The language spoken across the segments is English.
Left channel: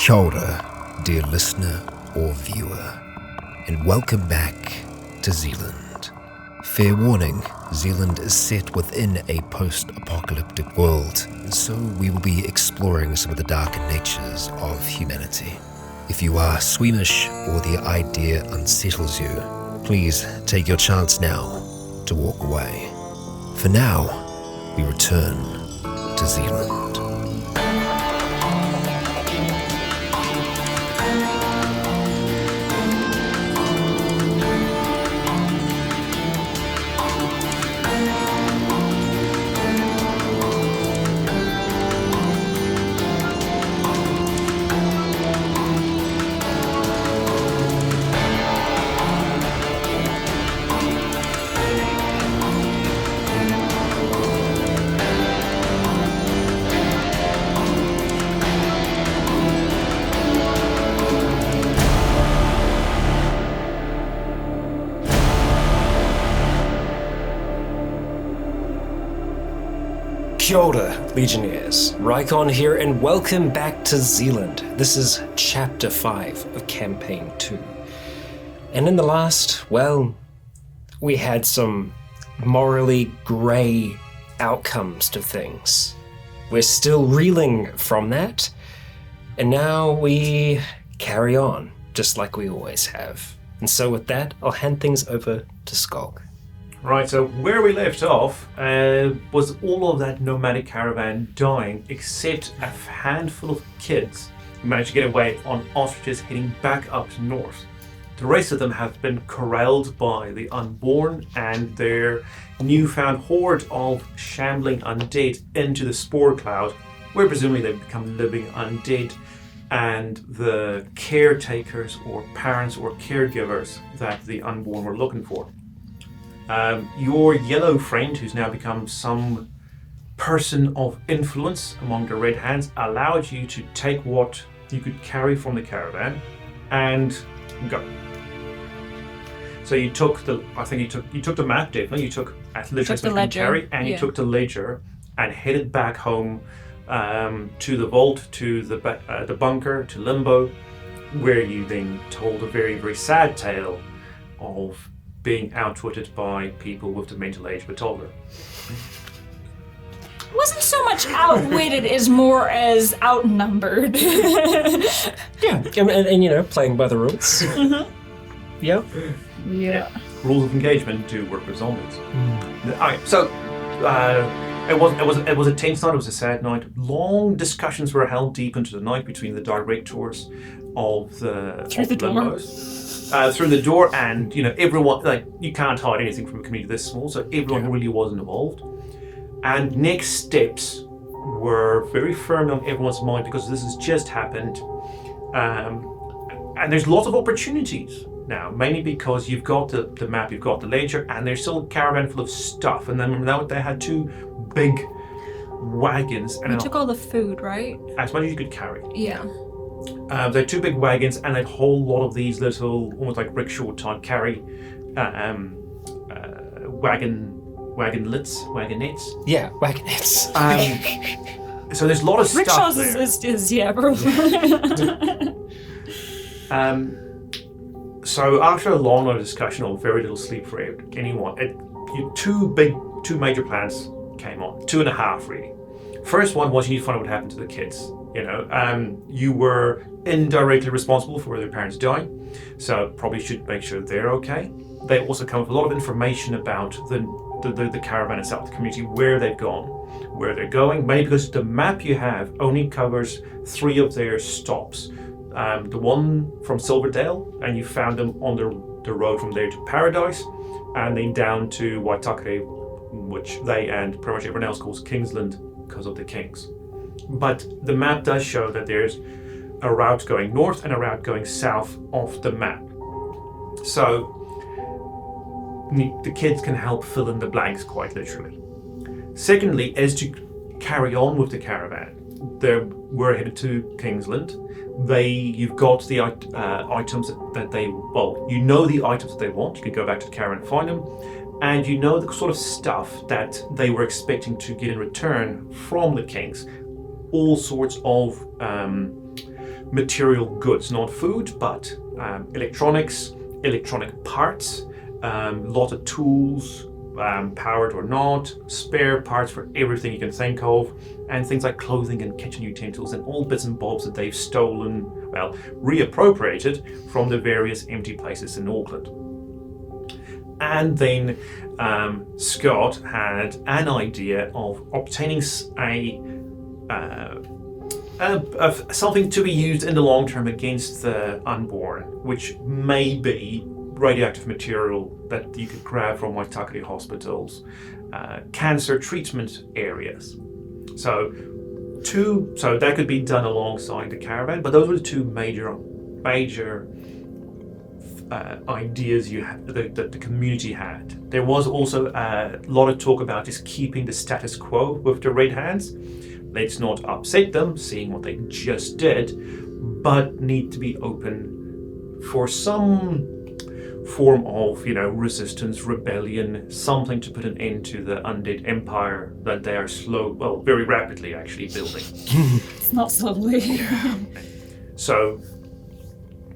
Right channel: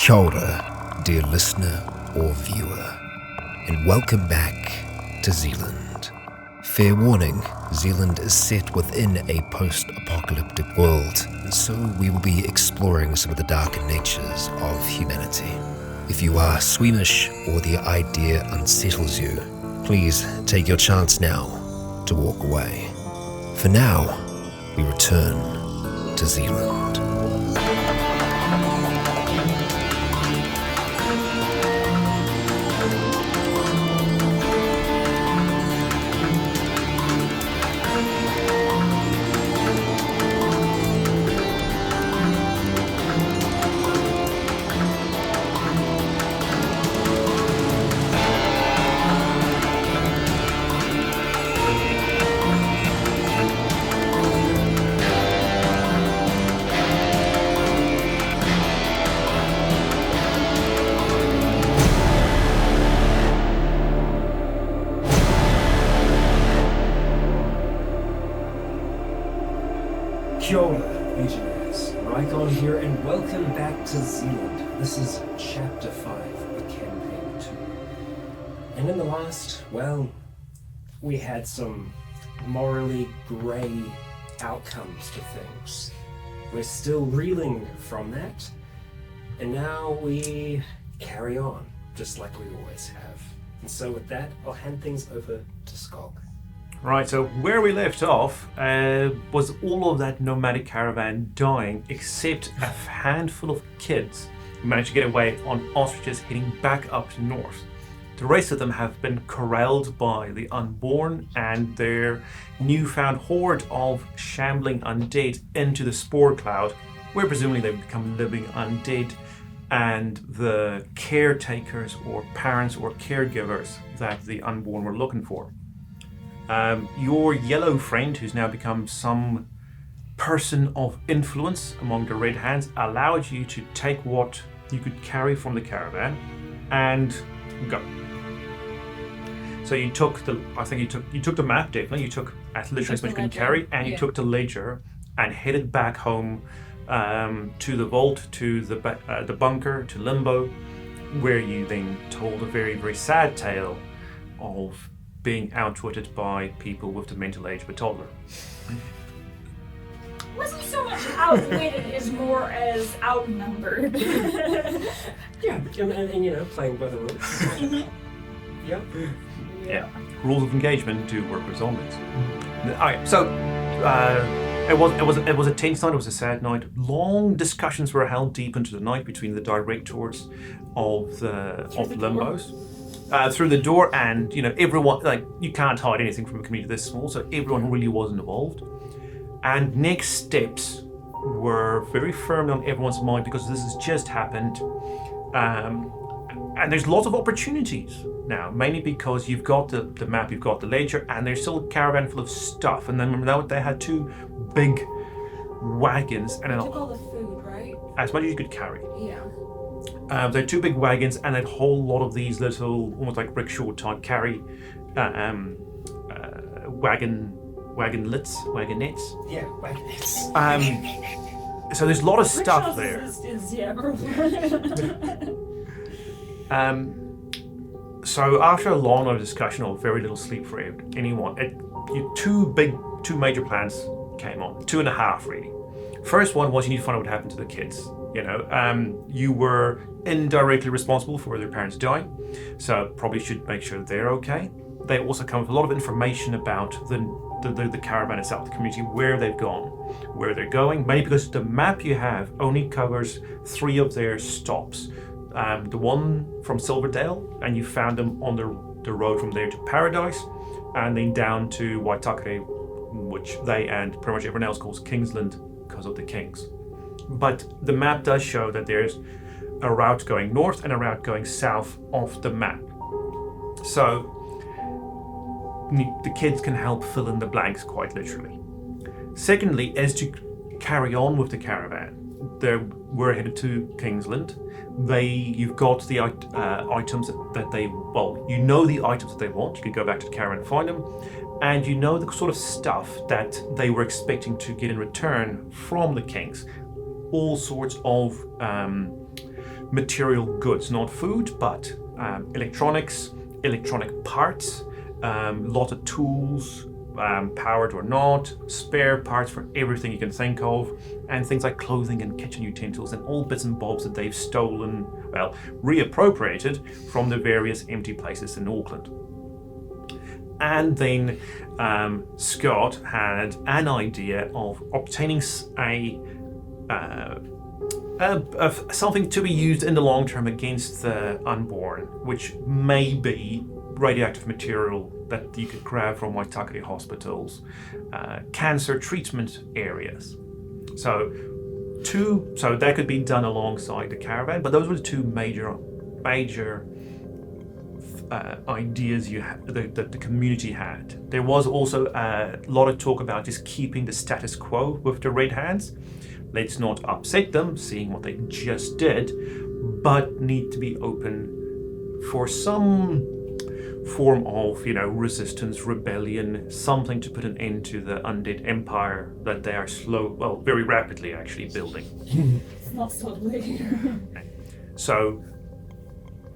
Kia ora, dear listener or viewer, and welcome back to Zealand. Fair warning, Zealand is set within a post-apocalyptic world, and so we will be exploring some of the darker natures of humanity. If you are squeamish or the idea unsettles you, please take your chance now to walk away. For now, we return to Zealand. Kia ora, Legionnaires. Rycon here, and welcome back to Zealand. This is Chapter 5 of Campaign 2. And in the last, we had some morally grey outcomes to things. We're still reeling from that, and now we carry on, just like we always have. And so with that, I'll hand things over to Skog. Right, so where we left off was all of that nomadic caravan dying, except a handful of kids who managed to get away on ostriches heading back up north. The rest of them have been corralled by the Unborn and their newfound horde of shambling undead into the spore cloud, where presumably they've become living undead, and the caretakers or parents or caregivers that the Unborn were looking for. Your yellow friend, who's now become some person of influence among the Red Hands, allowed you to take what you could carry from the caravan and go. So you took the map, definitely. You took at literally as much as you could carry, and you took the ledger and headed back home to the vault, to the bunker, to Limbo, where you then told a very, very sad tale of being outwitted by people with the mental age of a toddler. It wasn't so much outwitted as more as outnumbered. Yeah, and playing by the rules. Mm-hmm. Yep. Yeah. Rules of engagement do work with zombies. Alright, so it was a tense night. It was a sad night. Long discussions were held deep into the night between the directors of Limbos. Through the door, and everyone, you can't hide anything from a community this small, so everyone really was involved. And next steps were very firmly on everyone's mind because this has just happened. And there's lots of opportunities now, mainly because you've got the map, you've got the ledger, and there's still a caravan full of stuff. And then now they had two big wagons. And You took all the food, right? as much as you could carry. Yeah. They had two big wagons and a whole lot of these little, almost like rickshaw type carry wagonettes. Yeah, wagonettes. So there's a lot of stuff Rickshaws there. So after a long night of discussion or very little sleep for anyone, two major plans came on, 2.5 really. First one was you need to find out what happened to the kids. You were indirectly responsible for their parents dying, so probably should make sure they're okay. They also come with a lot of information about the caravan itself, the community, where they've gone, where they're going, mainly because the map you have only covers 3 of their stops. The one from Silverdale, and you found them on the road from there to Paradise, and then down to Waitakere, which they and pretty much everyone else calls Kingsland because of the kings. But the map does show that there's a route going north and a route going south of the map. So the kids can help fill in the blanks quite literally. Secondly, as to carry on with the caravan, we're headed to Kingsland. You've got the items that they, the items that they want. You can go back to the caravan and find them. And you know the sort of stuff that they were expecting to get in return from the kings. All sorts of material goods, not food, but electronics, electronic parts, lot of tools, powered or not, spare parts for everything you can think of, and things like clothing and kitchen utensils and all bits and bobs that they've stolen, well, reappropriated from the various empty places in Auckland. And then Scott had an idea of obtaining something to be used in the long term against the Unborn, which may be radioactive material that you could grab from Waitakere hospitals, cancer treatment areas. So that could be done alongside the caravan, but those were the two major ideas that the community had. There was also a lot of talk about just keeping the status quo with the Red Hands. Let's not upset them, seeing what they just did, but need to be open for some form of, resistance, rebellion, something to put an end to the undead empire that they are very rapidly actually building. It's not slowly. So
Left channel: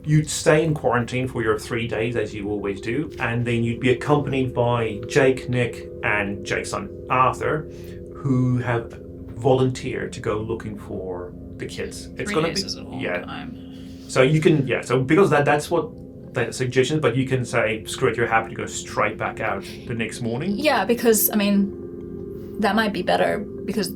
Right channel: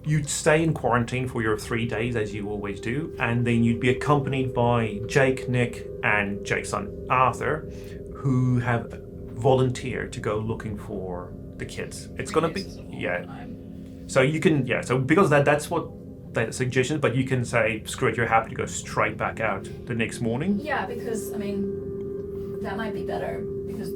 you'd stay in quarantine for your 3 days, as you always do, and then you'd be accompanied by Jake, Nick, and Jake's son Arthur, who have volunteered to go looking for the kids. It's going to be time. So you can So because that's what the suggestion, but you can say, screw it, you're happy to go straight back out the next morning. Yeah, because that might be better, because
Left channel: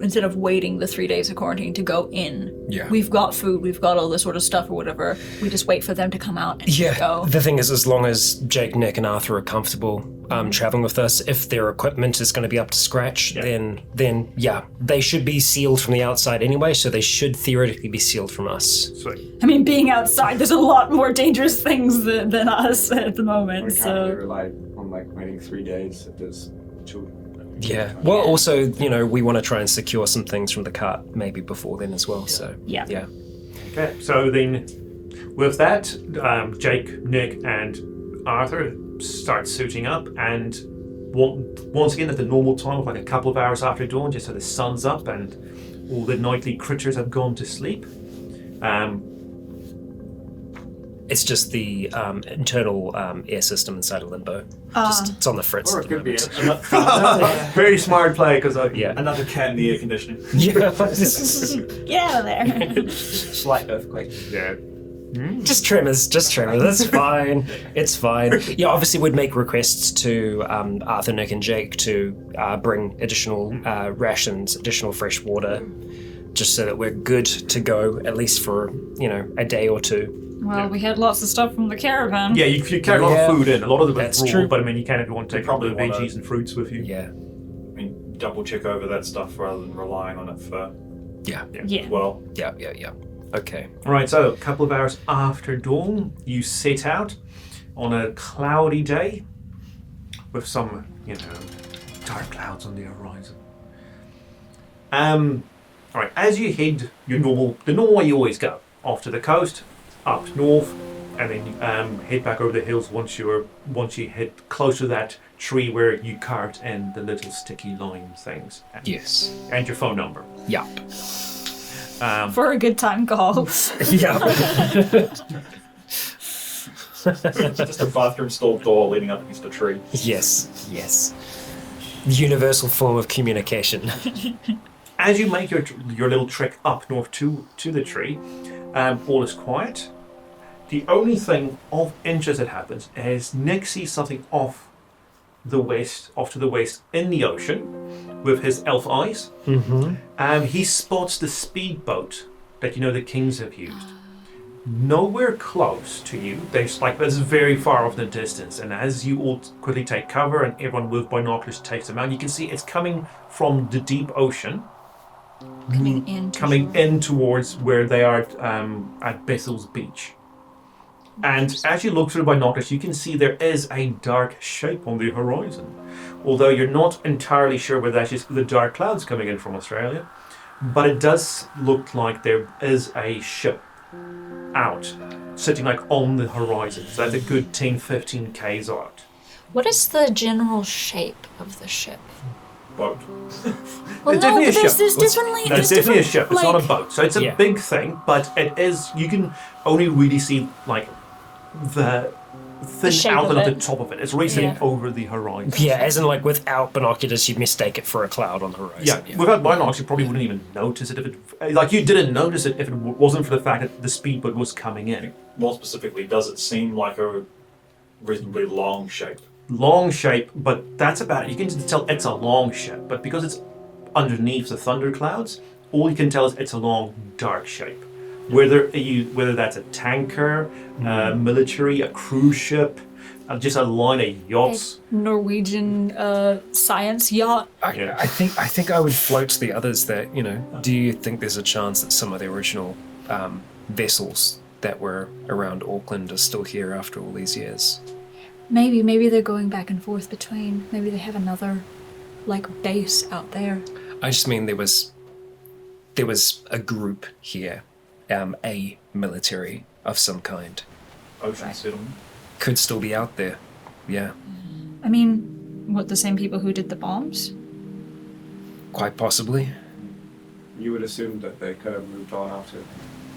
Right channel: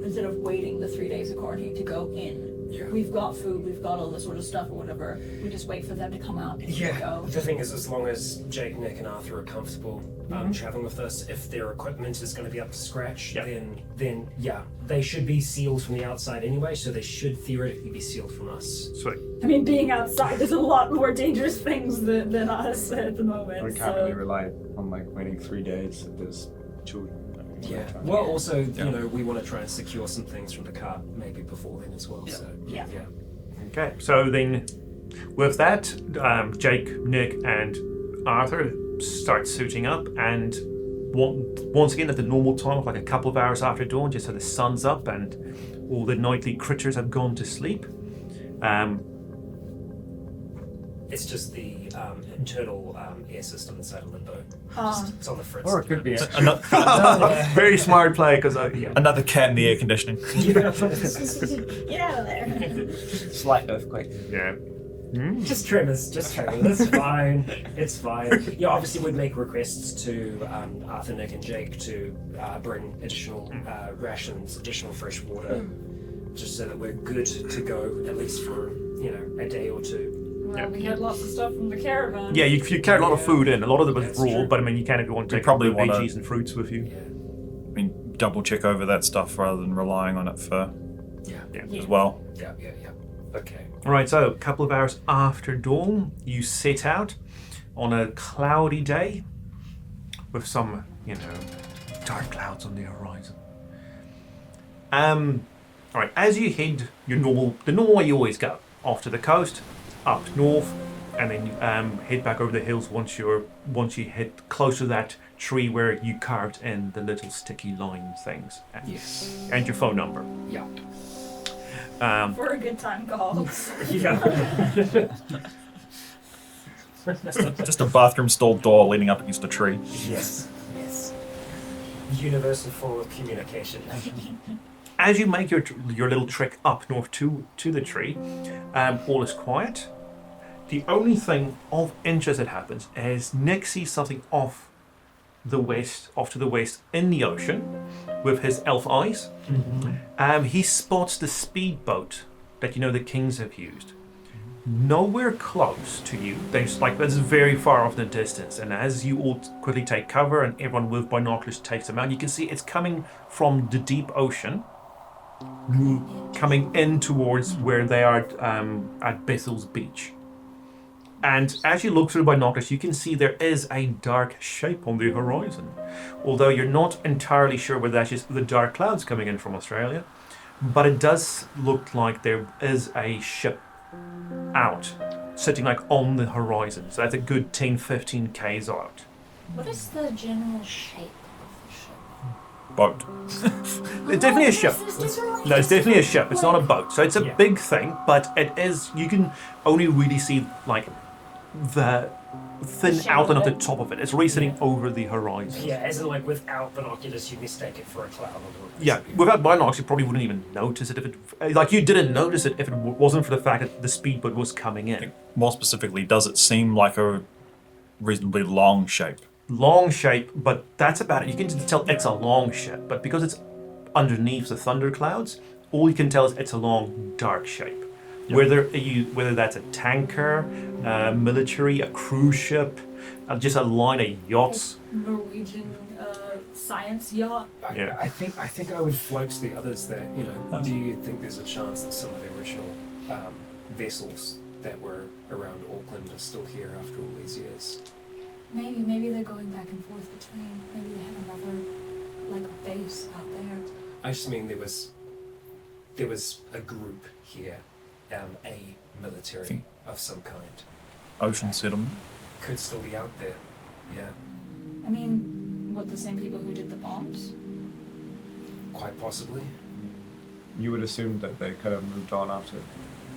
instead of waiting the 3 days of quarantine to go in, we've got food, we've got all this sort of stuff or whatever. We just wait for them to come out and go. The thing is, as long as Jake, Nick, and Arthur are comfortable traveling with us, if their equipment is going to be up to scratch, then they should be sealed from the outside anyway, so they should theoretically be sealed from us. Sweet. Being outside, there's a lot more dangerous things than us at the moment. We can't rely on waiting 3 days if there's children. Yeah. Well, also, we want to try and secure some things from the cart maybe before then as well. So yeah. Okay. So then, with that, Jake, Nick, and Arthur start suiting up, and once again at the normal time of like a couple of hours after dawn, just so the sun's up and all the nightly creatures have gone to sleep. It's just the internal air system inside of Limbo. It's on the fritz. Or it could be Very smart play, because another cat in the air conditioning. Get out of there. Slight earthquake. Yeah. Just tremors. That's fine. It's fine. Yeah, obviously we'd make requests to Arthur, Nick, and Jake to bring additional rations, additional fresh water, just so that we're good to go at least for a day or two. Well, we had lots of stuff from the caravan. Yeah, you carry a lot of food in. A lot of it was That's raw, true. but you can if you want to take a couple of probably veggies and fruits with you. Yeah. Double check over that stuff rather than relying on it for Yeah. as well. Yeah. Okay. All right, so a couple of hours after dawn, you set out on a cloudy day with some, dark clouds on the horizon. All right, as you head the normal way you always go, off to the coast, up north, and then head back over the hills once you hit close to that tree where you carved in the little sticky line things. Yes. And your phone number. Yeah. For a good time call. Yeah. Just a bathroom stall door leaning up against a tree. Yes. Universal form of communication. As you make your little trek up north to the tree, all is quiet. The only thing of interest that happens is Nick sees something off to the west in the ocean with his elf eyes. Mm-hmm. He spots the speedboat that the Kings have used. Nowhere close to you. It's very far off in the distance. And as you all quickly take cover and everyone with binoculars takes them out, you can see it's coming from the deep ocean. Coming in towards where they are at Bethel's beach. And as you look through the binoculars, you can see there is a dark shape on the horizon. Although you're not entirely sure whether that's just the dark clouds coming in from Australia, but it does look like there is a ship out, sitting on the horizon. So that's a good 10-15 k's out. What is the general shape of the ship? boat. Well, It's definitely a ship. There's definitely, No, it's definitely a ship. It's not a like- boat. So it's a big thing, but it is. You can only really see like the thin shape outline of of the it. top of it. It's really sitting Yeah. over the horizon. Yeah, as in like without binoculars, you'd mistake it for a cloud on the horizon. Yeah, without binoculars, you probably wouldn't even notice it if it. Like you didn't notice it if it wasn't for the fact that the speedboat was coming in. More specifically, does it seem like a reasonably long shape? Long shape, but that's about it. You can just tell it's a long shape, but because it's underneath the thunder clouds, all you can tell is it's a long, dark shape. Whether that's a tanker, military, a cruise ship, just a line of yachts. Norwegian science yacht. I think I would float to the others that, do you think there's a chance that some of the original vessels that were around Auckland are still here after all these years? Maybe they're going back and forth between. Maybe they have another, base out there. I just mean there was a group here, a military of some kind. Ocean settlement? Could still be out there, yeah. I mean, what, the same people who did the bombs? Quite possibly. You would assume that they could have moved on after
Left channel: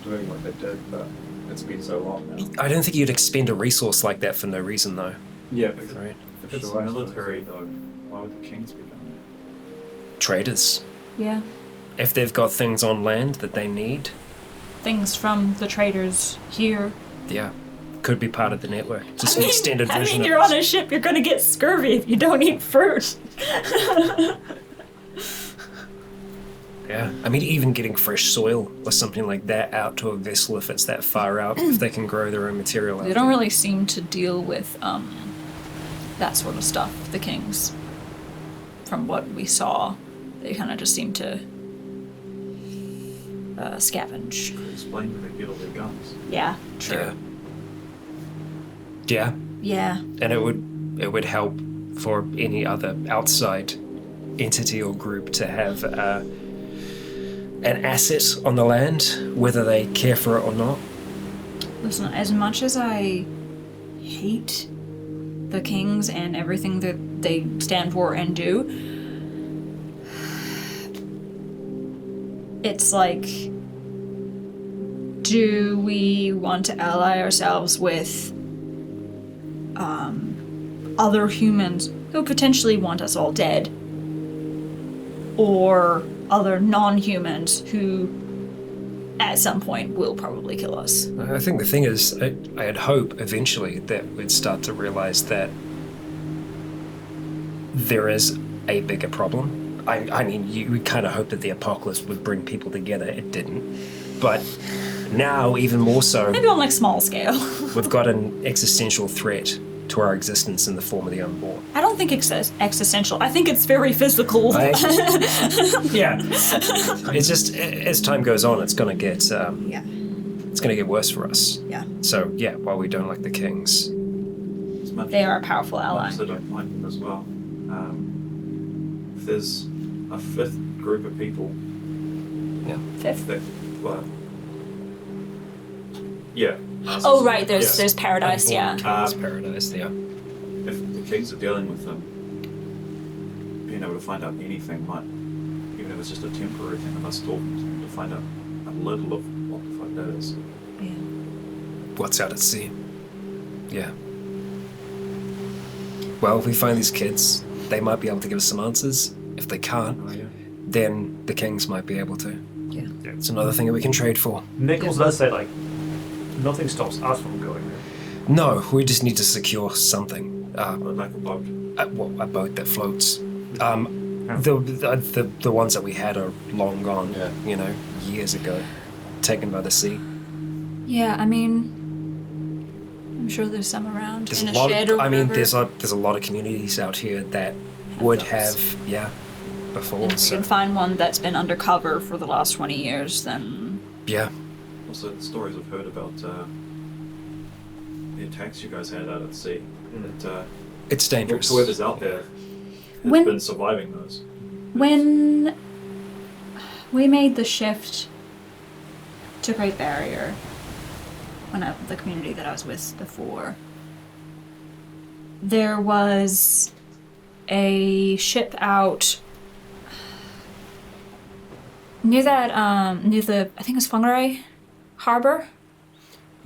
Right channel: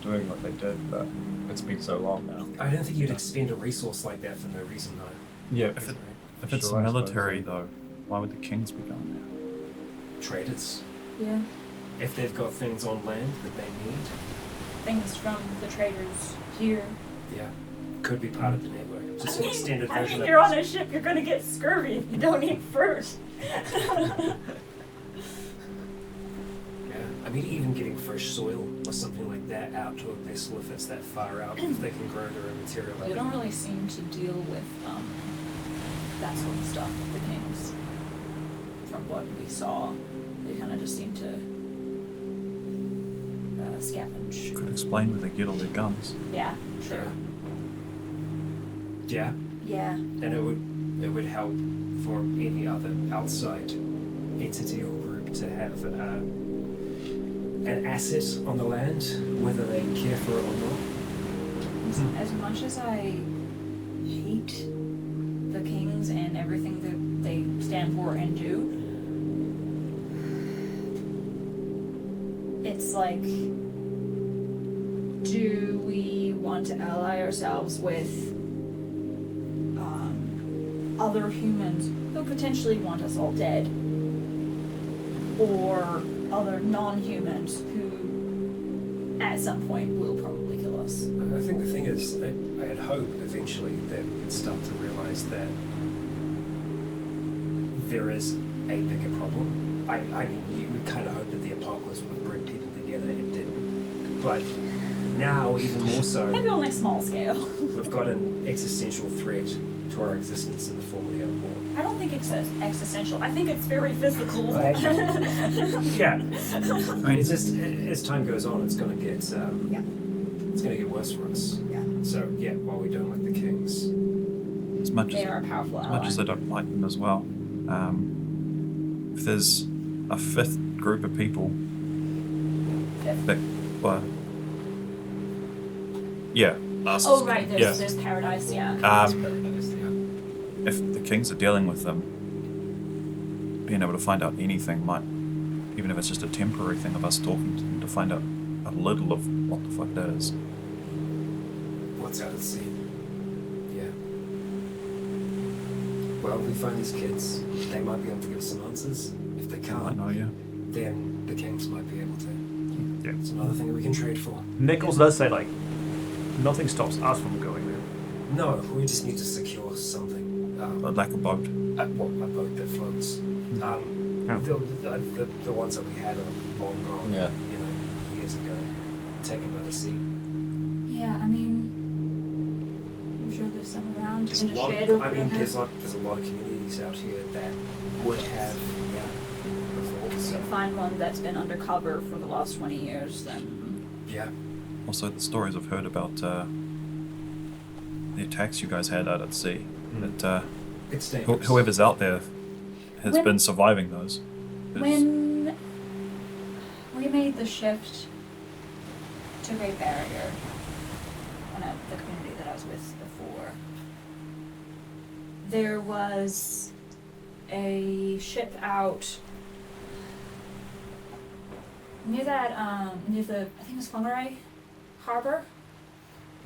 doing what they did, but it's been so long now. I don't think you'd expend a resource like that for no reason, though. Yeah, Right. If it's Sure, I military, though, why would the kings be done? Traders. Yeah. If they've got things on land that they need, Things from the traders here. yeah, could be part of the network. Just an extended version of you're it. on a ship, you're gonna get scurvy if you don't eat fruit. Yeah, I mean, even getting fresh soil or something like that out to a vessel if it's that far out, if they can grow their own material. They don't really seem to deal with that sort of stuff, the kings. From what we saw, they kind of just seem to scavenge. Could explain where they get all their guns. Yeah. True. Yeah, Yeah. and it would help for any other outside entity or group to have an asset on the land, whether they care for it or not. Listen, as much as I hate the kings and everything that they stand for and do, it's like, do we want to ally ourselves with other humans who potentially want us all dead, or other non-humans who at some point will probably kill us? I think the thing is, I had hope eventually that we'd start to realize that there is a bigger problem. I mean, you would kind of hope that the apocalypse would bring people together. It didn't. But now, even more so, Maybe on small scale. we've got an existential threat to our existence in the form of the Unborn. I don't think it's existential. I think it's very physical. Yeah. It's just, as time goes on, it's going to get it's going to get worse for us. Yeah. So, yeah, while we don't like the kings, As much They are a powerful as ally. much as I don't like them as well. If there's a fifth group of people Fifth. that, well, yeah. Oh right, there's Yes. there's paradise. Yeah. it's paradise, yeah. If the kings are dealing with them, being able to find out anything might, even if it's just a temporary thing of us talking to them, to find out a little of what the fuck that is. What's out at sea. Yeah. Well, if we find these kids, they might be able to give us some answers. If they can't, Oh yeah. then the kings might be able to. Yeah. It's another thing that we can trade for. Nichols does say nothing stops us from going there. No, we just need to secure something. Like a boat. A boat that floats. Yeah. The ones that we had are long gone. Years ago, taken by the sea. Yeah. I mean, I'm sure there's some around There's in a a lot. shed or I mean, whatever. there's a lot of communities out here that would have, before. If you So, can find one that's been undercover for the last 20 years, then yeah. Also, the stories I've heard about the attacks you guys had out at sea. That It's dangerous. whoever's out there has When- been surviving those. when we made the shift to Great Barrier, the community that I was with before, there was a ship out Near that, near the, I think it's Fungai Harbor?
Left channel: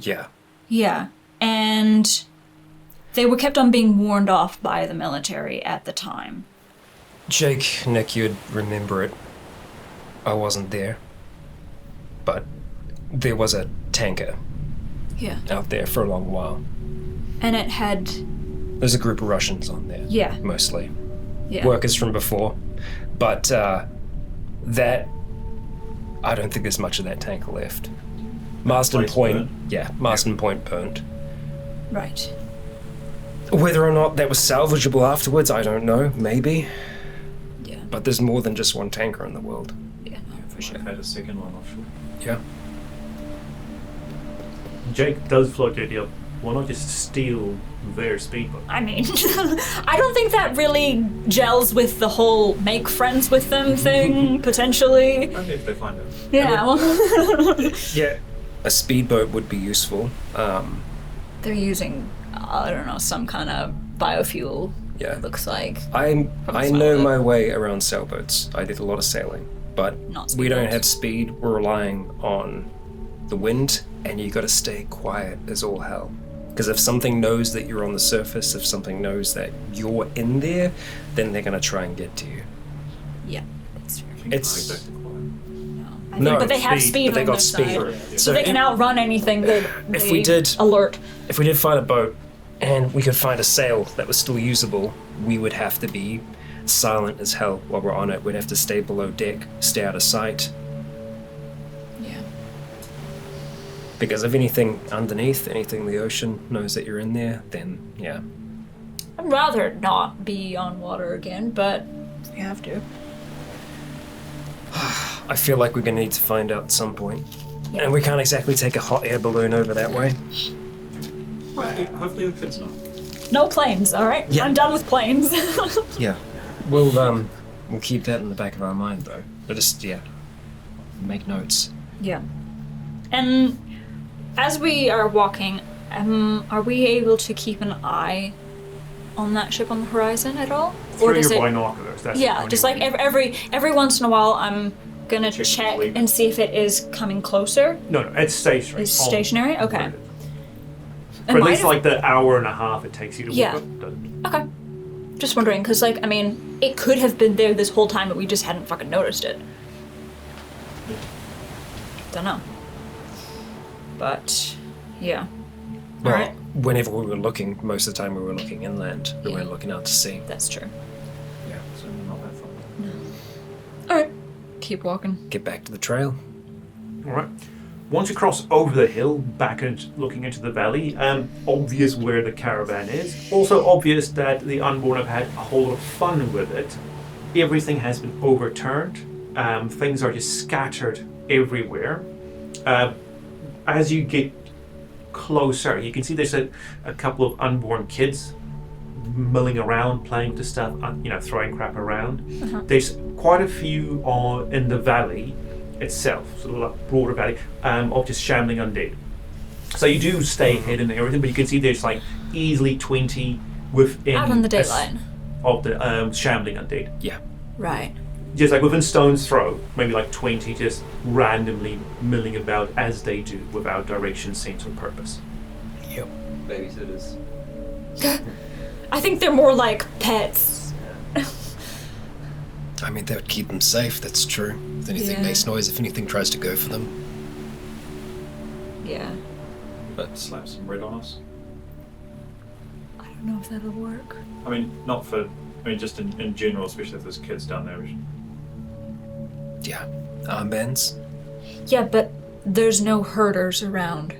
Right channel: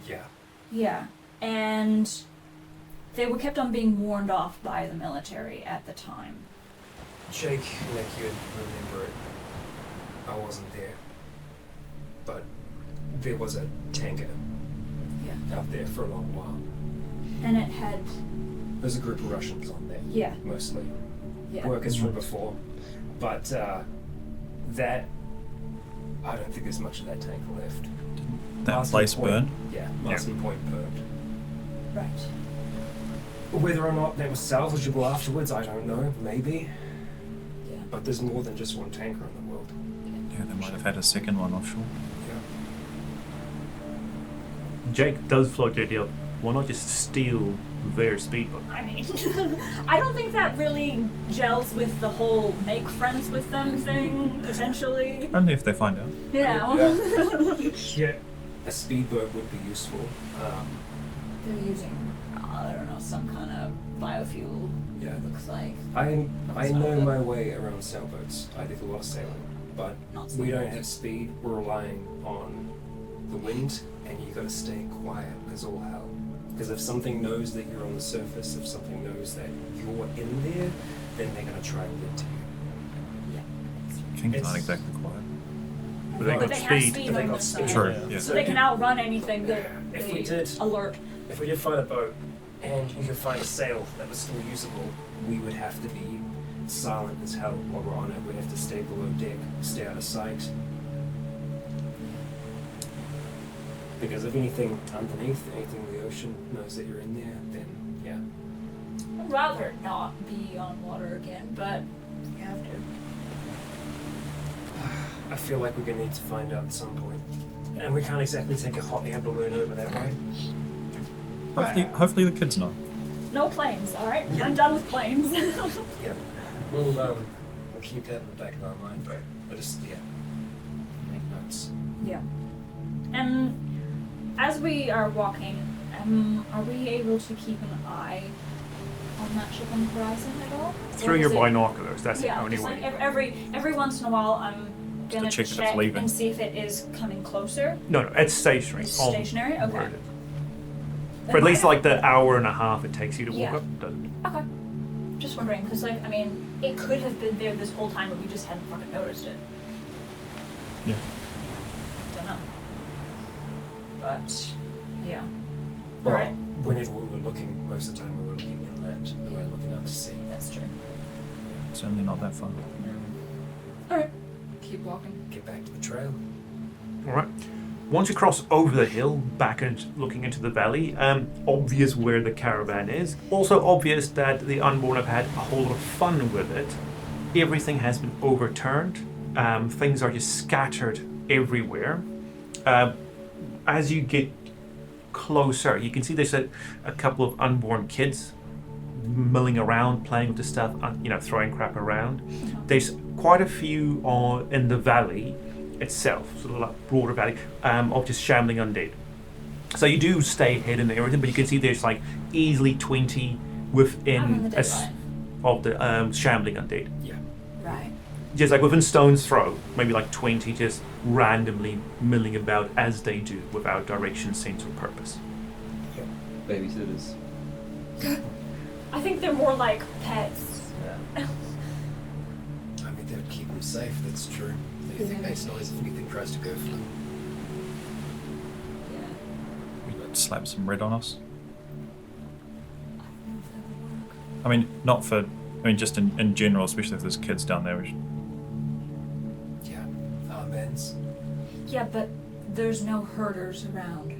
Yeah. Yeah. And they were kept on being warned off by the military at the time. Jake, Nick, you'd remember it. I wasn't there. But there was a tanker Yeah. out there for a long while. And it had... There's a group of Russians on there. Yeah. Mostly. Yeah. Workers from before. But that... I don't think there's much of that tanker left. Marston place Point. burned? Yeah, Marston Point burned. Right. Whether or not that was salvageable afterwards, I don't know. Maybe. Yeah. But there's more than just one tanker in the world. Yeah. Yeah, they might have had a second one offshore. Yeah. Jake does float the idea of why not just steal their speedboat? I mean, I don't think that really gels with the whole make friends with them thing, potentially. Only if they find out. Yeah. Yeah. A speedboat would be useful. They're using, I don't know, some kind of biofuel, Yeah. it looks like. I That's know fine. my way around sailboats. I did a lot of sailing, but Not we don't speedboats. have speed. We're relying on the wind, and you got to stay quiet as all hell. Because if something knows that you're on the surface, if something knows that you're in there, then they're gonna try and get to you. Yeah. Kings It's- aren't exactly quiet. No, But they have speed, speed but they on got their speed. side. Yeah. So they can outrun anything that If they we did- alert. If we did find a boat, and we could find a sail that was still usable, we would have to be silent as hell while we're on it. We'd have to stay below deck, stay out of sight. Yeah. Because if anything underneath, anything in the ocean knows that you're in there, then yeah. I'd rather not be on water again, but we have to. I feel like we're gonna need to find out at some point. And we can't exactly take a hot air balloon over that way. Hopefully the kids know. No planes, alright? Yeah. I'm done with planes. Yeah. We'll keep that in the back of our mind though. But just make notes. Yeah. And as we are walking, are we able to keep an eye on that ship on the horizon at all? Or Through does your it- binoculars, that's the Yeah, only just like way. every once in a while, I'm gonna Check if it's check leaving. and see if it is coming closer. No, it's stationary. It's on stationary? Okay. board. And For at might least have- like the hour and a half it takes you to Yeah. walk up. Doesn't. Okay. Just wondering, because like I mean, it could have been there this whole time, but we just hadn't fucking noticed it. Yeah. Don't know. But yeah. Well, Alright. whenever we were looking, most of the time we were looking inland. We Yeah. weren't looking out to sea. That's true. Yeah, certainly not that far. Alright. Keep walking. Get back to the trail. Alright. Once you cross over the hill, back and looking into the valley, obvious where the caravan is. Also obvious that the Unborn have had a whole lot of fun with it. Everything has been overturned. Things are just scattered everywhere. As you get closer, you can see there's a couple of Unborn kids milling around, playing with the stuff, throwing crap around. There's quite a few in the valley itself, sort of like broader valley, of just shambling undead. So you do stay hidden and everything, but you can see there's like easily 20 within Out on the a daylight. of the shambling undead. Yeah. Right. Just like within stone's throw, maybe like 20 just randomly milling about as they do without direction, sense, or purpose. Yep. Babysitters. I think they're more like pets. I mean, that would keep them safe, that's true. If anything Yeah. makes noise, if anything tries to go for them. Yeah. But slap some red on us. I don't know if that'll work. I mean, just in general, especially if there's kids down there. Yeah. Armbands? Yeah, but there's no herders around.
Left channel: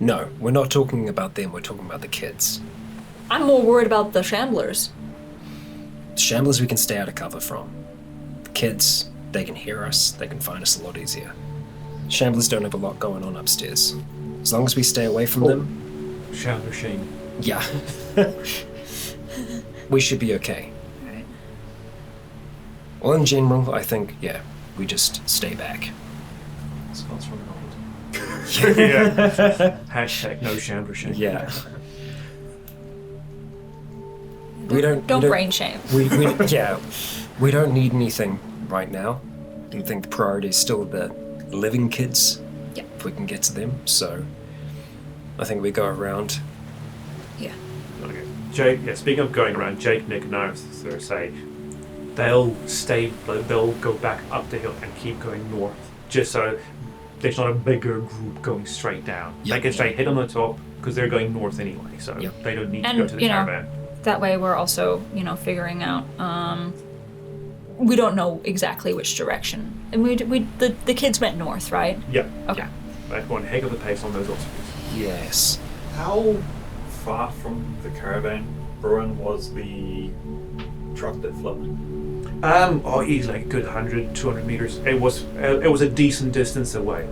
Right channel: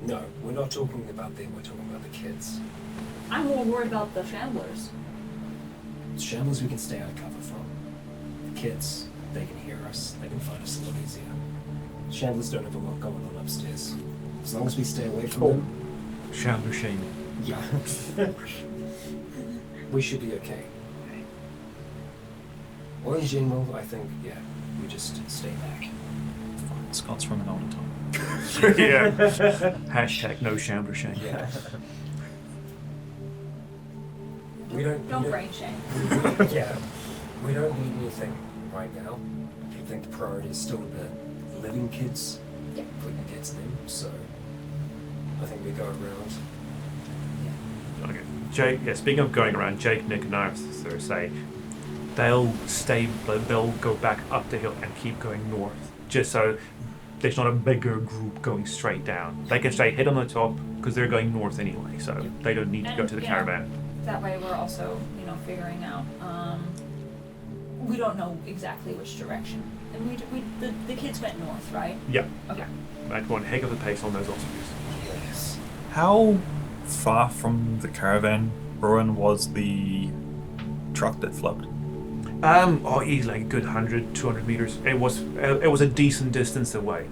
No, we're not talking about them, we're talking about the kids. I'm more worried about the shamblers. Shamblers we can stay out of cover from. The kids, they can hear us, they can find us a lot easier. Shamblers don't have a lot going on upstairs. As long as we stay away from them, Shambler shame. yeah. We should be okay. Well, in general, I think, yeah, we just stay back. Scots from an old. Yeah. Hashtag no shambler shame. Yeah. We don't Don't brain shame. We don't need anything right now. I think the priority is still the living kids. Yep. If we can get to them. So I think we go around. Yeah. Okay. Jake, speaking of going around, Jake, Nick, and Arthur say they'll go back up the hill and keep going north, just so there's not a bigger group going straight down. Yep. They can stay hit on the top because they're going north anyway, so they don't need to go to the caravan. That way we're also, figuring out, we don't know exactly which direction. And the kids went north, right? Yeah. Okay. Right, one heck of a pace on those Austrians. Yes. How far from the caravan ruin was the truck that floated? Easily like a good 100, 200 meters. It was a decent distance away.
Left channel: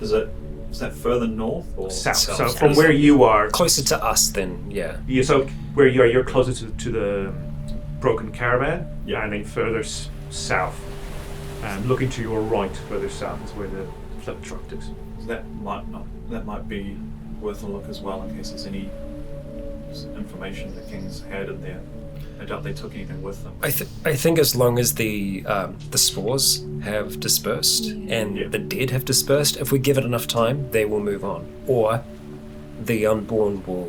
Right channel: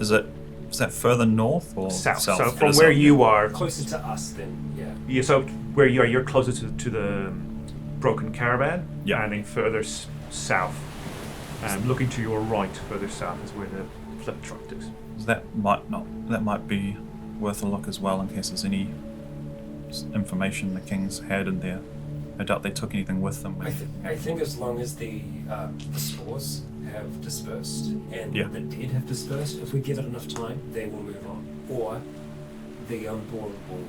Is that further north or south? So from where you are, closer to us then, yeah. Yeah. So where you are, you're closer to the broken caravan. Yeah. And then further south, looking to your right, further south is where the flip truck is. That might be worth a look as well in case there's any information the Kings had in there. I doubt they took anything with them. I think as long as the spores have dispersed and the dead have dispersed, if we give it enough time, they will move on. Or the Unborn will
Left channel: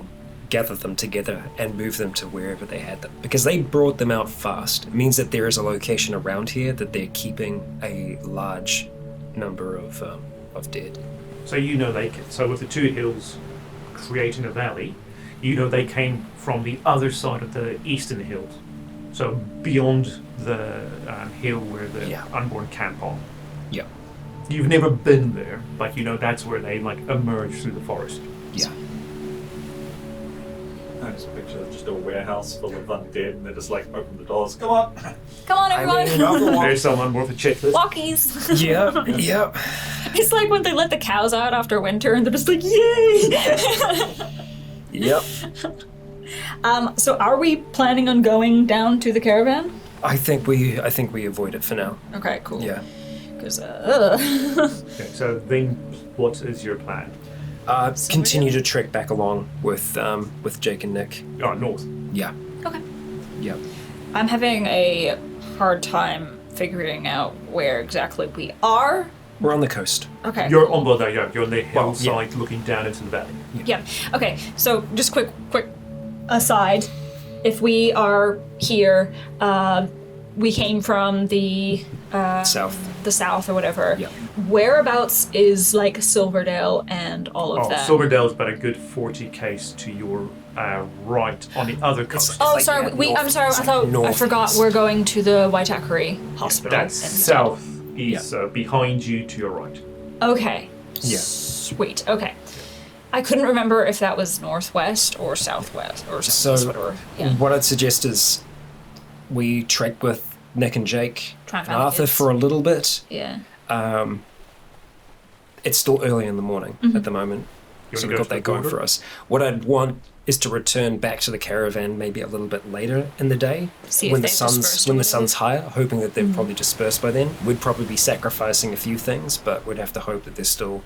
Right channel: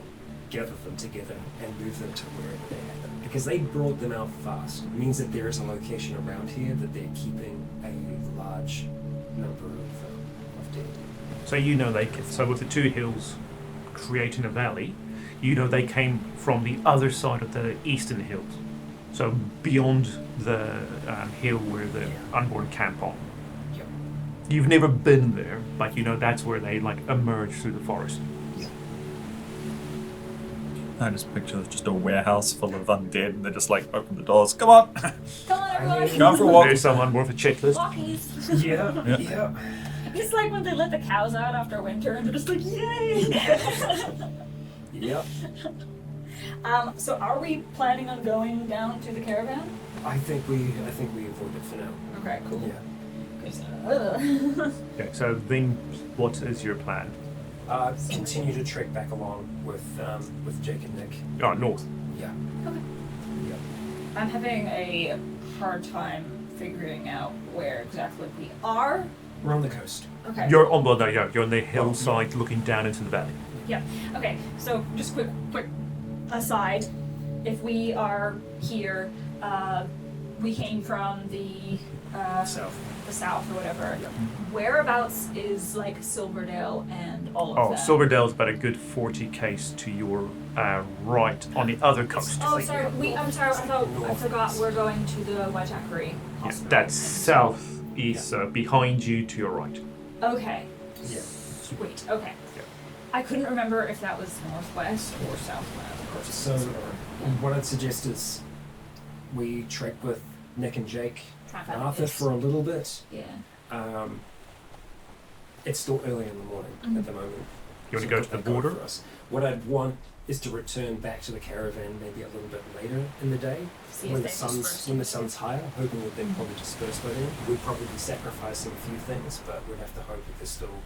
gather them together and move them to wherever they had them. Because they brought them out fast. It means that there is a location around here that they're keeping a large number of dead. So so with the two hills creating a valley, they came from the other side of the eastern hills. So beyond the hill where the Unborn camp on. Yeah. You've never been there, but that's where they emerge through the forest. Yeah. I just picture just a warehouse full of undead and they just open the doors. Come on! Come on, everyone! There's someone with a checklist. Walkies! Yeah. It's like when they let the cows out after winter and they're just like, yay! Yep. So are we planning on going down to the caravan? I think we avoid it for now. Okay, cool. Yeah. Because, Okay, so then what is your plan? Continue to trek back along with Jake and Nick. Oh, north. Yeah. Okay. Yeah. I'm having a hard time figuring out where exactly we are. We're on the coast. Okay. You're on the hillside looking down into the valley. Yeah. Okay. So just quick aside. If we are here, we came from the south or whatever. Yeah. Whereabouts is Silverdale and all of that? Silverdale's about a good 40 k's to your right on the other coast. Oh, sorry. I'm sorry. I forgot. We're going to the Waitakere Hospital. That's southeast, behind you to your right. Okay. Yeah. Sweet. Okay. Yeah. I couldn't remember if that was northwest or southwest or So yeah. what I'd suggest is we trek with Nick and Jake, Try and find Arthur kids. for a little bit. Yeah. It's still early in the morning at the moment. You So want to go we've to got the that going border? for us. What I'd want is to return back to the caravan maybe a little bit later in the day See if when the they've dispersed sun's or when the whatever. sun's higher, hoping that they've probably dispersed by then. We'd probably be sacrificing a few things, but we'd have to hope that there's still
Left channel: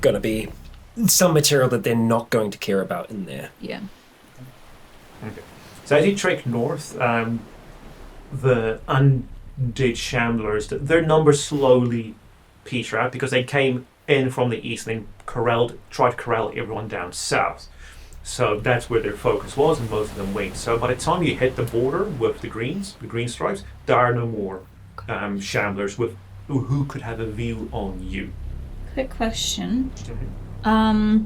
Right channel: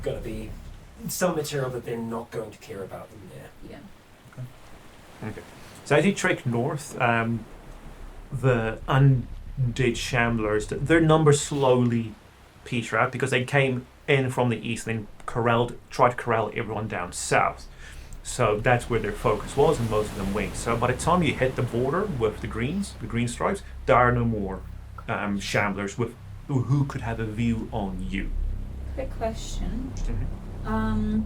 going to be some material that they're not going to care about in there. Yeah. Okay. So as you trek north, the undead shamblers, their numbers slowly peter out because they came in from the east and then tried to corral everyone down south. So that's where their focus was, and most of them went. So by the time you hit the border with the green stripes, there are no more shamblers who could have a view on you. Quick question. Mm-hmm.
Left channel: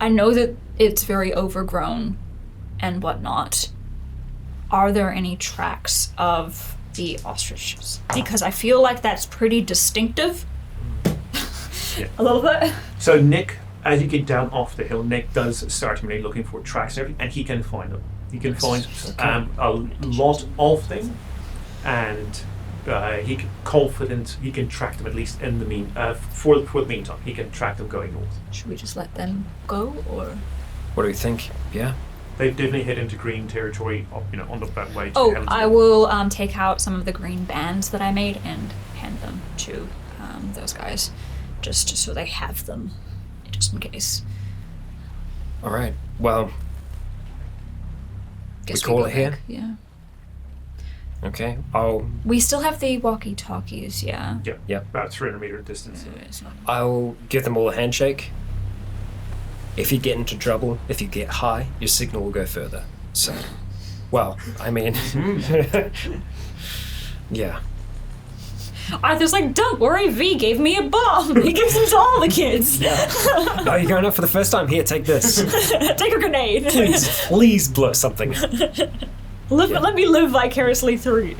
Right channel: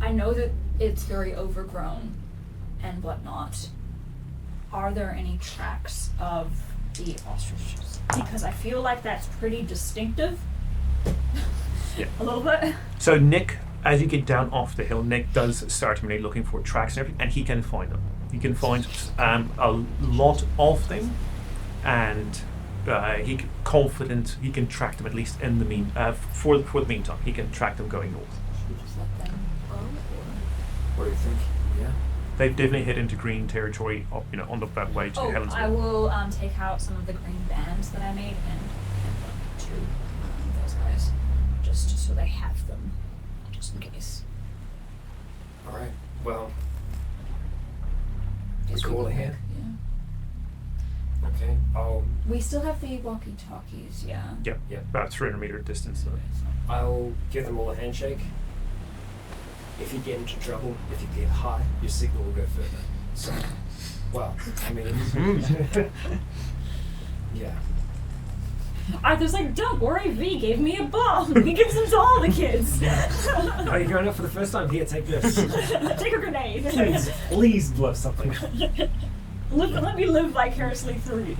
I know that it's very overgrown and whatnot. Are there any tracks of the ostriches? Because I feel like that's pretty distinctive. Yeah. A little bit. So Nick, as you get down off the hill, Nick does start really looking for tracks and everything, and he can find them. He can find a lot of them, and he can track them at least in the for the meantime. He can track them going north. Should we just let them go, or? What do you think? Yeah. They've definitely hit into green territory, on that way to Helen's I Gate. will take out some of the green bands that I made and hand them to those guys, just so they have them, just in case. All right. Well, Guess call go it here? back. Yeah. Okay, We still have the walkie-talkies, yeah. Yeah, about 300 meter distance. I'll give them all a handshake. If you get into trouble, if you get high, your signal will go further. So, well, I mean, yeah. Arthur's like, don't worry, V gave me a bomb. He gives them to all the kids. Oh, you're going up for the first time? Here, take this. Take a grenade. Please blow something. Let me live vicariously through you.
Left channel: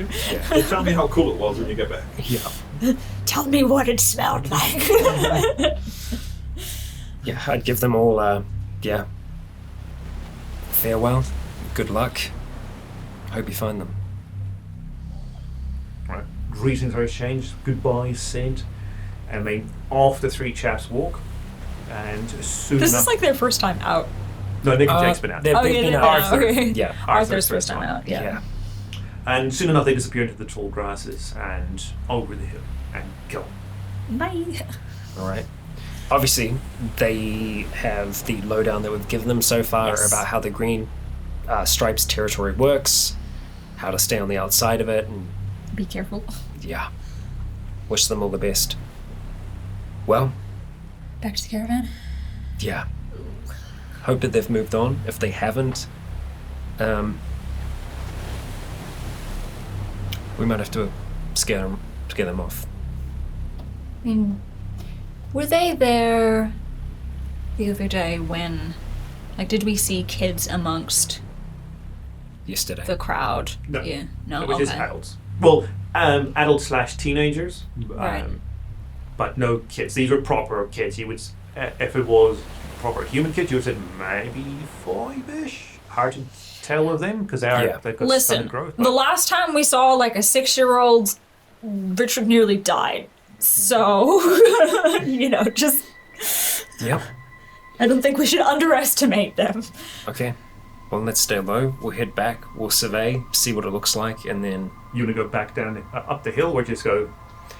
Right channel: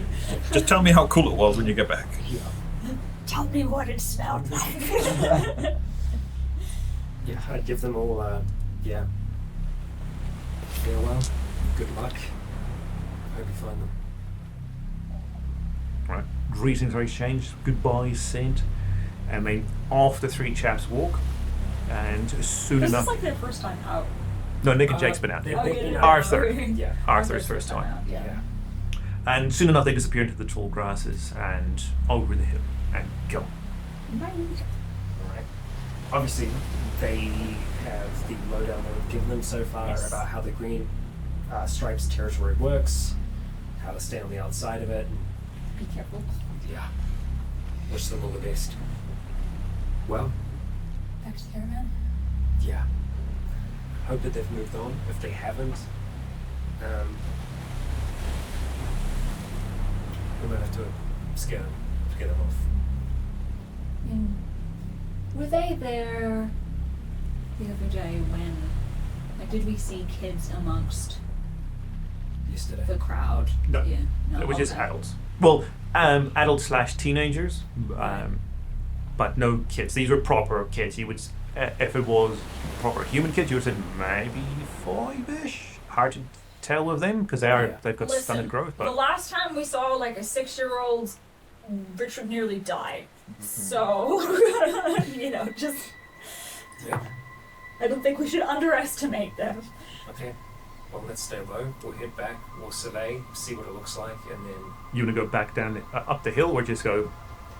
Just tell me how cool it was when you get back. Yeah. Tell me what it smelled like. Yeah, I'd give them all, farewell, good luck. Hope you find them. Right. Greetings are exchanged, goodbyes sent, and then off the three chaps walk, and soon This enough... is like their first time out. No, Nick and Jake's been out. They've been out. Arthur. Okay. Yeah. Arthur's first time out, yeah. And soon enough they disappear into the tall grasses and over the hill and go. Bye. Alright. Obviously, they have the lowdown that we've given them so far about how the green stripes territory works, how to stay on the outside of it, and Be careful. yeah. Wish them all the best. Well, Back to the caravan. yeah. Hope that they've moved on. If they haven't, we might have to scare them off. I mean, were they there the other day when, like, did we see kids amongst Yesterday. the crowd? No. Yeah. No. It was just okay. adults. Well, adults/teenagers, Right. but no kids. These were proper kids. You would, if it was proper human kids, you would say maybe 5-ish. Hard to tell with them because they've got Listen, stunted growth. the last time we saw like a 6-year-old, Richard nearly died. So, just Yeah. I don't think we should underestimate them. Okay. Well, let's stay low. We'll head back. We'll survey, see what it looks like, and then You want to go back down up the hill or just go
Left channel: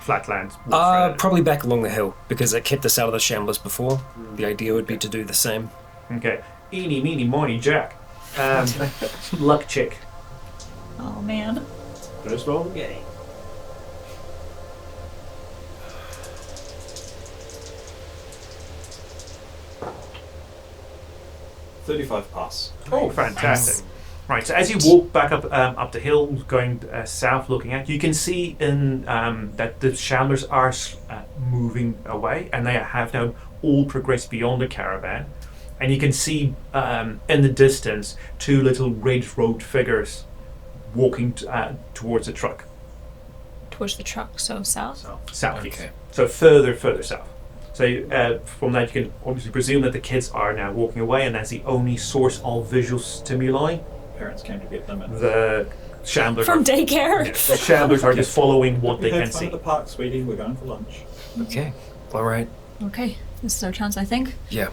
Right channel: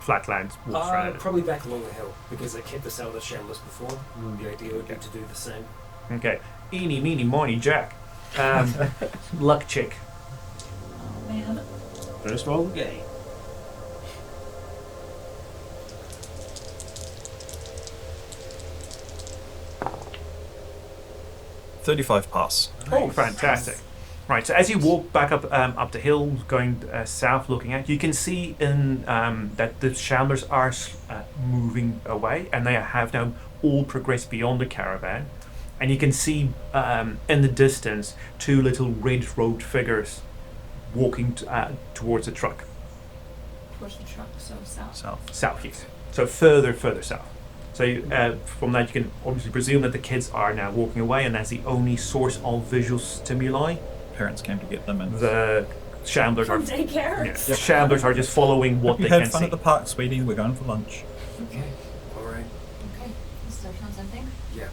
flatland? walk straight at it? probably back along the hill because it kept us out of the shamblers before. The idea would be to do the same. Okay. Eeny, meeny, miny, Jack. Luck check. Oh man. First roll of the game. $35 pass. Oh, fantastic. Right, so as you walk back up the hill, going south, looking out, you can see that the shamblers are moving away, and they have now all progressed beyond the caravan. And you can see in the distance 2 little red-robed figures walking towards the truck. Towards the truck, so south. South, yes. Okay. So further south. So from that you can obviously presume that the kids are now walking away, and that's the only source of visual stimuli. Parents came to get them, and The shamblers From are daycare. the shamblers are just following what they had can fun see. at the park, sweetie. We're going for lunch. Okay. All right. Okay, this is our chance, I think. Yeah.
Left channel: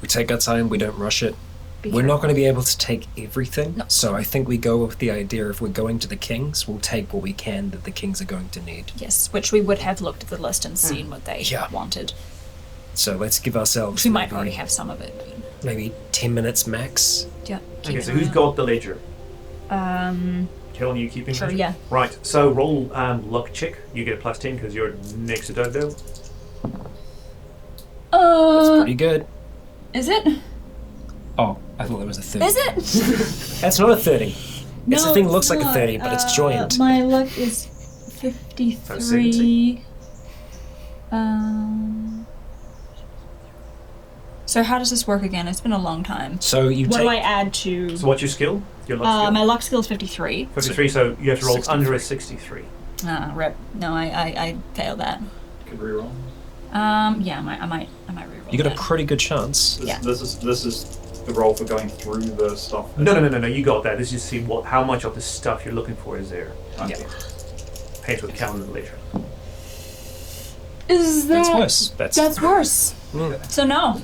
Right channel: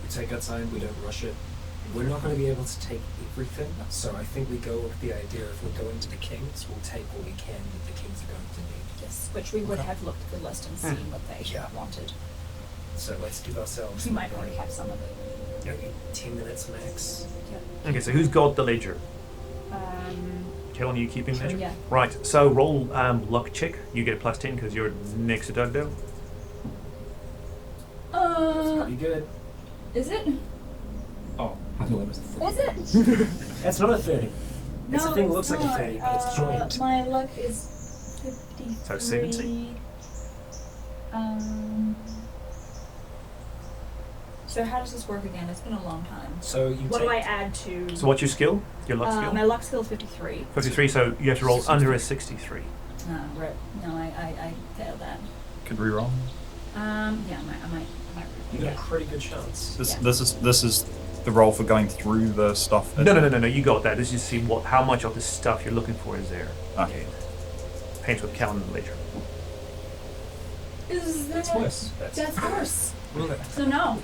We take our time. We don't rush it. Be We're not careful. going to be able to take everything. No. So I think we go with the idea if we're going to the Kings, we'll take what we can that the Kings are going to need. Yes, which we would have looked at the list and seen what they Yeah. wanted. So let's give ourselves We might maybe- already have some of it. maybe 10 minutes max. Yeah. Okay, so who's got the ledger? Um. Kellen, you keeping Sure, ledger? yeah. Right, so roll luck check. You get a +10 because you're next to Doug, though. That's pretty good. Is it? Oh, I thought it was a 30. Is it? That's not a 30. No, the thing it's looks like a not. 30, but it's joined. My luck is 53. So 70? So how does this work again? It's been a long time. So you What take... do I add to? So what's your skill? Your luck skill? My luck skill is 53. 53, so you have to roll under a 63. Rip. No, I failed that. Could reroll. Yeah, I might reroll You got a that. pretty good chance. This, Yeah. this is the roll for going through the stuff. No, you got that. This is to see how much of the stuff you're looking for is there. Okay. Paint with calendar later. Is that? That's worse. That's worse. So no.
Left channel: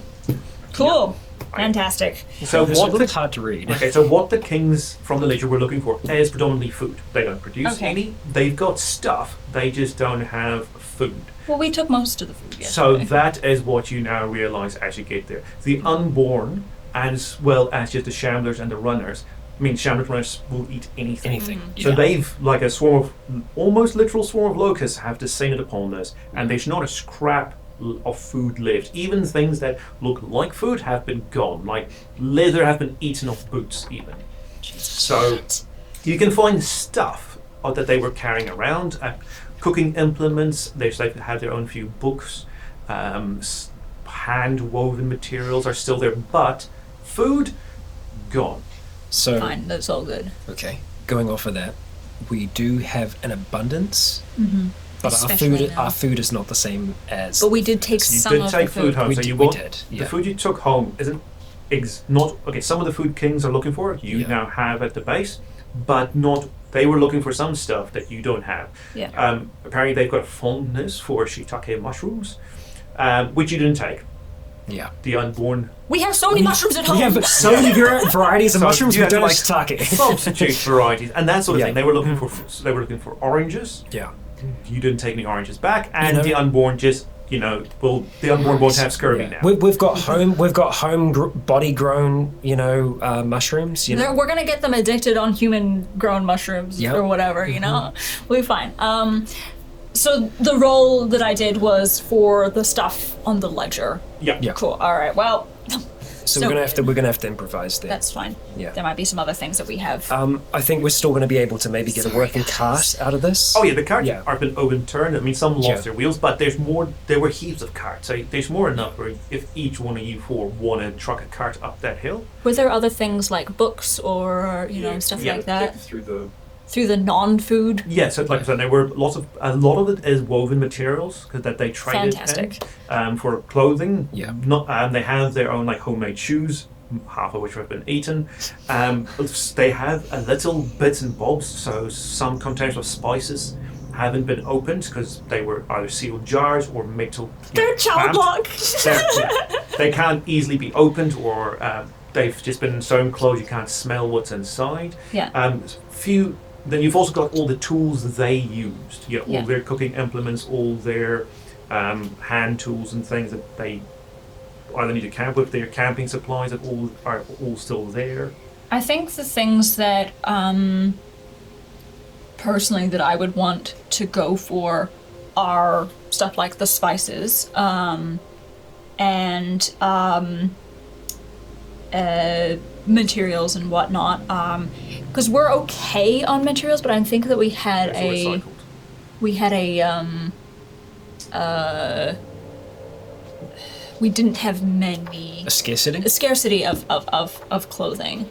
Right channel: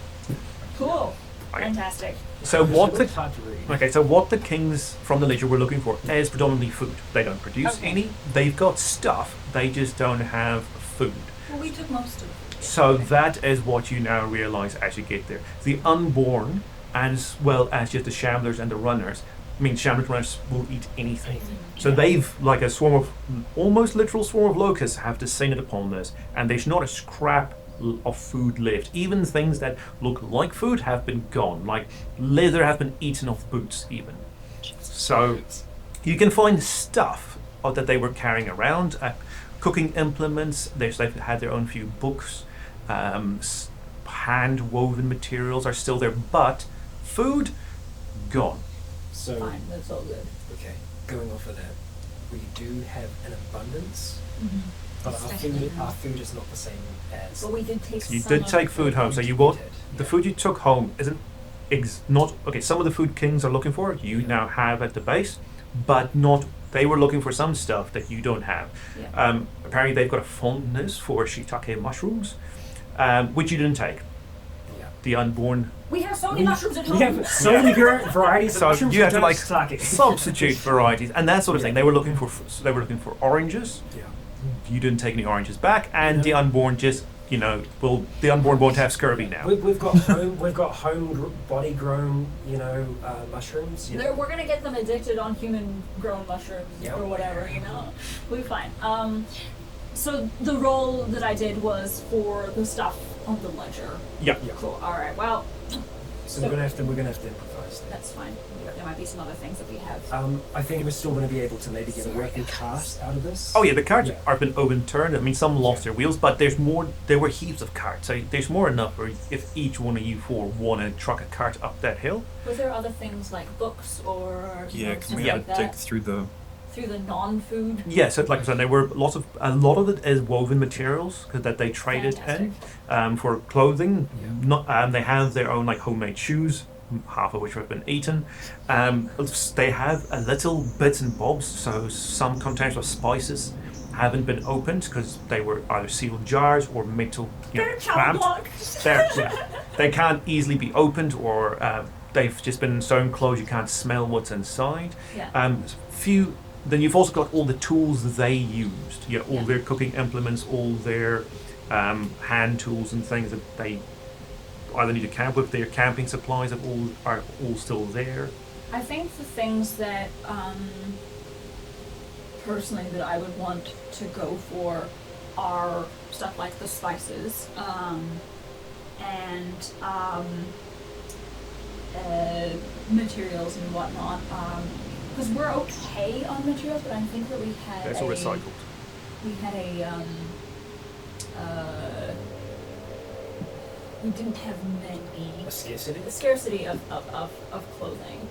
Cool. Fantastic. So It's what really the hard to read. Okay, so what the kings from the ledger were looking for is predominantly food. They don't produce Okay. any. They've got stuff. They just don't have food. Well, we took most of the food. So yesterday. that is what you now realize as you get there. The Unborn, as well as just the Shamblers and the Runners, I mean, Shamrock Runners will eat anything. So yeah. they've, like a swarm of, almost literal swarm of locusts have descended upon this, and there's not a scrap of food left. Even things that look like food have been gone, like leather have been eaten off boots even. So you can find stuff that they were carrying around, cooking implements, they've had their own few books, hand-woven materials are still there, but food, gone. So, Fine, that's all good. okay, going off of that, we do have an abundance, but Especially now. our food is not the same as. But we did take You some did of take the food home, We so did- you we want did, the yeah. food you took home isn't not okay. Some of the food kings are looking for, you Yeah. now have at the base, but not. They were looking for some stuff that you don't have. Yeah. Apparently, they've got a fondness for shiitake mushrooms, which you didn't take. Yeah. The Unborn. We have so many mushrooms at home. We have so many varieties of So mushrooms. you We have to don't like shiitake. substitute varieties and that sort of Yeah. thing. They were looking for oranges. Yeah. You didn't take any oranges back, and know- the Unborn just the Unborn won't have scurvy now. We've got body grown, mushrooms. We're gonna get them addicted on human grown mushrooms Yep. or whatever, We'll be fine. So the roll that I did was for the stuff on the ledger. Yeah. Yeah. Cool. All right. Well, So we're gonna have to improvise there. that's fine. Yeah. There might be some other things that we have. I think we're still going to be able to maybe get a working cart out of this. Oh yeah, the carts Yeah. have been overturned. I mean, some lost Yeah. their wheels, but there's more. There were heaps of carts. So there's more enough for if each one of you four want to truck a cart up that hill. Were there other things like books or stuff Yeah. like that through the through the non-food? Yes, like I said, there were a lot of it is woven materials that they traded Fantastic. in for clothing. Yeah. Not they have their own like homemade shoes, half of which have been eaten. They have a little bits and bobs. So some containers of spices haven't been opened because they were either sealed jars or metal. They're child lock. They can't easily be opened, or they've just been sewn closed. You can't smell what's inside. Yeah. Then you've also got all the tools that they used. All Yeah. their cooking implements, all their hand tools and things that they either need to camp with. Their camping supplies are all still there. I think the things that personally that I would want to go for are stuff like the spices and materials and whatnot. Because we're okay on materials, but I think that we had That's all recycled. we didn't have many A scarcity. a scarcity of clothing.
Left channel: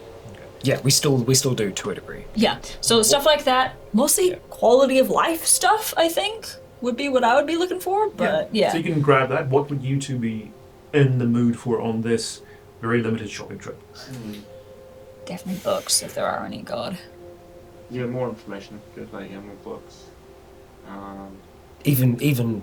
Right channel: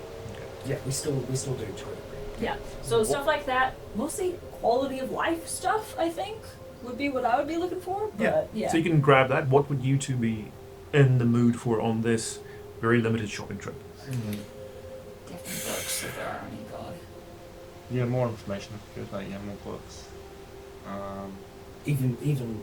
Yeah, we still do to a degree. Yeah, so stuff like that, mostly quality of life stuff, I think, would be what I would be looking for, but yeah. So you can grab that. What would you two be in the mood for on this very limited shopping trip? Definitely books, if there are any, God. Yeah, more information if you could, like more books. Even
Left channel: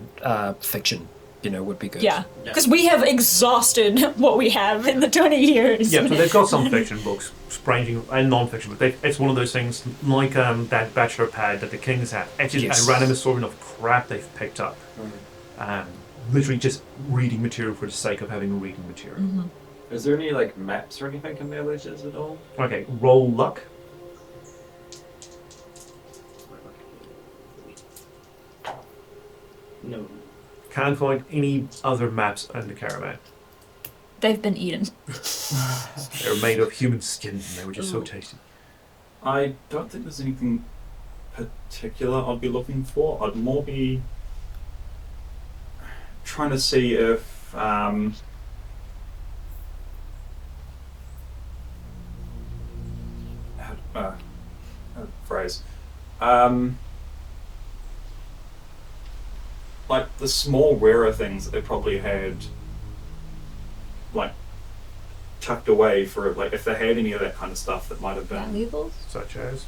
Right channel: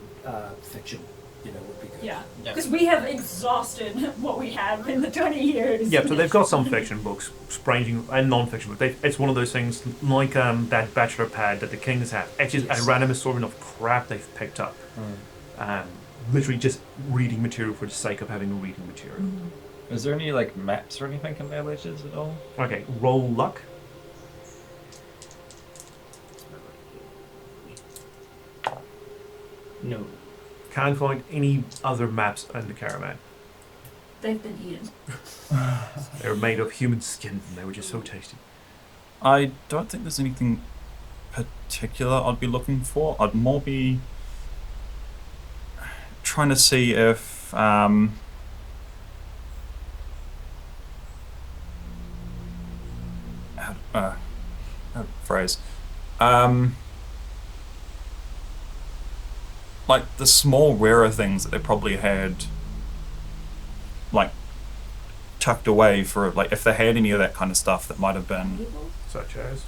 fiction, would be good. Yeah, because we have exhausted what we have in the 20 years. Yeah, so they've got some fiction books, ranging and non-fiction books. It's one of those things like that bachelor pad that the Kings have. It's just Yes. a random assortment of crap they've picked up. Literally just reading material for the sake of having reading material. Is there any like maps or anything in their ledgers at all? Okay, roll luck. No. Can't find any other maps in the caravan. They've been eaten. They were made of human skin and they were just so tasty. I don't think there's anything particular I'd be looking for. I'd more be trying to see if how to phrase like the small rarer things that they probably had like tucked away for like if they had any of that kind of stuff that might have been Valuables? Such as?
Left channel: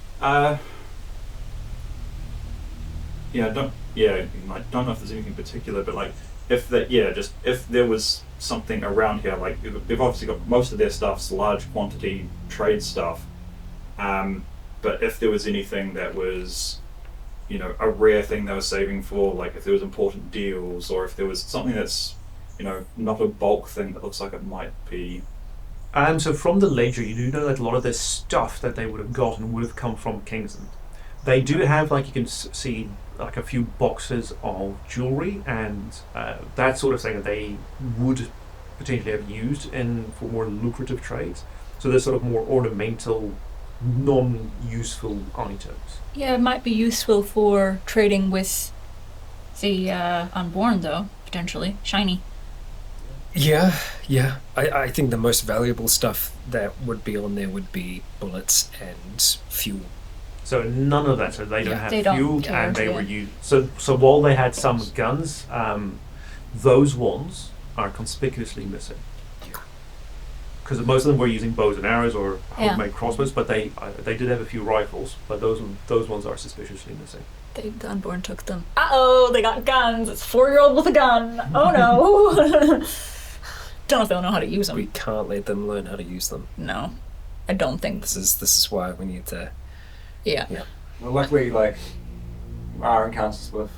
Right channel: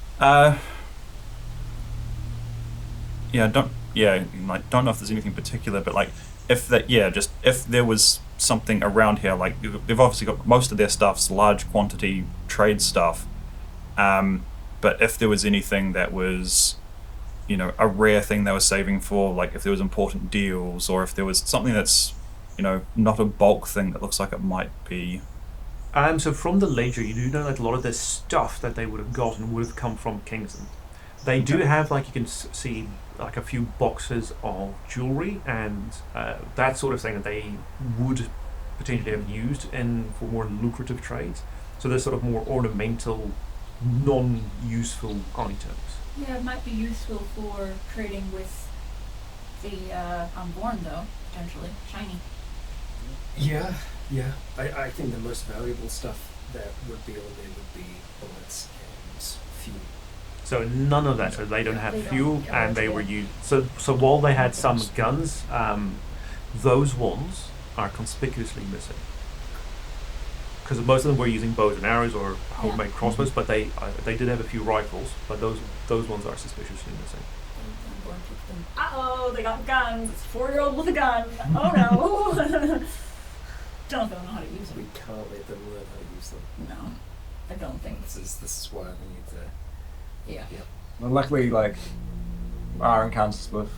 don't know if there's anything particular, but like if there was something around here, like they've obviously got most of their stuff's large quantity trade stuff, but if there was anything that was a rare thing they were saving for, like if there was important deals, or if there was something that's not a bulk thing that looks like it might be So from the ledger, you do know that a lot of the stuff that they would have gotten would have come from Kingsland. They do have, like, you can see, like, a few boxes of jewelry and that sort of thing that they would potentially have used for more lucrative trades. So they're sort of more ornamental, non-useful items. Yeah, it might be useful for trading with the Unborn, though, potentially. Shiny. Yeah. I think the most valuable stuff that would be on there would be bullets and fuel. So none of that. So they don't have They don't fuel, count, and they yeah. were used. So while they had some guns, those ones are conspicuously missing. Because most of them were using bows and arrows or homemade crossbows, but they did have a few rifles, but those ones are suspiciously missing. The Unborn took them. Uh-oh, they got guns. It's a 4-year-old with a gun. Oh no. Don't know if they'll know how to use them. We can't let them learn how to use them. No, I don't think. This is why we need to. Yeah. Well, luckily, like, our encounters with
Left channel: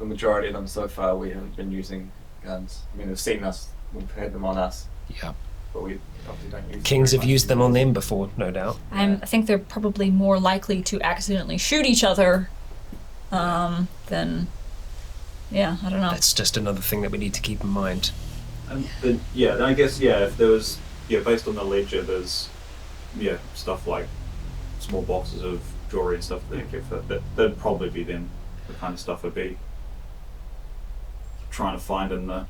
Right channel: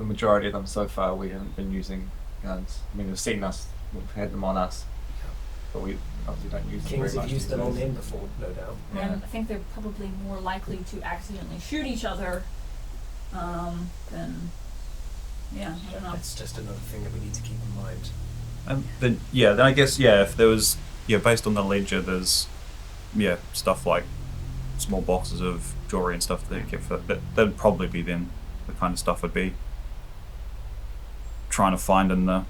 the majority of them so far, we haven't been using guns. I mean, they've seen us, we've had them on us, Yeah. but we obviously don't use them. Kings very have much used them these on days. them before, no doubt. I think they're probably more likely to accidentally shoot each other than. Yeah, I don't know. That's just another thing that we need to keep in mind. And then, then I guess, if there was, based on the ledger, there's, stuff like small boxes of jewelry and stuff that they kept for that'd probably be then the kind of stuff I'd be trying to find in the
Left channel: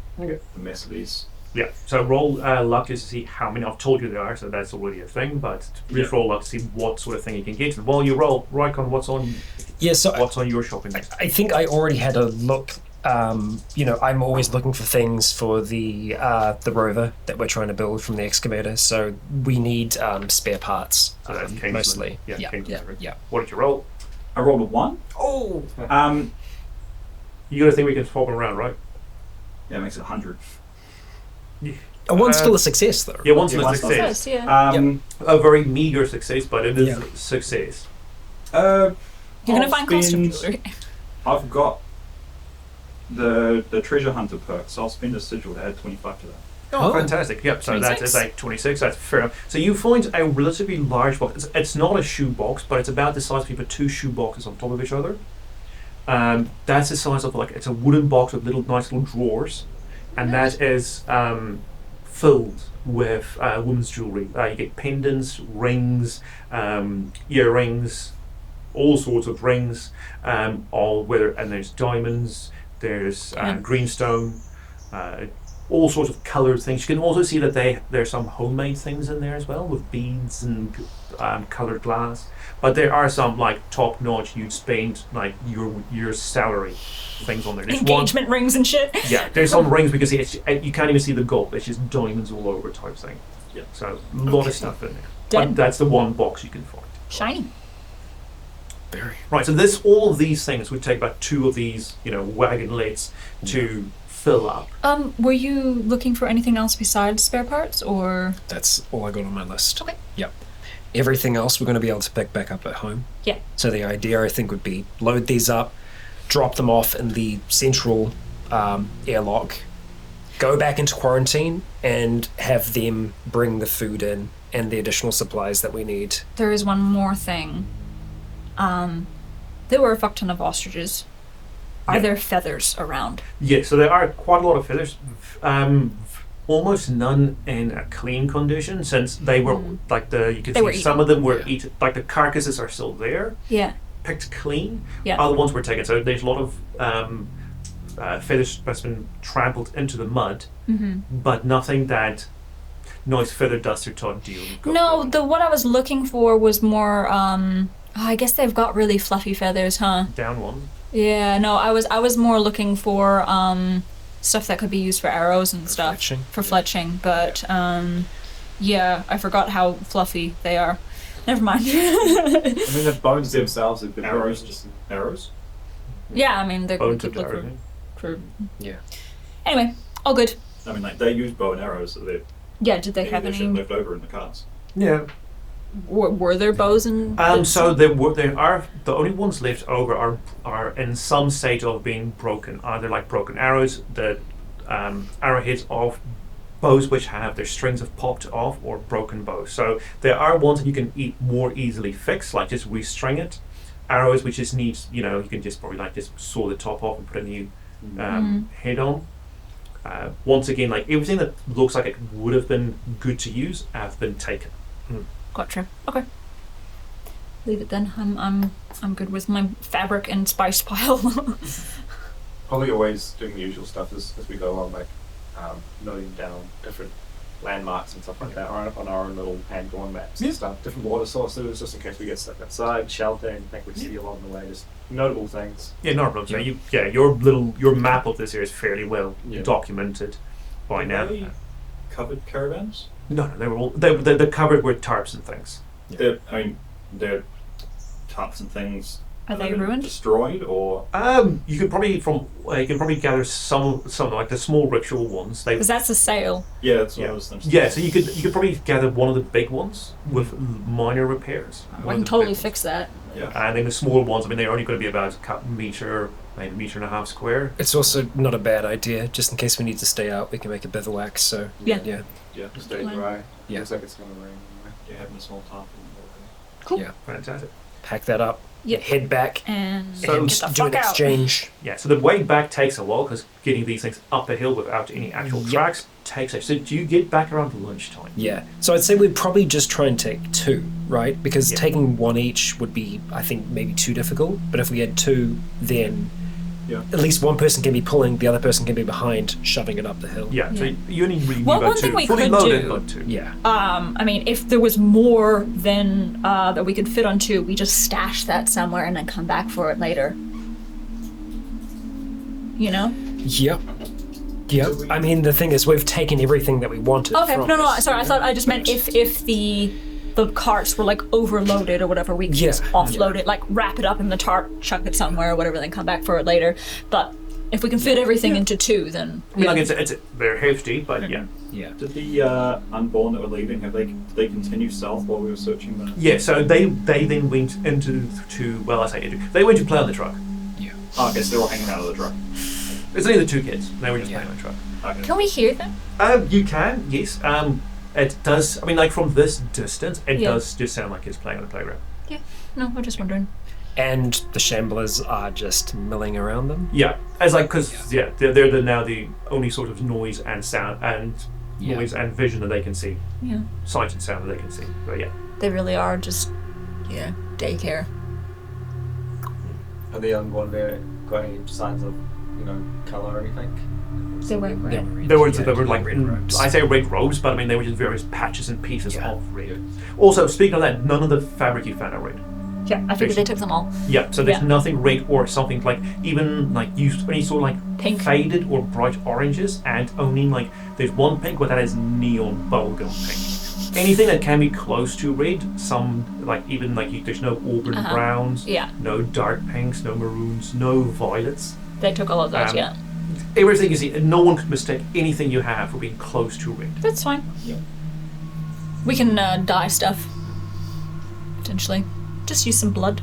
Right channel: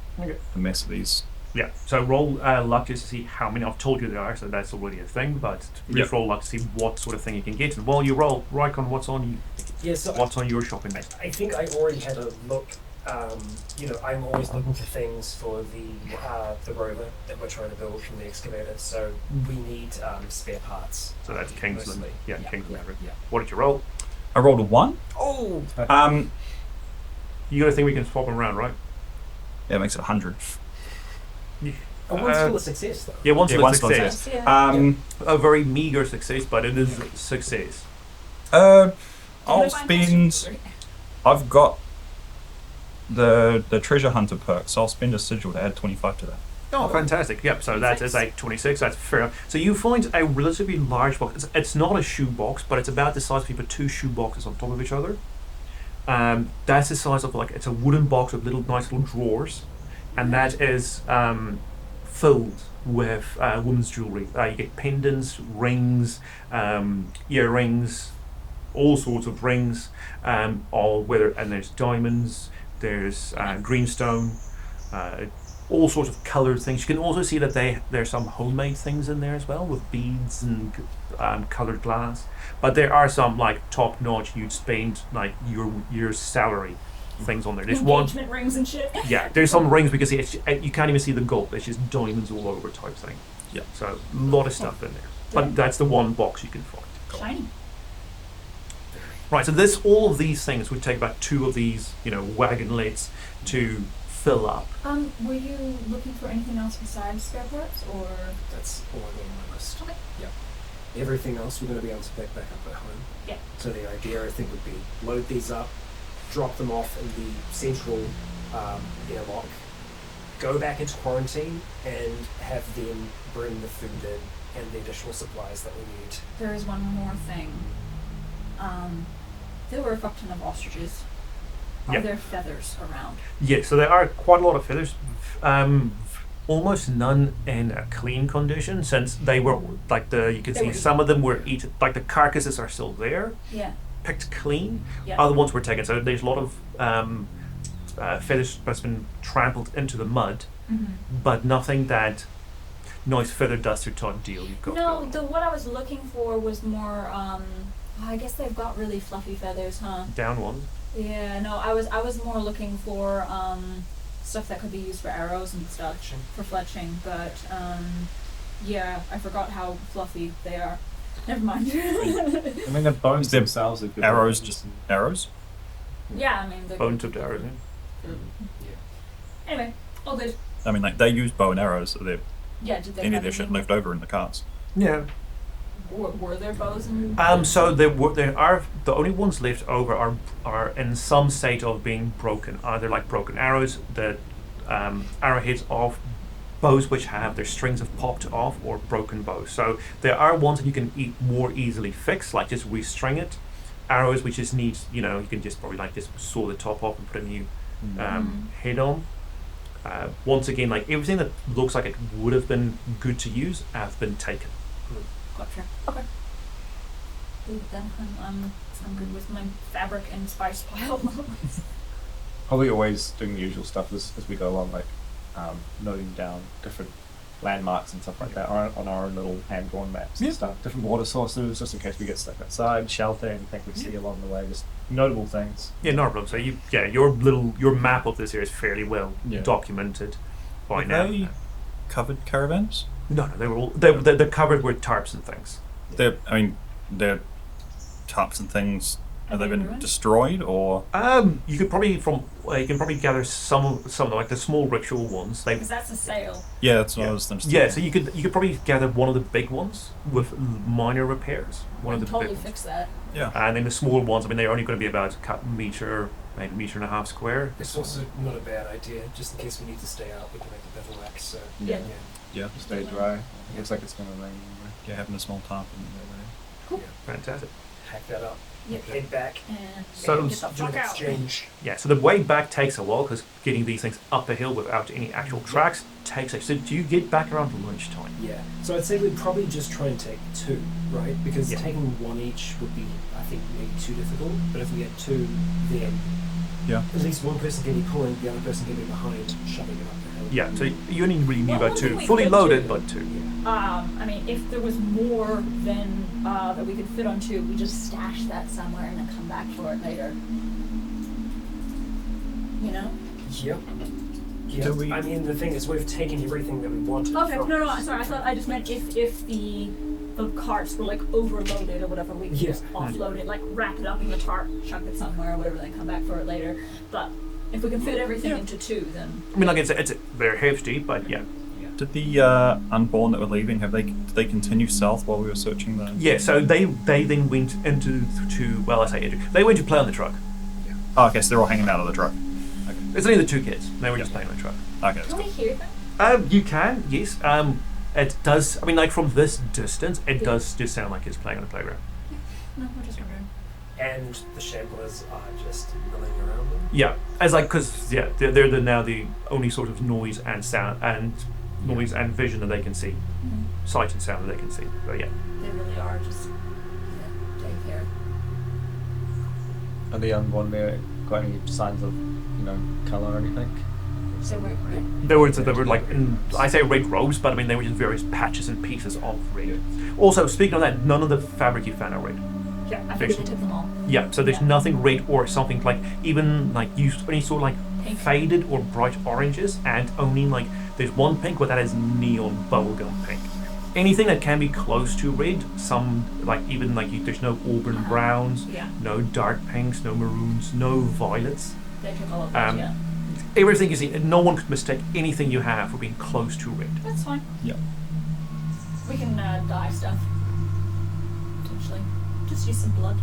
mess of these. Yeah. So roll luck just to see how many. I've told you there are, so that's already a thing. But just roll luck to see what sort of thing you can get. And while you roll, Rycon, what's on your shopping list? I think I already had a look. I'm always looking for things for the rover that we're trying to build from the excavator. So we need spare parts. So that's Kingsland. Mostly. Yeah, Kingsland. Yeah. What did you roll? I rolled a 1. Oh. You got a thing we can swap them around, right? Yeah, it makes it 100. A one's still a success, though. Yeah, one's a one's success. Yeah. A very meager success, but it is a success. You're gonna find costume jewelry. I've got the treasure hunter perk, so I'll spend a sigil to add 25 to that. Oh, fantastic. Yep, so 26. that is like 26, that's fair enough. So you find a relatively large box. It's not a shoe box, but it's about the size of you put 2 shoe boxes on top of each other. That's the size of, like, it's a wooden box with nice little drawers, and that is filled with women's jewelry. You get pendants, rings, earrings, all sorts of rings, and there's diamonds, there's greenstone, all sorts of coloured things. You can also see that there's some homemade things in there as well, with beads and coloured glass. But there are some, like, top notch, you'd spend like your salary things on there. There's Engagement rings and shit. Yeah, there's some rings because you can't even see the gold. It's just diamonds all over type thing. Yeah. So a lot of stuff in there. But that's the one box you can find. Shiny. Right, so all of these things would take about 2 of these, wagonlets to fill up. Were you looking for anything else besides spare parts, or? That's all I got on my list. Okay. Yep. Everything else we're going to be able to pick back up at home. Yeah. So the idea, I think, would be load these up, drop them off in the central airlock, go back into quarantine, and have them bring the food in and the additional supplies that we need. There is one more thing. There were a fuck ton of ostriches. Are there feathers around? Yeah, so there are quite a lot of feathers. Almost none in a clean condition, since they were like you can see some of them were eaten. Like the carcasses are still there, picked clean. Yeah. Other ones were taken. So there's a lot of feathers that's been trampled into the mud, but nothing that nice feather duster type deal you've got. No, what I was looking for was more. I guess they've got really fluffy feathers, huh? Down ones. Yeah, no, I was more looking for stuff that could be used for arrows and stuff. Fletching. For fletching, but I forgot how fluffy they are. Never mind. I mean, the bones themselves have been Arrows, just arrows? Yeah, I mean they're Bone good tipped arrows. for. Yeah. Anyway, all good. I mean, like, they use bow and arrows, so they Yeah, did they maybe have there's any? shit left over in the carts. Yeah. Were there bows and? So there are the only ones left over are in some state of being broken. Either like broken arrows, the arrowheads of bows which have their strings have popped off or broken bows. So there are ones that you can more easily fix, like just restring it. Arrows which just needs, you can just probably like just saw the top off and put a new head on. Once again, like everything that looks like it would have been good to use have been taken. Gotcha. Okay. Leave it then. I'm good with my fabric and spice pile. Probably always doing the usual stuff as we go along, like noting down different landmarks and stuff like that on our own little hand-drawn maps and stuff. Different water sources, just in case we get stuck outside, shelter, anything we see along the way, just notable things. Yeah, not a problem. So your map of this area is fairly well documented by now. Covered caravans? No, they were all they're covered with tarps and things. They're tarps and things. Are they been ruined? Destroyed or? You could probably gather some like the small ritual ones. Because that's a sail. Yeah, that's what I was thinking. Yeah, so you could probably gather one of the big ones with minor repairs. I can totally fix that. Yeah. And then the small ones, I mean, they're only going to be about a meter, maybe a meter and a half square. It's also not a bad idea, just in case we need to stay out, we can make a bivouac. So yeah. Just stay dry. Yeah. Looks like it's gonna rain. Yeah, having a small tarp. Cool. Yeah. Fantastic. Pack that up. Yep. Head back. And So get the do fuck an out. exchange. Yeah, so the way back takes a while because getting these things up a hill without any actual tracks takes a. So do you get back around lunchtime? Yeah. So I'd say we'd probably just try and take two, right? Because taking one each would be, I think, maybe too difficult. But if we had two, then at least one person can be pulling, the other person can be behind, shoving it up the hill. Yeah, so you only really need Well, about one thing two. we Fully could loaded, do- but two. Yeah. I mean, if there was more than that we could fit on two, we just stash that somewhere and then come back for it later. You know? Yep. Yep. I mean, the thing is, we've taken everything that we wanted. Okay. from No. it. Sorry, I thought I just meant if the carts were like overloaded or whatever, we could just offload it, like wrap it up in the tarp, chuck it somewhere or whatever, then come back for it later. But if we can fit everything into two, then I mean, like it's they're hefty, but yeah. Did the Unborn that were leaving, did they continue south while we were searching the... Yeah, so they then went they went to play on the truck. Oh, okay, so they're all hanging out of the truck. It's only the two kids. They were just playing on the truck. Okay. can we hear them? You can, yes. It does. I mean, like from this distance, it does just sound like it's playing on the playground. Yeah. No, I'm just wondering. And the shamblers are just milling around them. Yeah, because they're now the only sort of noise and sound and noise and vision that they can see, Yeah. sight and sound that they can see. But yeah, They really are just daycare. Are the Unborn there got any signs of, colour or anything? They were red. they were like I say red robes, but I mean they were just various patches and pieces of red. Also, speaking of that, none of the fabric you found are red. Yeah, I figured they took them all. Yeah, so there's Yeah. nothing red or something like even like any sort of like Pink. faded or bright oranges, and only like there's one pink, but that is neon bubblegum pink. Anything that can be close to red, some like even like there's no auburn browns, Yeah. no dark pinks, no maroons, no violets. They took all of those, yeah. Everything is no one could mistake anything you have for being close to red. That's fine. Yeah. We can dye stuff. Potentially. Just use some blood.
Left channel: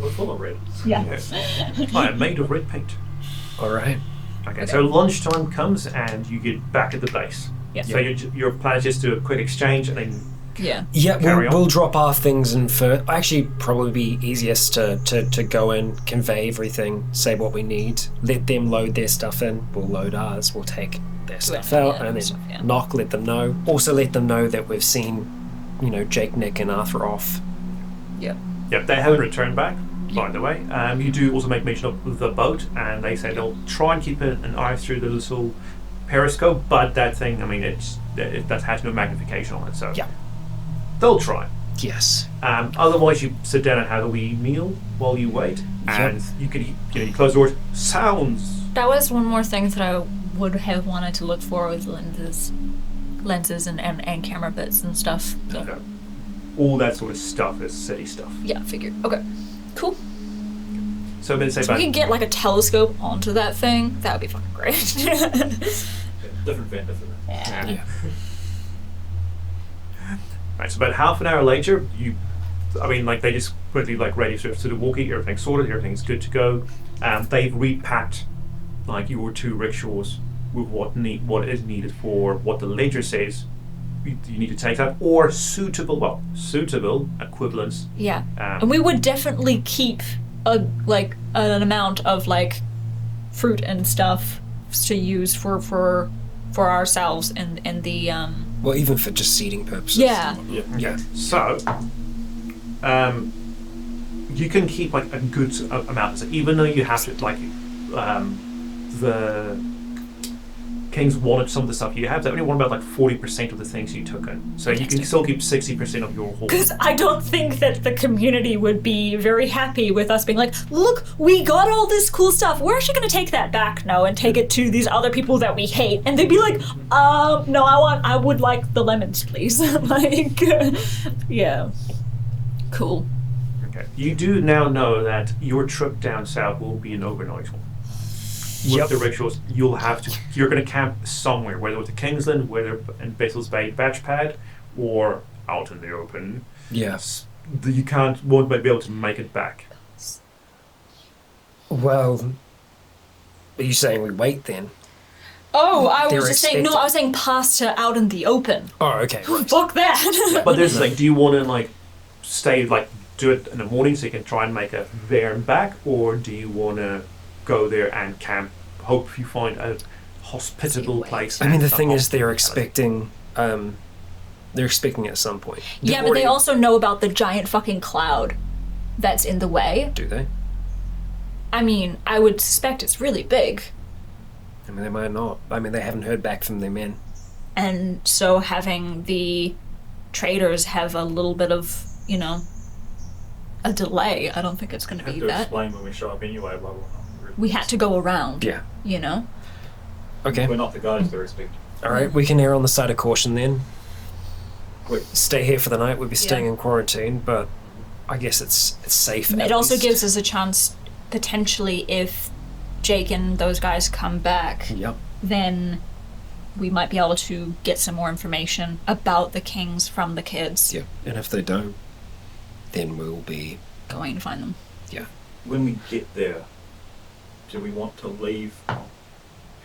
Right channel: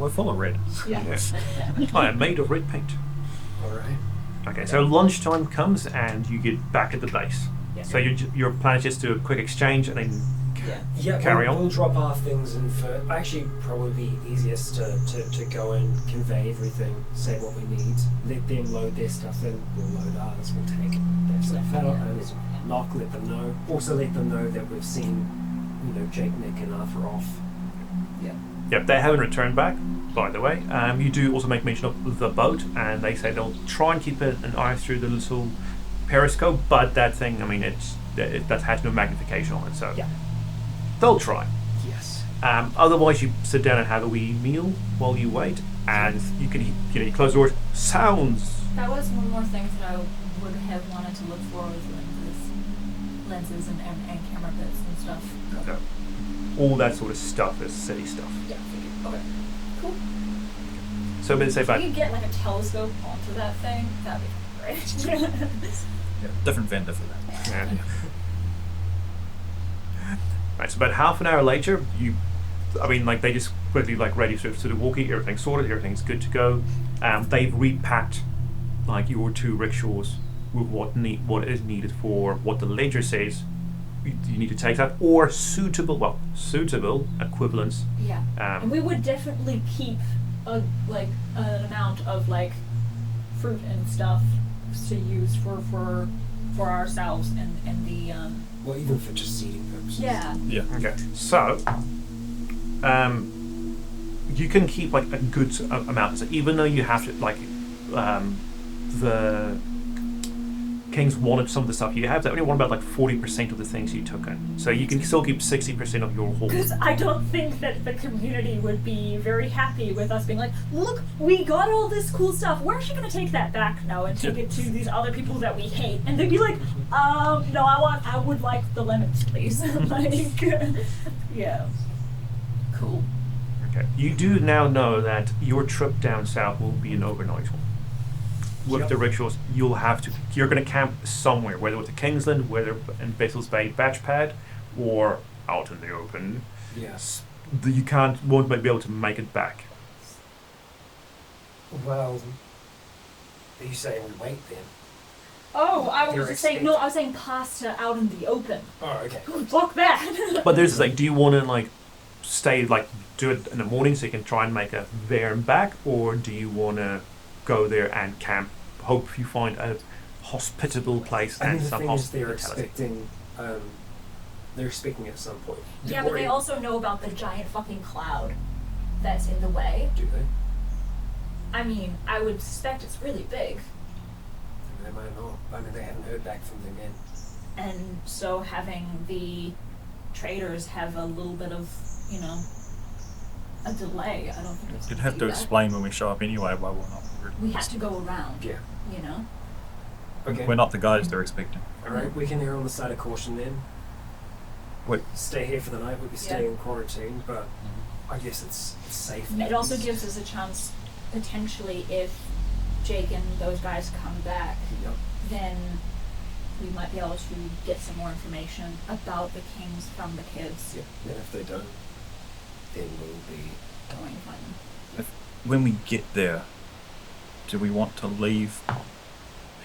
We're full of red. Yeah. Yes. I am made of red paint. All right. Okay, so lunchtime comes and you get back at the base. Yeah. So your plan is just to do a quick exchange and then Yeah. Yeah, Carry on. we'll drop our things and actually probably be easiest to go in, convey everything, say what we need, let them load their stuff in, we'll load ours, we'll take their stuff out, and then stuff, yeah. knock, let them know. Also let them know that we've seen, Jake, Nick and Arthur off. Yeah. Yep, they haven't returned back, by the way. You do also make mention of the boat, and they say they'll try and keep an eye through the little periscope, but that thing, I mean, that has no magnification on it, so Yeah. they'll try. Yes. Otherwise, you sit down and have a wee meal while you wait, and you can, you close the doors. Sounds. That was one more thing that I would have wanted to look for with lenses and camera bits and stuff. So, No. All that sort of stuff is city stuff. yeah, figured. Okay. Cool. So I'm going to say So we about could get like a telescope onto that thing. That would be fucking great. Different vendor for that. Yeah. Right, so about half an hour later, they just quickly ready to the walkie, everything's sorted, everything's good to go. They've repacked your two rickshaws with what is needed for what the ledger says. You need to take that, or suitable equivalents. Yeah, and we would definitely keep an amount of like fruit and stuff to use for ourselves and the Well, even for just seeding purposes. Yeah. Okay. So, you can keep like a good amount. So even though you have to the Kings wanted some of the stuff you have. They only want about like 40% of the things you took in. So you can still keep 60% of your haul. Because I don't think that the community would be very happy with us being like, look, we got all this cool stuff. We're actually going to take that back now and take it to these other people that we hate. And they'd be like, no, I would like the lemons, please. Like, yeah. Cool. Okay. You do now know that your trip down south will be an overnight one. With the rituals, you're going to camp somewhere, whether it's Kingsland, whether in Vessel's Bay Batch Pad, or out in the open. Yes. You won't be able to make it back. Well, are you saying we wait then? Oh, I was just saying, no, I was saying pass to out in the open. Oh, okay. Fuck that. But there's like, do you want to stay, do it in the morning so you can try and make it there and back, or do you want to go there and camp, hope you find a hospitable place? I mean, the thing is, they're expecting at some point. Yeah, but they also know about the giant fucking cloud that's in the way. Do they? I mean, I would suspect it's really big. I mean, they might not. I mean, they haven't heard back from their men. And so having the traders have a little bit of, a delay, I don't think it's going to be that. We have to explain when we show up anyway why we're not. We had to go around. Yeah. Okay. We're not the guys they're expecting. All right, we can err on the side of caution then. We stay here for the night. We'll be staying in quarantine, but I guess it's safe. It also gives us a chance, potentially, if Jake and those guys come back, then we might be able to get some more information about the Kings from the kids. Yeah, and if they don't, then we'll be going to find them. Yeah. When we get there, do we want to leave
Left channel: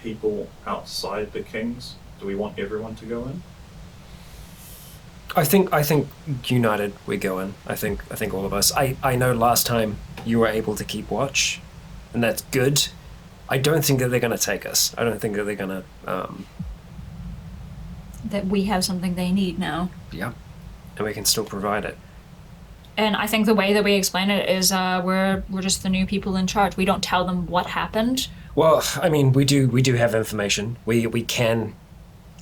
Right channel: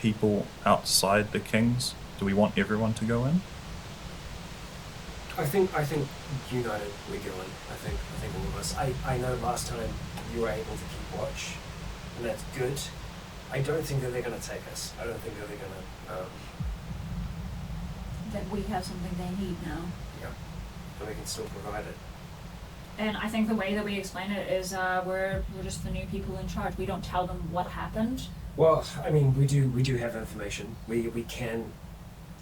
people outside the Kings? Do we want everyone to go in? I think united we go in. I think all of us. I know last time you were able to keep watch, and that's good. I don't think that they're going to take us. I don't think that they're going to. That we have something they need now. Yeah, and we can still provide it. And I think the way that we explain it is we're just the new people in charge. We don't tell them what happened. Well, I mean, we do have information. We can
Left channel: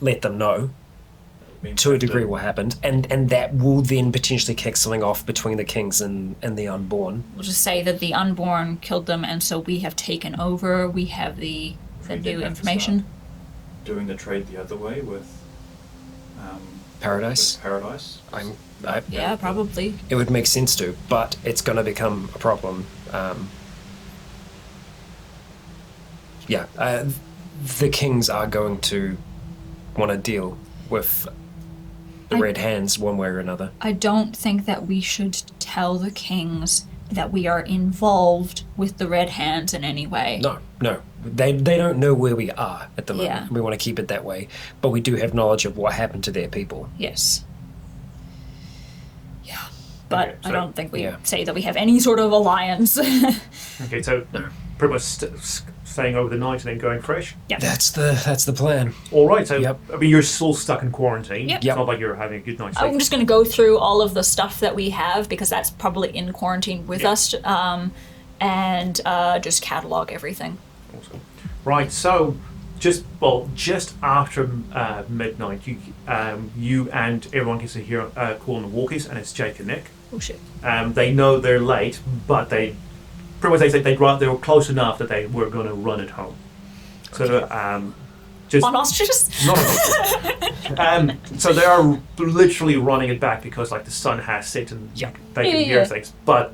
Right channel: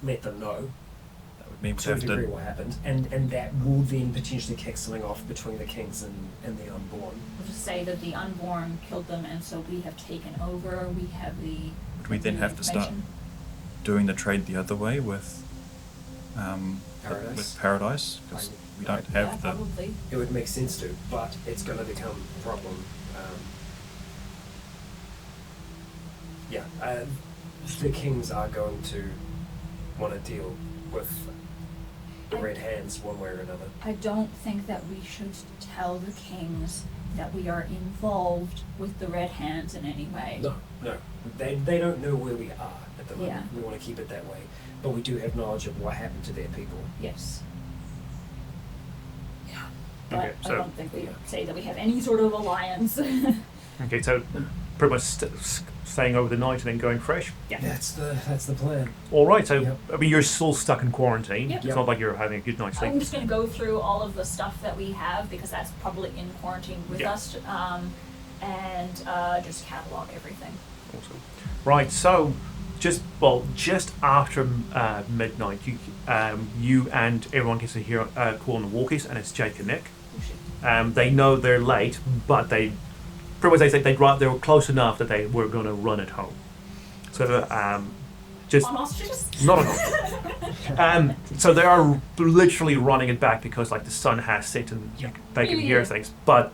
let them know to a degree what happened, and that will then potentially kick something off between the Kings and the Unborn. We'll just say that the Unborn killed them, and so we have taken over. We have the new information. Doing the trade the other way with Paradise. With Paradise. Yeah, probably. It would make sense to, but it's going to become a problem. The Kings are going to want to deal with the Red Hands one way or another. I don't think that we should tell the Kings that we are involved with the Red Hands in any way. No. They don't know where we are at the moment. Yeah. We want to keep it that way. But we do have knowledge of what happened to their people. Yes. Yeah. But Okay, so, I don't think we say that we have any sort of alliance. Okay, so pretty much staying over the night and then going fresh? Yeah. That's the plan. All right, so I mean, you're still stuck in quarantine. Yep. It's not like you're having a good night's sleep. I'm just going to go through all of the stuff that we have because that's probably in quarantine with us, and just catalog everything. Awesome. Right, so just after midnight, you and everyone gets to hear a call on the walkies, and it's Jake and Nick. Oh shit. They know they're late, but they were close enough that they were going to run it home. So just on ostriches? Not at all. So they are literally running it back because the sun has set and they can hear things. But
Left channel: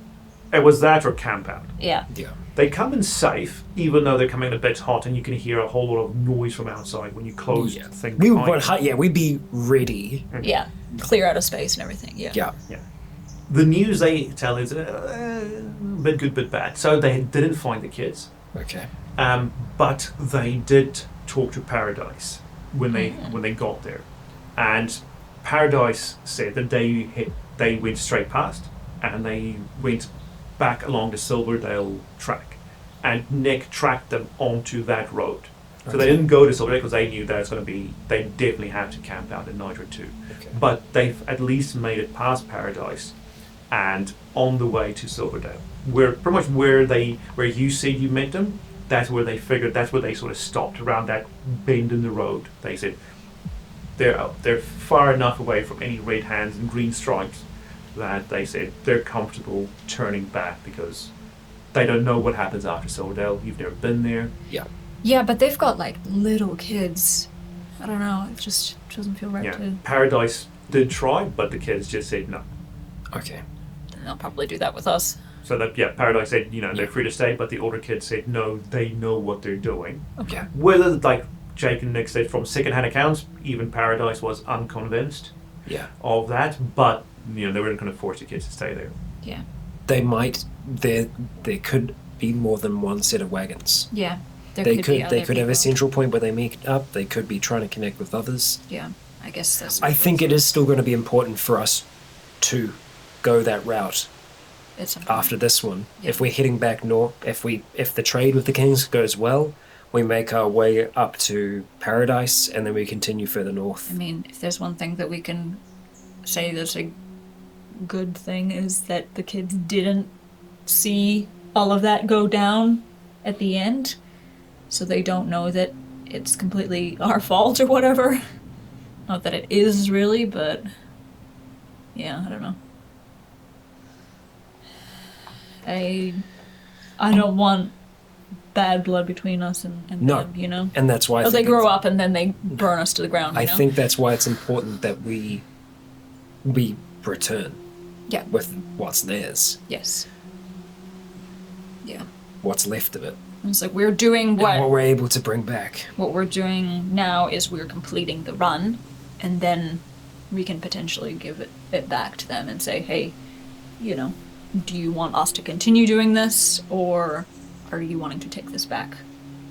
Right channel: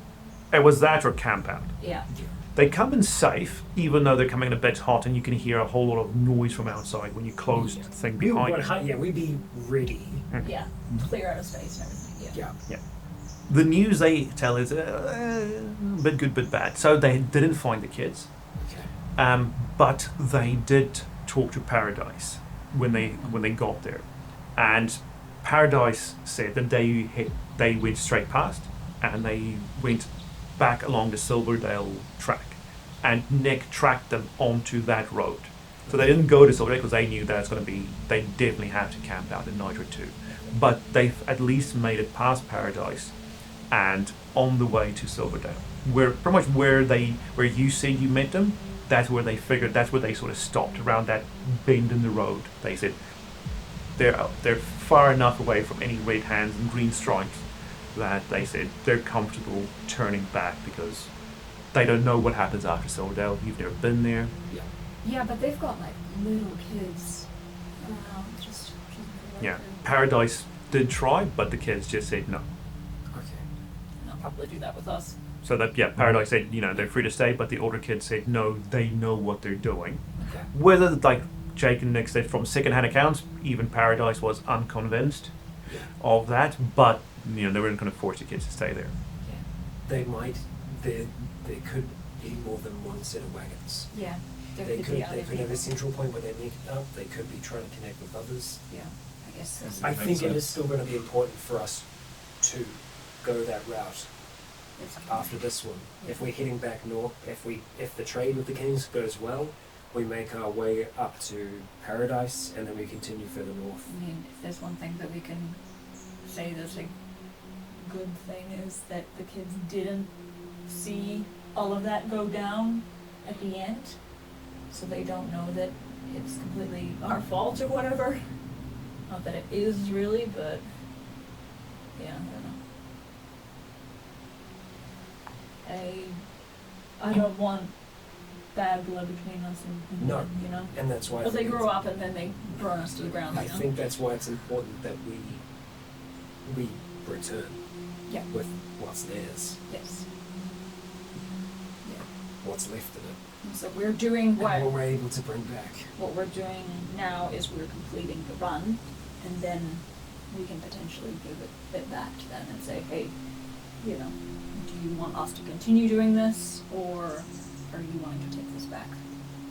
it was that or camp out. Yeah. They come in safe, even though they're coming in a bit hot, and you can hear a whole lot of noise from outside when you close the thing behind you. We'd be ready. Yeah, clear out of space and everything. Yeah. The news they tell is bit good, bit bad. So they didn't find the kids. Okay. But they did talk to Paradise when they got there, and Paradise said that they went straight past, and they went back along the Silverdale track, and Nick tracked them onto that road. So they didn't go to Silverdale because they knew that it's going to be, they definitely have to camp out in night or two. But they've at least made it past Paradise and on the way to Silverdale. Where pretty much where you said you met them, that's where they sort of stopped around that bend in the road. They said they're far enough away from any red hands and green stripes that they said they're comfortable turning back because they don't know what happens after Silverdale. You've never been there. Yeah. Yeah, but they've got like little kids. I don't know. It just doesn't feel right. Yeah. Paradise did try, but the kids just said no. Okay. Then they'll probably do that with us. So that Paradise said they're free to stay, but the older kids said no, they know what they're doing. Okay. Whether like Jake and Nick said from second-hand accounts, even Paradise was unconvinced of that, but they weren't going to force the kids to stay there. Yeah. They might. There could be more than one set of wagons. Yeah. They could have a central point where they meet up. They could be trying to connect with others. Yeah, I guess that's. I think it is still going to be important for us to go that route after this one. Yeah. If we're heading back north, if the trade with the Kings goes well, we make our way up to Paradise and then we continue further north. I mean, if there's one thing that we can say that's a good thing is that the kids didn't see all of that go down at the end. So they don't know that it's completely our fault or whatever. Not that it is really, but yeah, I don't know. I don't want bad blood between us and them, And that's why they grow up and then they burn us to the ground. I think that's why it's important that we return. Yeah. With what's theirs. Yes. Yeah. What's left of it. It's like we're doing what we're able to bring back. What we're doing now is we're completing the run, and then we can potentially give it back to them and say, hey, do you want us to continue doing this, or are you wanting to take this back,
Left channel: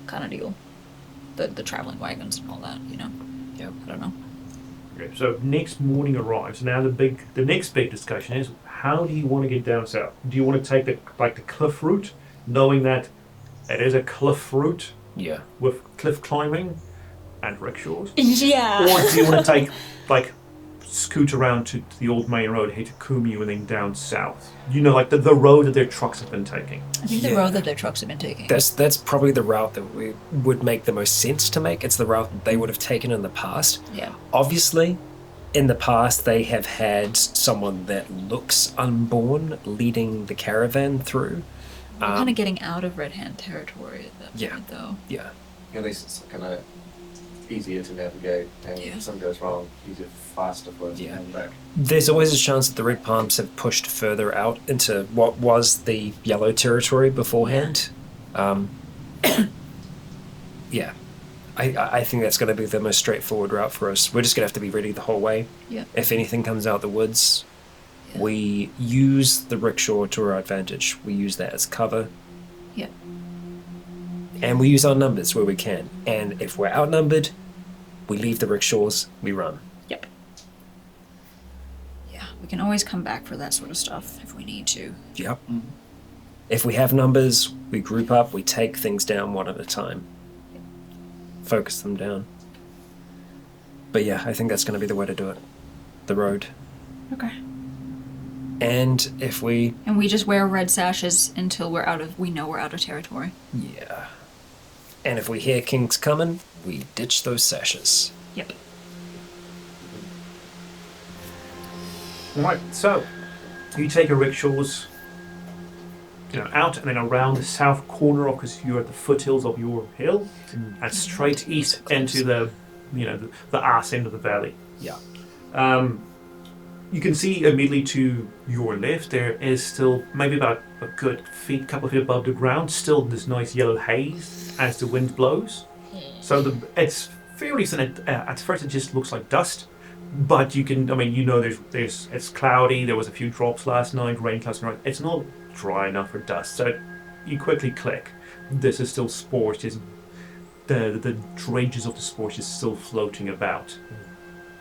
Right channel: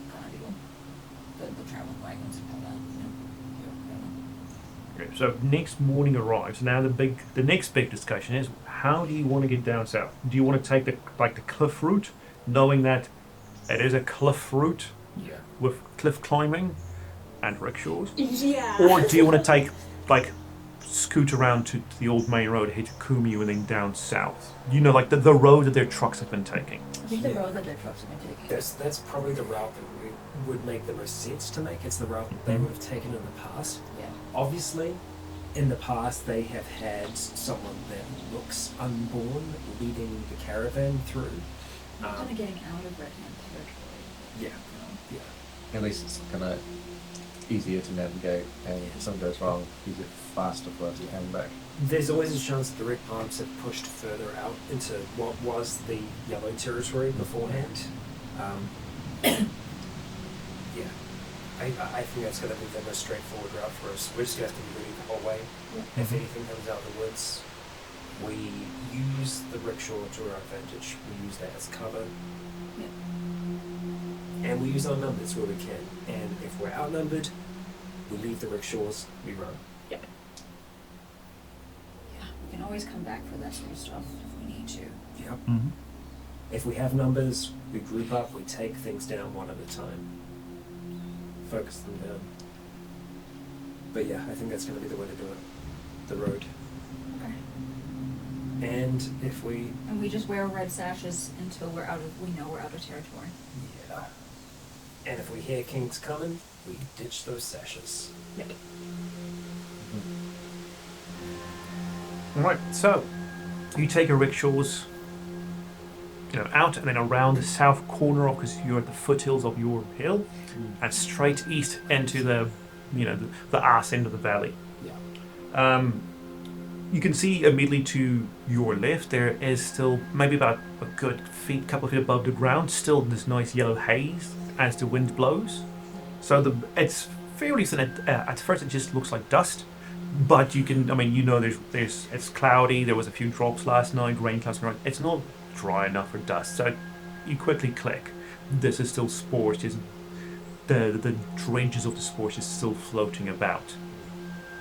kind of deal. The traveling wagons and all that, Yeah, I don't know. Okay, so next morning arrives. Now the next big discussion is how do you want to get down south? Do you want to take the cliff route, knowing that it is a cliff route with cliff climbing and rickshaws? Yeah. Or do you want to take, scoot around to the old main road, head to Kumeu, and then down south? The road that their trucks have been taking. I think the road that their trucks have been taking. That's probably the route that we would make the most sense to make. It's the route that they would have taken in the past. Yeah. Obviously, in the past, they have had someone that looks unborn leading the caravan through. We're kind of getting out of Red Hand territory at that point, though. Yeah. At least it's kind of easier to navigate, and if something goes wrong, easier, faster for us to hang back. There's always a chance that the Red Palms have pushed further out into what was the Yellow territory beforehand. Yeah. I think that's going to be the most straightforward route for us. We're just going to have to be ready the whole way. Yeah. If anything comes out the woods, we use the rickshaw to our advantage. We use that as cover. Yeah. And we use our numbers where we can. And if we're outnumbered, we leave the rickshaws, we run. Yep. Yeah, we can always come back for that sort of stuff if we need to. Yep. Mm-hmm. If we have numbers, we group up, we take things down one at a time. Focus them down. But yeah, I think that's going to be the way to do it. The road. Okay. And if we... And we just wear red sashes until we know we're out of territory. Yeah. And if we hear Kings coming, we ditch those sashes. Yep. Right, so you take your rickshaws, out and then around the south corner because you're at the foothills of your hill, and straight east into the arse end of the valley. Yeah. You can see immediately to your left there is still maybe about a good couple of feet above the ground, still this nice yellow haze as the wind blows. So it's fairly thin. At first it just looks like dust, but you can, there's it's cloudy. There was a few drops last night, rain clouds. It's not dry enough for dust. So you quickly click. This is still spores just the dregs of the spores is still floating about.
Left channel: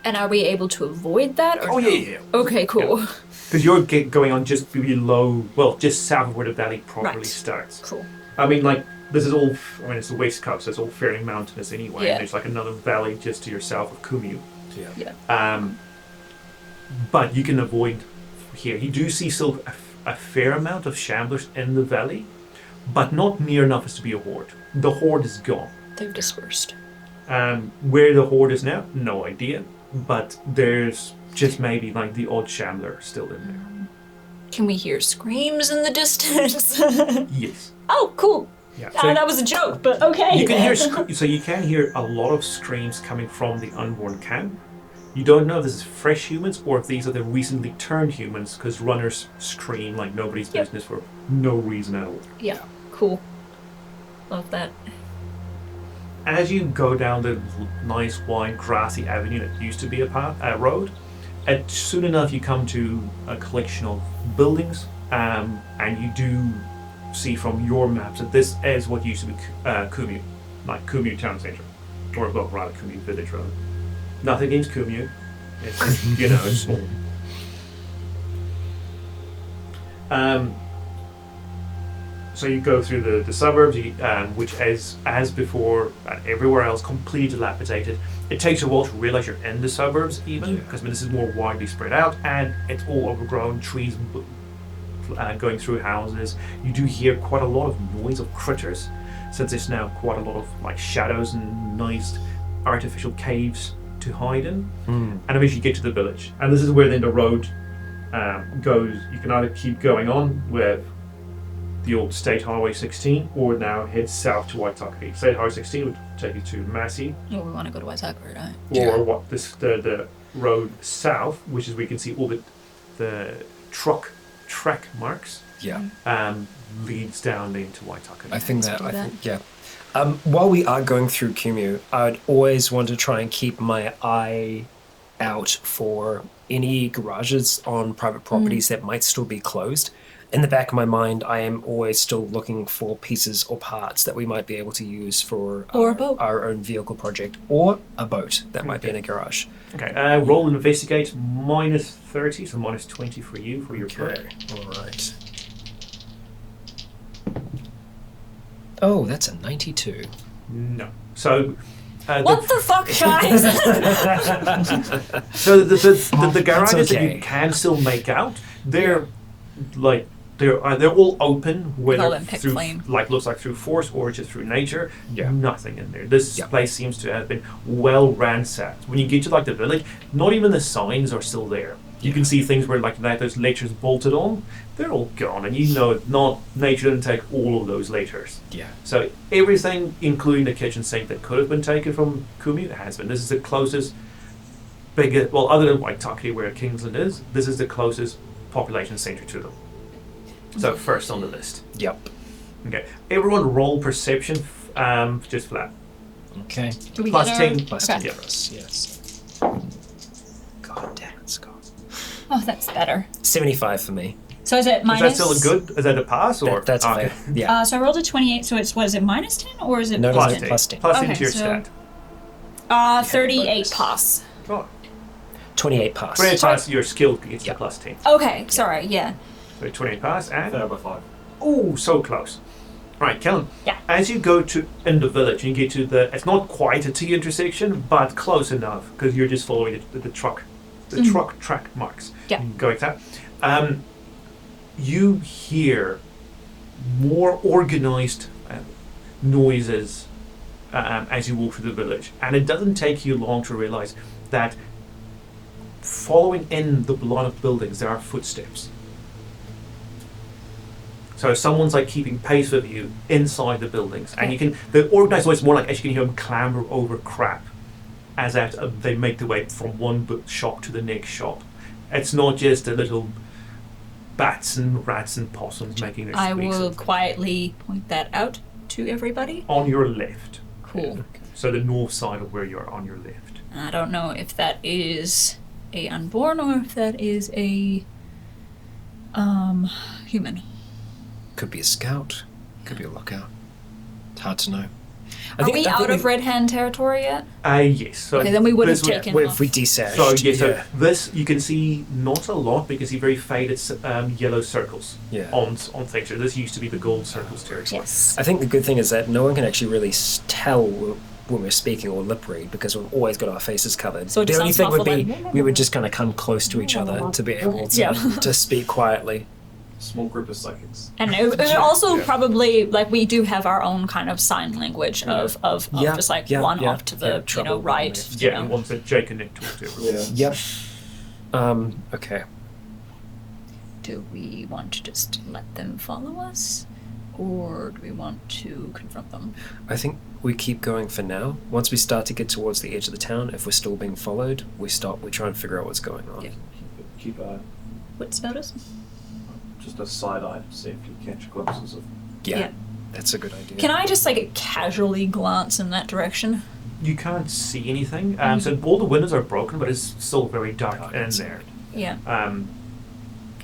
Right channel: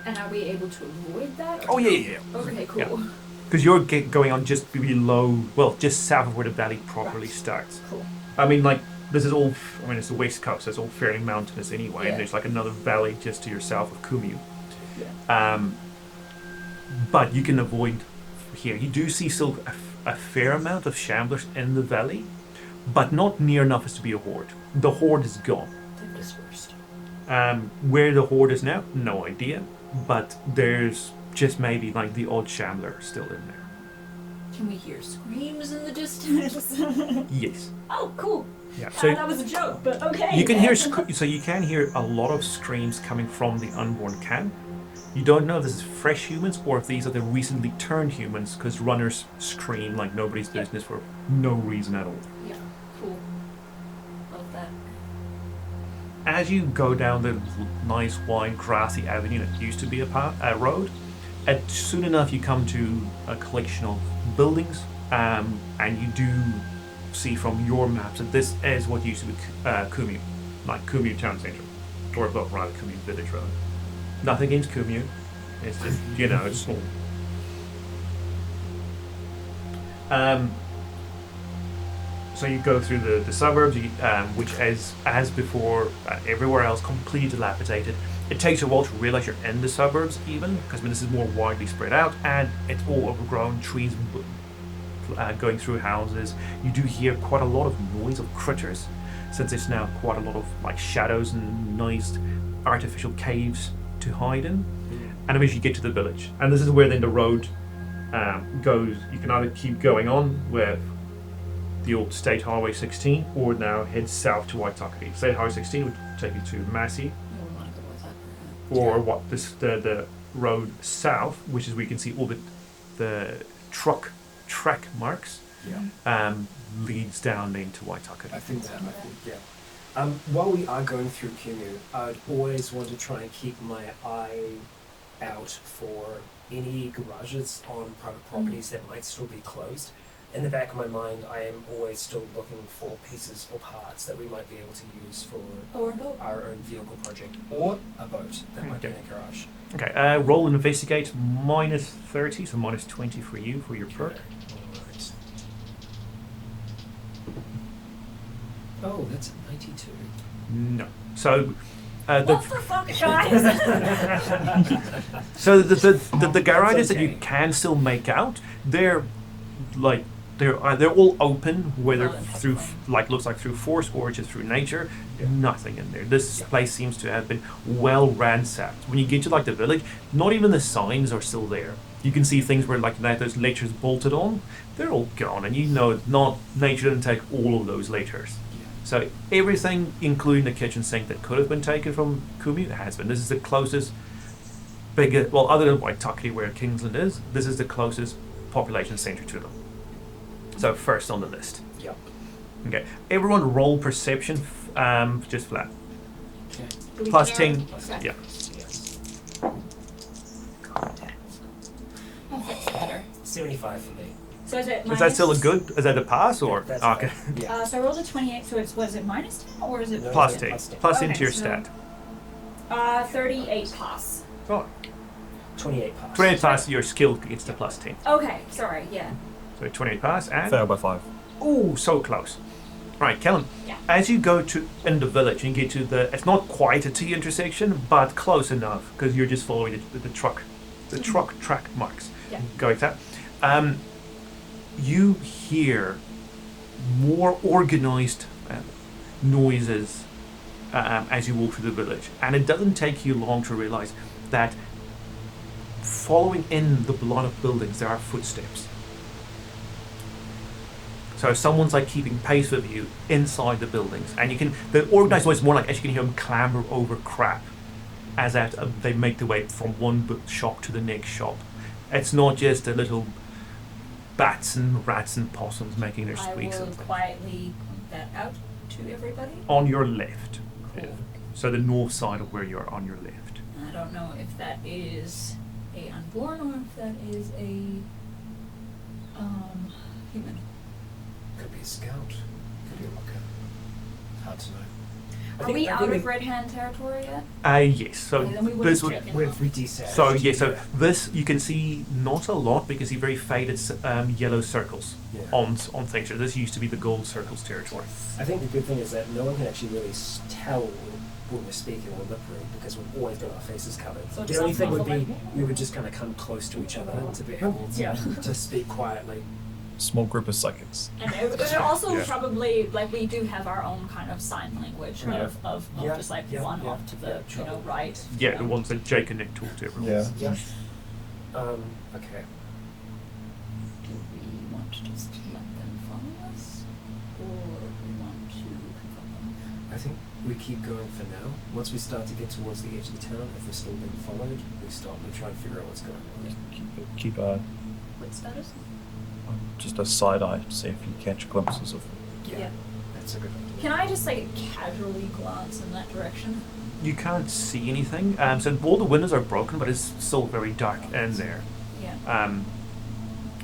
And are we able to avoid that? Oh yeah. Okay, cool. Because you're going on just below, well, just south of where the valley properly starts. Cool. I mean, like, this is all, I mean, it's the West Coast, so it's all fairly mountainous anyway, Yeah. and there's like another valley just to your south of Kumeu. Yeah. But you can avoid here. You do see still a fair amount of shamblers in the valley, but not near enough as to be a horde. The horde is gone. They've dispersed. Where the horde is now, no idea, but there's just maybe like the odd shambler still in there. Can we hear screams in the distance? Yes. Oh, cool. Yeah. That was a joke, but okay. You can hear you can hear a lot of screams coming from the Unborn camp. You don't know if this is fresh humans or if these are the recently turned humans, because runners scream like nobody's business for no reason at all. Yeah, cool. Love that. As you go down the nice wide grassy avenue that used to be a road, soon enough you come to a collection of buildings, and you do see from your maps that this is what used to be Kumeu, like Kumeu town centre, or well, rather Kumeu village rather. Nothing against Kumeu, it's just, you know, it's small. So you go through the suburbs, which is, as before, everywhere else, completely dilapidated. It takes a while to realise you're in the suburbs even, because this is more widely spread out, and it's all overgrown, trees going through houses. You do hear quite a lot of noise of critters, since it's now quite a lot of like shadows and nice artificial caves to hide in. And eventually you get to the village. And this is where then the road goes. You can either keep going on with the old State Highway 16, or now head south to Waitakere. State Highway 16 would take you to Massey. Yeah, we want to go to Waitakere, right? Or what the road south, which is where you can see all the track marks. Leads down into Waitakere. I think, yeah. While we are going through Kumeu, I'd always want to try and keep my eye out for any garages on private properties that might still be closed. In the back of my mind, I am always still looking for pieces or parts that we might be able to use for Or a boat. our own vehicle project, or a boat that might be in a garage. Okay, roll investigate, -30, so -20 for you for your perk. Alright. Oh, that's a 92. No. So What the fuck, guys? so the garages that okay. you can still make out, they're all open, whether them pick through flame. like looks like through force or just through nature. Yeah. Nothing in there. This Yeah. place seems to have been well ransacked. When you get to like the village, not even the signs are still there. You can see things where like those laters bolted on, they're all gone, and you know nature didn't take all of those laters. Yeah. So everything, including the kitchen sink that could have been taken from Kumeu, has been. This is the closest other than Waitakere where Kingsland is, this is the closest population centre to them. So first on the list. Yep. Okay. Everyone roll perception, just flat. Okay. Do we Plus get 10. Plus Okay. 10 for us, yes. God damn it, Scott. Oh, that's better. 75 for me. So is it minus... Is that still a good? Is that a pass or? That's okay. fine. Yeah. So I rolled a 28, so it's, what is it, minus 10? Or is it No, Plus no, 10. plus 10. Plus Okay, into your so- stat. 38 pass. Oh. 28 pass. 28 pass, your skill gets the plus 10. Okay, sorry, yeah. So 28 pass and. Fail by 5. Oh, so close. Right, Kellen. Yeah. As you go to in the village, you get to it's not quite a T intersection, but close enough because you're just following the truck track marks. Yeah. Going that. You hear more organized noises as you walk through the village, and it doesn't take you long to realize that following in the line of buildings, there are footsteps. So someone's like keeping pace with you inside the buildings, and the organized noise is more like as you can hear them clamber over crap as they make their way from one shop to the next shop. It's not just the little bats and rats and possums making their I squeaks. will quietly point that out to everybody. On your left. Cool. So the north side of where you are on your left. I don't know if that is a Unborn or if that is a human. Could be a scout. Could be a lookout. It's hard to know. Are we out of Red Hand territory yet? Yes. So okay, then we would have this taken If off. we desaged. So yeah, so this you can see not a lot, but you can see very faded yellow circles on things. So this used to be the gold circles territory. Yes. I think the good thing is that no one can actually really tell when we're speaking or lip read because we've always got our faces covered. So it the just only sounds thing would be muffled, we would just kind of come close to each other to be able to speak quietly. Small group of psychics. And it also probably, like, we do have our own kind of sign language of just like one off to the, right. Yeah, the ones that Jake and Nick talk to everyone. Yeah. Okay. Do we want to just let them follow us? Or do we want to confront them? I think we keep going for now. Once we start to get towards the edge of the town, if we're still being followed, we stop. We try and figure out what's going on. Yeah. Keep eye. What's status? Just a side eye to see if you catch glimpses of. Yeah. That's a good idea. Can I just like casually glance in that direction? You can't see anything. So all the windows are broken, but it's still very dark in there. Yeah.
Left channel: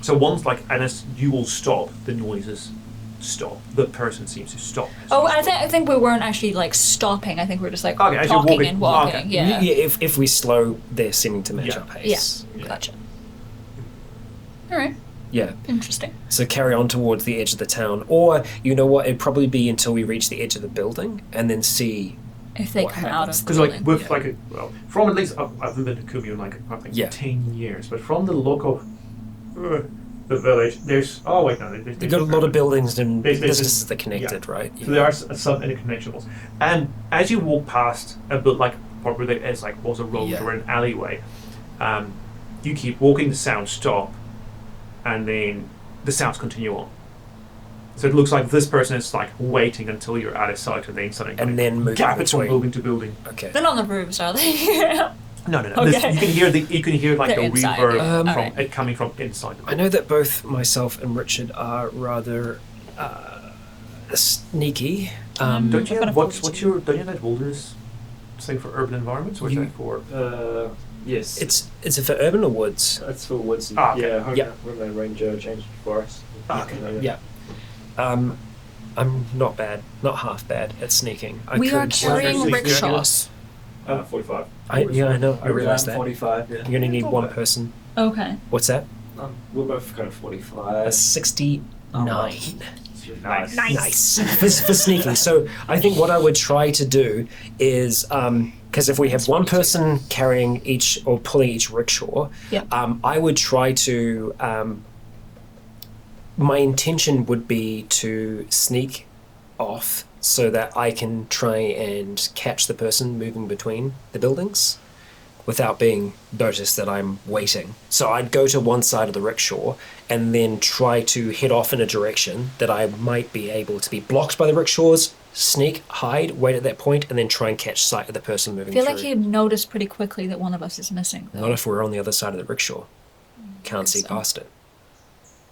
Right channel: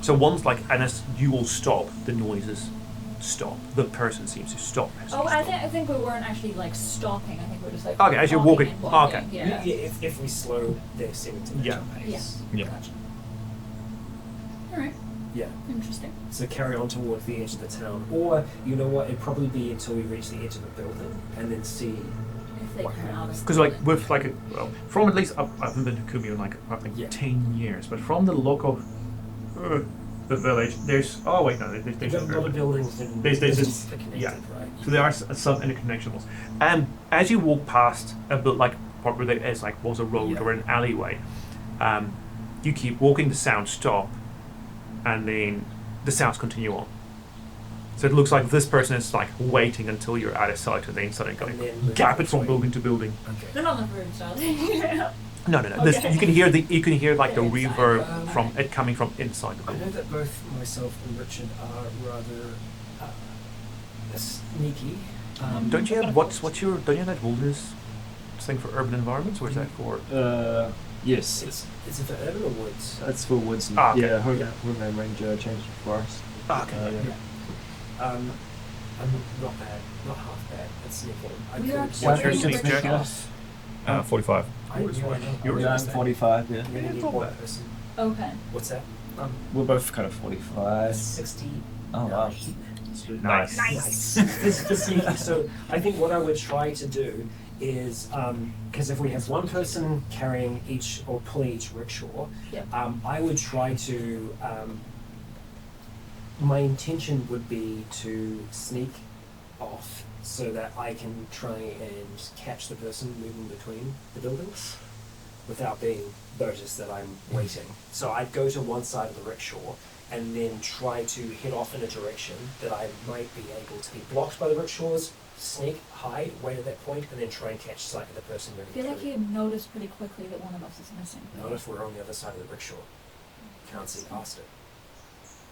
So once and as you will stop, the noises stop. The person seems to stop. I think we weren't actually like stopping. I think we were just like okay, as you're walking. and walking. Okay. Yeah. If we slow, they're seeming to match our pace. Yeah. Gotcha. All right. Yeah. Interesting. So carry on towards the edge of the town, or you know what? It'd probably be until we reach the edge of the building, and then see if they come out of. Because from at least I haven't been to Kumeu in I think 10 years, but from the look of the village, there's they've got a lot of buildings and businesses that are connected, right? So there are some interconnections. And as you walk past a bit part where there is was a road or an alleyway, you keep walking, the sounds stop, and then the sounds continue on. So it looks like this person is waiting until you're out of sight, and then suddenly gap it from building to building. Okay. They're not on the roofs, are they? No. Okay. You can hear the inside, reverb from it coming from inside the building. I know that both myself and Richard are rather sneaky. Don't you have don't you have that wilderness thing for urban environments, or is that for? Yes. Is it for urban or woods? It's for woods. Okay. Homeland Ranger changed to forest. Okay. I'm not bad, not half bad at sneaking. We are carrying rickshaws. 45. I know. I realized that. 45. Yeah. You're gonna need one person. Okay. What's that? We're both kind of 45. 69. Nice. for sneaking. So I think what I would try to do is, because if we have one person carrying each or pulling each rickshaw, I would try to. My intention would be to sneak off so that I can try and catch the person moving between the buildings without being noticed that I'm waiting. So I'd go to one side of the rickshaw and then try to head off in a direction that I might be able to be blocked by the rickshaws, sneak, hide, wait at that point, and then try and catch sight of the person moving I feel through. like you'd notice pretty quickly that one of us is missing. Not if we're on the other side of the rickshaw. Can't see past it.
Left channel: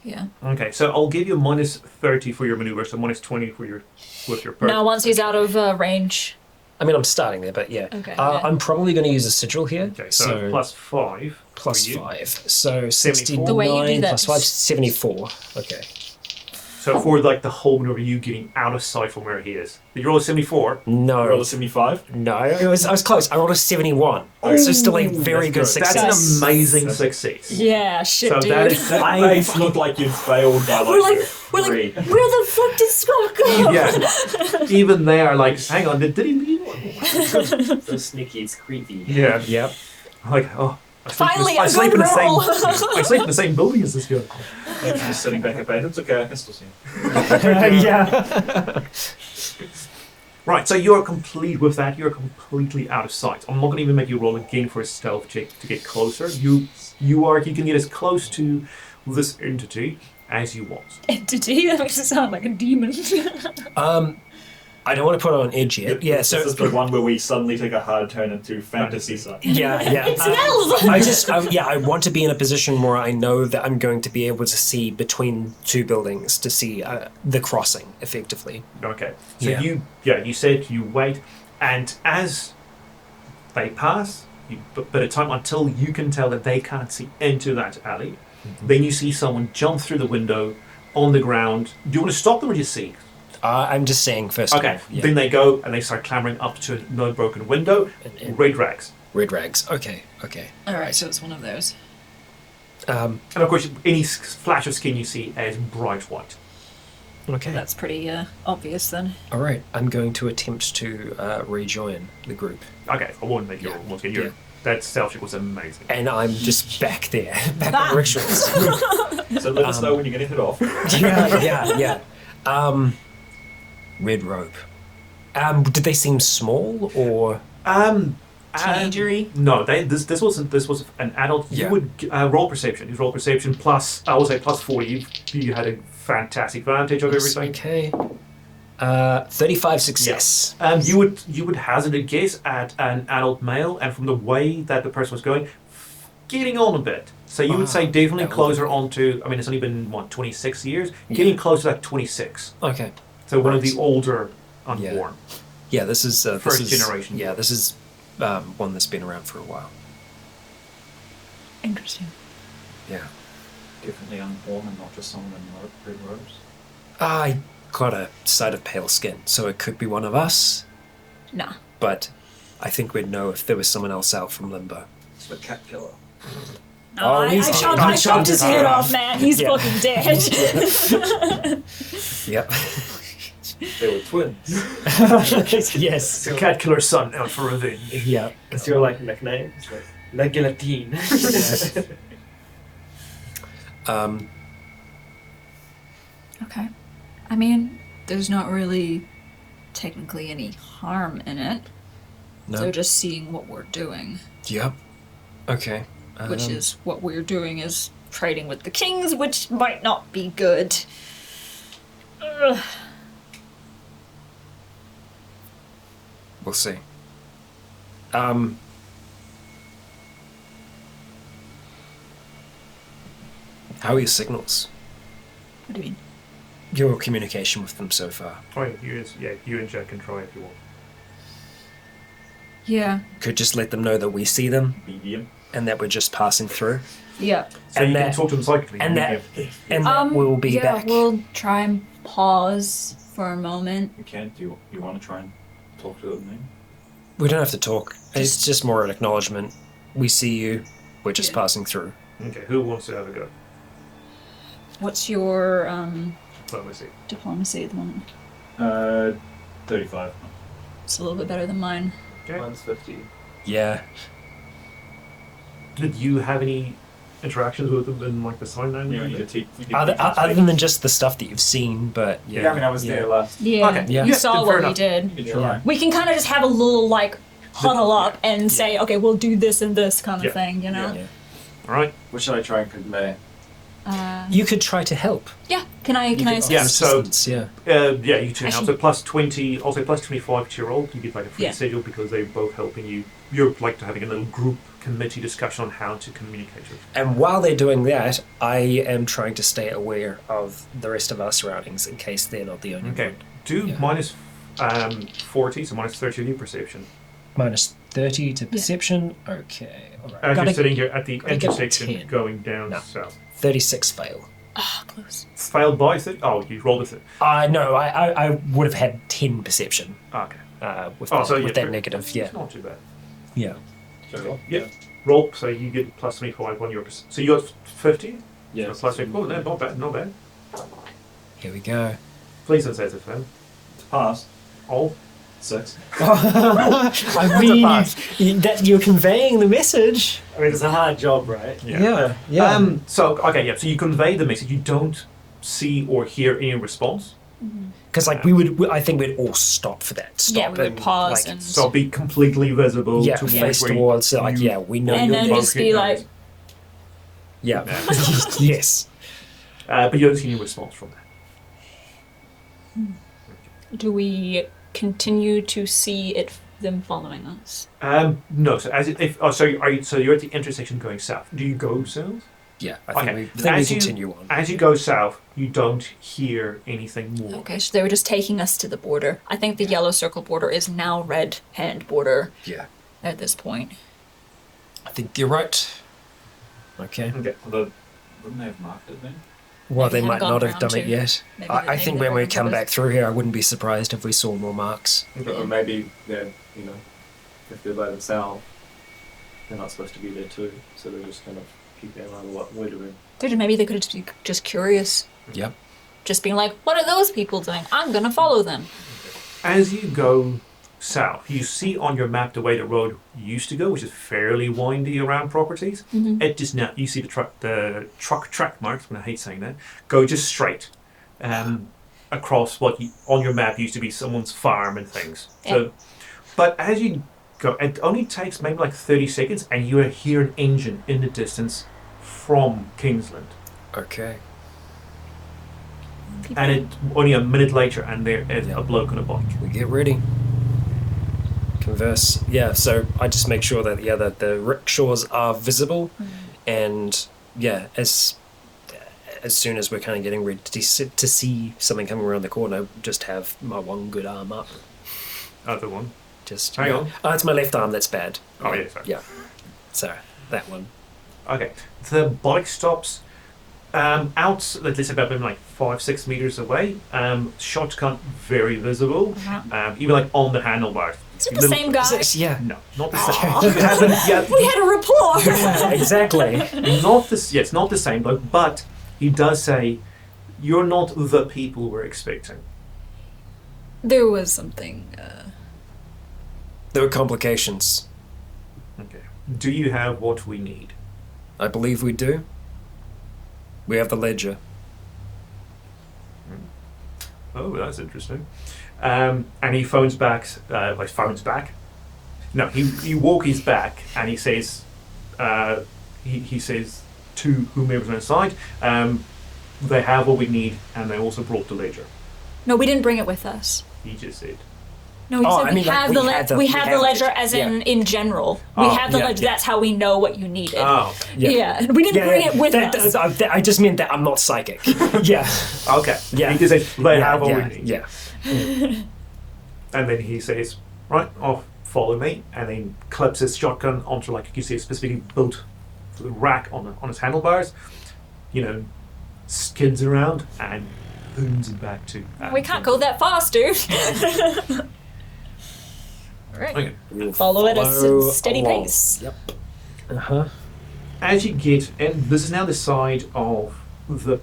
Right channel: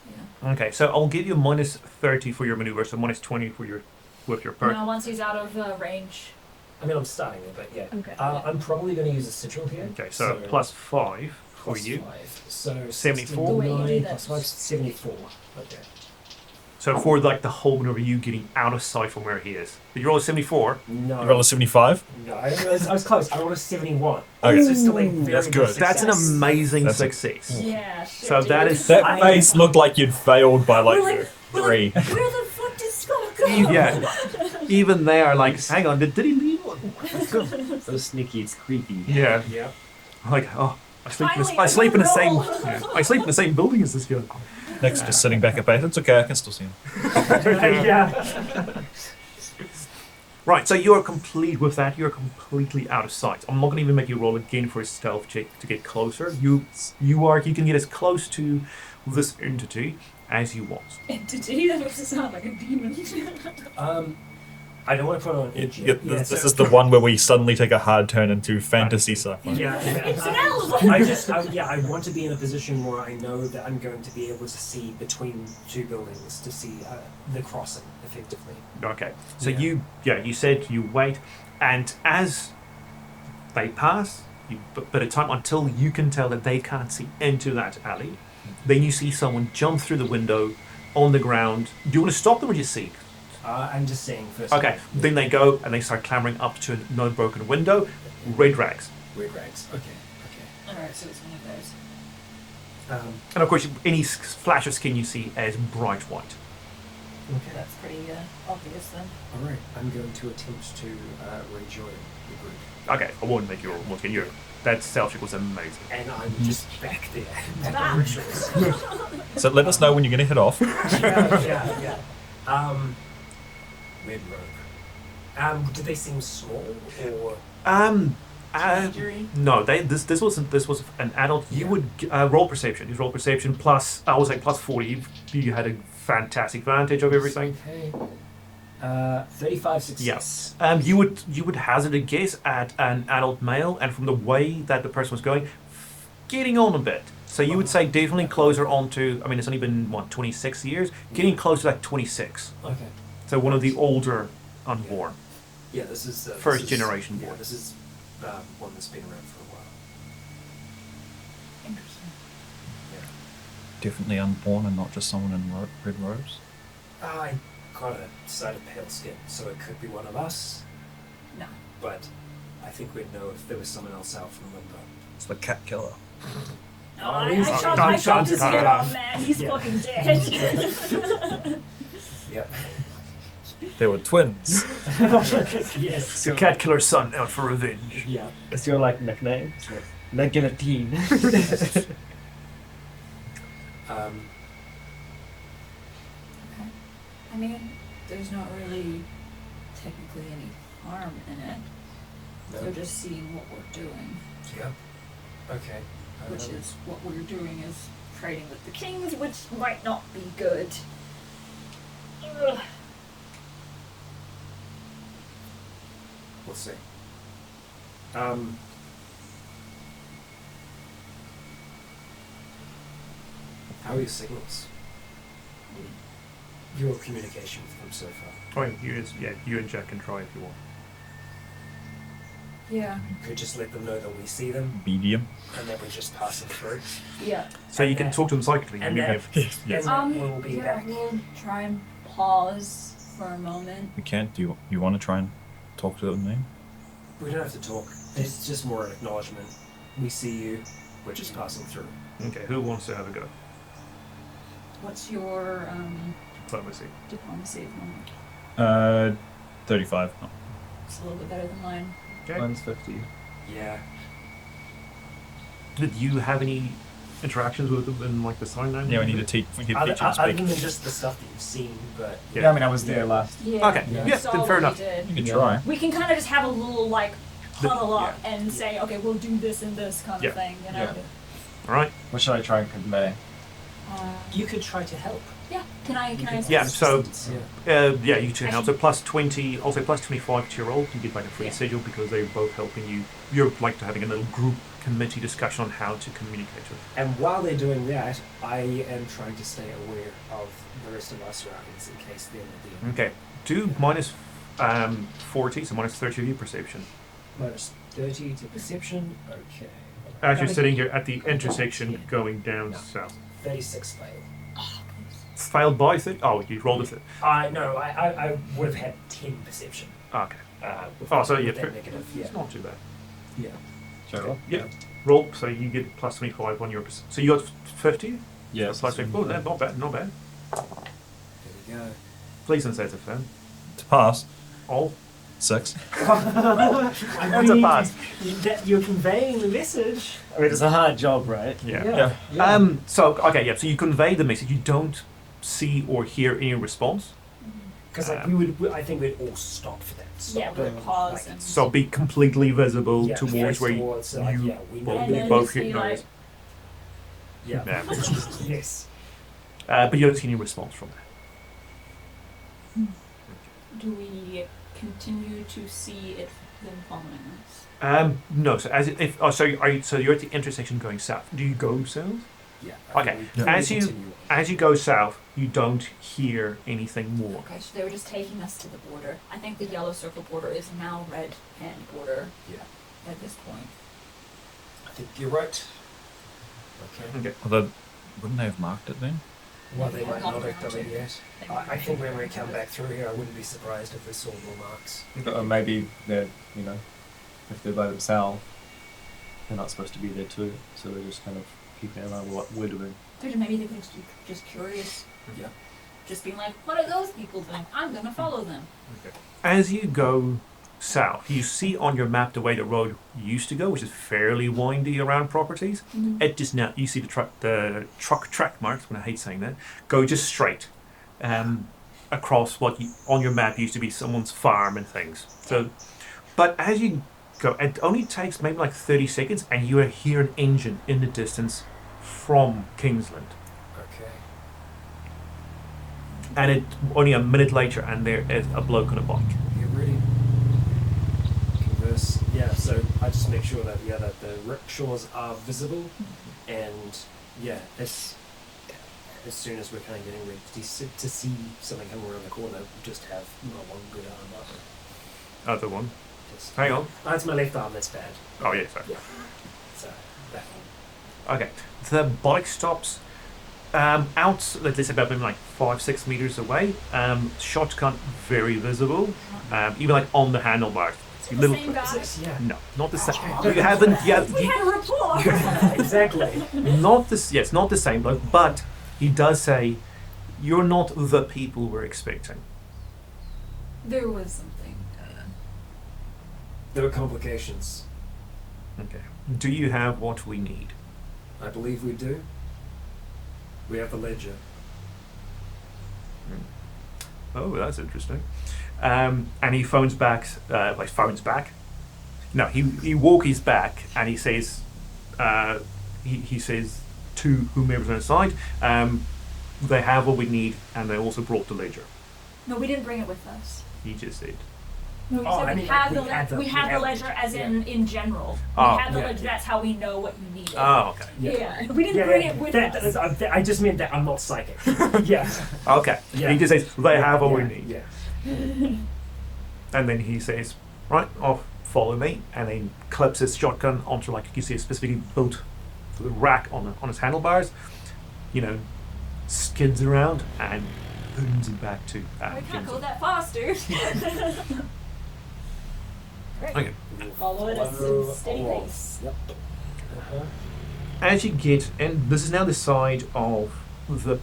Yeah. Okay, so I'll give you minus 30 for your maneuver, so minus 20 for your perk. Now, once he's out of range. I mean, I'm starting there, but yeah. Okay. I'm probably going to use a sigil here. Okay, so plus 5 plus for you. 5. So 74. The way you do 69 that. plus 5, 74. Okay. So for the whole maneuver, you getting out of sight from where he is. Did you roll a 74? No. You roll a 75? No, I was close. I rolled a 71. So still a very good success. That's an amazing success. Yeah, shit, So dude. that face looked like you'd failed by we're like, 3. where the fuck did Scott go? Yeah. Even they are hang on, did he leave? So sneaky, it's creepy. Yeah. Yep. I sleep in the same building as this guy. Thanks for sitting back at base. It's okay, I can still see him. Yeah. Right, so you're complete with that. You're completely out of sight. I'm not going to even make you roll again for a stealth check to get closer. You can get as close to this entity as you want. Entity? That makes it sound like a demon. I don't want to put it on edge yet. This is the one where we suddenly take a hard turn into fantasy side. Yeah. It's an elf! I want to be in a position where I know that I'm going to be able to see between two buildings to see the crossing effectively. Okay. So you said you wait, and as they pass, you bit of time until you can tell that they can't see into that alley. Then you see someone jump through the window on the ground. Do you want to stop them or just see? I'm just saying first. Okay, then they go and they start clambering up to no broken window. Red rags. Red rags. Okay. Alright, so it's one of those. And of course, any flash of skin you see is bright white. Okay. That's pretty obvious then. All right. I'm going to attempt to rejoin the group. Okay, I won't make you all once again. That stealth check was amazing. And I'm just back there, back on rituals. So let us know when you're going to head off. yeah. Red rope. Did they seem small or? Teenagery? No, this was an adult. You would roll perception. You roll perception plus, I will say plus 40. You had a fantastic advantage of everything. Okay. 35 success. Yes. You would hazard a guess at an adult male, and from the way that the person was going, getting on a bit. So you would say definitely closer on to. I mean, it's only been 26 years. Getting close to like 26. Okay. So one of the older unborn. Yeah, this is First generation. Yeah, this is one that's been around for a while. Interesting. Yeah. Definitely unborn and not just someone in red robes. I got a sight of pale skin, so it could be one of us. Nah. But I think we'd know if there was someone else out from Limbo. It's the cat killer. Oh, I I chopped his head off. off, man. He's fucking dead. Yep. They were twins. Yes. The cat killer's son out for revenge. Yeah. That's your like nickname. Regular teen. Okay. I mean, there's not really technically any harm in it. No. So just seeing what we're doing, Yep. Okay. which is what we're doing is trading with the kings, which might not be good. Ugh. We'll see. How are your signals? What do you mean? Your communication with them so far? Oh, you and Jack can try if you want. Yeah. Could just let them know that we see them Medium. and that we're just passing through. Yeah. So And you can that- talk to them psychically. And that, and that we'll be yeah, back. we'll try and pause for a moment. You can't. Do you want to try and talk to them then? We don't have to talk. It's just more an acknowledgement. We see you. We're just Yeah. passing through. Okay, who wants to have a go? What's your Diplomacy. diplomacy at the moment? 35. It's a little bit better than mine. Okay. Mine's 50. Yeah. Did you have any interactions with them in like the sign language? Yeah, we need to teach. We Other them other speak. than just the stuff that you've seen, but Yeah. Yeah, I mean, I was there last. Yeah. Okay, yeah. You saw then what fair we enough. did. Good try. We can kind of just have a little like huddle up and say, okay, we'll do this and this kind Yeah. of thing, you know? Yeah. All right. What should I try and convey? you could try to help. Yeah. Can I assist? Yeah, so Yeah. you two help. So plus 20, also plus 25 to your roll. You get like a free Yeah. sigil because they're both helping you. You're like having a little group committee discussion on how to communicate with. And while they're doing that, I am trying to stay aware of the rest of our surroundings in case they're not the only Okay. Do minus 40, so minus 30 of your perception. Minus 30 to perception. Okay. All right. As you're Gotta- sitting here at the gotta get intersection 10. going down No. south. 36 fail. Ah, close. Failed by 30? Oh, you rolled a 30. No, I would have had 10 perception Okay. with, Oh, that, so with yeah, that negative. Yeah. It's not too bad. Yeah. Yeah. Roll, so you get plus 25 on your So you got 50? Yes. So plus 50. Oh, no, not bad, not bad. Here we go. Please don't say it's a fail. To pass. All? 6. I mean, that you're conveying the message. I mean, it's a hard job, right? Yeah. So you convey the message. You don't see or hear any response. Because like I think we'd all stop for that. Stop Yeah, we would and, pause like, and So be completely visible yeah, towards face where towards. Like, you yeah, we know. And you're then there. just be like, Yeah. Yeah. Yes. But you don't see any response from that. do we continue to see them following us? No. So so you're at the intersection going south. Do you go south? Yeah. Okay. I think we continue on. As you go south, you don't hear anything more. Okay, so they were just taking us to the border. I think the yellow circle border is now red hand border Yeah. at this point. I think you're right. Okay. Okay. Although, wouldn't they have marked it then? Well, Maybe they might haven't not gone have done around it to. yet. Maybe I they think never when we got come it. back through here, I wouldn't be surprised if we saw more marks. Or maybe they're, if they're by themselves, they're not supposed to be there too. So they're just kind of keeping an eye on what we're doing. Maybe they could just be just curious. Yep. Just being like, what are those people doing? I'm going to follow them. As you go south, you see on your map the way the road used to go, which is fairly windy around properties. It just now you see the truck track marks, when I hate saying that, go just straight across what on your map used to be someone's farm and things. So, but as you go, it only takes maybe like 30 seconds, and you hear an engine in the distance from Kingsland. Okay. And it only a minute later, and there is a bloke on a bike. We get ready. Converse. Yeah, so I just make sure that that the rickshaws are visible, and as soon as we're kind of getting ready to see something coming around the corner, just have my one good arm up. Other one. Just hang on. Oh, it's my left arm that's bad. Oh yeah, sorry. Yeah. So that one. Okay. The bike stops out, let's say about maybe like 5-6 meters away. Shotgun very visible. Even like on the handlebars. Is it the same guy? Yeah. No, not the same. You haven't. Yeah. We had a rapport. Exactly. Not this. Yeah, it's not the same bloke, but he does say, "You're not the people we're expecting." There was something. There were complications. Okay. Do you have what we need? I believe we do. We have the ledger. Oh, that's interesting. And he phones back. No, he walkies back and he says, he says to whomever's on his side, they have what we need, and they also brought the ledger. No, we didn't bring it with us. He just said. No, he said we have the ledger as in general. We have the ledger. That's how we know what you needed. Oh, okay. Yeah. We didn't bring it with us. I just meant that I'm not psychic. Yeah. Okay. Yeah. He just says, they have what we need. Yeah. And then he says, right, off, follow me. And then clips his shotgun onto, like you see, a specifically built rack on his handlebars. Skids around and booms it back to... we can't go that fast, dude. Okay. Follow at a steady pace. Yep. Uh-huh. As you get, and this is now the side of the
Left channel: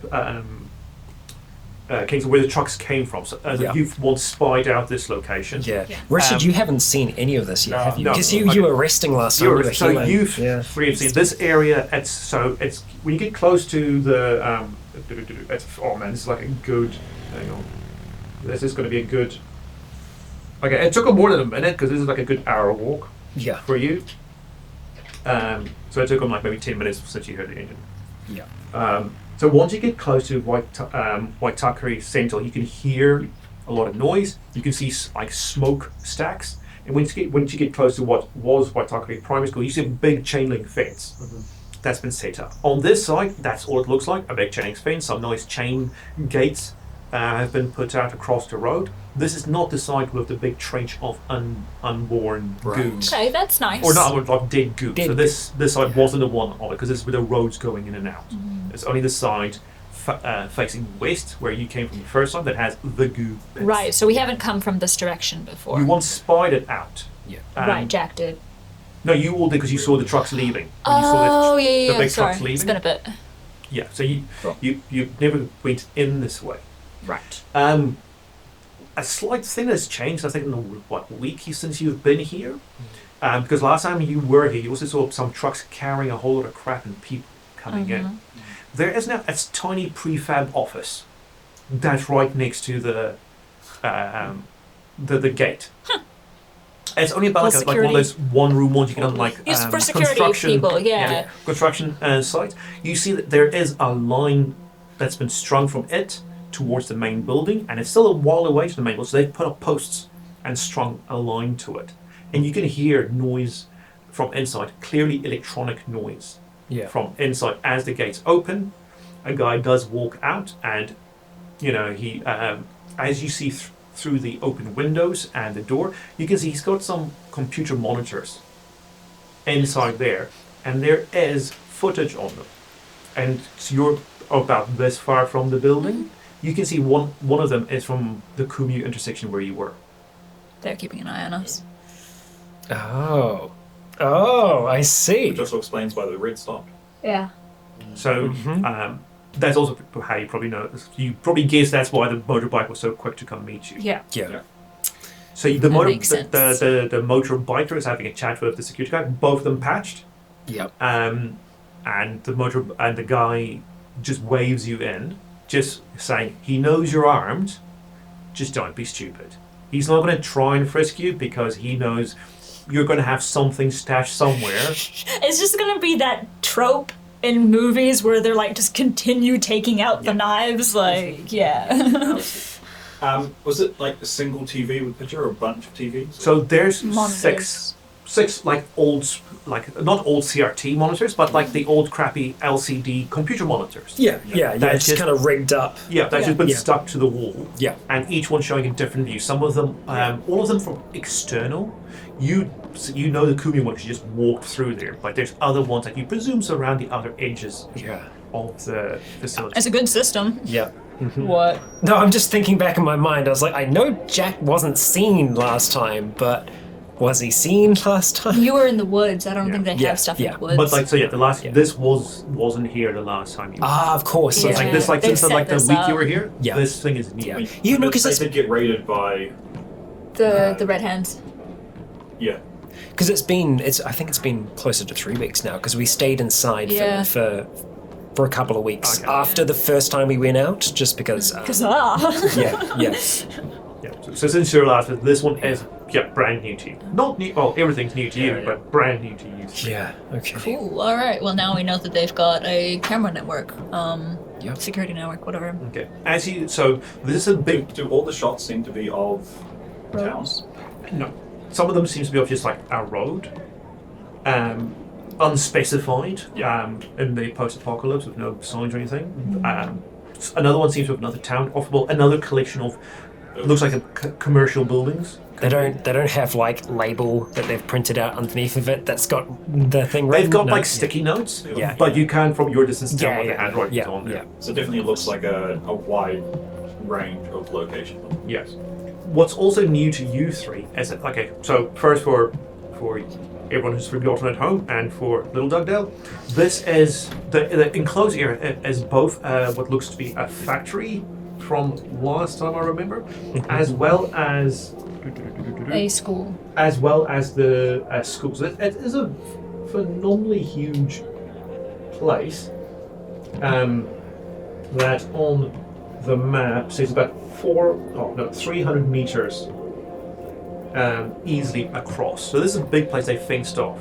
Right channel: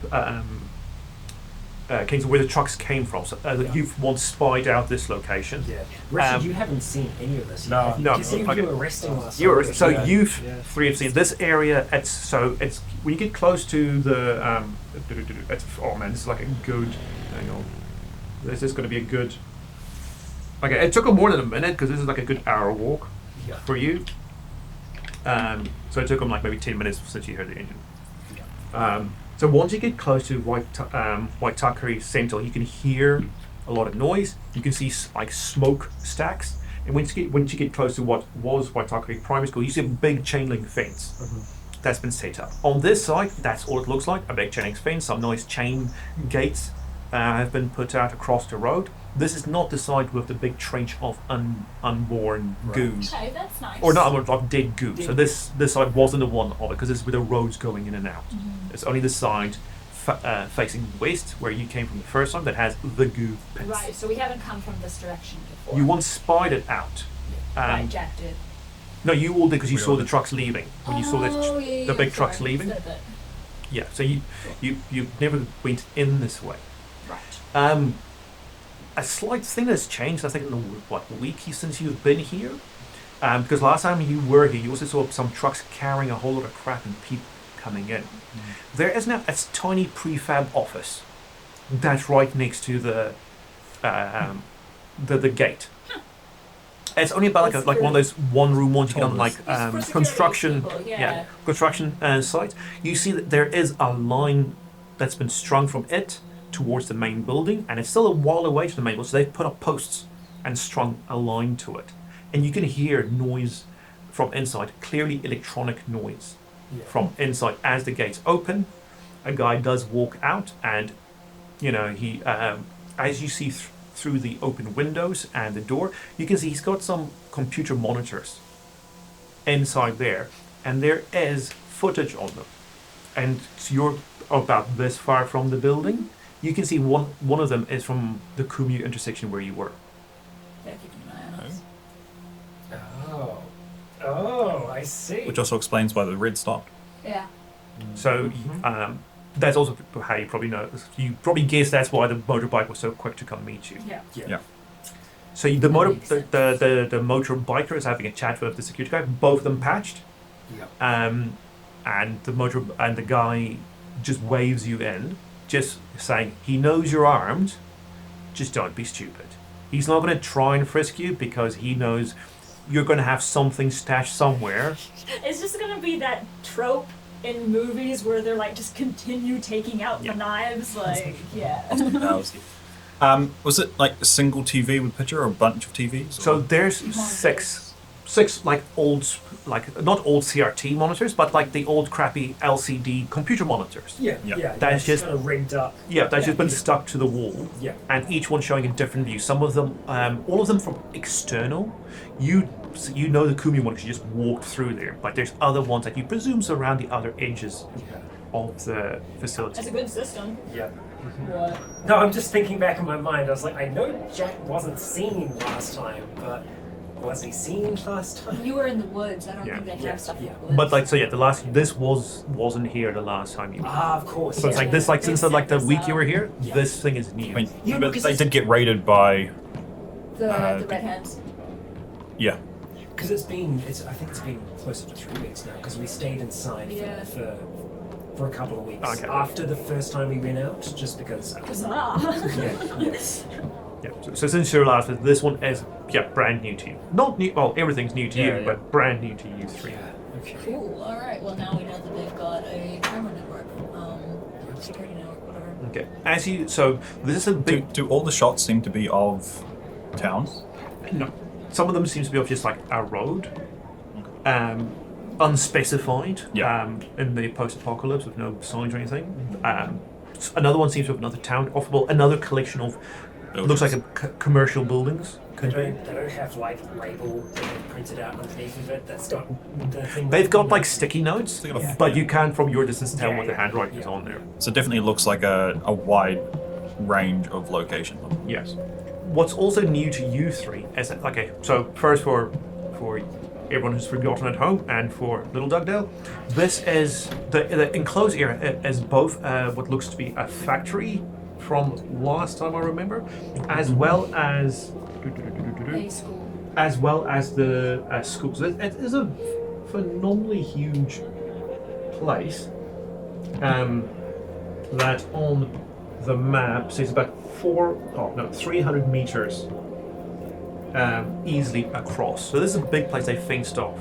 Kingsland where the trucks came from. So you've once spied out this location. Yeah. Richard, you haven't seen any of this yet. No. Because you were resting last time. So you've three have seen this area. It's when you get close to the oh man, this is like a good. Hang on, this is going to be a good. Okay, it took him more than a minute because this is like a good hour walk. Yeah. For you. So it took him like maybe 10 minutes since you heard the engine. Yeah. So once you get close to Waitakere Central, you can hear a lot of noise. You can see like smoke stacks. And once you get close to what was Waitakere Primary School, you see a big chain link fence that's been set up. On this side, that's all it looks like, a big chain link fence. Some nice chain gates have been put out across the road. This is not the side with the big trench of unborn goo. Okay, that's nice. Or not of dead goo. So this side wasn't the one of it, because this is where the road's going in and out. It's only the side facing west, where you came from the first time, that has the goo pits. Right, so we haven't come from this direction before. You once spied it out. Right, Jack did. No, you all did because you saw the trucks leaving. When you saw the big trucks leaving. It's been a bit. Yeah, so you never went in this way. Right. A slight thing that's changed, I think, in the week since you've been here. Because last time you were here, you also saw some trucks carrying a whole lot of crap and people coming in. There is now a tiny prefab office that's right next to the gate. It's only about like one of those one-room ones you can like construction people, construction sites. You see that there is a line that's been strung from it towards the main building, and it's still a while away from the main building. So they've put up posts and strung a line to it, and you can hear noise from inside, clearly electronic noise from inside as the gates open. A guy does walk out, and he as you see through the open windows and the door, you can see he's got some computer monitors inside there, and there is footage on them. And about this far from the building. You can see one of them is from the Kumeu intersection where you were. They're keeping an eye on us. Oh, I see. Which also explains why the red stopped. Yeah. So that's also how you probably know. You probably guess that's why the motorbike was so quick to come meet you. Yeah. So the motorbiker is having a chat with the security guy. Both of them patched. Yep. And the guy just waves you in, just saying he knows you're armed. Just don't be stupid. He's not going to try and frisk you because he knows you're going to have something stashed somewhere. It's just going to be that trope in movies where they're like, just continue taking out the knives. Like, yeah. Was it like a single TV with picture or a bunch of TVs? So there's Monitors. six like old, like not old CRT monitors, but like the old crappy LCD computer monitors. That's just kind of rigged up. Yeah, that's just been stuck to the wall. Yeah. And each one showing a different view. Some of them, all of them from external. You know the Kumeu one because you just walked through there, but there's other ones that you presume surround the other edges of the facility. It's a good system. Yeah. What? No, I'm just thinking back in my mind. I was like, I know Jack wasn't seen last time, but was he seen last time? You were in the woods. I don't think they have stuff in the woods. But like, so yeah, this wasn't here the last time you were. Of course. So it's like this, like They since like the set week this you were up. here, this thing is new. I mean, Yeah, but because they it's- did get raided by... The red hands. Yeah. Because I think it's been closer to 3 weeks now, because we stayed inside for a couple of weeks after the first time we went out, just because... Yeah. So since your last visit, this one is brand new to you. Not new. Well, everything's new to you, but brand new to you. Yeah, okay. Cool. All right. Well, now we know that they've got a camera network, security network, whatever. Okay. So this is a big. Do all the shots seem to be of towns? No. Some of them seems to be of just like a road, unspecified. In the post-apocalypse with no signs or anything. Another one seems to have another town, another collection of. Looks like commercial buildings. They don't have like label that they've printed out underneath of it that's got the thing. They've got No. like sticky notes, but you can from your distance tell what the handwriting is on there. So it definitely looks like a wide range of location. Yes. What's also new to you three is that, okay, so first for everyone who's forgotten at home and for Little Dugdale, this is the enclosed area is both what looks to be a factory from last time I remember, as well as A school. as well as the school. So it is a phenomenally huge place that on the map says about 300 meters easily across. So this is a big place they fenced off.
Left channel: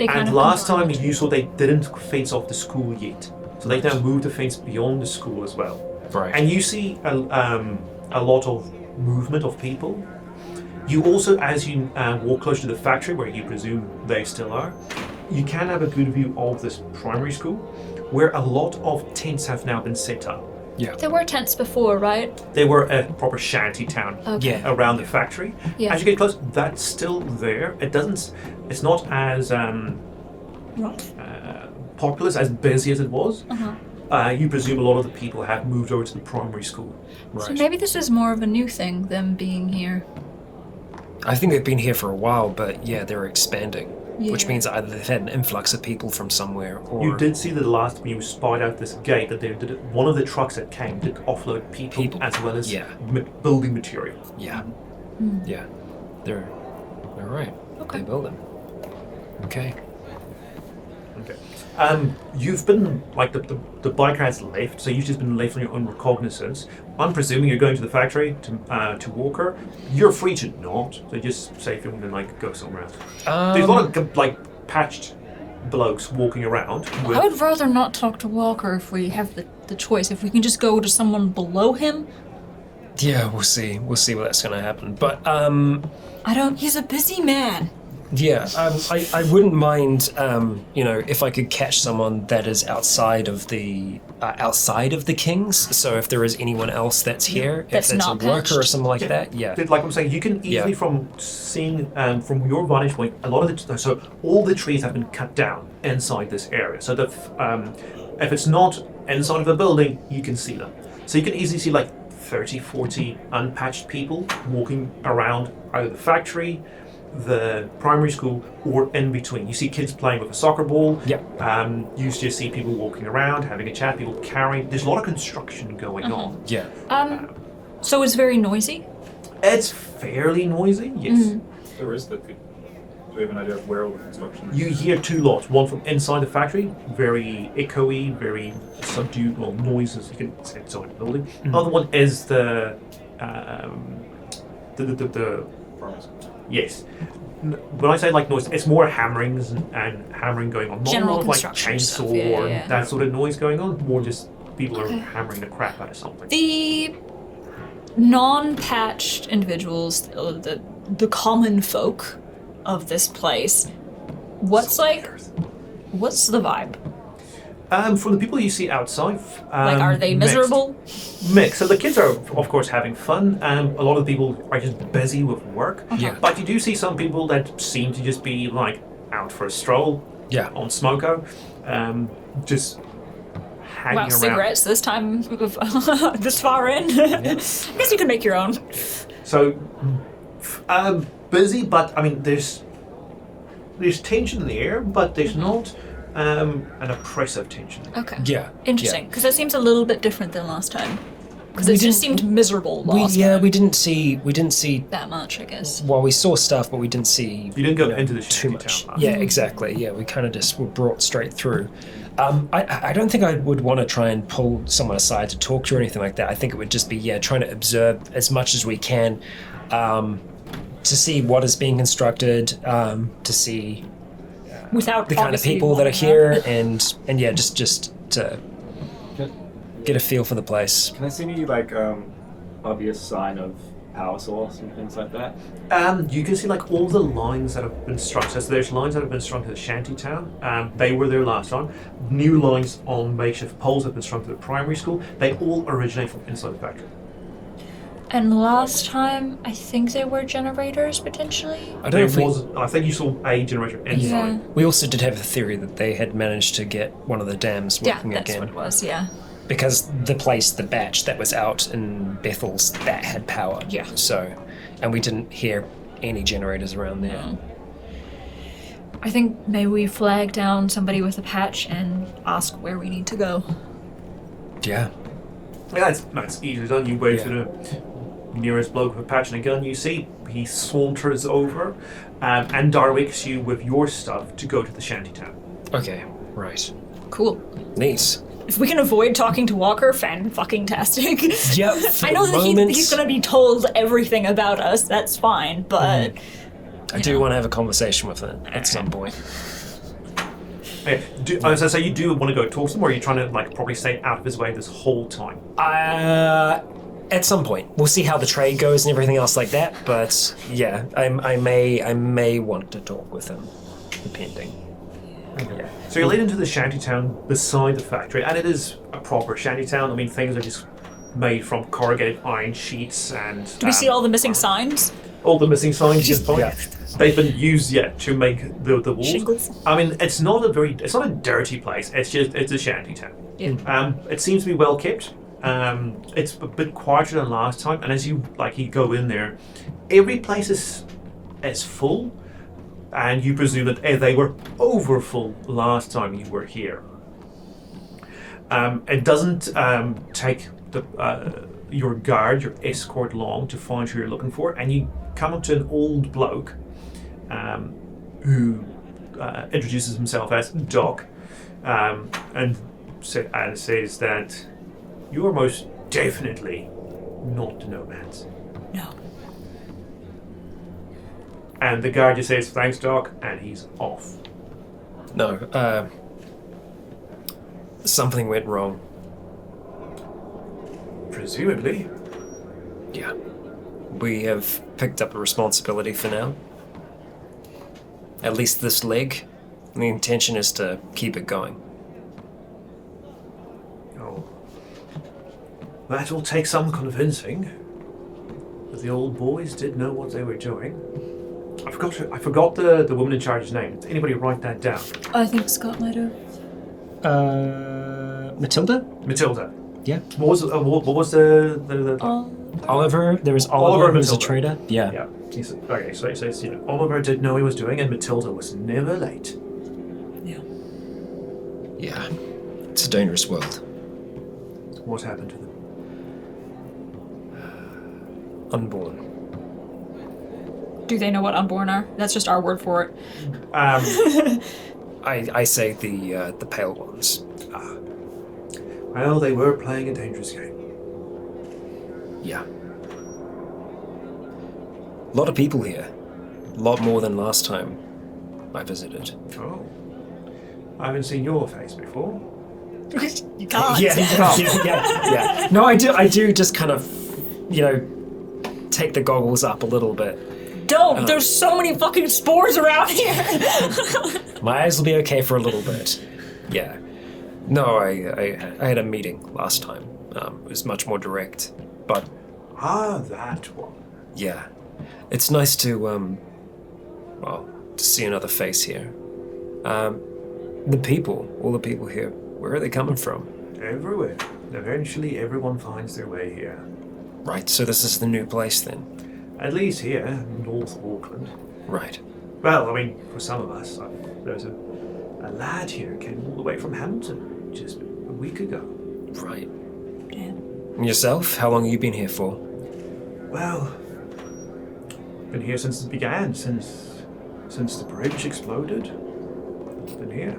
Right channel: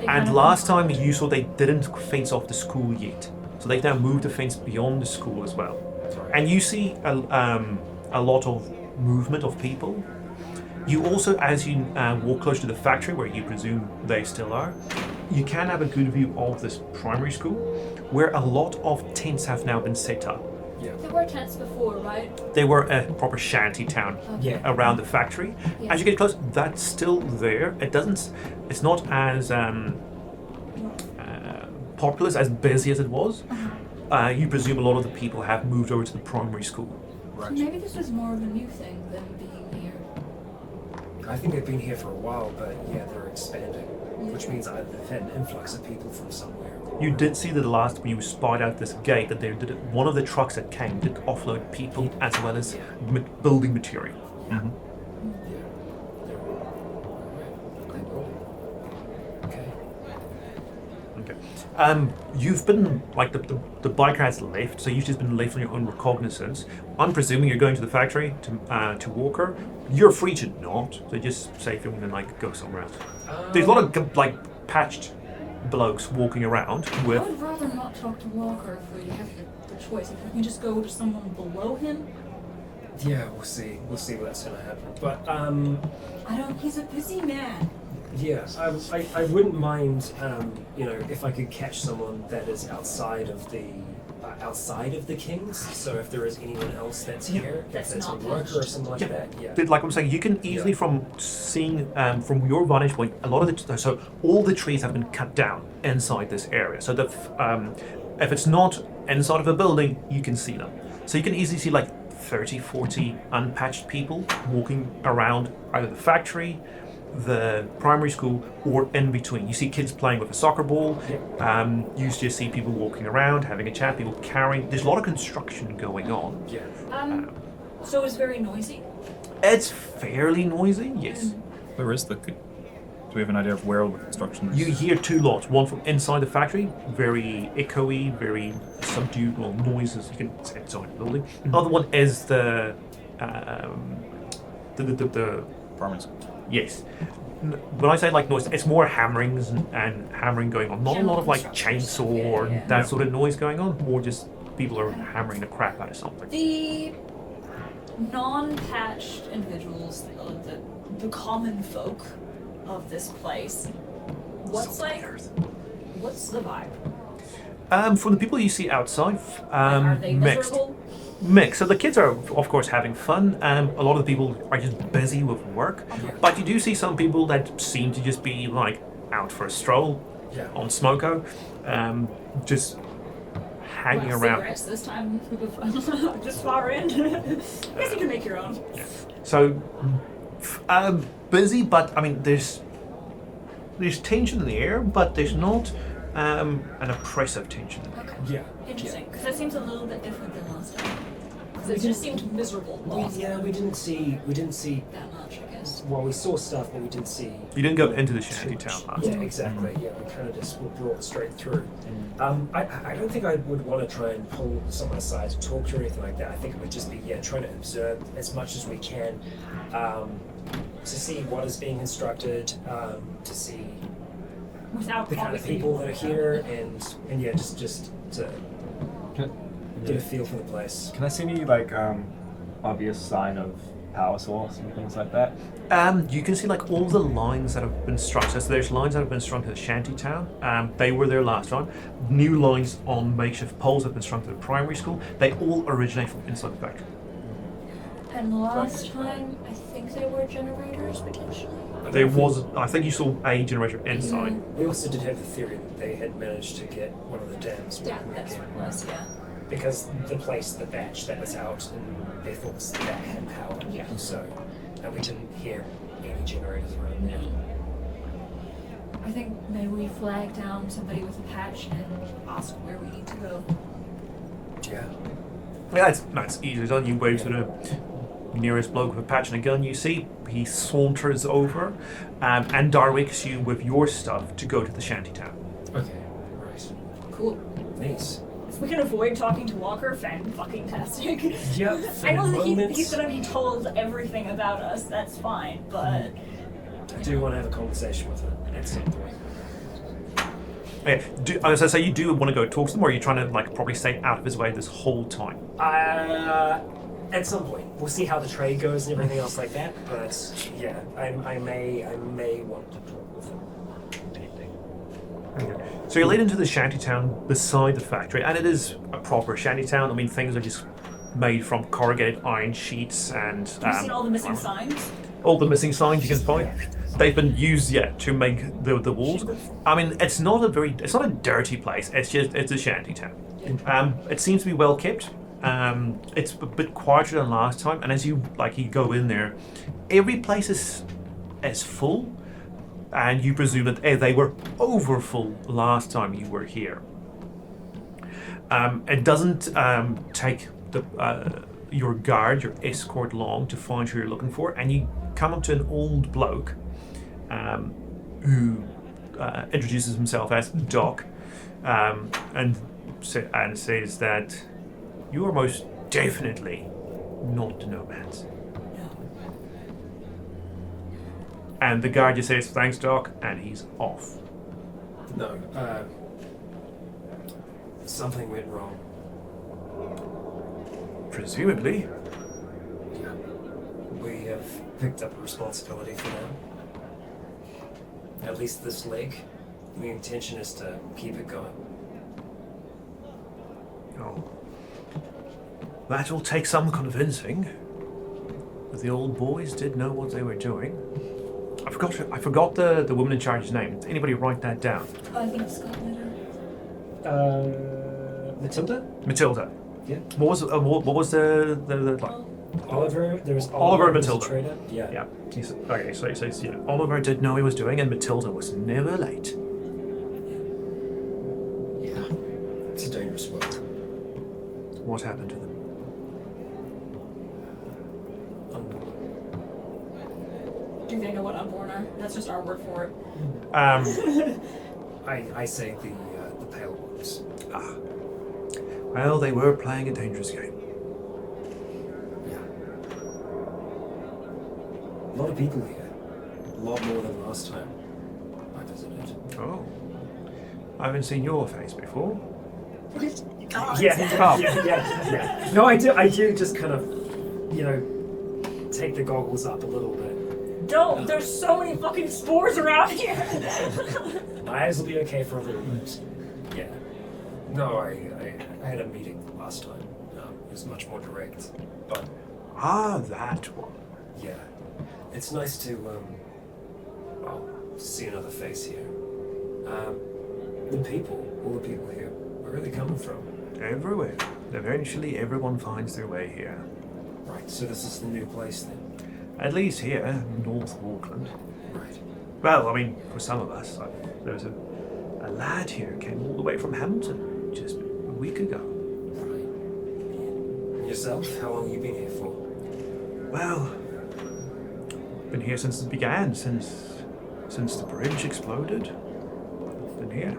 And last time you saw they didn't fence off the school yet. So they've now moved the fence beyond the school as well. Right. And you see a lot of movement of people. You also, as you walk close to the factory, where you presume they still are, you can have a good view of this primary school, where a lot of tents have now been set up. There were tents before, right? They were a proper shanty town around the factory. Yeah. As you get close, that's still there. It's not as populous, as busy as it was. You presume a lot of the people have moved over to the primary school. So maybe this is more of a new thing, them being here. I think they've been here for a while, but they're expanding, which Yeah. means either they've had an influx of people from somewhere, or You did see that last when you spied out this gate that one of the trucks that came did offload people as well as building material. Yeah. They're all right. Okay. They will then. Okay. Okay. You've been like the biker has left, so you've just been left on your own recognizance. I'm presuming you're going to the factory to Walker. You're free to not, so just say if you want to like go somewhere else. There's a lot of like patched blokes walking around. I would rather not talk to Walker if we have the choice. If we can just go to someone below him. Yeah, we'll see. We'll see what's going to happen. But He's a busy man. yeah, I wouldn't mind. If I could catch someone that is outside of the Kings. So if there is anyone else that's here, That's if that's a not worker patched. or something like that, Like I'm saying, you can easily from seeing from your vantage point, a lot of all the trees have been cut down inside this area. So if it's not inside of a building, you can see them. So you can easily see like 30, 40 unpatched people walking around either the factory, the primary school, or in between. You see kids playing with a soccer ball. Yep. You just see people walking around, having a chat, people carrying. There's a lot of construction going on. Yeah. So it's very noisy? It's fairly noisy, yes. Where is the... Do we have an idea of where all the construction is? You hear two lots. One from inside the factory, very echoey, very subdued, well, noises. You can say inside the building. Other one is the Primary school. yes. When I say like noise, it's more hammerings and hammering going on. Not General a lot of like construction chainsaw stuff, yeah, or yeah. that sort of noise going on. More just people are hammering the crap out of something. The non-patched individuals, the common folk of this place, what's the vibe? From the people you see outside, Are they miserable? Mixed. So the kids are, of course, having fun. A lot of the people are just busy with work. Yeah. But you do see some people that seem to just be like out for a stroll. Yeah. On Smoko, just hanging around. Cigarettes this time, this far in. I guess you can make your own. So, busy, but I mean, there's tension in the air, but there's not an oppressive tension. Okay. Yeah. Interesting, because that seems a little bit different than last time. Because We it just didn't- seemed miserable last time. We didn't see That much, I guess. well, we saw stuff, but we didn't see You didn't go into the too shanty much. town. Yeah, exactly. Yeah, we kind of just were brought straight through. I don't think I would want to try and pull someone aside to talk to or anything like that. I think it would just be trying to observe as much as we can, to see what is being constructed, to see Without the kind of obviously people that are wanting here, and just to get a feel for the place. Can I see any like obvious sign of power source and things like that? You can see like all the lines that have been strung. So there's lines that have been strung to the shanty town. They were there last time. New lines on makeshift poles have been strung to the primary school. They all originate from inside the factory. And last time, I think there were generators potentially. I There don't know if was, I think you saw a generator inside. we also did have the theory that they had managed to get one of the dams Yeah, working that's again. what it was, yeah. Because the place, the batch that was out in Bethel's, that had power. Yeah. So, and we didn't hear any generators around there. I think maybe we flag down somebody with a patch and ask where we need to go. Yeah. Yeah, that's easily done. You wave to Yeah. the nearest bloke with a patch and a gun you see. He saunters over and directs you with your stuff to go to the shanty town. Okay. Right. Cool. Neat. If we can avoid talking to Walker, fan-fucking-tastic. Yep. I know that moments. he's gonna be told everything about us, that's fine, but... I do want to have a conversation with it at some point. Yeah, as I say, you do want to go talk to them, or are you trying to like probably stay out of his way this whole time? At some point, we'll see how the trade goes and everything else like that. But yeah, I may want to talk with him, depending. So you're led into the shanty town beside the factory, and it is a proper shanty town. I mean, things are just made from corrugated iron sheets and. Do we see all the missing signs? All the missing signs you can find. Yeah. They've been used yet to make the walls. Shingles. I mean, it's not a dirty place. It's a shanty town. Yeah. It seems to be well kept. It's a bit quieter than last time, and as you go in there, every place is full, and you presume that they were over full last time you were here. It doesn't take your guard, your escort, long to find who you're looking for, and you come up to an old bloke who introduces himself as Doc, and says that you are most definitely not the nomads. No. And the guard just says, "Thanks, Doc," and he's off. No. Something went wrong. Presumably. Yeah. We have picked up a responsibility for now. At least this leg. The intention is to keep it going. Oh. That will take some convincing. But the old boys did know what they were doing. I forgot the woman in charge's name. Did anybody write that down? I think Scott might have. Matilda? Matilda. Yeah. What was the Oliver. There was Oliver Oliver and who was a Matilda. trader. Yeah. Yeah. Okay, so it says, Oliver did know he was doing, and Matilda was never late. Yeah. It's a dangerous world. What happened to them? Unborn. Do they know what unborn are? That's just our word for it. I say the pale ones. Well, they were playing a dangerous game. Yeah. A lot of people here. A lot more than last time I visited. Oh. I haven't seen your face before. You can't. Yeah. No, I do just kind of, take the goggles up a little bit. Don't! There's so many fucking spores around here! My eyes will be okay for a little bit. Yeah. No, I had a meeting last time. It was much more direct. But that one. yeah. It's nice to to see another face here. The people, all the people here, where are they coming from? Everywhere. Eventually everyone finds their way here. Right, so this is the new place then? At least here, north of Auckland. Right. Well, I mean, for some of us, there's a lad here who came all the way from Hamilton just a week ago. Right. And yourself? How long have you been here for? Well, been here since it began, since the bridge exploded. I've been here.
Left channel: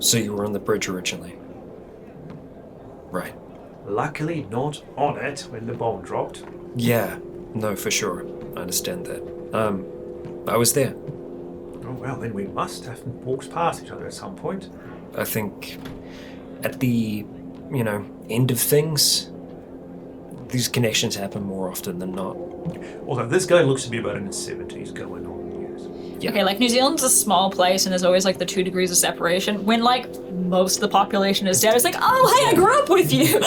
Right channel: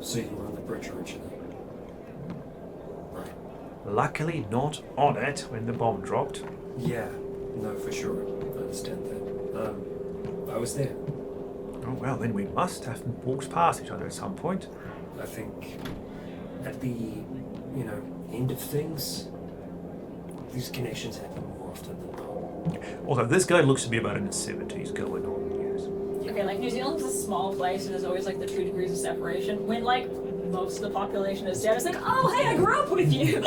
So you were on the bridge originally? Right. Luckily not on it when the bomb dropped. Yeah, no, for sure. I understand that. I was there. Oh well, then we must have walked past each other at some point. I think at the, end of things, these connections happen more often than not. Although this guy looks to be about in his 70s going on years. Yeah. Okay, like New Zealand's a small place and there's always like the 2 degrees of separation. When like most of the population is dead, it's like, oh hey, I grew up with you.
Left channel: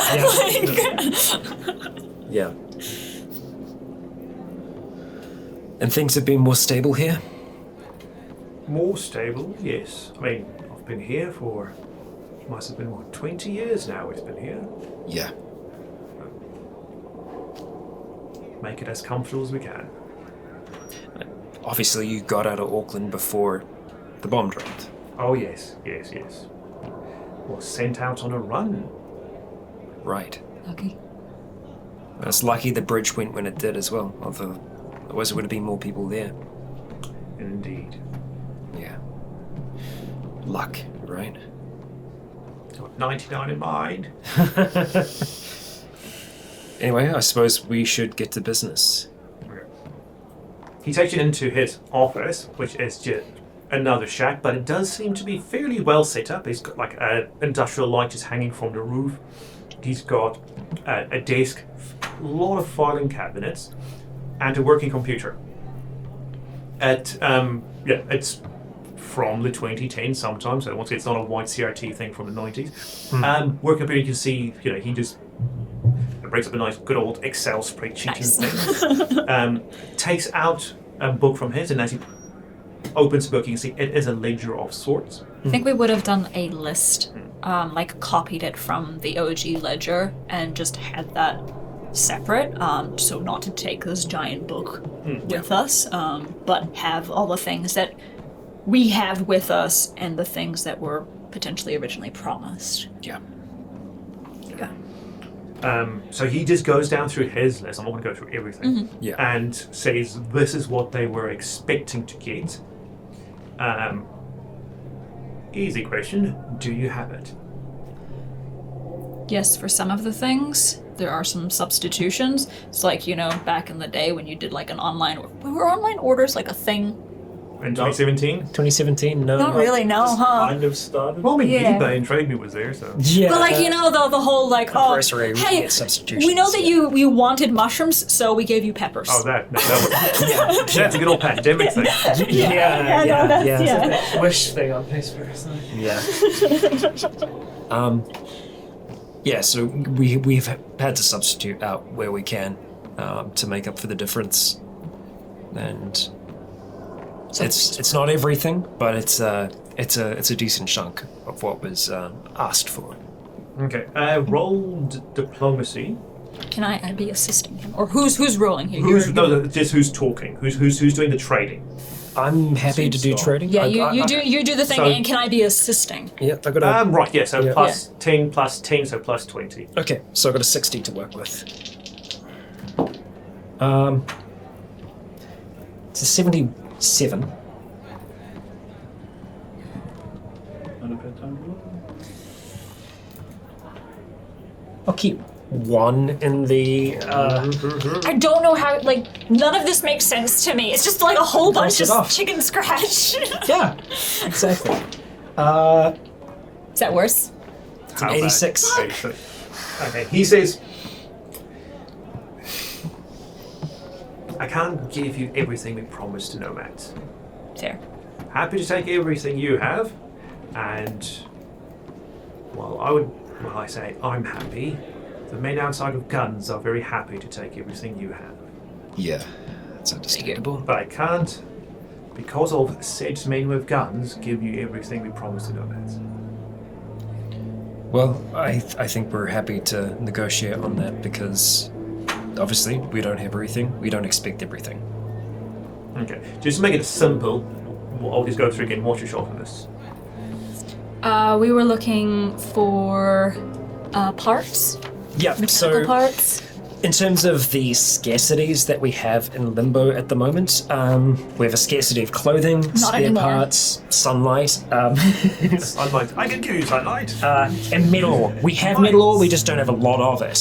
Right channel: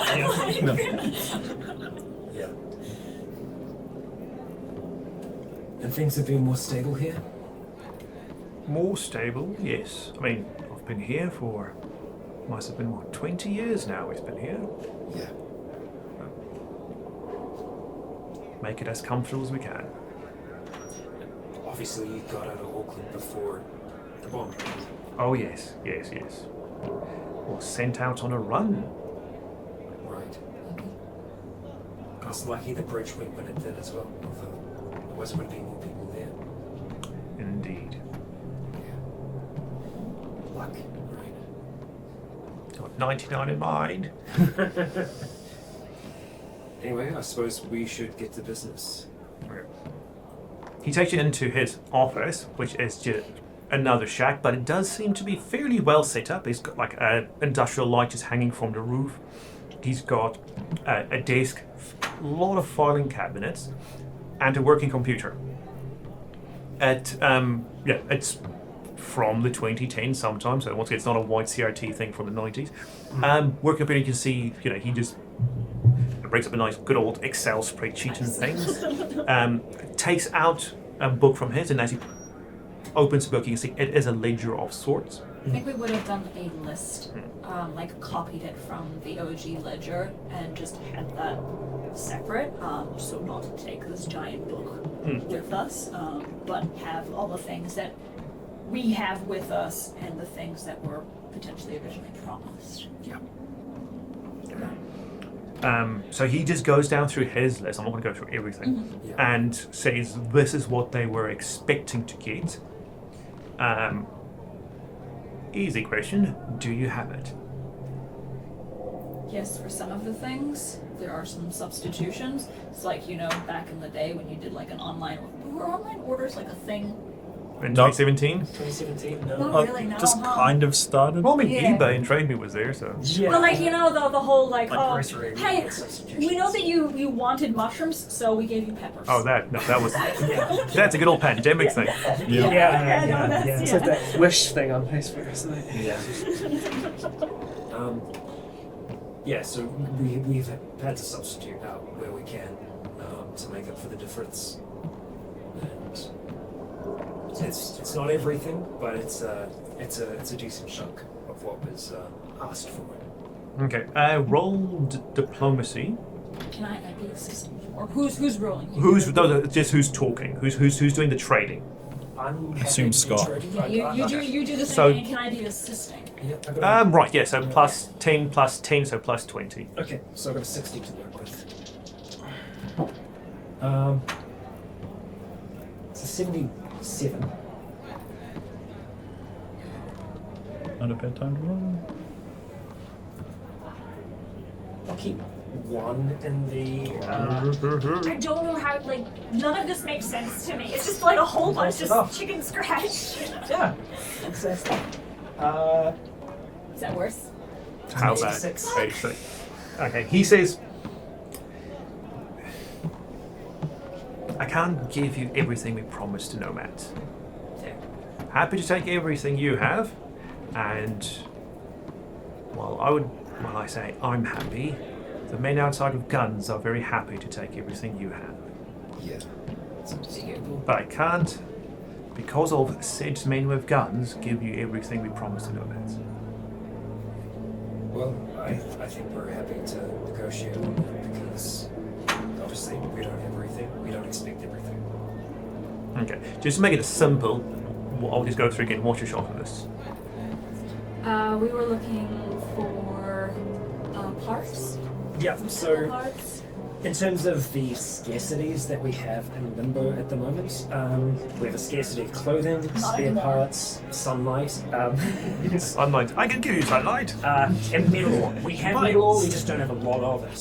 Yeah. And things have been more stable here? More stable, yes. I mean, I've been here for, must have been 20 years now it's been here. Yeah. Make it as comfortable as we can. Obviously you got out of Auckland before the bomb dropped. Oh yes. Was sent out on a run. Right. Lucky. It's lucky the bridge went when it did as well, although otherwise there would have been more people there. Indeed. Yeah. Luck, right? Got 99 in mind. Anyway, I suppose we should get to business. He takes you into his office, which is just another shack, but it does seem to be fairly well set up. He's got like an industrial light just hanging from the roof. He's got a desk, a lot of filing cabinets, and a working computer. It's from the 2010s sometimes, so once again, it's not a white CRT thing from the 90s. Working computer, you can see, he just brings up a nice good old Excel spreadsheet and things. Takes out a book from his, and as he opens the book, you can see it is a ledger of sorts. I think we would have done a list, like copied it from the OG ledger and just had that separate, so not to take this giant book with us, but have all the things that we have with us and the things that were potentially originally promised. Yeah. So he just goes down through his list. I'm not going to go through everything. Yeah. And says this is what they were expecting to get. Easy question. Do you have it? Yes, for some of the things, there are some substitutions. It's like, back in the day when you did like an online... Were online orders like a thing? In 2017? 2017, no. Not really, no, Just huh? kind of started. Well, I mean, Yeah. eBay and TradeMe was there, so... Yeah. But like, the whole like, Grocery, we hey, get substitutions. we know that you wanted mushrooms, so we gave you peppers. Oh, that was... That's a good old pandemic thing. Yeah. It's like that wish thing on Facebook, isn't it? Yeah. So we've had to substitute out where we can to make up for the difference, and it's not everything, but it's it's a decent chunk of what was asked for. Okay. Roll diplomacy. Can I be assisting him? Or who's rolling here? Just who's talking? Who's doing the trading? I'm happy to do trading. Yeah, you do the thing, So- and can I be assisting? Yeah, I got Right. Yeah. So Yeah. plus 10, plus 10, so plus 20. Okay, so I got a 60 to work with. It's a 77. Not a bad time. I'll keep one in the. I don't know how. Like, none of this makes sense to me. It's just like a whole bunch it of off. chicken scratch. Yeah, exactly. Is that worse? How's that? 86. 86. Okay. He says, I can't give you everything we promised to nomads. Fair. Happy to take everything you have, and I say I'm happy. The men outside of guns are very happy to take everything you have. Yeah, that's understandable. But I can't, because of said men with guns, give you everything we promised to nomads. Well, I think we're happy to negotiate on that because obviously we don't have everything. We don't expect everything. Okay, just to make it simple, I'll just go through again. What's your shopping list? We were looking for parts. Yeah, Mechanical so parts. in terms of the scarcities that we have in Limbo at the moment, we have a scarcity of clothing, spare anymore. parts, sunlight, Sunlight. I can give you sunlight. and metal ore. We have metal ore, we just don't have a lot of it.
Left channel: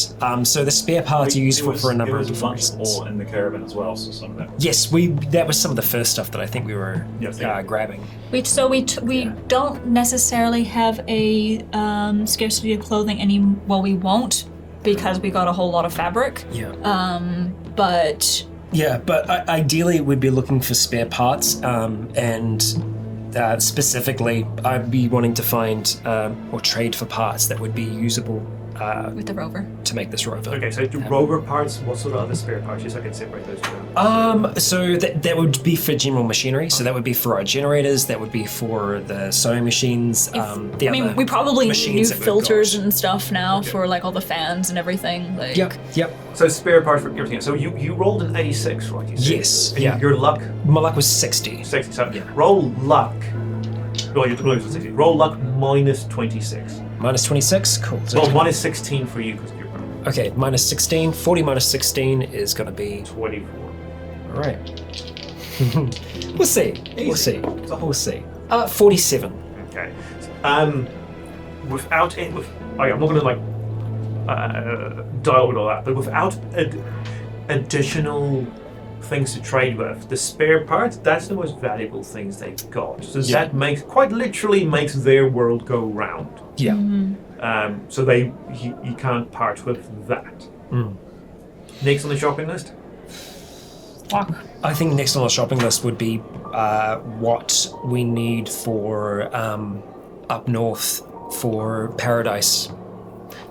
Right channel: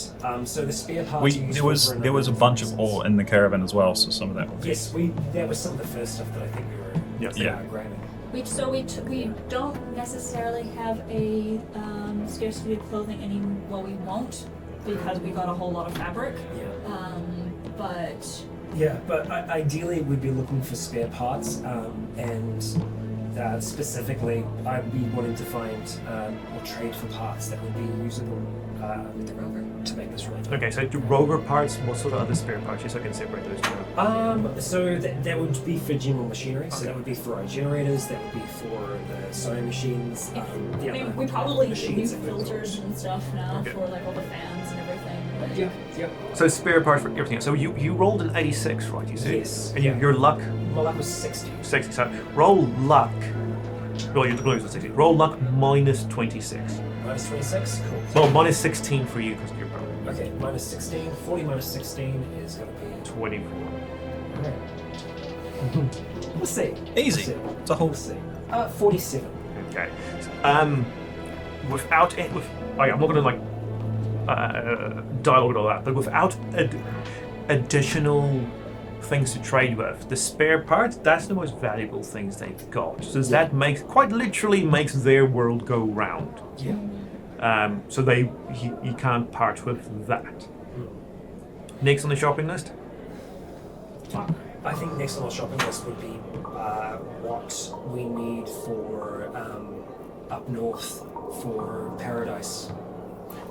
So the spare parts are useful for a number There was a of bunch of reasons. ore in the caravan as well, so some of that. Yes, that was some of the first stuff that I think we were grabbing. We don't necessarily have a scarcity of clothing we won't because we got a whole lot of fabric. Yeah. But Yeah, but ideally we'd be looking for spare parts, and specifically I'd be wanting to find or trade for parts that would be usable with the rover. to make this rover. Okay, so do rover parts, what sort of other spare parts? Just so I can separate those two. So that would be for general machinery. So that would be for our generators. That would be for the sewing machines. The other We probably need new machines that we've filters got. and stuff now for like all the fans and everything. Like, Yep. So spare parts for everything. So you rolled an 86, right? You said? Yes, And yeah. your luck, My luck was 60. 60. So roll luck. Well, you're losing 60. Roll luck minus 26. Minus 26? Cool. So Well, minus 16 for you because of your power. okay, minus 16. 40 minus 16 is going to be... 24. Alright. We'll see. We'll see. We'll see. 47. Okay. Without it, I'm not going to dialogue and all that, but without additional things to trade with, the spare parts, that's the most valuable things they've got. So that quite literally makes their world go round. Yeah. So you can't part with that. Next on the shopping list? I think next on the shopping list would be what we need for up north for Paradise.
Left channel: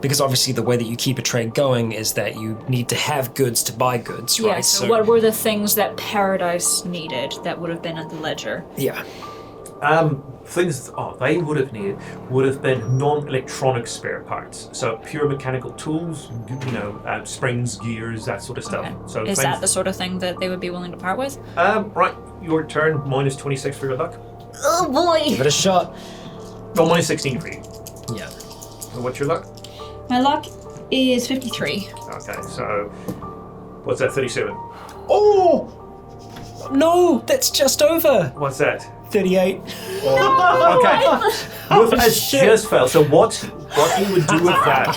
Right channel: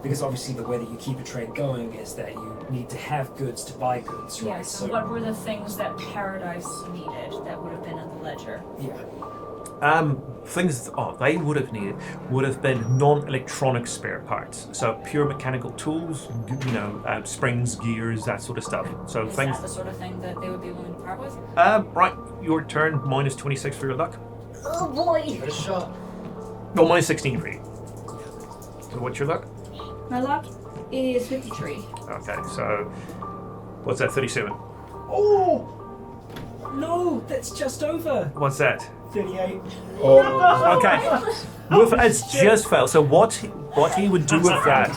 Because obviously the way that you keep a trade going is that you need to have goods to buy goods, right? Yeah, so what were the things that Paradise needed that would have been at the ledger? Yeah. Things they would have been non-electronic spare parts. So pure mechanical tools, springs, gears, that sort of stuff. Okay. So Is things. that the sort of thing that they would be willing to part with? Right, your turn. Minus 26 for your luck. Oh boy! Give it a shot. Oh, minus 16 for you. Yeah. So what's your luck? My luck is 53. Okay, so what's that? 37. Oh! No, that's just over. What's that? 38. Okay. With as just failed. So what he would do with that?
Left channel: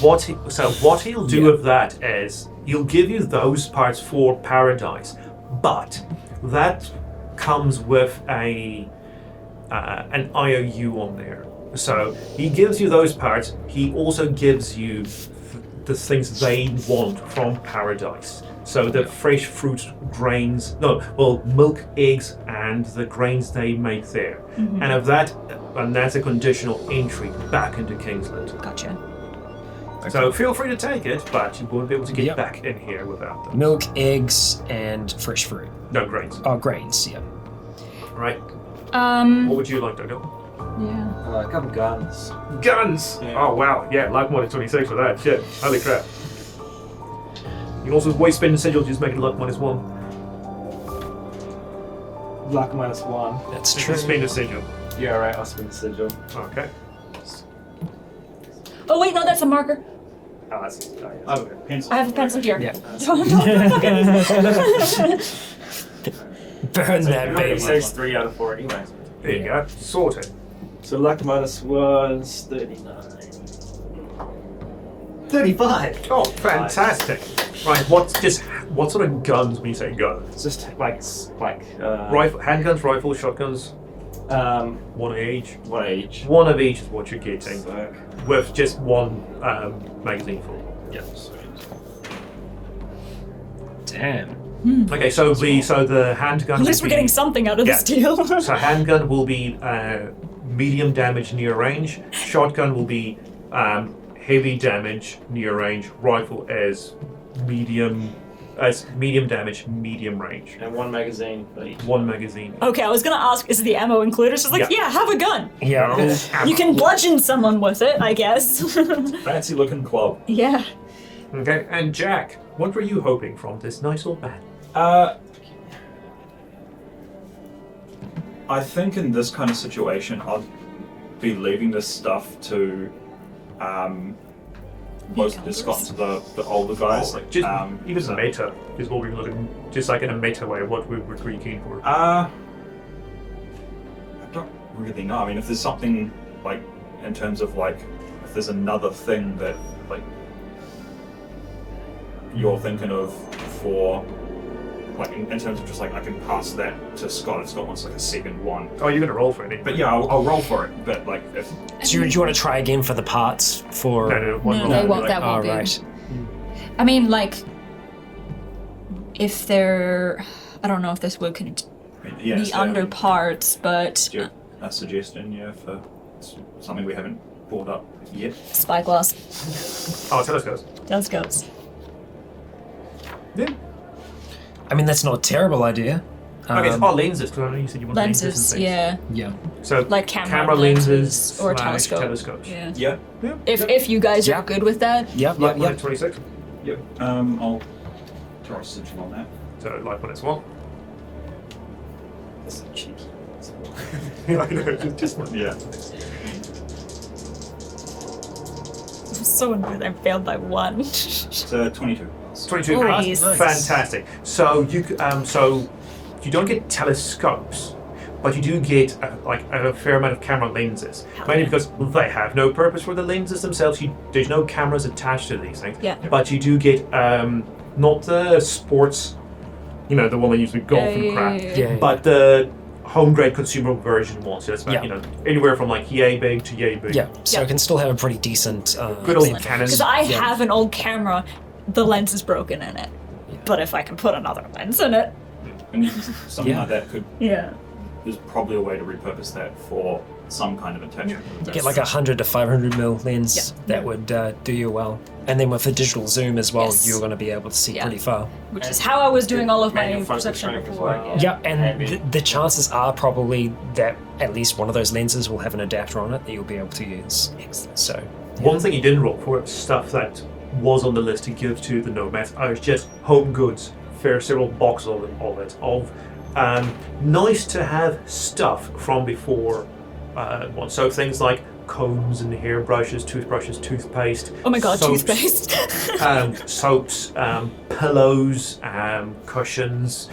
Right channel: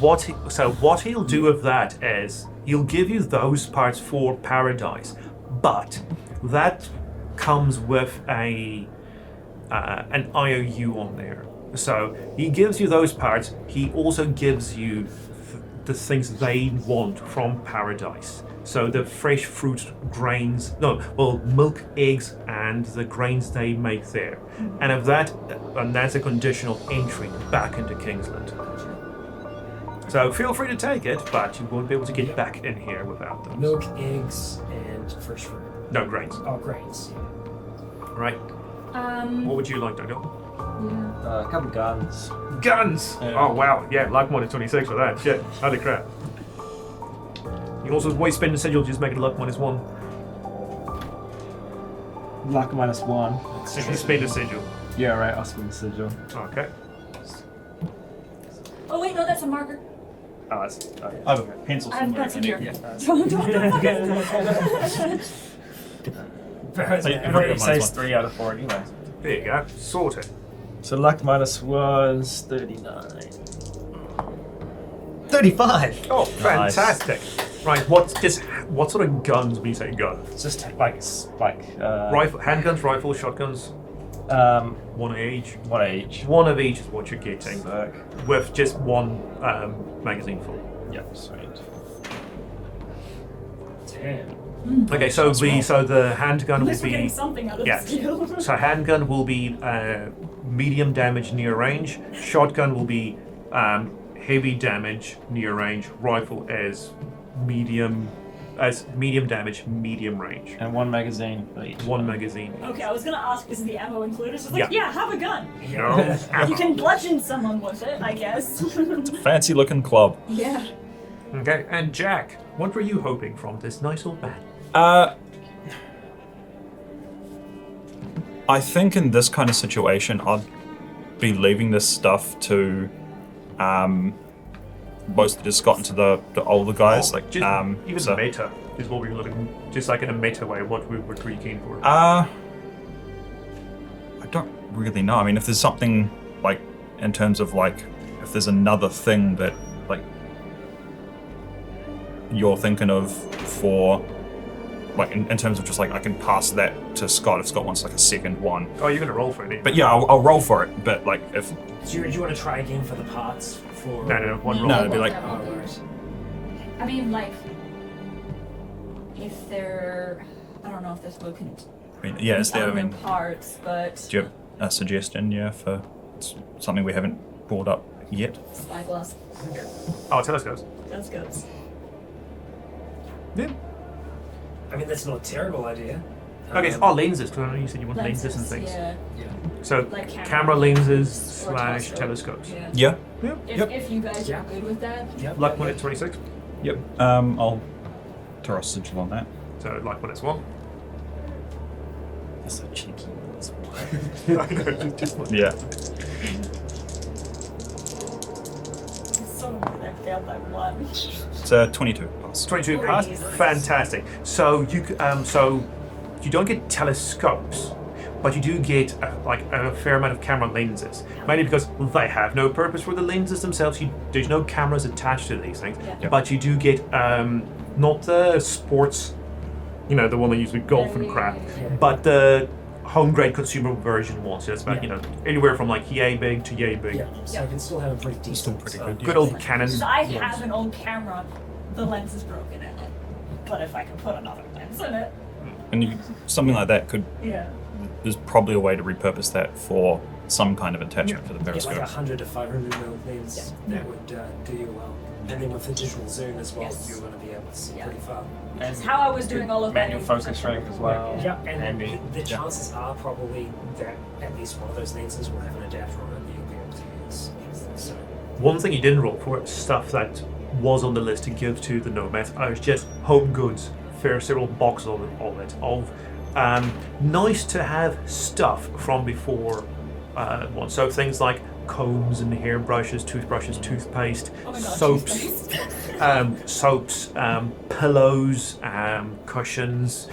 What he'll do with that is he'll give you those parts for Paradise, but that comes with an IOU on there. So he gives you those parts. He also gives you the things they want from Paradise. So the fresh fruit, grains, milk, eggs, and the grains they make there. Mm-hmm. And that's a conditional entry back into Kingsland. Gotcha. So feel free to take it, but you won't be able to get back in here without them. Milk, eggs, and fresh fruit. No grains. Oh, grains, yeah. Right. What would you like, Dodo? Yeah. A couple guns. Guns! Yeah. Oh wow, yeah, luck minus 26 for that. Shit, holy crap. You can also waste spin the sigil, just make it luck minus 1. Luck minus 1. That's If true. you spin the sigil. Yeah, alright, I'll spin the sigil. Okay. Oh wait, no, that's a marker. Oh, that's Oh, pencil. I have a pencil here. Yeah. Burn Burn that that baby. baby. Saves 3 out of 4 anyway. There you go. Sorted. So luck minus was 39. 35! Oh, fantastic. Right, what sort of guns when you say gun? It's just like Rifle, handguns, rifles, shotguns, one of each. one each. One of each is what you're getting, Back. with just one magazine full. Yeah, sweet. Damn. Okay, so the handgun At least will we're be getting something out of this deal. so handgun will be medium damage near range. Shotgun will be heavy damage near range. Rifle as medium damage, medium range. And one magazine, please. One magazine. Okay, I was gonna ask, is the ammo included? It's just like, Yeah. yeah, have a gun. Yeah. No ammo. You can bludgeon someone with it, I guess. Fancy looking club. Yeah. Okay, and Jack, what were you hoping from this nice old man? I think in this kind of situation, I'd be leaving this stuff to mostly just gotten to the older guys. Like just even so- meta is what we were looking, just like in a meta way. What we were pretty keen for. I don't really know. I mean, if there's something like in terms of like, if there's another thing that like you're thinking of for like in terms of just like I can pass that to Scott if Scott wants like a second one. Oh, you're gonna roll for it. But yeah, I'll roll for it. But like if So do you want to try again for the parts for? No, one roll. No, Like, that oh, would be. right. I mean, like, if they're, I don't know if this would can yeah, be it's under parts, but do you have a suggestion? Yeah, for something we haven't brought up yet. spyglass, Oh, telescopes. telescopes. Yeah. I mean, that's not a terrible idea. Okay, so lenses. Because I know you said you want lenses and Lenses, things. yeah. Yeah. So Like camera lenses or / telescope. telescopes. Yeah. Yeah. If you guys Yeah. are good with that, Yep. Like Yep. when Yep. it's 26. Yep. I'll throw a sigil on that. So like when it's 1. That's so cheeky. I know, just one. Yeah. so annoyed I failed by 1. So 22 plus. 22 Oh, plus. Jesus. Fantastic. So you don't get telescopes, but you do get a fair amount of camera lenses. Mainly because they have no purpose for the lenses themselves. There's no cameras attached to these things. Yeah. But you do get not the sports, the one they use with golf and crap, Yeah. but the home grade consumer version one. So it's about Yeah. anywhere from like yay big to yay big. Yeah. So Yeah. it can still have a pretty decent. Good old Canon. Because I Yeah. have an old camera, the lens is broken in it. But if I can put another lens in it, And something Yeah. like that could. yeah. There's probably a way to repurpose that for some kind of attachment for the Get best. like 100 to 500 mil lens. Yeah. That would do you well. And then with the digital zoom as well, Yes. you're going to be able to see Yeah. pretty far. Which is how I was doing all of my Manual focus perception strength as before. well. Yeah, and vision. the chances are probably that at least one of those lenses will have an adapter on it that you'll be able to use. So, One thing you didn't roll for, stuff that was on the list to give to the nomads, are just home goods. Several boxes of it. Nice to have stuff from before one. So things like combs and hairbrushes, toothbrushes, toothpaste. Oh my god, soaps, toothpaste. soaps, pillows, cushions.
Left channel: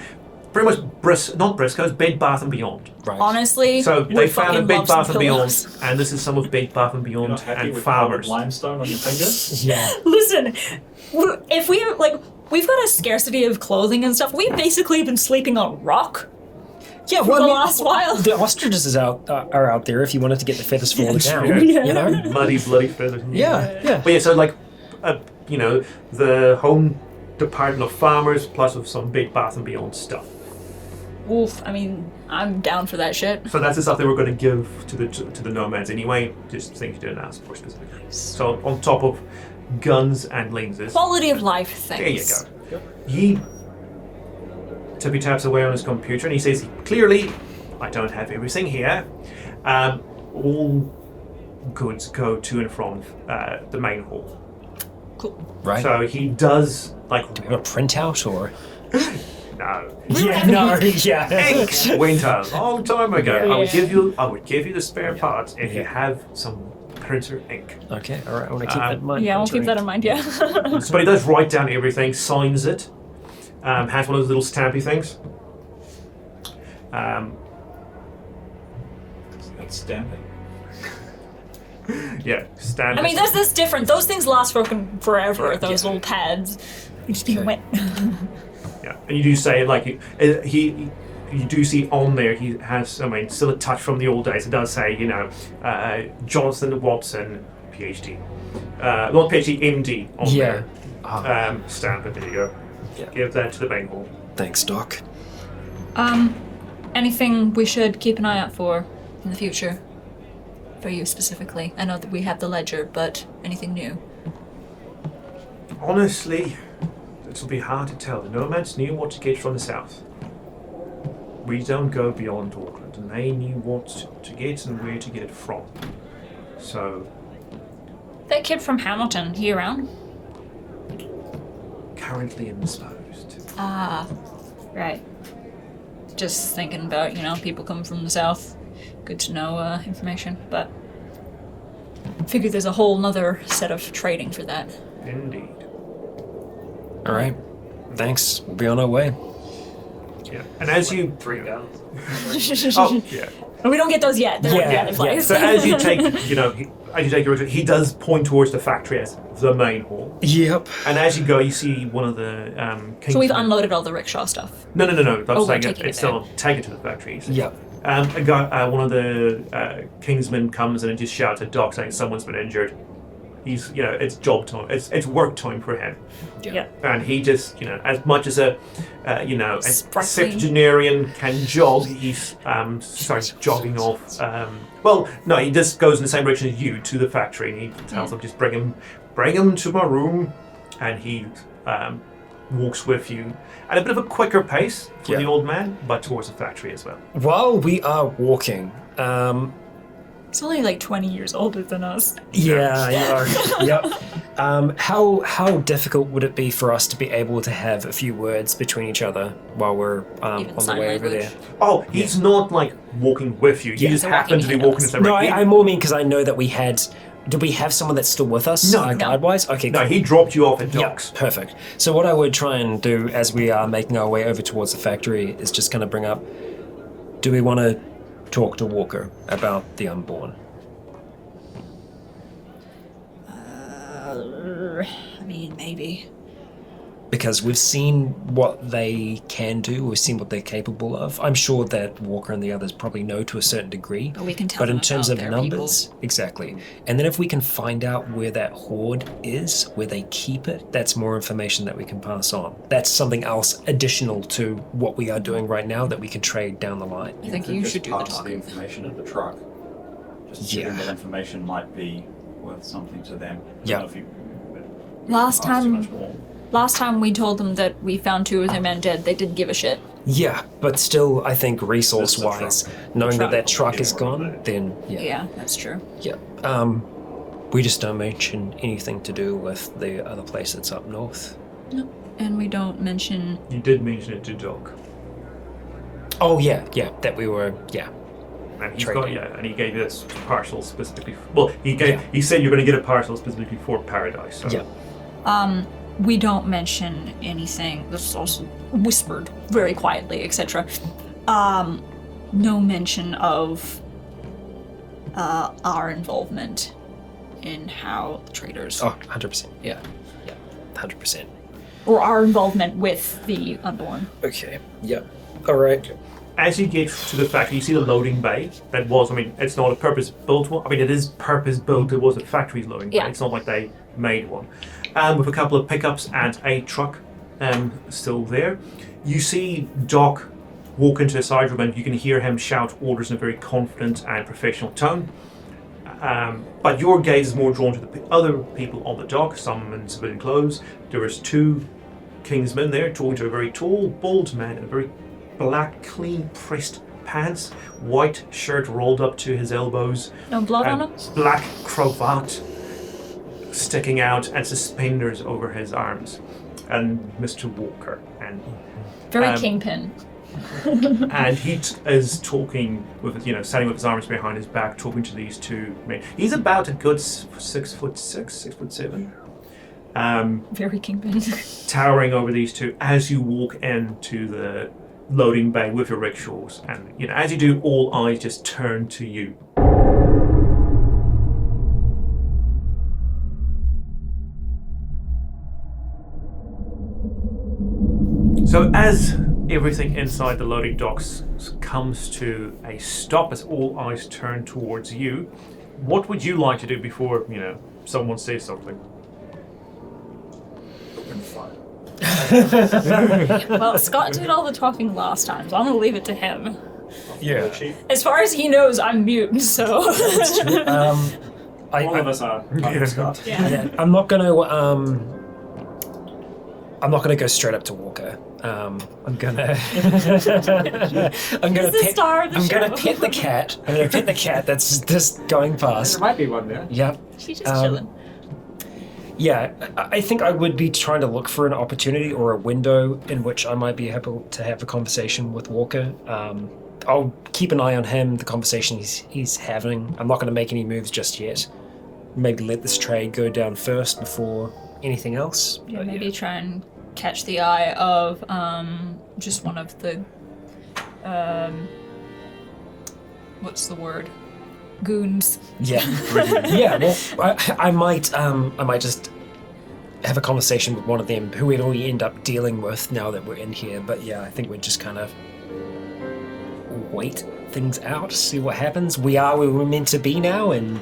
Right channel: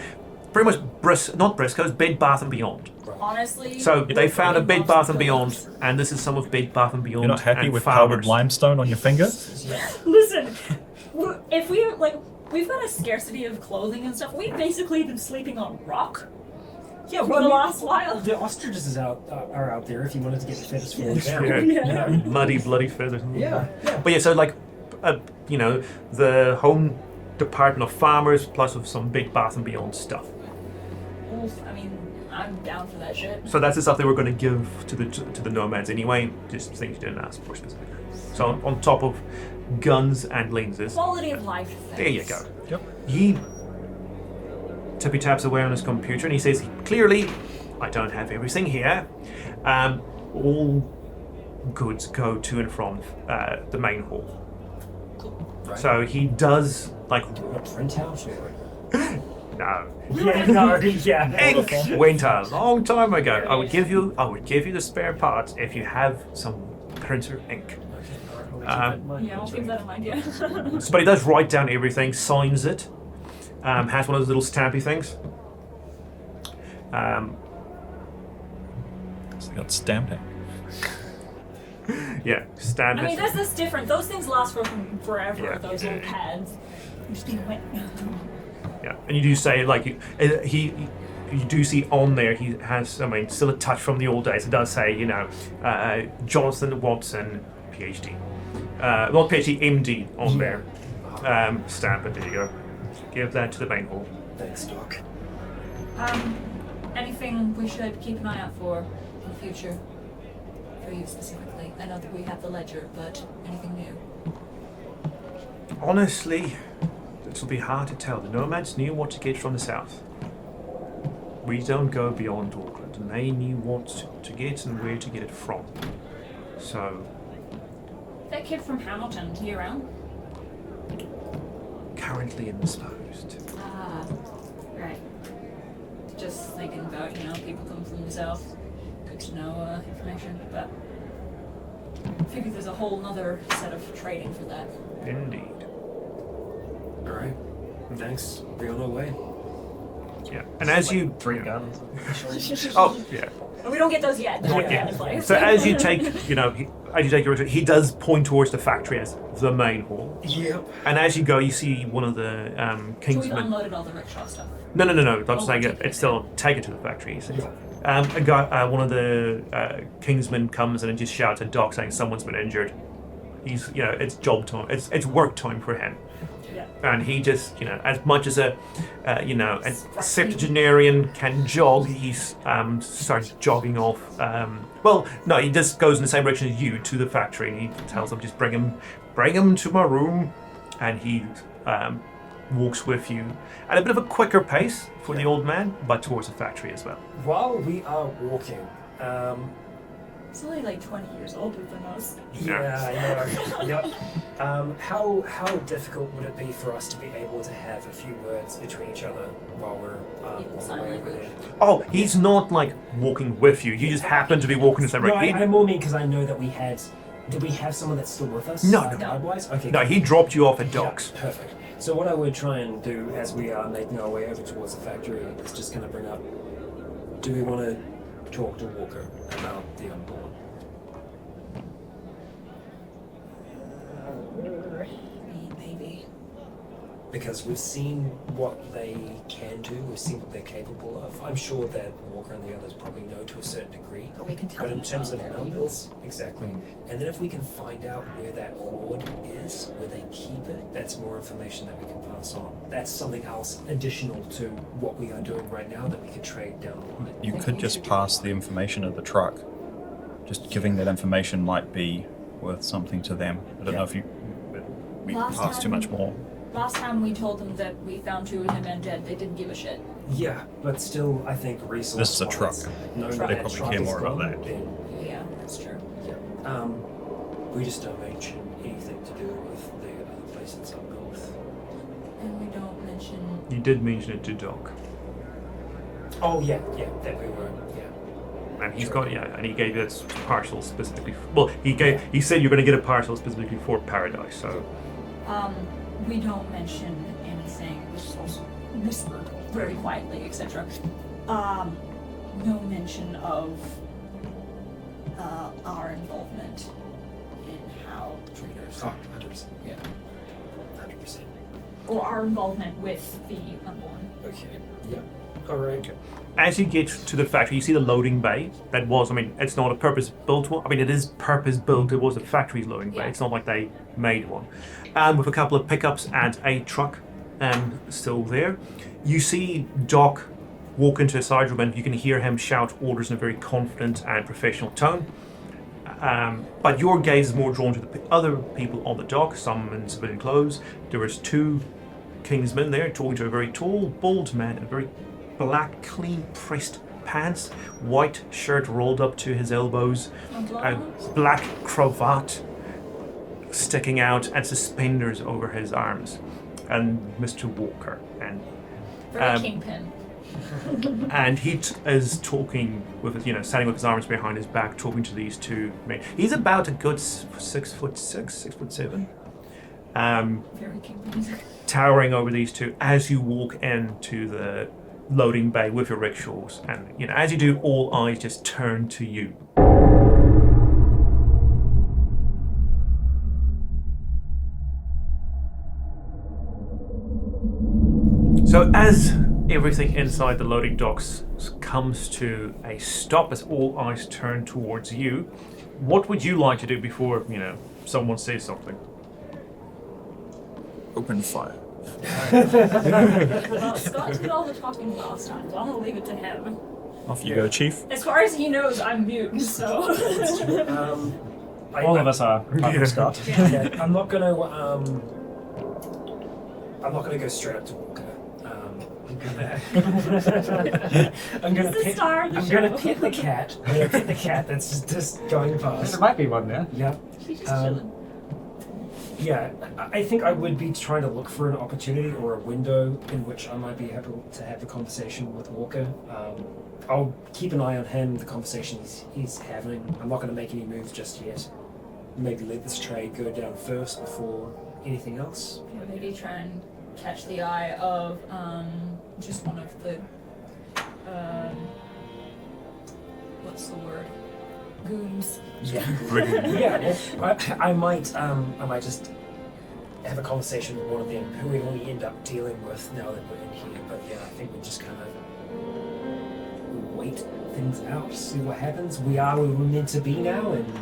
Pretty much not Briscoe's, Bed Bath and Beyond. right. Honestly, So I they found a fucking Bed love some Bath and Beyond, pillows. and this is some of Bed Bath and You're Beyond not happy and with powdered farmers. limestone on your finger? Yeah. Listen, if we've got a scarcity of clothing and stuff, we've basically been sleeping on rock. Yeah, For the last while. The ostriches are out there if you wanted to get the feathers falling down. Yeah. You know? Muddy, bloody feathers. Yeah. But yeah, so like, the home department of farmers plus with some Bed Bath and Beyond stuff. Oof, I mean, I'm down for that shit. So that's the stuff they were going to give to the nomads anyway. Just things you didn't ask for specifically. So on top of guns and lenses. Quality of life things. There you go. He tippy taps away on his computer and he says clearly I don't have everything here. All goods go to and from the main hall. Cool. Right. So he does like Do we want a printout or? no. Yeah, no, yeah. Ink went a long time ago. Yeah. I would give you the spare parts if you have some printer ink. Okay, all right. I'm gonna keep that in mind. Yeah, we'll keep that in mind. Yeah. But he does write down everything, signs it, has one of those little stampy things. It's got stamping. Yeah, stamp. I mean, it. that's different. Those things last forever. Yeah. Those little pads. You just get wet. Yeah, and you do say like you do see on there he has, I mean, still a touch from the old days. It does say, Jonathan Watson, PhD, not PhD, MD on Yeah. there. Stamp it. There you go. Yeah. Give that to the main hall. Thanks, Doc. Anything we should keep an eye out for in the future? For you specifically. I know that we have the ledger, but anything new? Honestly, it'll be hard to tell. The nomads knew what to get from the south. We don't go beyond Auckland, and they knew what to get and where to get it from. So, That kid from Hamilton, he around? currently indisposed. Ah, right. Just thinking about, people come from the south. Good to know information, but I figure there's a whole nother set of trading for that. Indeed. All right. Thanks. We'll be on our way. Yeah. And as you... 3 guns. Oh, yeah. We don't get those yet. They're not yet in place. So as you take, as you take your route, he does point towards the factory as the main hall. Yep. And as you go, you see one of the Kingsmen. So we've unloaded all the rickshaw stuff. No. That's we're like taking it it's still taken to the factory. So. Yep. A guy, one of the Kingsmen comes in and just shouts at Doc saying someone's been injured. He's, it's job time. It's work time for him. Yeah. And he just, as much as a Sparkling. septuagenarian can jog, he starts jogging off. Well, no, he just goes in the same direction as you to the factory, and he tells them, just bring him to my room, and he walks with you at a bit of a quicker pace for the old man, but towards the factory as well. While we are walking, He's only like 20 years older than us. Yep. How difficult would it be for us to be able to have a few words between each other while we're on Even the sign way over language. there? Oh, he's not like walking with you. You just happen to be walking the same No, direction. I more mean because I know that we had. Do we have someone that's still with us? No. Guard-wise? Okay. No, cool. he dropped you off at Yeah, docks. perfect. So what I would try and do as we are making our way over towards the factory is just kind of bring up, do we want to talk to Walker about the Unborn? I mean, maybe. Because we've seen what they can do, we've seen what they're capable of. I'm sure that Walker and the others probably know to a certain degree. But we can tell But in them terms about of their numbers, exactly. And then if we can find out where that hoard is, where they keep it, that's more information that we can pass on. That's something else additional to what we are doing right now that we can trade down the line. You think could you just should do pass the the information at the truck. Just giving that information might be worth something to them. I don't know if you Last pass too time- much more. Last time we told them that we found 2 of their men dead, they didn't give a shit. Yeah, but still, I think resource-wise, That's the knowing that Truck. truck is Get more on gone, that. then Yeah, that's true. yeah. We just don't mention anything to do with the other place that's up north. And we don't mention. You did mention it to Doc. Oh yeah, that we were, And he's Trading. got, and he gave you this parcel specifically. He said you're going to get a parcel specifically for Paradise. So. Yeah. We don't mention anything. This is also whispered very quietly, etc. No mention of our involvement in how the traders, Oh, 100%. Yeah. 100%. or our involvement with the Unborn. Okay. Yeah. All right. As you get to the factory, you see the loading bay. That was, it's not a purpose-built one. It is purpose-built. It was a factory's loading bay. Yeah. It's not like they made one. With a couple of pickups and a truck still there. You see Doc walk into a side room and you can hear him shout orders in a very confident and professional tone. But your gaze is more drawn to the other people on the dock, some in civilian clothes. There was 2 Kingsmen there talking to a very tall, bald man in a very black, clean-pressed pants, white shirt rolled up to his elbows, No blood on him? black cravat sticking out, and suspenders over his arms. And Mr. Walker. And Very kingpin. and he is talking with his, standing with his arms behind his back, talking to these two men. He's about a good 6'6", 6'7". Very kingpin. Towering over these two as you walk into the loading bay with your rickshaws, and as you do, all eyes just turn to you. So as everything inside the loading docks comes to a stop, as all eyes turn towards you, what would you like to do before someone says something? Open fire. Well, Scott did all the talking last time, so I'm gonna leave it to him. Off you go, Chief. As far as he knows, I'm mute, so. That's true. One of us are. Scott. Yeah. I'm not gonna go straight up to Walker. I'm gonna the star of the I'm show. gonna pet the cat. I'm gonna pet the cat that's just going past. There might be one there. Yep. She's just chilling. Yeah, I think I would be trying to look for an opportunity or a window in which I might be able to have a conversation with Walker. I'll keep an eye on him, the conversation he's having. I'm not going to make any moves just yet. Maybe let this trade go down first before anything else. Yeah, maybe try and catch the eye of just one of the what's the word? Goons. Yeah. Yeah, well, I might just have a conversation with one of them who we'd only end up dealing with now that we're in here. But yeah, I think we'd just kind of wait things out, see what happens. We are where we're meant to be now, and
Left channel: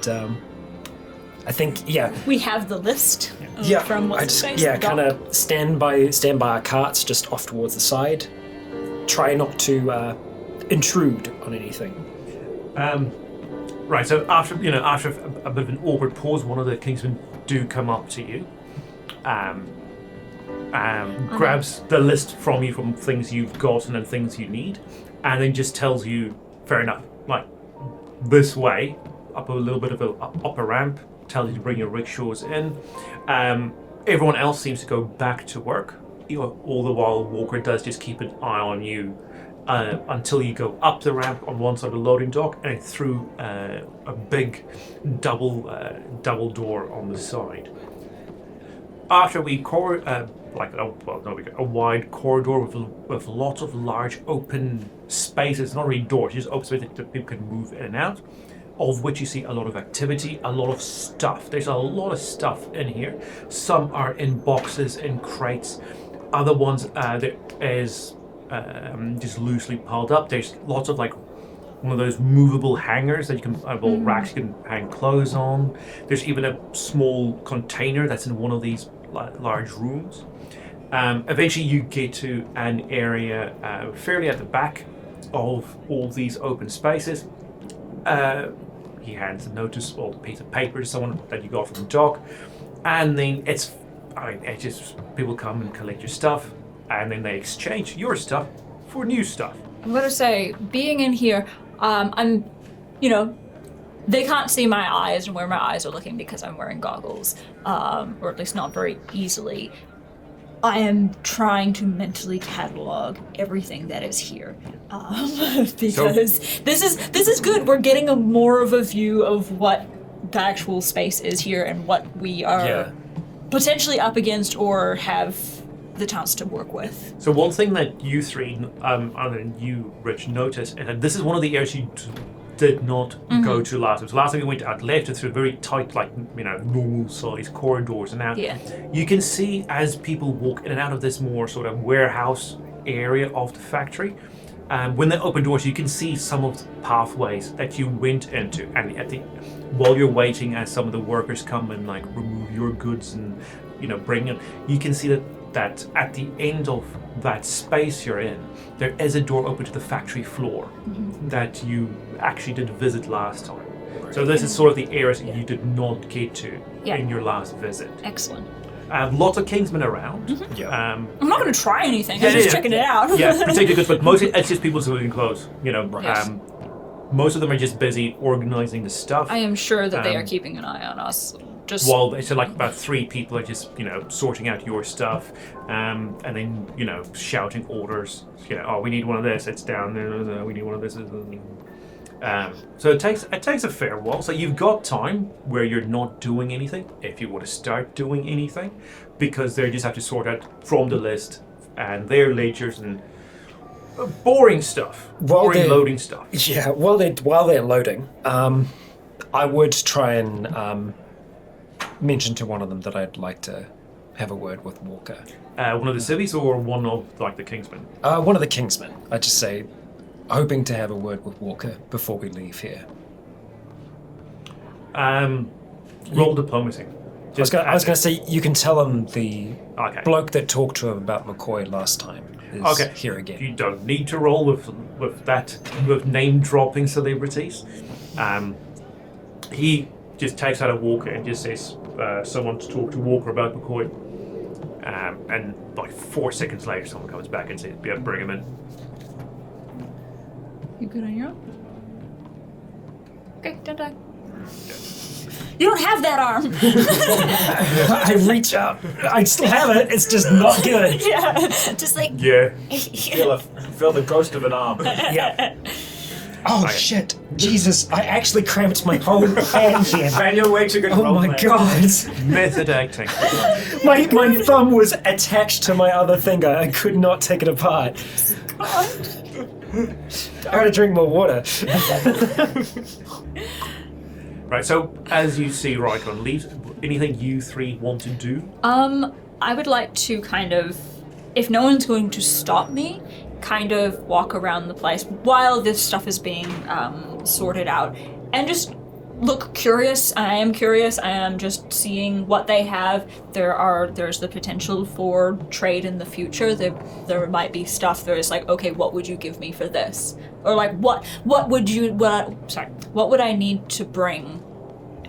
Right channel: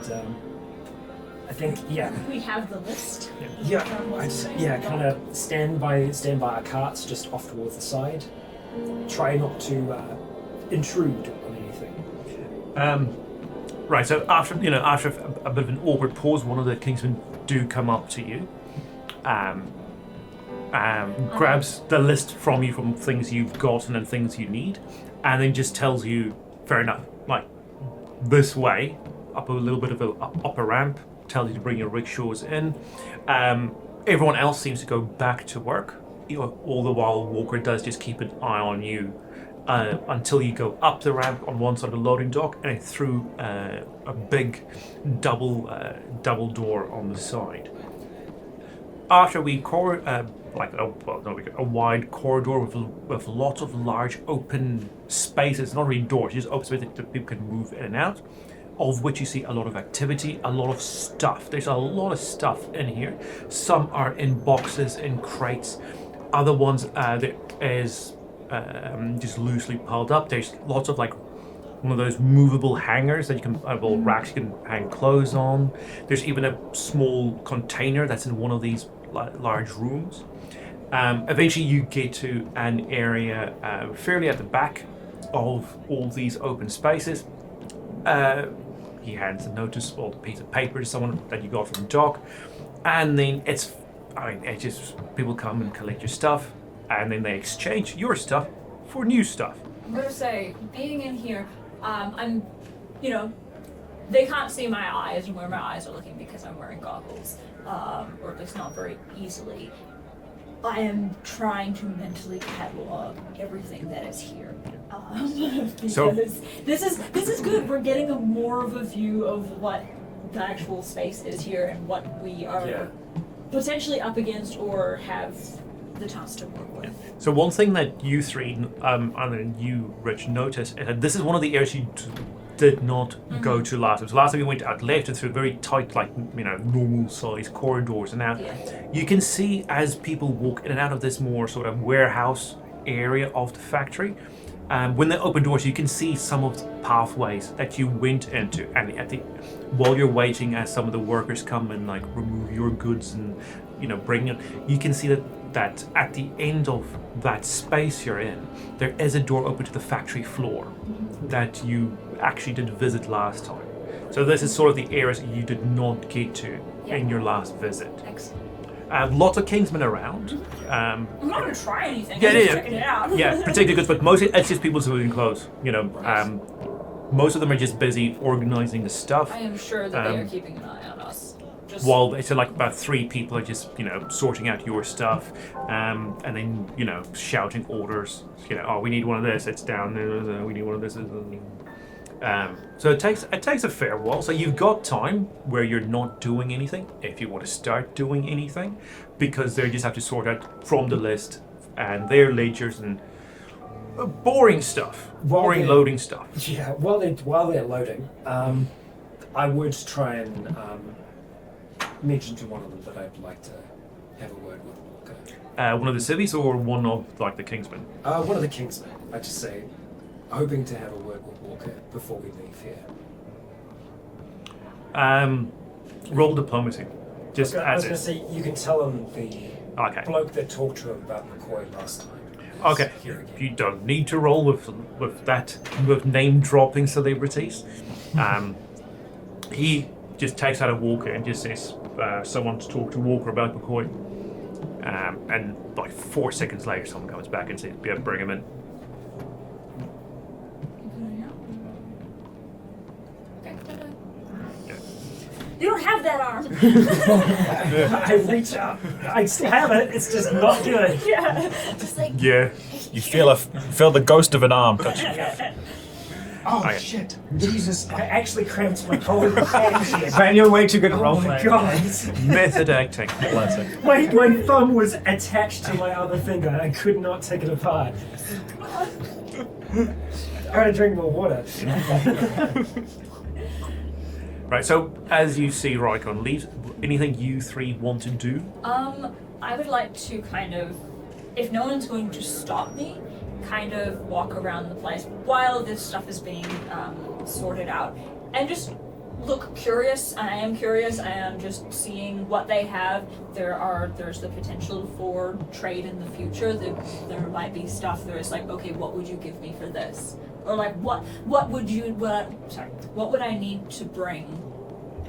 I think, yeah. We have the list. Yeah, From what's I his just, face? yeah, The kind of stand by our carts just off towards the side. Try not to intrude on anything. Right, so after a bit of an awkward pause, one of the Kingsmen do come up to you, grabs the list from you from things you've gotten and things you need, and then just tells you, fair enough, like this way, up a little bit of a upper ramp, tells you to bring your rickshaws in. Everyone else seems to go back to work, all the while Walker does just keep an eye on you. Until you go up the ramp on one side of the loading dock and through a big double door on the side. After a wide corridor with lots of large open spaces, not really doors, just open spaces that people can move in and out, of which you see a lot of activity, a lot of stuff. There's a lot of stuff in here. Some are in boxes, in crates. Other ones there is just loosely piled up. There's lots of one of those movable hangers that you can, racks you can hang clothes on. There's even a small container that's in one of these large rooms. Eventually you get to an area fairly at the back of all these open spaces. He hands a notice or a piece of paper to someone that you got from the dock, and then it's just people come and collect your stuff. And then they exchange your stuff for new stuff. I'm gonna say, being in here, they can't see my eyes and where my eyes are looking because I'm wearing goggles, or at least not very easily. I am trying to mentally catalog everything that is here, because this is good. We're getting more of a view of what the actual space is here and what we are potentially up against or have the chance to work with. So one thing that you three, and you, Rich, notice is that this is one of the areas you did not go to last time. So last time we went out left through very tight, normal size corridors, and now you can see as people walk in and out of this more sort of warehouse area of the factory. When they open doors, you can see some of the pathways that you went into, and while you're waiting, as some of the workers come and remove your goods and bring it, you can see that at the end of that space you're in, there is a door open to the factory floor that you actually did visit last time. So this is sort of the areas you did not get to in your last visit. Excellent. Lots of Kingsmen around. I'm not going to try anything. Yeah, I'm just checking it out. Yeah, particularly good, but mostly it's just people civilian clothes. You know, Right. most of them are just busy organizing the stuff. I am sure that they are keeping an eye on us. Just While they said like about 3 people are just sorting out your stuff, and then shouting orders. Oh, we need one of this. It's down there. We need one of this. So it takes a fair while. So you've got time where you're not doing anything if you want to start doing anything, because they just have to sort out from the list and their ledgers and boring stuff, boring loading stuff. Yeah, while they're loading, I would try and mention to one of them that I'd like to have a word with Walker. One of the civvies or one of like the Kingsmen? One of the Kingsmen. I'd just say, hoping to have a word with Walker before we leave here. Roll diplomacy. I was going to say, you can tell him the Okay. bloke that talked to him about McCoy last time is Okay. here again. You don't need to roll with name dropping celebrities. He just takes out a Walker and just says, someone to talk to Walker about McCoy. And like 4 seconds later, someone comes back and says, yeah, bring him in. You good on your own? Okay, done. You don't have that arm. I reach out. I still have it. It's just not good. Yeah, just like Yeah. You feel the ghost of an arm. Yeah. Oh Okay. shit! Jesus, I actually cramped my whole hand here. Man, you're way too good at Oh my roleplaying. god! Method acting. My thumb was attached to my other finger. I could not take it apart. I gotta drink more water. Right, so as you see Rycon leaves, anything you 3 want to do? I would like to kind of, if no one's going to stop me, kind of walk around the place while this stuff is being sorted out and just look curious. I am curious. I am just seeing what they have. There's the potential for trade in the future. There might be stuff that is like, okay, what would you give me for this? Or like, what would I need to bring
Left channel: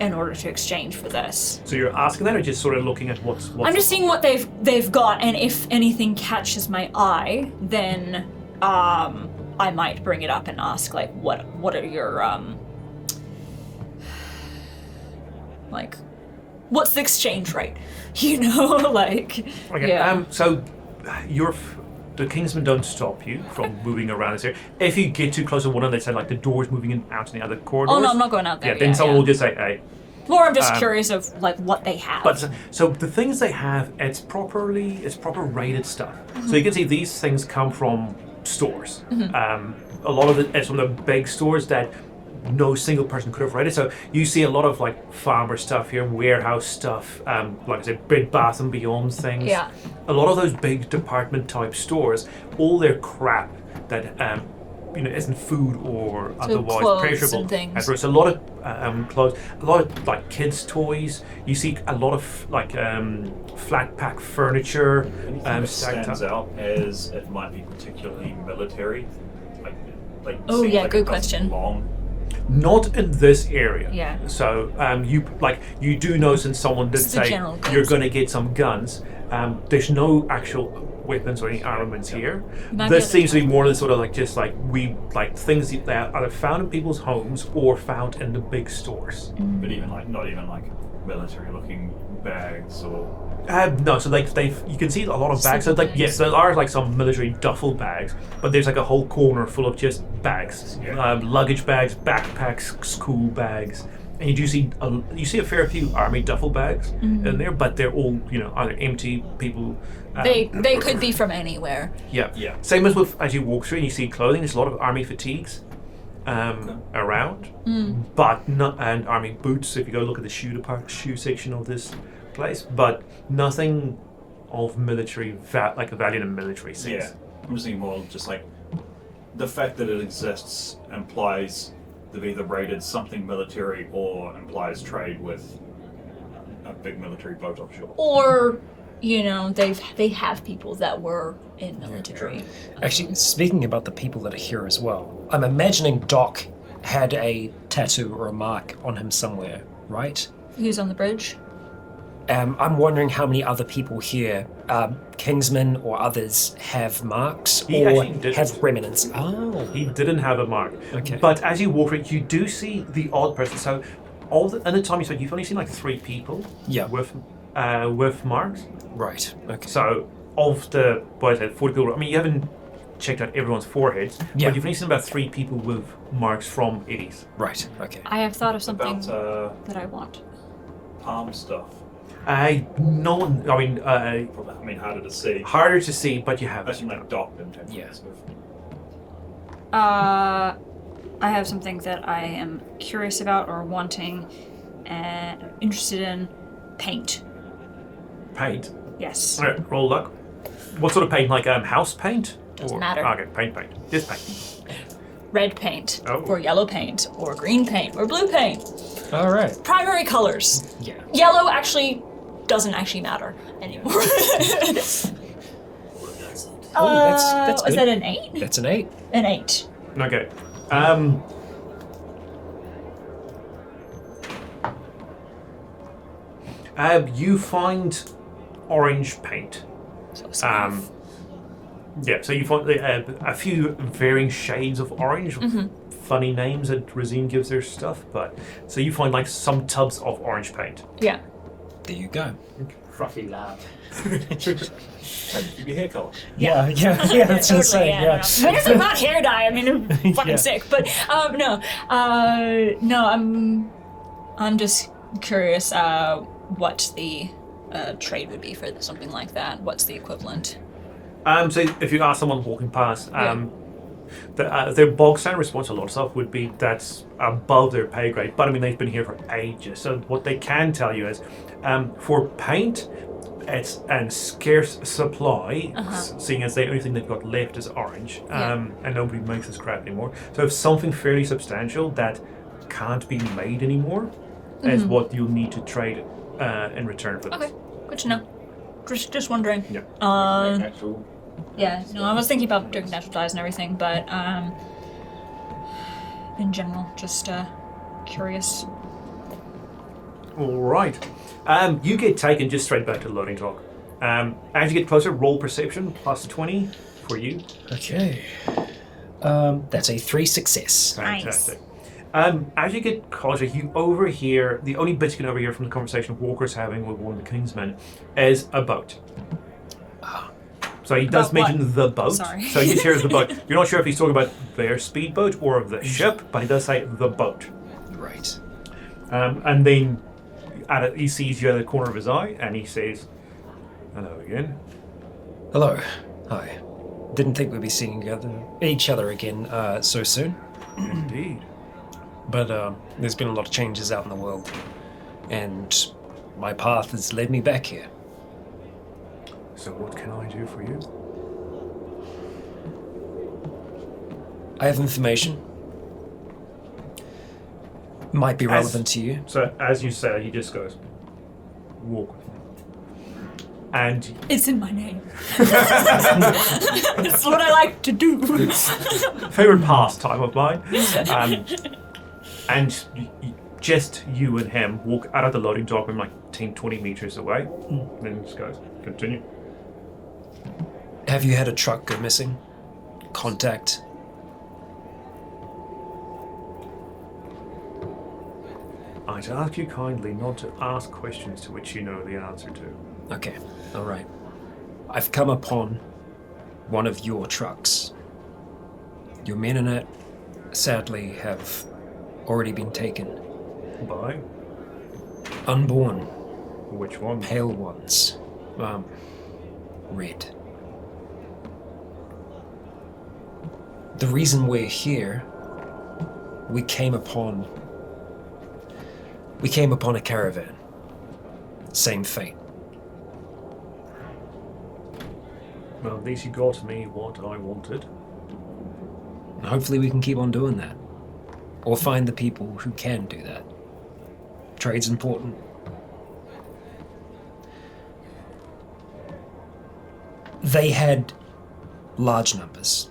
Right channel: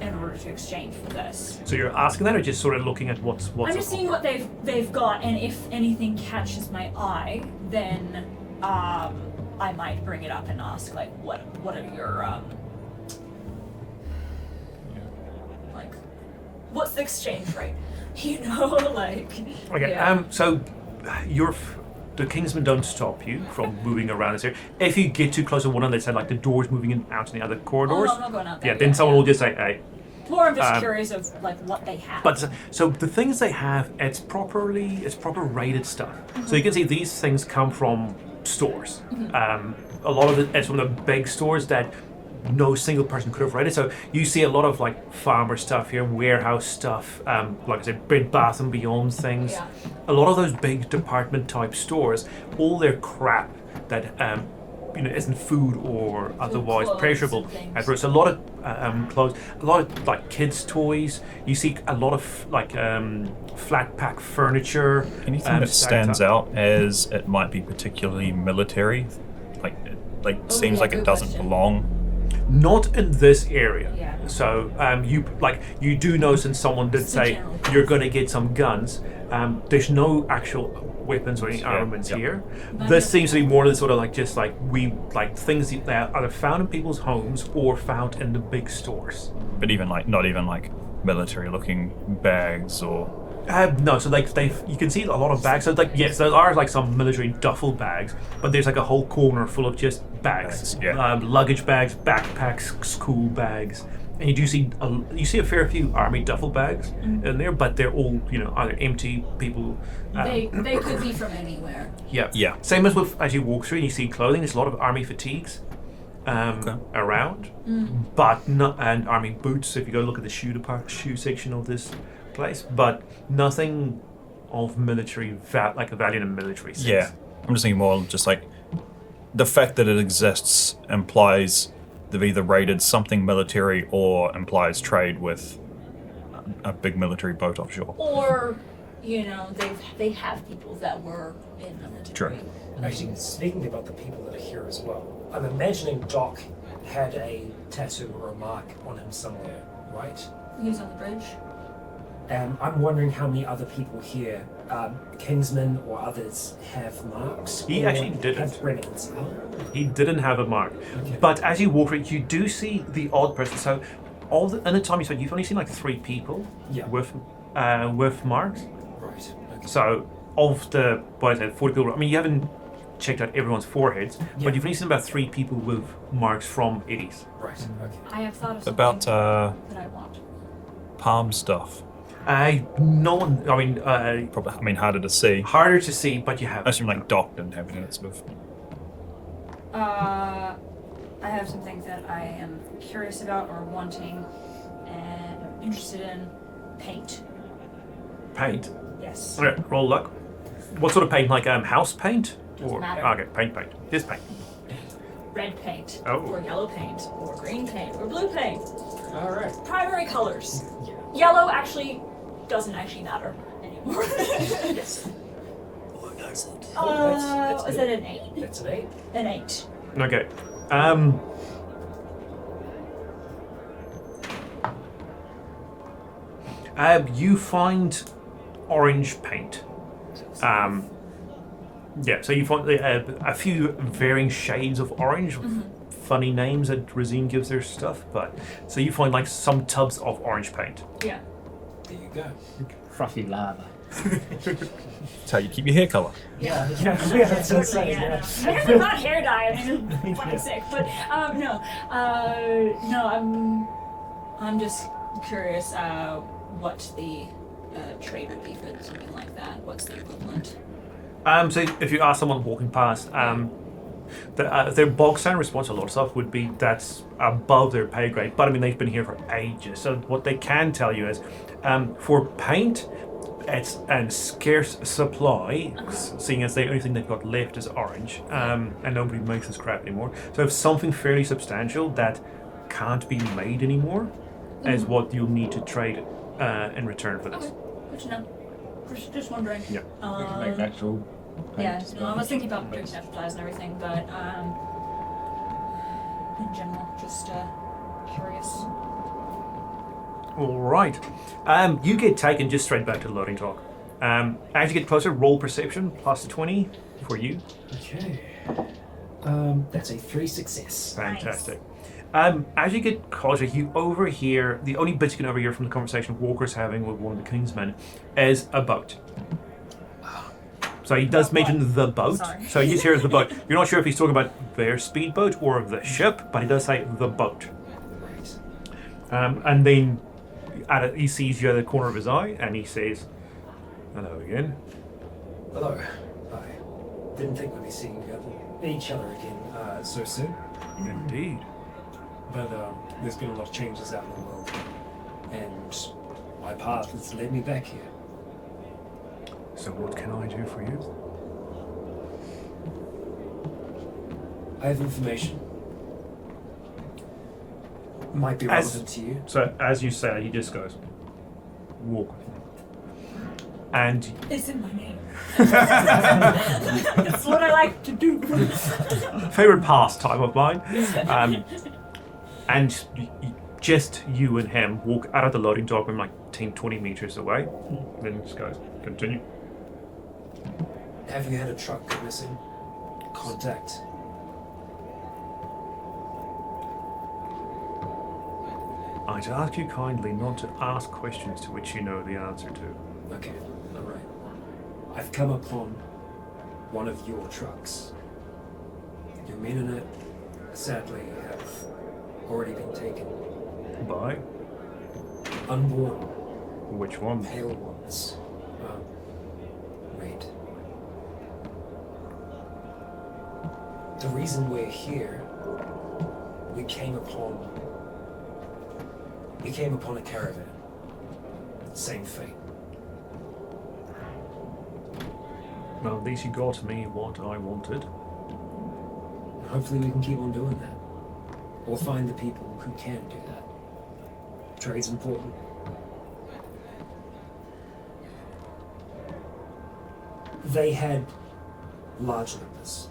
in order to exchange for this? So you're asking that, or just sort of looking at what's I'm just seeing what they've got, and if anything catches my eye, then I might bring it up and ask, like, what are your like, what's the exchange rate? You know, like. Okay. Yeah. So the Kingsmen don't stop you from moving around this area. If you get too close to one of them, they said like the doors moving in out in the other corridors. Oh no, I'm not going out there. Yeah, then someone will just say, hey. More of just curious of like what they have. But so the things they have, it's proper rated stuff. So you can see these things come from stores. A lot of it is from the big stores that no single person could have rated. So you see a lot of like farmer stuff here, warehouse stuff, like I said, Bed Bath and Beyond things. Yeah. A lot of those big department type stores, all their crap that isn't food or otherwise clothes perishable. and things. There's a lot of clothes, a lot of like kids' toys. You see a lot of like flat pack furniture. Anything that stacked stands up. out as it might be particularly military, like Oh, seems yeah, like good it doesn't question. belong. Not in this area. Yeah. So you do know, since someone did It's the say general you're going to get some guns. There's no actual weapons or any armaments here. Not This yet. seems to be more than sort of like just like things that are either found in people's homes or found in the big stores. But even not even like military-looking bags or. No, so like you can see a lot of bags. So like yes, there are like some military duffel bags, but there's like a whole corner full of just bags, Yeah. luggage bags, backpacks, school bags, and you do see a fair few army duffel bags in there, but they're all either empty. People. They could be from anywhere. Yeah. Yeah. Same as you walk through and you see clothing. There's a lot of army fatigues around, but and army boots. If you go look at the shoe section of this place, but nothing of military like a value in military sense. Yeah, I'm just thinking more just like the fact that it exists implies they've either raided something military or implies trade with a big military boat offshore. Or, they have people that were in military. Actually, speaking about the people that are here as well, I'm imagining Doc had a tattoo or a mark on him somewhere, right? He was on the bridge. I'm wondering how many other people here, Kingsmen or others, have marks He or actually didn't. have remnants. Oh. He didn't have a mark. Okay. But as you walk it, you do see the odd person. So, in the time you spent, you've only seen like 3 people with marks. Right. Okay. So, of the, what I said, 40 people, I mean, you haven't checked out everyone's foreheads, but you've only seen about 3 people with marks from Eddies. Right. Okay. I have thought of something About that I want. palm stuff. No one, Probably, I mean, harder to see. harder to see, but you have. I assume like Doc didn't have Yeah. sort of. I have something that I am curious about or wanting and interested in. Paint. Paint. Yes. Okay, roll luck. What sort of paint? Like house paint? Doesn't matter. Okay, paint. Just paint. Red paint, Oh. or yellow paint, or green paint, or blue paint. All right. Primary colors. Yeah. Yellow actually doesn't actually matter anymore. That's Was good. that an 8? That's an 8. An 8. Okay. You find orange paint. Yeah, so you find a few varying shades of orange, funny names that Rosine gives their stuff, but so you find like some tubs of orange paint. Yeah. There you go. Fruffy lab. So you keep your hair colour. Yeah. That's Totally, insane. yeah. Yeah. No. But it's not hair dye. I mean, I'm fucking sick. But no. I'm just curious what the trade would be for something like that. What's the equivalent? So if you ask someone walking past, their bog standard response to a lot of stuff would be that's above their pay grade. But I mean, they've been here for ages. So what they can tell you is, for paint, it's a scarce supply, seeing as the only thing they've got left is orange, and nobody makes this crap anymore. So if something fairly substantial that can't be made anymore is what you'll need to trade in return for this. Okay, good to know. Just wondering. Yeah. Make natural. Yeah, no, I was thinking about doing natural dyes and everything, but in general, just curious. All right. You get taken just straight back to the loading dock. As you get closer, roll perception plus 20 for you. Okay. That's a 3 success. Fantastic. As you get closer, you overhear, the only bit you can overhear from the conversation Walker's having with one of the Kingsmen is a boat. So he does mention the boat. Sorry. So you just hear the boat. You're not sure if he's talking about their speedboat or the ship, but he does say the boat. Right. And then he sees you at the corner of his eye and he says, hello again. Hello. Hi. Didn't think we'd be seeing each other again so soon. Indeed. But there's been a lot of changes out in the world. And my path has led me back here. So what can I do for you? I have information. Might be relevant to you. So as you say, he just goes, walk with me. And It's in my name. It's what I like to do. favorite pastime of mine. And just you and him walk out of the loading dock from like 10, 20 meters away. Then just goes, continue. Have you had a truck go missing? Contact? I'd ask you kindly not to ask questions to which you know the answer to. Okay, alright. I've come upon one of your trucks. Your men in it, sadly, have already been taken. By? Unborn, Which one? pale ones. Red. The reason we're here, we came upon a caravan. Same fate. Well, at least you got me what I wanted. And hopefully we can keep on doing that. Or find the people who can do that. Trade's important. They had large numbers.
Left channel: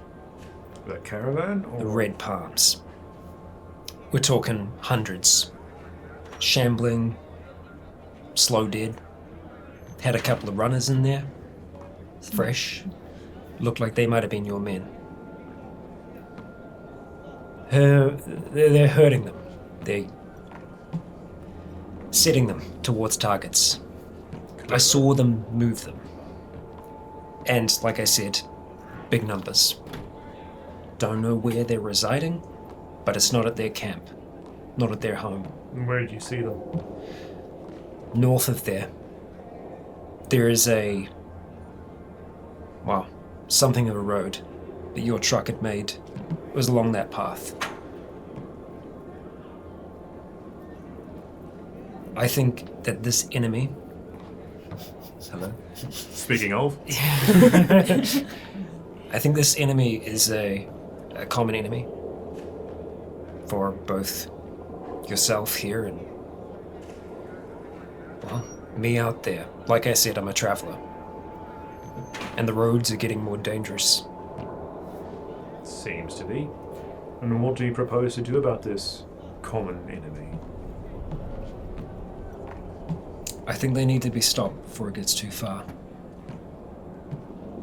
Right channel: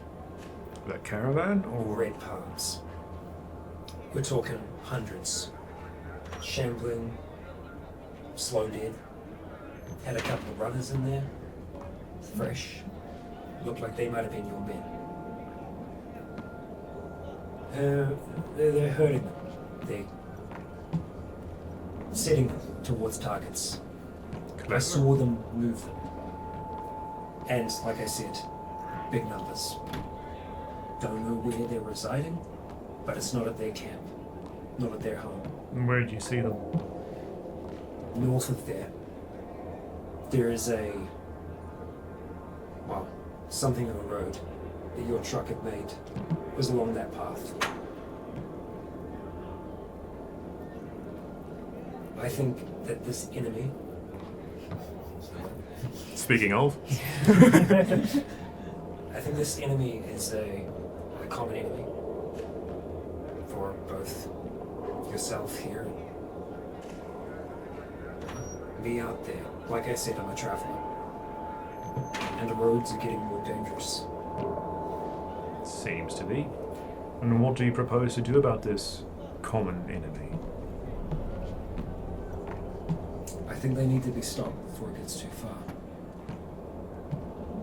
The caravan? The Or red palms. We're talking hundreds. Shambling, slow dead. Had a couple of runners in there. Fresh. Looked like they might have been your men. They're hurting them. They're setting them towards targets. I saw them move them. And, like I said, big numbers. Don't know where they're residing, but it's not at their camp. Not at their home. And where did you see them? North of there. There is something of a road that your truck had made. It was along that path. I think that this enemy... Hello? Speaking of. I think this enemy is a common enemy for both yourself here and me out there. Like I said, I'm a traveler. And the roads are getting more dangerous. Seems to be. And what do you propose to do about this common enemy? I think they need to be stopped before it gets too far.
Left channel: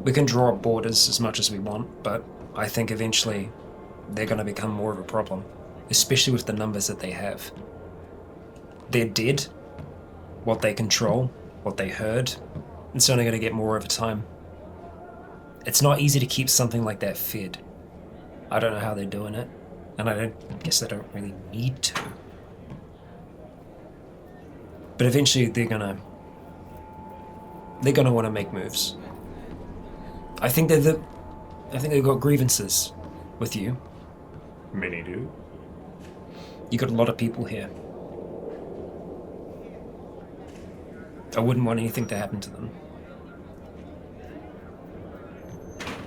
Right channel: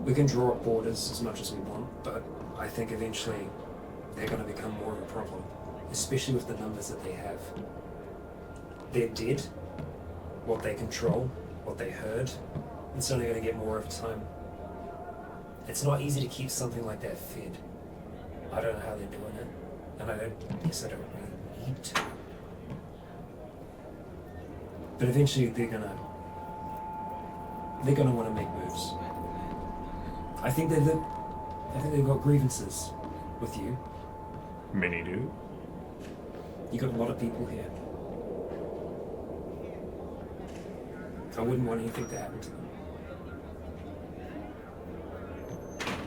We can draw up borders as much as we want, but I think eventually they're going to become more of a problem, especially with the numbers that they have. They're dead. What they control, what they heard, it's only going to get more over time. It's not easy to keep something like that fed. I don't know how they're doing it, and I guess they don't really need to. But eventually they're gonna want to make moves. I think they've got grievances with you. Many do. You got a lot of people here. I wouldn't want anything to happen to them.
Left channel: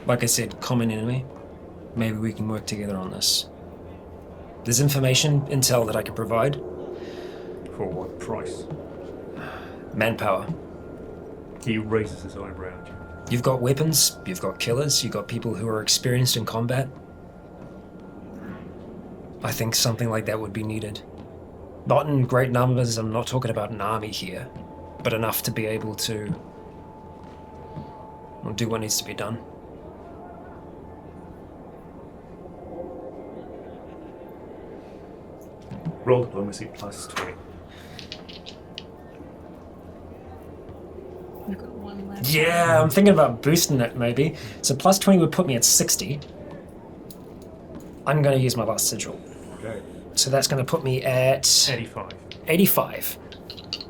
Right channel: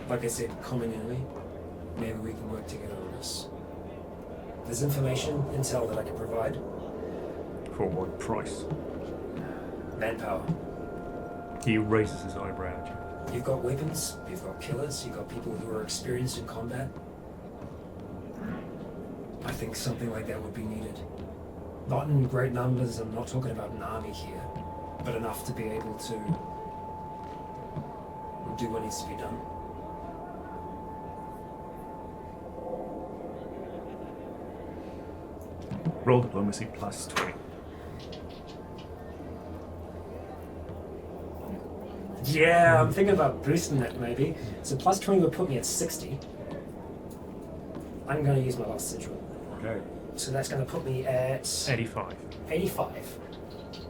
Like I said, common enemy. Maybe we can work together on this. There's information, intel that I can provide. For what price? Manpower. He raises his eyebrow at you. You've got weapons, you've got killers, you've got people who are experienced in combat. I think something like that would be needed. Not in great numbers, I'm not talking about an army here, but enough to be able to do what needs to be done. Roll diplomacy plus 20. Yeah, I'm thinking about boosting that maybe. So plus 20 would put me at 60. I'm going to use my last sigil. Okay. So that's going to put me at 85. 85.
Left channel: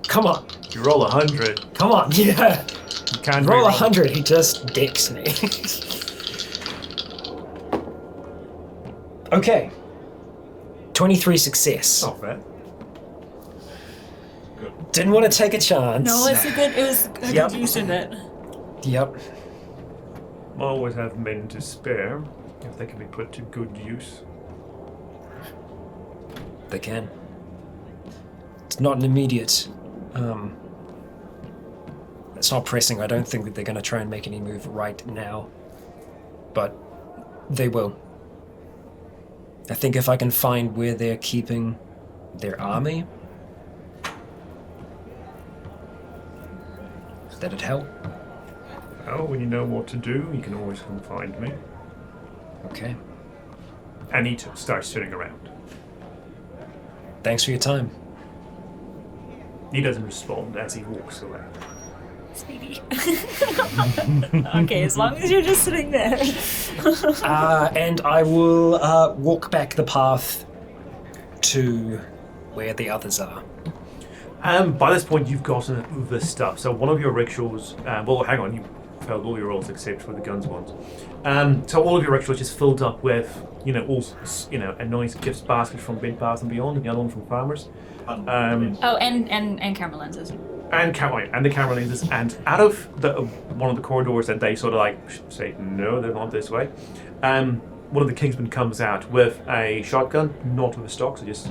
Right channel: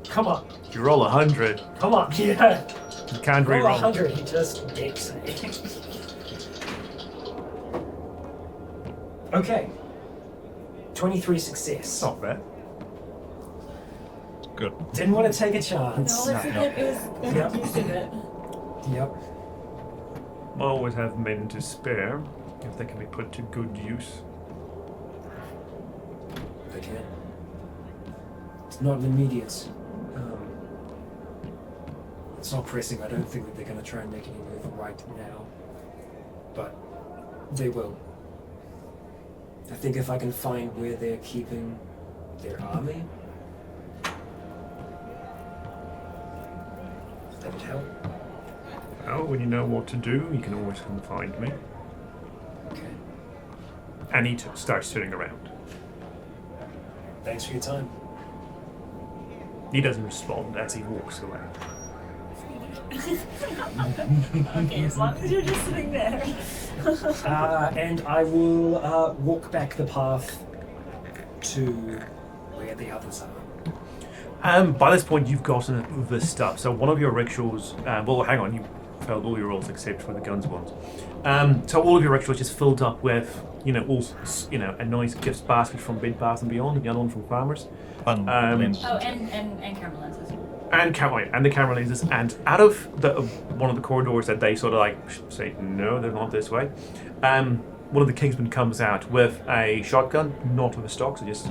Come on. You roll 100. Come on. Yeah. You can't Roll re-roll. 100. He just dicks me. Okay. 23 success. Not bad. Didn't want to take a chance. No, it was Yep. use of it. Yep. I always have men to spare if they can be put to good use. They can. It's not an immediate. It's not pressing. I don't think that they're going to try and make any move right now. But they will. I think if I can find where they're keeping their army, that'd help. Well, when you know what to do, you can always come find me. Okay. And he starts turning around. Thanks for your time. He doesn't respond as he walks away. Okay, as long as you're just sitting there. And I will walk back the path to where the others are. By this point, you've gotten the stuff. So one of your rickshaws... well, hang on. You failed all your rolls except for the guns ones. So all of your rickshaws just filled up with, a nice gifts basket from Bed Bath & Beyond, and the other one from Farmers. And camera lenses. And the camera lenses. And out of one of the corridors that they sort of say, no, they're not this way. One of the Kingsmen comes out with a shotgun, not with a stock, so just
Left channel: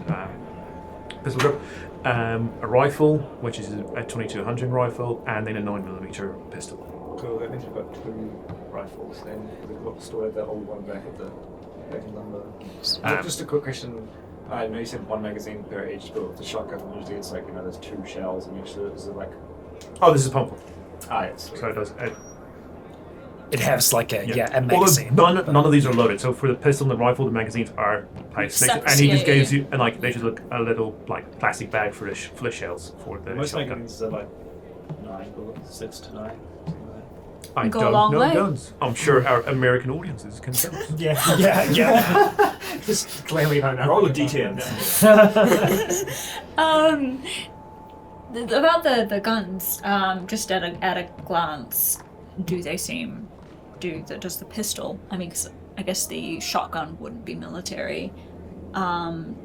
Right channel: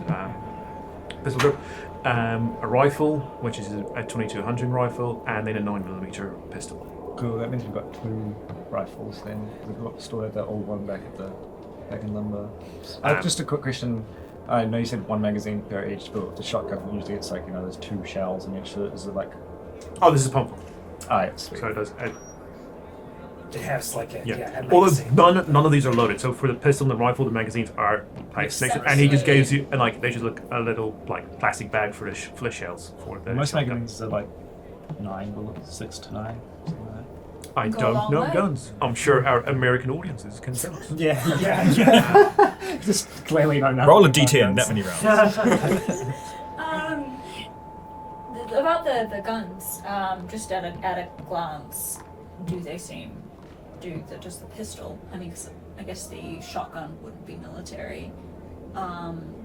pistol grip. A rifle, which is a 22 hunting rifle, and then a 9mm pistol. Cool, that means we've got 2 rifles then. We've got stored that old one back at the lumber. Just a quick question. I know you said 1 magazine per each, but with the shotgun usually it's there's 2 shells in each. So is it like... Oh, this is a pump. Yes. So it does. It has like a Although magazine. none of these are loaded. So for the pistol and the rifle, the magazines are placed next to, and he just gives you and like they just look a little like plastic bag for the shells for the Most shotgun. magazines are like 9 bullets, 6 to 9. I Go a don't long know way. guns. I'm sure our American audiences can tell us. Yeah. Just clearly don't know. Roll a d10. About the guns, just at a glance, do they seem? Does the pistol? I mean, 'cause I guess the shotgun wouldn't be military.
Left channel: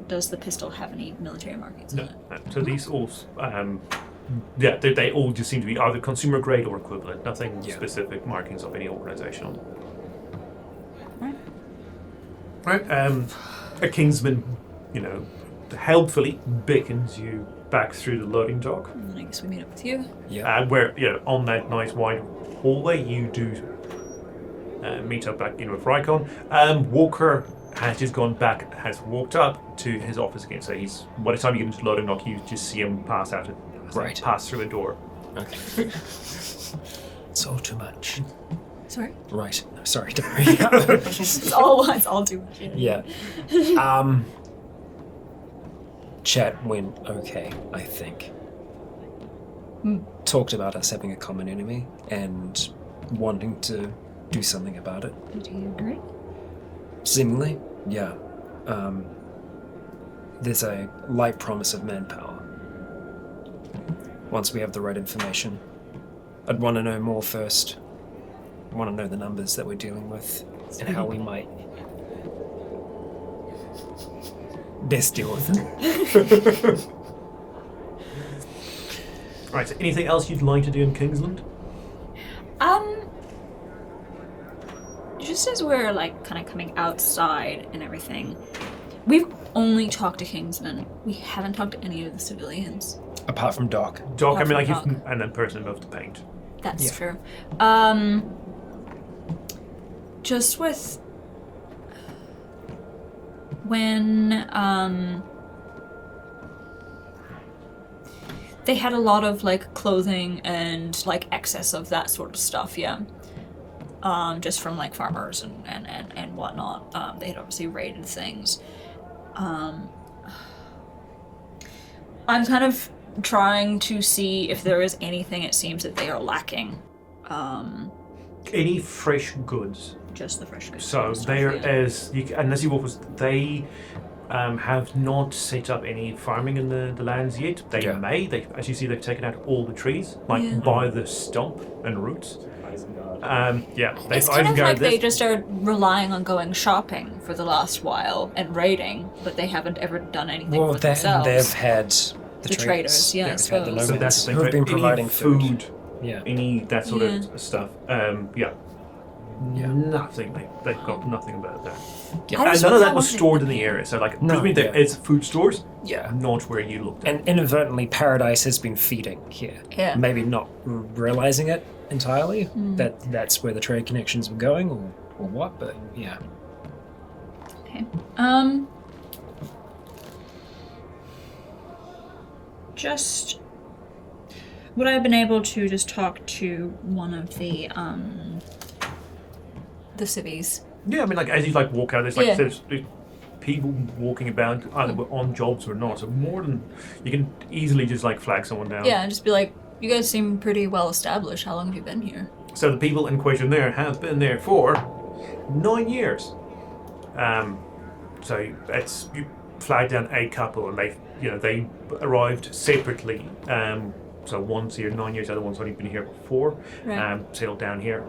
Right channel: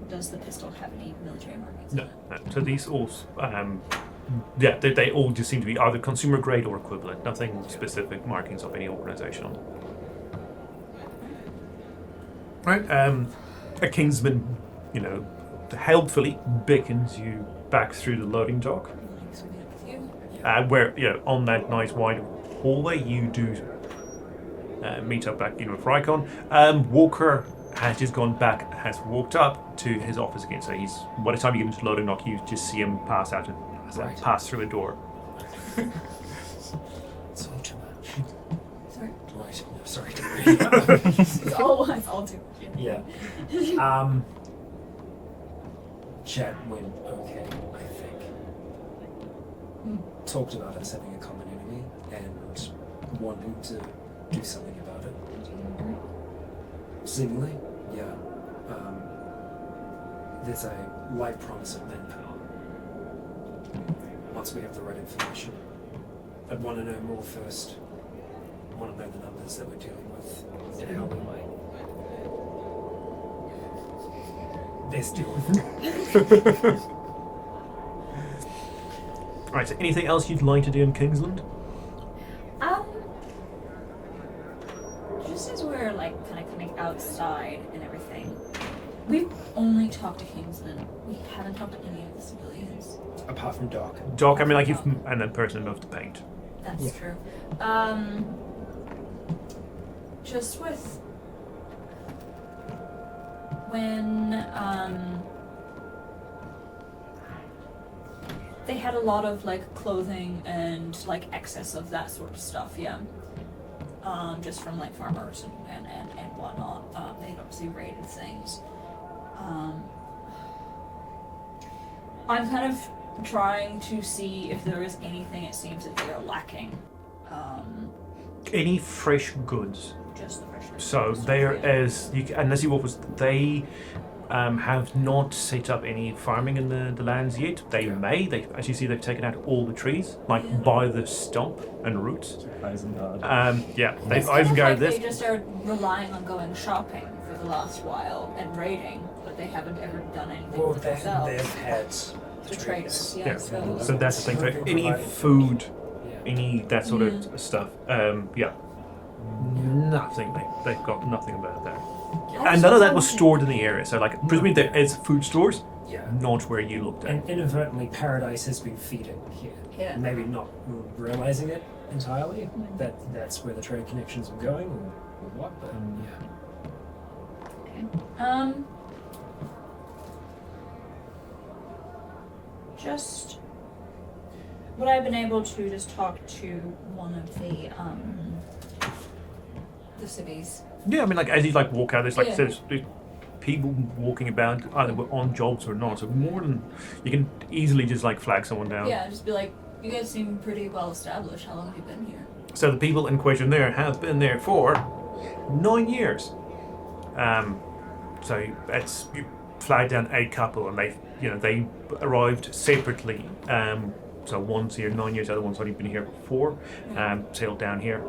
Does the pistol have any military markings? No, on it? no. So these all, they all just seem to be either consumer grade or equivalent. Nothing specific markings of any organisation on them. Right. A Kingsman, helpfully beckons you back through the loading dock. I guess we meet up with you. Where on that nice wide hallway you do meet up back with Rycon. Walker has just gone back, has walked up to his office again. So he's by the time you get into the loading dock, you just see him pass through a door. It's all too much. Sorry. Right. No, sorry. It's all too much. Yeah. Chat went okay, I think. Talked about us having a common enemy and wanting to do something about it. Do you agree? Seemingly, yeah. There's a light promise of manpower. Once we have the right information. I'd want to know more first. I want to know the numbers that we're dealing with and how we might best deal with it. Right, so anything else you'd like to do in Kingsland? Just as we're like kind of coming outside and everything, we've only talked to Kingsman. We haven't talked to any of the civilians. Apart from Doc. Doc, I mean, like, Doc. and then person above the paint. That's Yeah. true. Just with when they had a lot of like clothing and like excess of that sort of stuff, yeah. Just from like farmers and whatnot. They had obviously raided things. I'm kind of trying to see if there is anything it seems that they are lacking. Any fresh goods? Just the fresh goods. So there is, unless you walk with, they have not set up any farming in the lands yet. They may. They, as you see, they've taken out all the trees, like by the stump and roots. They've It's kind of Isengard like this. they just are relying on going shopping for the last while and raiding, but they haven't ever done anything Well, for themselves. they've had the traders, yeah, I They've had the suppose. nomads So that's the thing. who have been Any providing food, Yeah. any that sort of stuff. Nothing. They've got nothing about that. I And none of that was stored in the area. So, like, presumably there is food stores, Yeah. not where you looked at. And inadvertently, Paradise has been feeding here. Yeah. Maybe not realizing it entirely, that that's where the trade connections were going, or what, but yeah. Okay. Just would I have been able to just talk to one of the civvies? Yeah, I mean, like, as you, like, walk out, there's Yeah. people walking about, either on jobs or not. So more than... You can easily just, like, flag someone down. Yeah, just be like, you guys seem pretty well established. How long have you been here? So the people in question there have been there for 9 years. So it's... You flag down a couple, and they arrived separately. So one's here 9 years, the other one's only been here for 4. Right. Settled down here.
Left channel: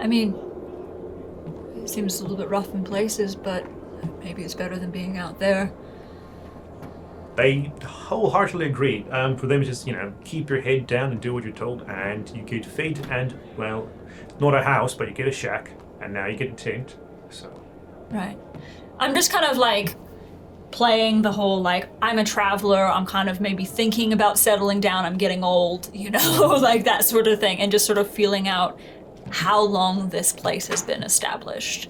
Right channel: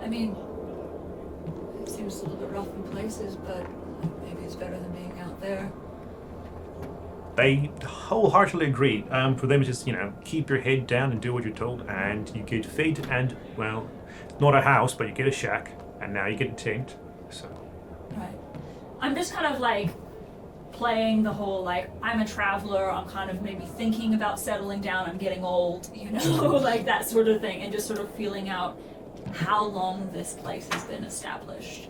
I mean, it seems a little bit rough in places, but maybe it's better than being out there. They wholeheartedly agree. For them, it's just, keep your head down and do what you're told, and you get fed, and, well, not a house, but you get a shack, and now you get a tent, so... Right. I'm just kind of, like, playing the whole, like, I'm a traveler, I'm kind of maybe thinking about settling down, I'm getting old, like that sort of thing, and just sort of feeling out how long this place has been established.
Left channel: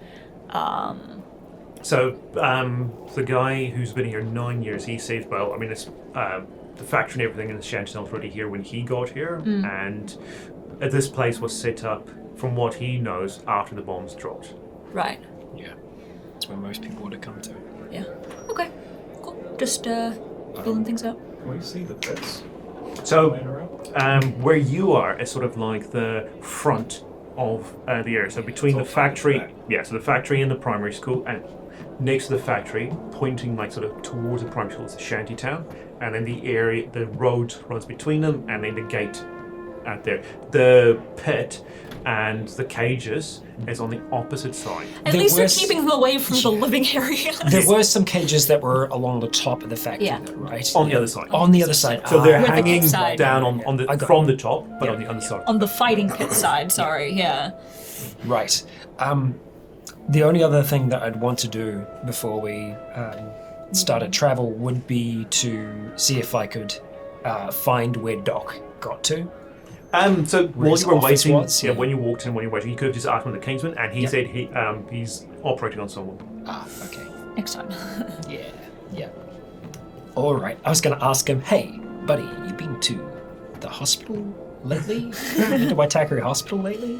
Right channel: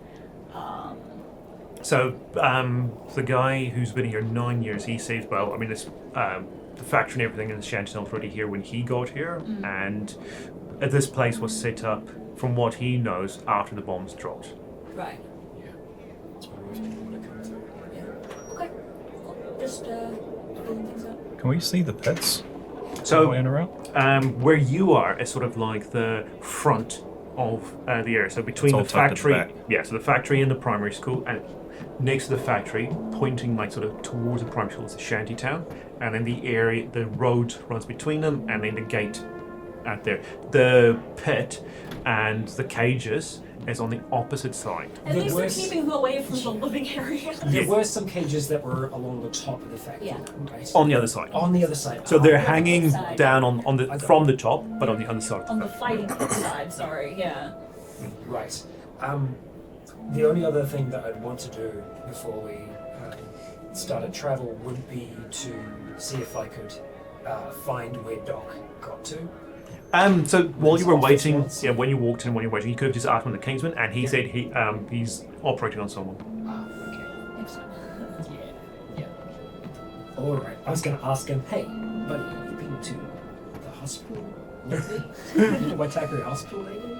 So, the guy who's been here 9 years, he says, well, I mean, it's the factory and everything in the shanty was already here when he got here, and this place was set up, from what he knows, after the bombs dropped. Right. Yeah. That's where most people would have come to. Yeah. Okay. Cool. Just building things up. Can we see the pits? So, Way around? where you are is sort of like the front of the area. So between It's the all tucked at the factory, so the factory and the primary school, and next to the factory, pointing like sort of towards the primary school, is a shanty town, and then the area, the road runs between them, and then the gate out there. The pit and the cages is on the opposite side. At There least they're was- keeping them away from the living area. There were some cages that were along the top of the factory, Yeah. right? On the other side. On the other side. So they're Ah, hanging side. down on I the got from the top, but on the other side. On the fighting pit side, sorry, yeah. Right. The only other thing that I'd want to do before we started travel would be to see if I could find where Doc got to. So while his you were office waiting, was, when you walked in, when you were waiting, you could have just asked him the Kingsman, and he said he's operating on someone. Ah, okay. Next time. Yeah. All right. I was going to ask him, hey, buddy, you been to the hospital lately? Been to Waitakere Hospital lately?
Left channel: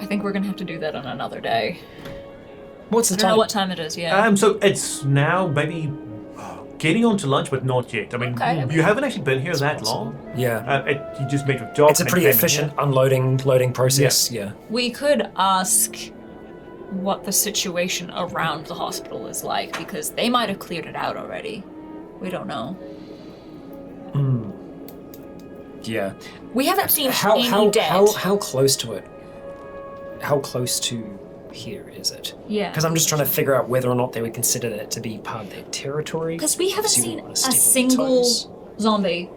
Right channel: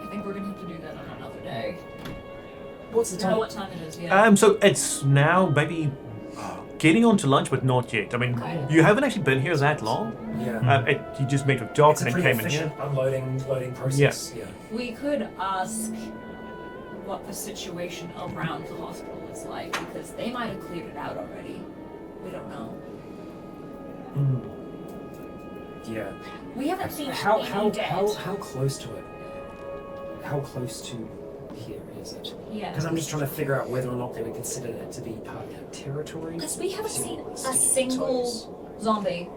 I think we're gonna have to do that on another day. What's the I don't know time? what time it is, yeah. So it's now maybe getting on to lunch, but not yet. I mean, Okay. you haven't actually been here that long. Yeah. You just met with Doc. It's a and then pretty came in efficient here. loading process. Yeah. We could ask what the situation around the hospital is like, because they might have cleared it out already. We don't know. Yeah. We haven't seen How any dead. how close to it? How close to here is it? Yeah. Because I'm just trying to figure out whether or not they would consider it to be part of their territory. Because we haven't See seen what a Steve single toes. zombie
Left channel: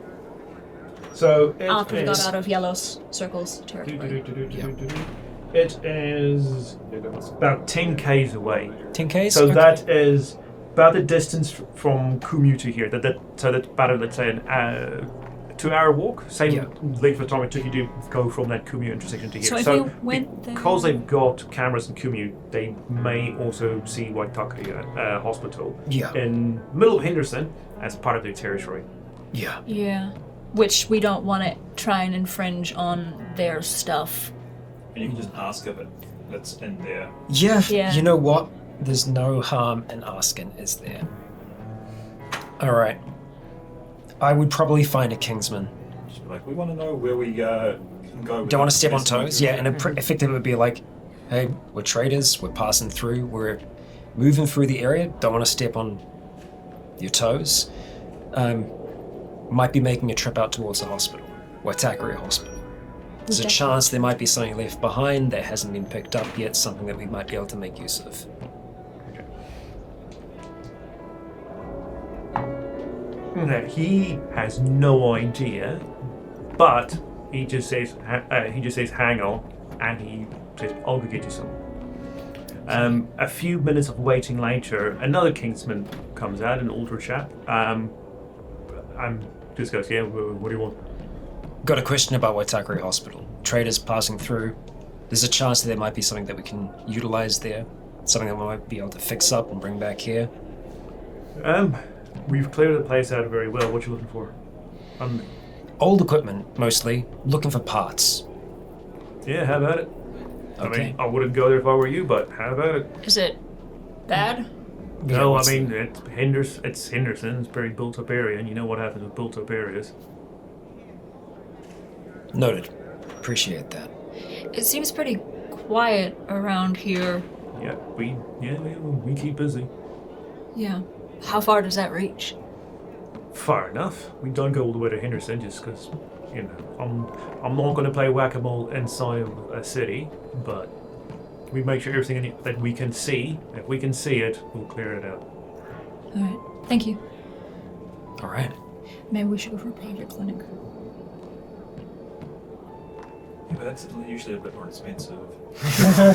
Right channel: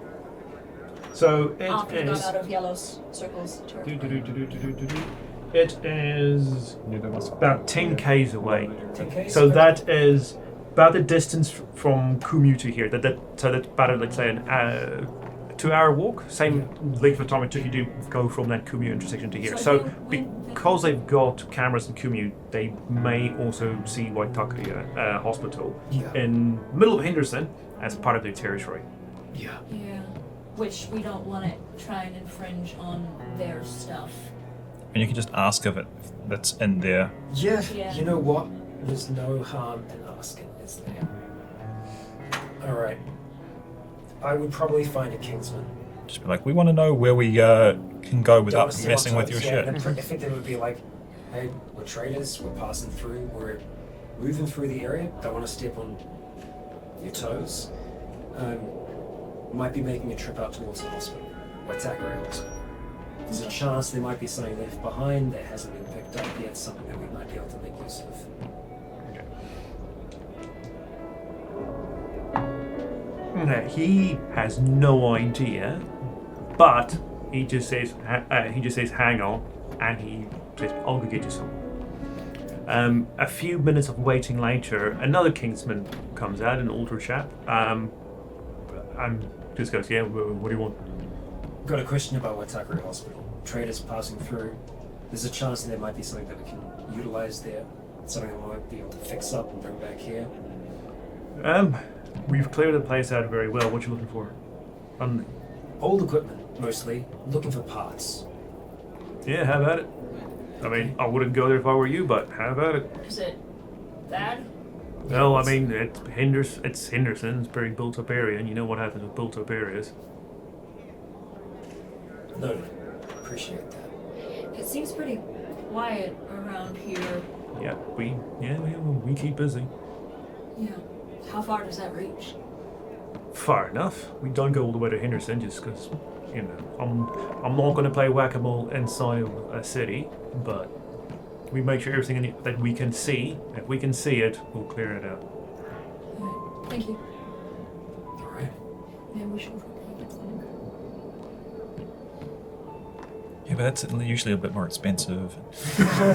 So after we got is. out of yellow circles. It is about 10 k's away. 10Ks? So Okay. that is about the distance from Kumeu to here. So that's about, let's say, an 2-hour walk. Same length of time it took you to go from that Kumeu intersection to here. So So, if we went because they've got cameras in Kumeu, they may also see Waitakere Hospital Yeah. in the middle of Henderson as part of their territory. Yeah. Yeah. Which we don't want to try and infringe on their stuff. And you can just ask if that's in there. Yeah. Yeah. You know what? There's no harm in asking, is there? All right. I would probably find a Kingsman. Just be like, we want to know where we can go without Don't want to step on messing with toes. your Yeah, shit. and effectively would be like, hey, we're traders, we're passing through, we're moving through the area, don't want to step on your toes. Might be making a trip out towards the hospital, Waitakere Hospital. There's a Okay. chance there might be something left behind that hasn't been picked up yet, something that we might be able to make use of. He has no idea, but he just says hang on, and he says I'll go get you some. A few minutes of waiting later, another Kingsman comes out, an older chap. Just goes, yeah. What do you want? Got a question about Waitakere Hospital. Traders passing through. There's a chance that there might be something that we can utilize there, something that we might be able to fix up and bring back here. We've cleared the place out very well. What you looking for? Old equipment, mostly. Looking for parts. Yeah, how about it? I Okay. mean, I wouldn't go there if I were you, but how about it? Is it bad? No, I mean, it's Henderson. It's a very built-up area, and you know what happens with built-up areas. Noted. Appreciate that. It seems pretty quiet around here. Yeah, we keep busy. Yeah. How far does that reach? Far enough. We don't go all the way to Henderson just because, I'm not going to play whack-a-mole inside of a city, but we make sure everything that we can see, if we can see it, we'll clear it out. Alright. Thank you. All right. Maybe we should go for a pager clinic. Yeah, but that's usually a bit more expensive. I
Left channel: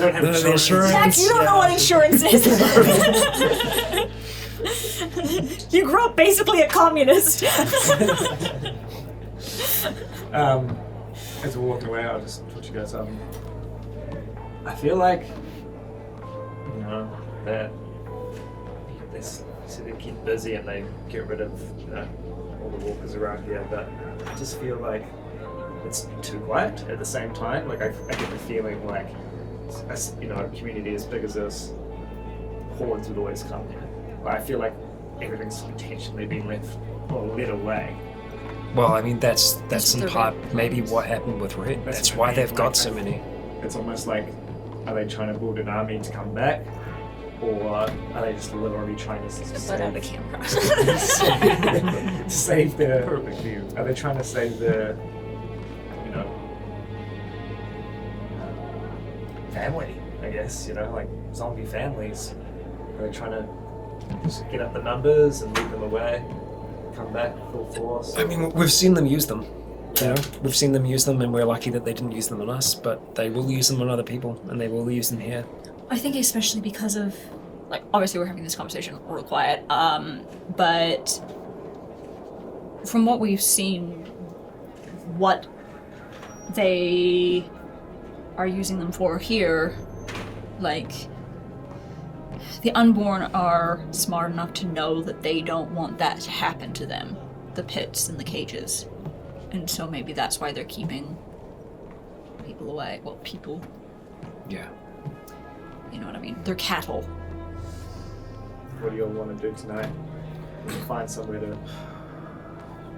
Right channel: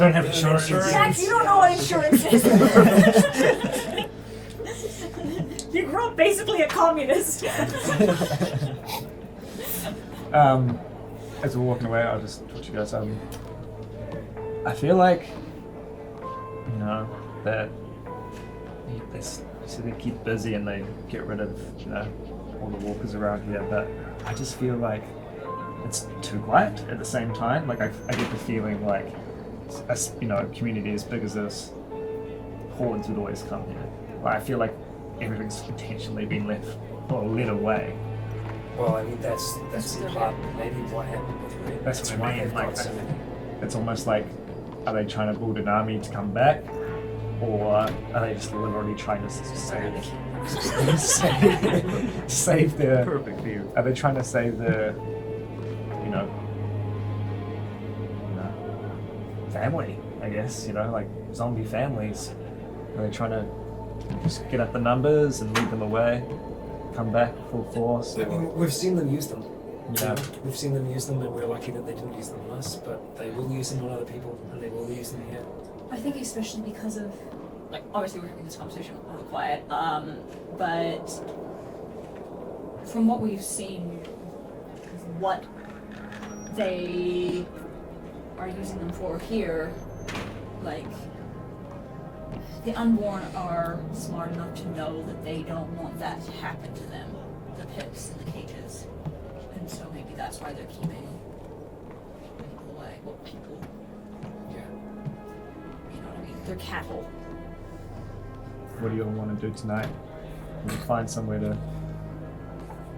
don't have insurance. Jack, you don't know what insurance is. You grew up basically a communist. As we walk away, I'll just put you guys up. I feel like, that they keep busy and they get rid of all the walkers around here, but I just feel like it's too quiet at the same time. Like I get the feeling like a community as big as this, hordes would always come here. Like, I feel like everything's intentionally been left or led away. Well, I mean, that's in part maybe what happened with Red. That's why they've got so many. It's almost like, are they trying to build an army to come back? Or are they just literally trying to save the Perfect view. Are they trying to save the family, I guess, like zombie families? Are they trying to just get up the numbers and lead them away, come back full force? I mean, we've seen them use them. We've seen them use them, and we're lucky that they didn't use them on us, but they will use them on other people, and they will use them here. I think especially because of, like, obviously we're having this conversation real quiet, but from what we've seen, what they are using them for here, like, the Unborn are smart enough to know that they don't want that to happen to them, the pits and the cages. And so maybe that's why they're keeping people away. Well, people. Yeah. You know what I mean? They're cattle. What do you all want to do tonight? We'll find somewhere to...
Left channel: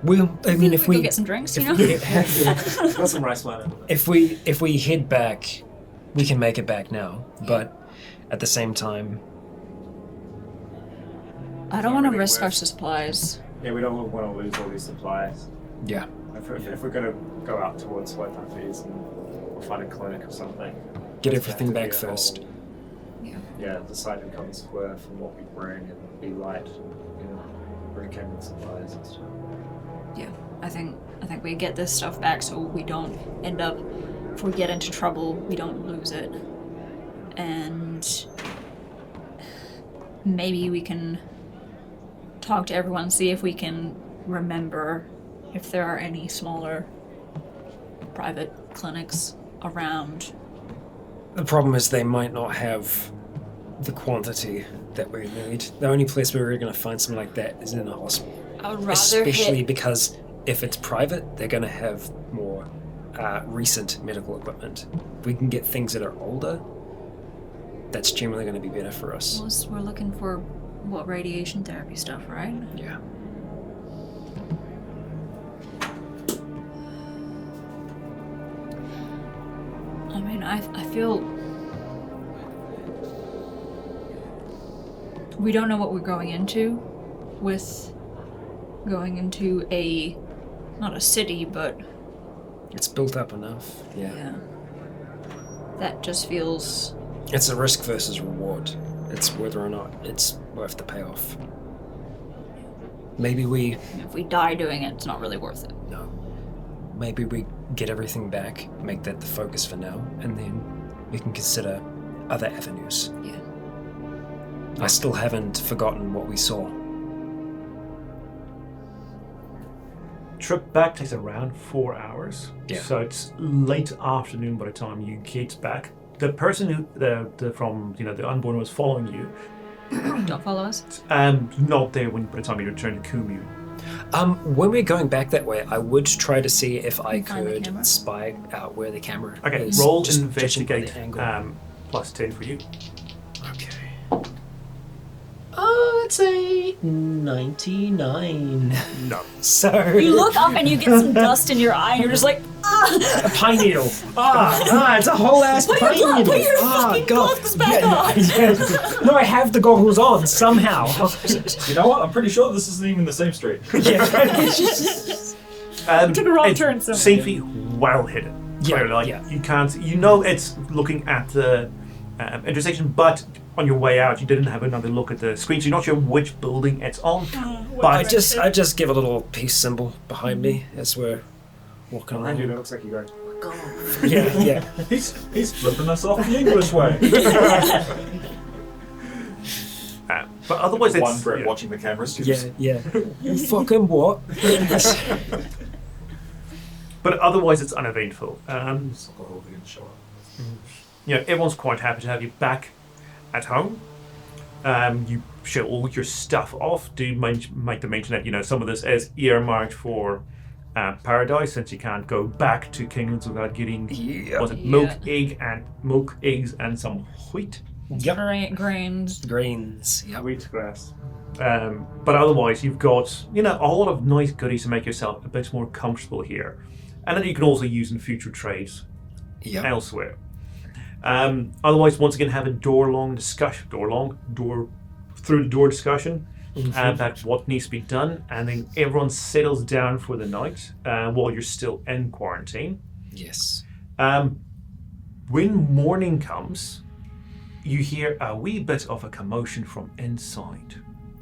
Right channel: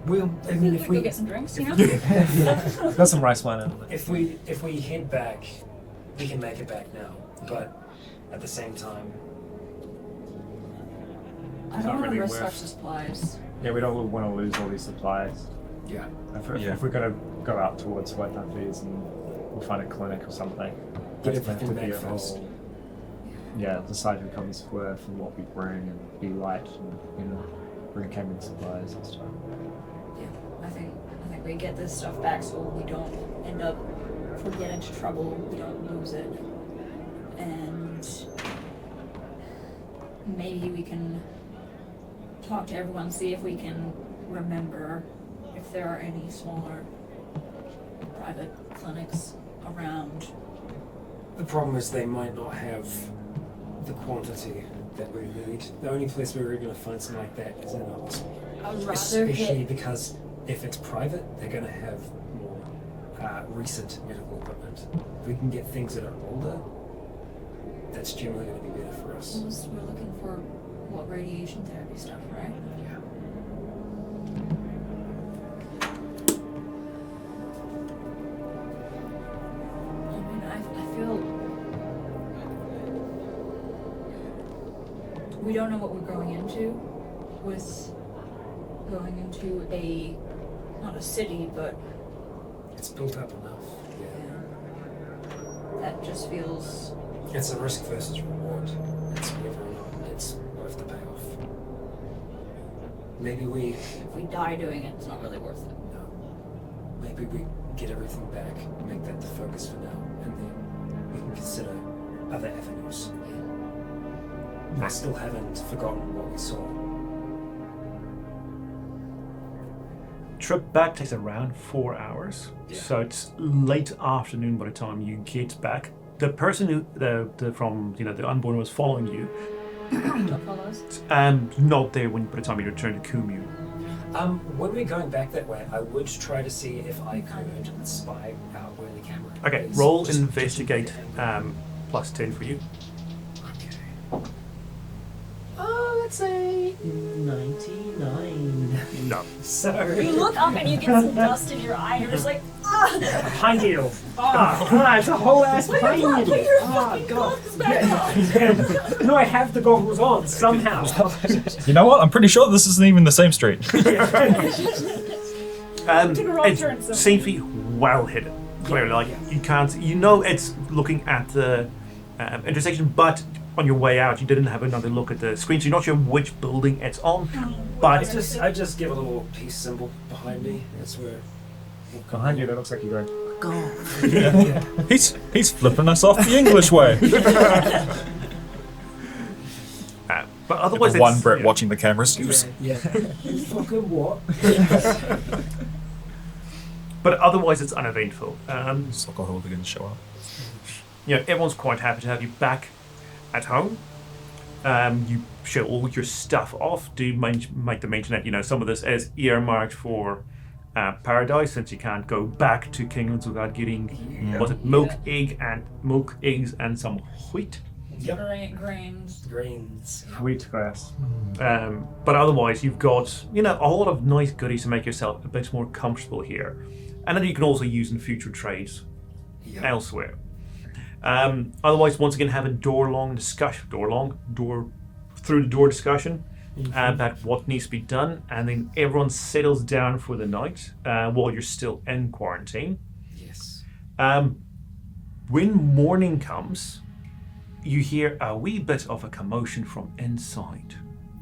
Well, I mean, if we go get some drinks, Got some rice wine. if we head back, we can make it back now. But at the same time, I don't want to risk our supplies. Yeah, we don't want to lose all these supplies. yeah. If we're going to go out towards White Fees and we'll find a clinic or something. Get That's everything gonna have back to be a first. whole- Yeah, decide to come to square for what we bring and be light and bring camping supplies and stuff. Yeah, I think we get this stuff back so we don't end up, if we get into trouble, we don't lose it. And maybe we can talk to everyone, see if we can remember if there are any smaller private clinics around. The problem is they might not have the quantity that we need. The only place where we're going to find something like that is in a hospital. I would rather Especially because if it's private, they're going to have more recent medical equipment. If we can get things that are older, that's generally going to be better for us. We're looking for, what, radiation therapy stuff, right? Yeah. I mean, I feel we don't know what we're going into with going into not a city, but It's built up enough. yeah. That just feels, It's a risk versus reward. It's whether or not it's worth the payoff. Maybe we if we die doing it, it's not really worth it. no. Maybe we get everything back, make that the focus for now, and then we can consider other avenues. Yeah. I still haven't forgotten what we saw. Trip back takes around 4 hours, Yeah. so it's late afternoon by the time you get back. The person who from the Unborn was following you, Don't follow us. not there by the time you return to Kumeu. When we're going back that way, I would try to see if I Find the could camera. spy out where the camera Okay, is. roll just investigate. judging the angle. Plus 10 for you. Okay. Oh, it's a 99. No. So You look up and you get some dust in your eye, and you're just like, ah! a pine needle. It's a whole ass Put your pine gla- needle. put your Ah, fucking God. gloves back on. No, I have the goggles on somehow. You know what? I'm pretty sure this isn't even the same street. Took a wrong It's turn, so- seems to be well hidden. Clearly, like yeah. you can't. It's looking at the intersection, but on your way out, you didn't have another look at the screen, so you're not sure which building it's on. I But just give a little peace symbol behind me as we're walking Behind you, on. that looks like you're going. Yeah. He's flipping us off the English way. but otherwise, it's One Brit yeah. watching the cameras. Yeah. Fucking what? But otherwise, it's uneventful. Alcohol didn't show up. Everyone's quite happy to have you back at home. You show all your stuff off. Do make the mention that, you know, some of this is earmarked for paradise, since you can't go back to Kingsland without getting milk, eggs, and some wheat. Grains. Yep. Wheat grass. But otherwise, you've got, you know, a whole lot of nice goodies to make yourself a bit more comfortable here, and that you can also use in future trades elsewhere. Otherwise, once again, have a door-through-the-door discussion about what needs to be done, and then everyone settles down for the night while you're still in quarantine. Yes. When morning comes, you hear a wee bit of a commotion from inside.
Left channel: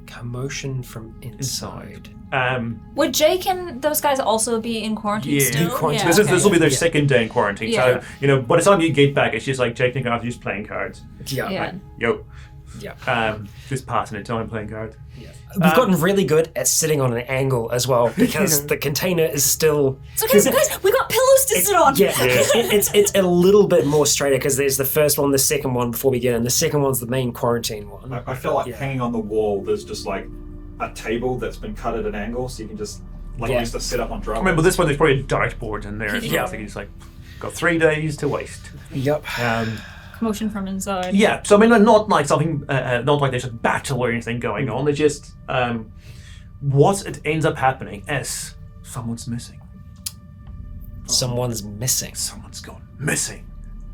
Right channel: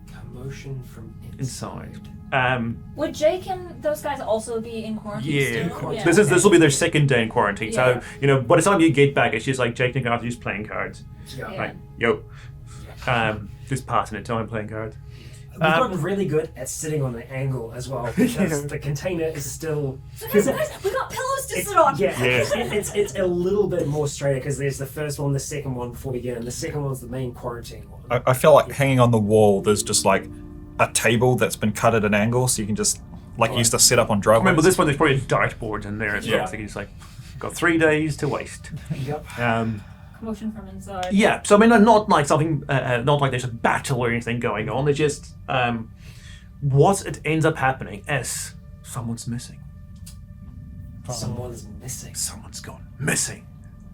Commotion from inside. Would Jake and those guys also be in quarantine still? Yeah. This will be their second day in quarantine. So, you know, by the time you get back, it's just like Jake and Garth are just playing cards. Yeah. Like, yo. Yeah. Just passing the time playing cards. We've gotten really good at sitting on an angle as well, because the container is still... So guys, we got pillows to sit on! Yeah. It's a little bit more straighter, because there's the first one, the second one before we get in. The second one's the main quarantine one. I feel like hanging on the wall, there's just like a table that's been cut at an angle, so you can just use the setup on drop. Remember, this one, there's probably a dartboard in there as well, so you just like, got 3 days to waste. Yep. Commotion from inside. Yeah, so I mean, not like something, not like there's a battle or anything going on. It's just, what it ends up happening is someone's missing. Someone's missing. Someone's gone missing.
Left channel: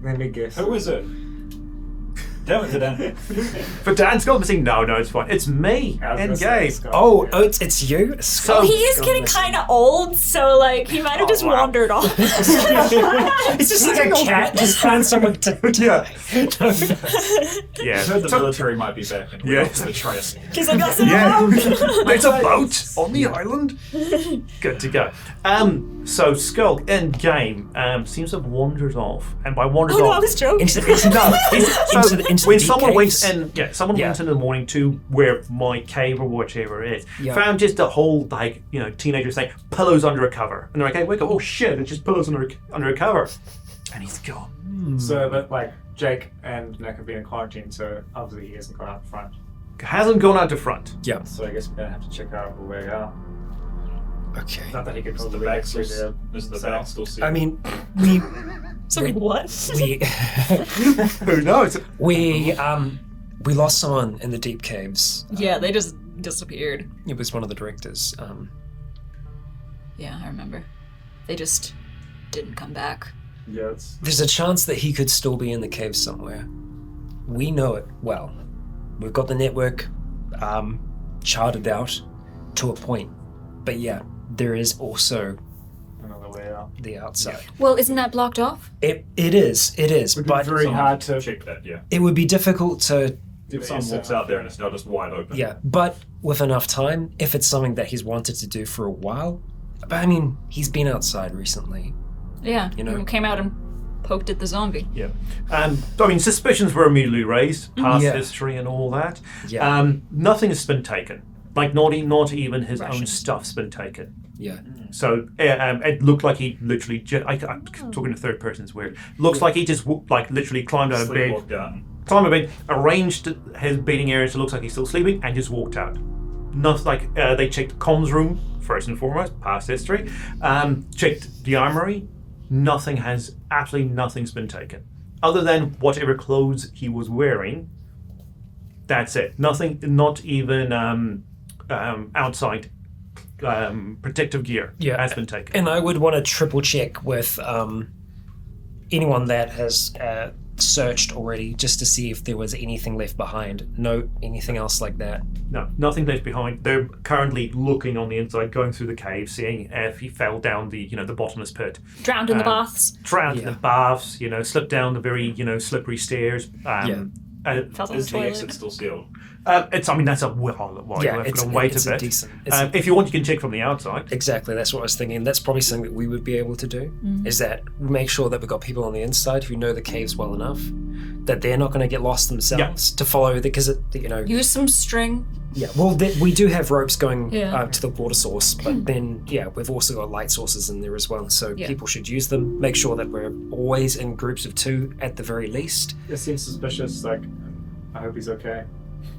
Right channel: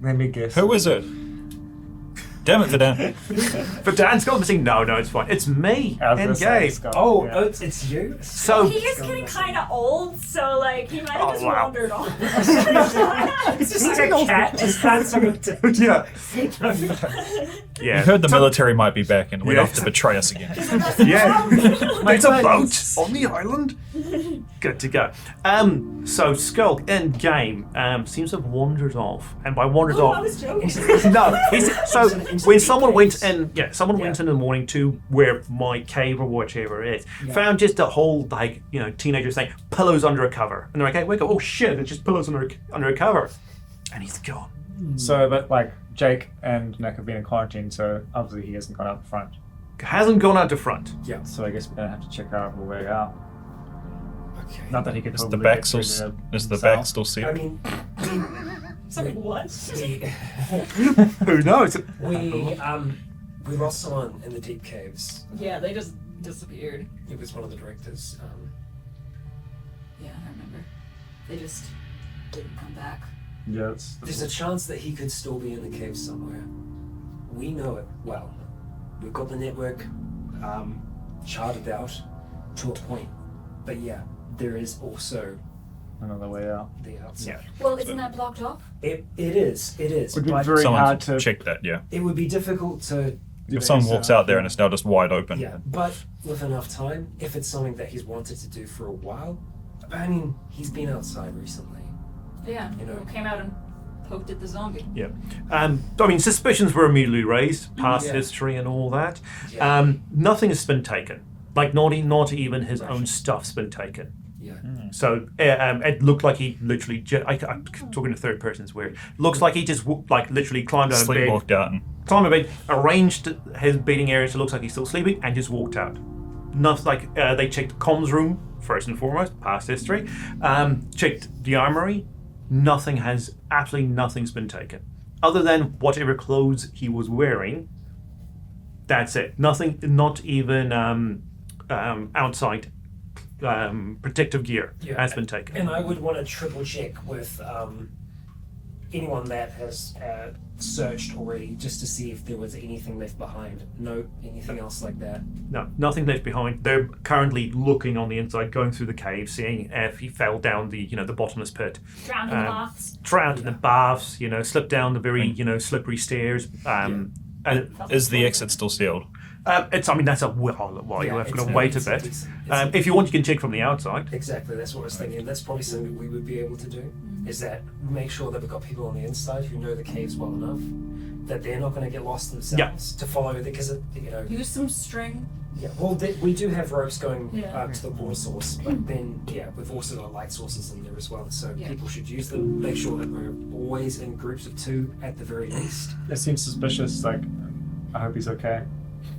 Let me guess. Who is it? Damn it, Dan. But Dan's gone missing. No, it's fine. It's me in game. Oh, it's you? So He is getting kind of old, so like he might have just wandered off. It's just like a cat just found someone to... yeah. I heard the military might be back and we're off to betray us again. There's a boat on the island. Good to go. So Skulk in game seems to have wandered off, and by wandered off, I was joking. when someone went in, went in the morning to where my cave or whichever it is, found just a whole teenagers saying pillows under a cover, and they're like, hey, wake up! Oh shit! It's just pillows under a cover, and he's gone. So, but like Jake and Nick have been in quarantine, so obviously he hasn't gone out the front. Hasn't gone out the front. Yeah. So I guess we're gonna have to check out where we are. Okay. Not that he could. Is the back still sealed? I mean, Sorry, what? Who knows? We lost someone in the deep caves. Yeah, they just disappeared. It was one of the directors. Yeah, I remember. They just didn't come back. Yes. There's a chance that he could still be in the cave somewhere. We know it well. We've got the network charted out to a point. But yeah, there is also Another way out. the outside. Well, isn't that blocked off? It is, Would be but very hard to check that, yeah. it would be difficult to... If someone walks out there and it's now just wide open. Yeah, but with enough time, if it's something that he's wanted to do for a while, but I mean, he's been outside recently. Yeah, You came out and poked at the zombie. Yeah. I mean, suspicions were immediately raised, past history and all that. Yeah. Nothing has been taken. Like, not even his own stuff's been taken. Yeah. So it looked like he literally, I'm talking to third person is weird. Looks like he just literally climbed out of bed. Sleepwalked out. Climbed out of bed, arranged his bedding area so it looks like he's still sleeping, and just walked out. Nothing like they checked comms room first and foremost, past history. Checked the armory. Absolutely nothing's been taken, other than whatever clothes he was wearing. That's it. Nothing. Not even outside protective gear has been taken. And I would want to triple check with anyone that has searched already, just to see if there was anything left behind. No, anything else like that. No, nothing left behind. They're currently looking on the inside, going through the cave, seeing if he fell down the bottomless pit. Drowned in the baths. Drowned in the baths. Slipped down the very slippery stairs. And Is the exit still sealed? that's a while. You have to wait a bit. If you want, you can check from the outside. Exactly, that's what I was thinking. That's probably something that we would be able to do, is that make sure that we've got people on the inside who know the caves well enough that they're not going to get lost themselves to follow, because use some string. Yeah, well, we do have ropes going to the water source, but then, we've also got light sources in there as well, so people should use them. Make sure that we're always in groups of 2 at the very least. It seems suspicious, I hope he's okay.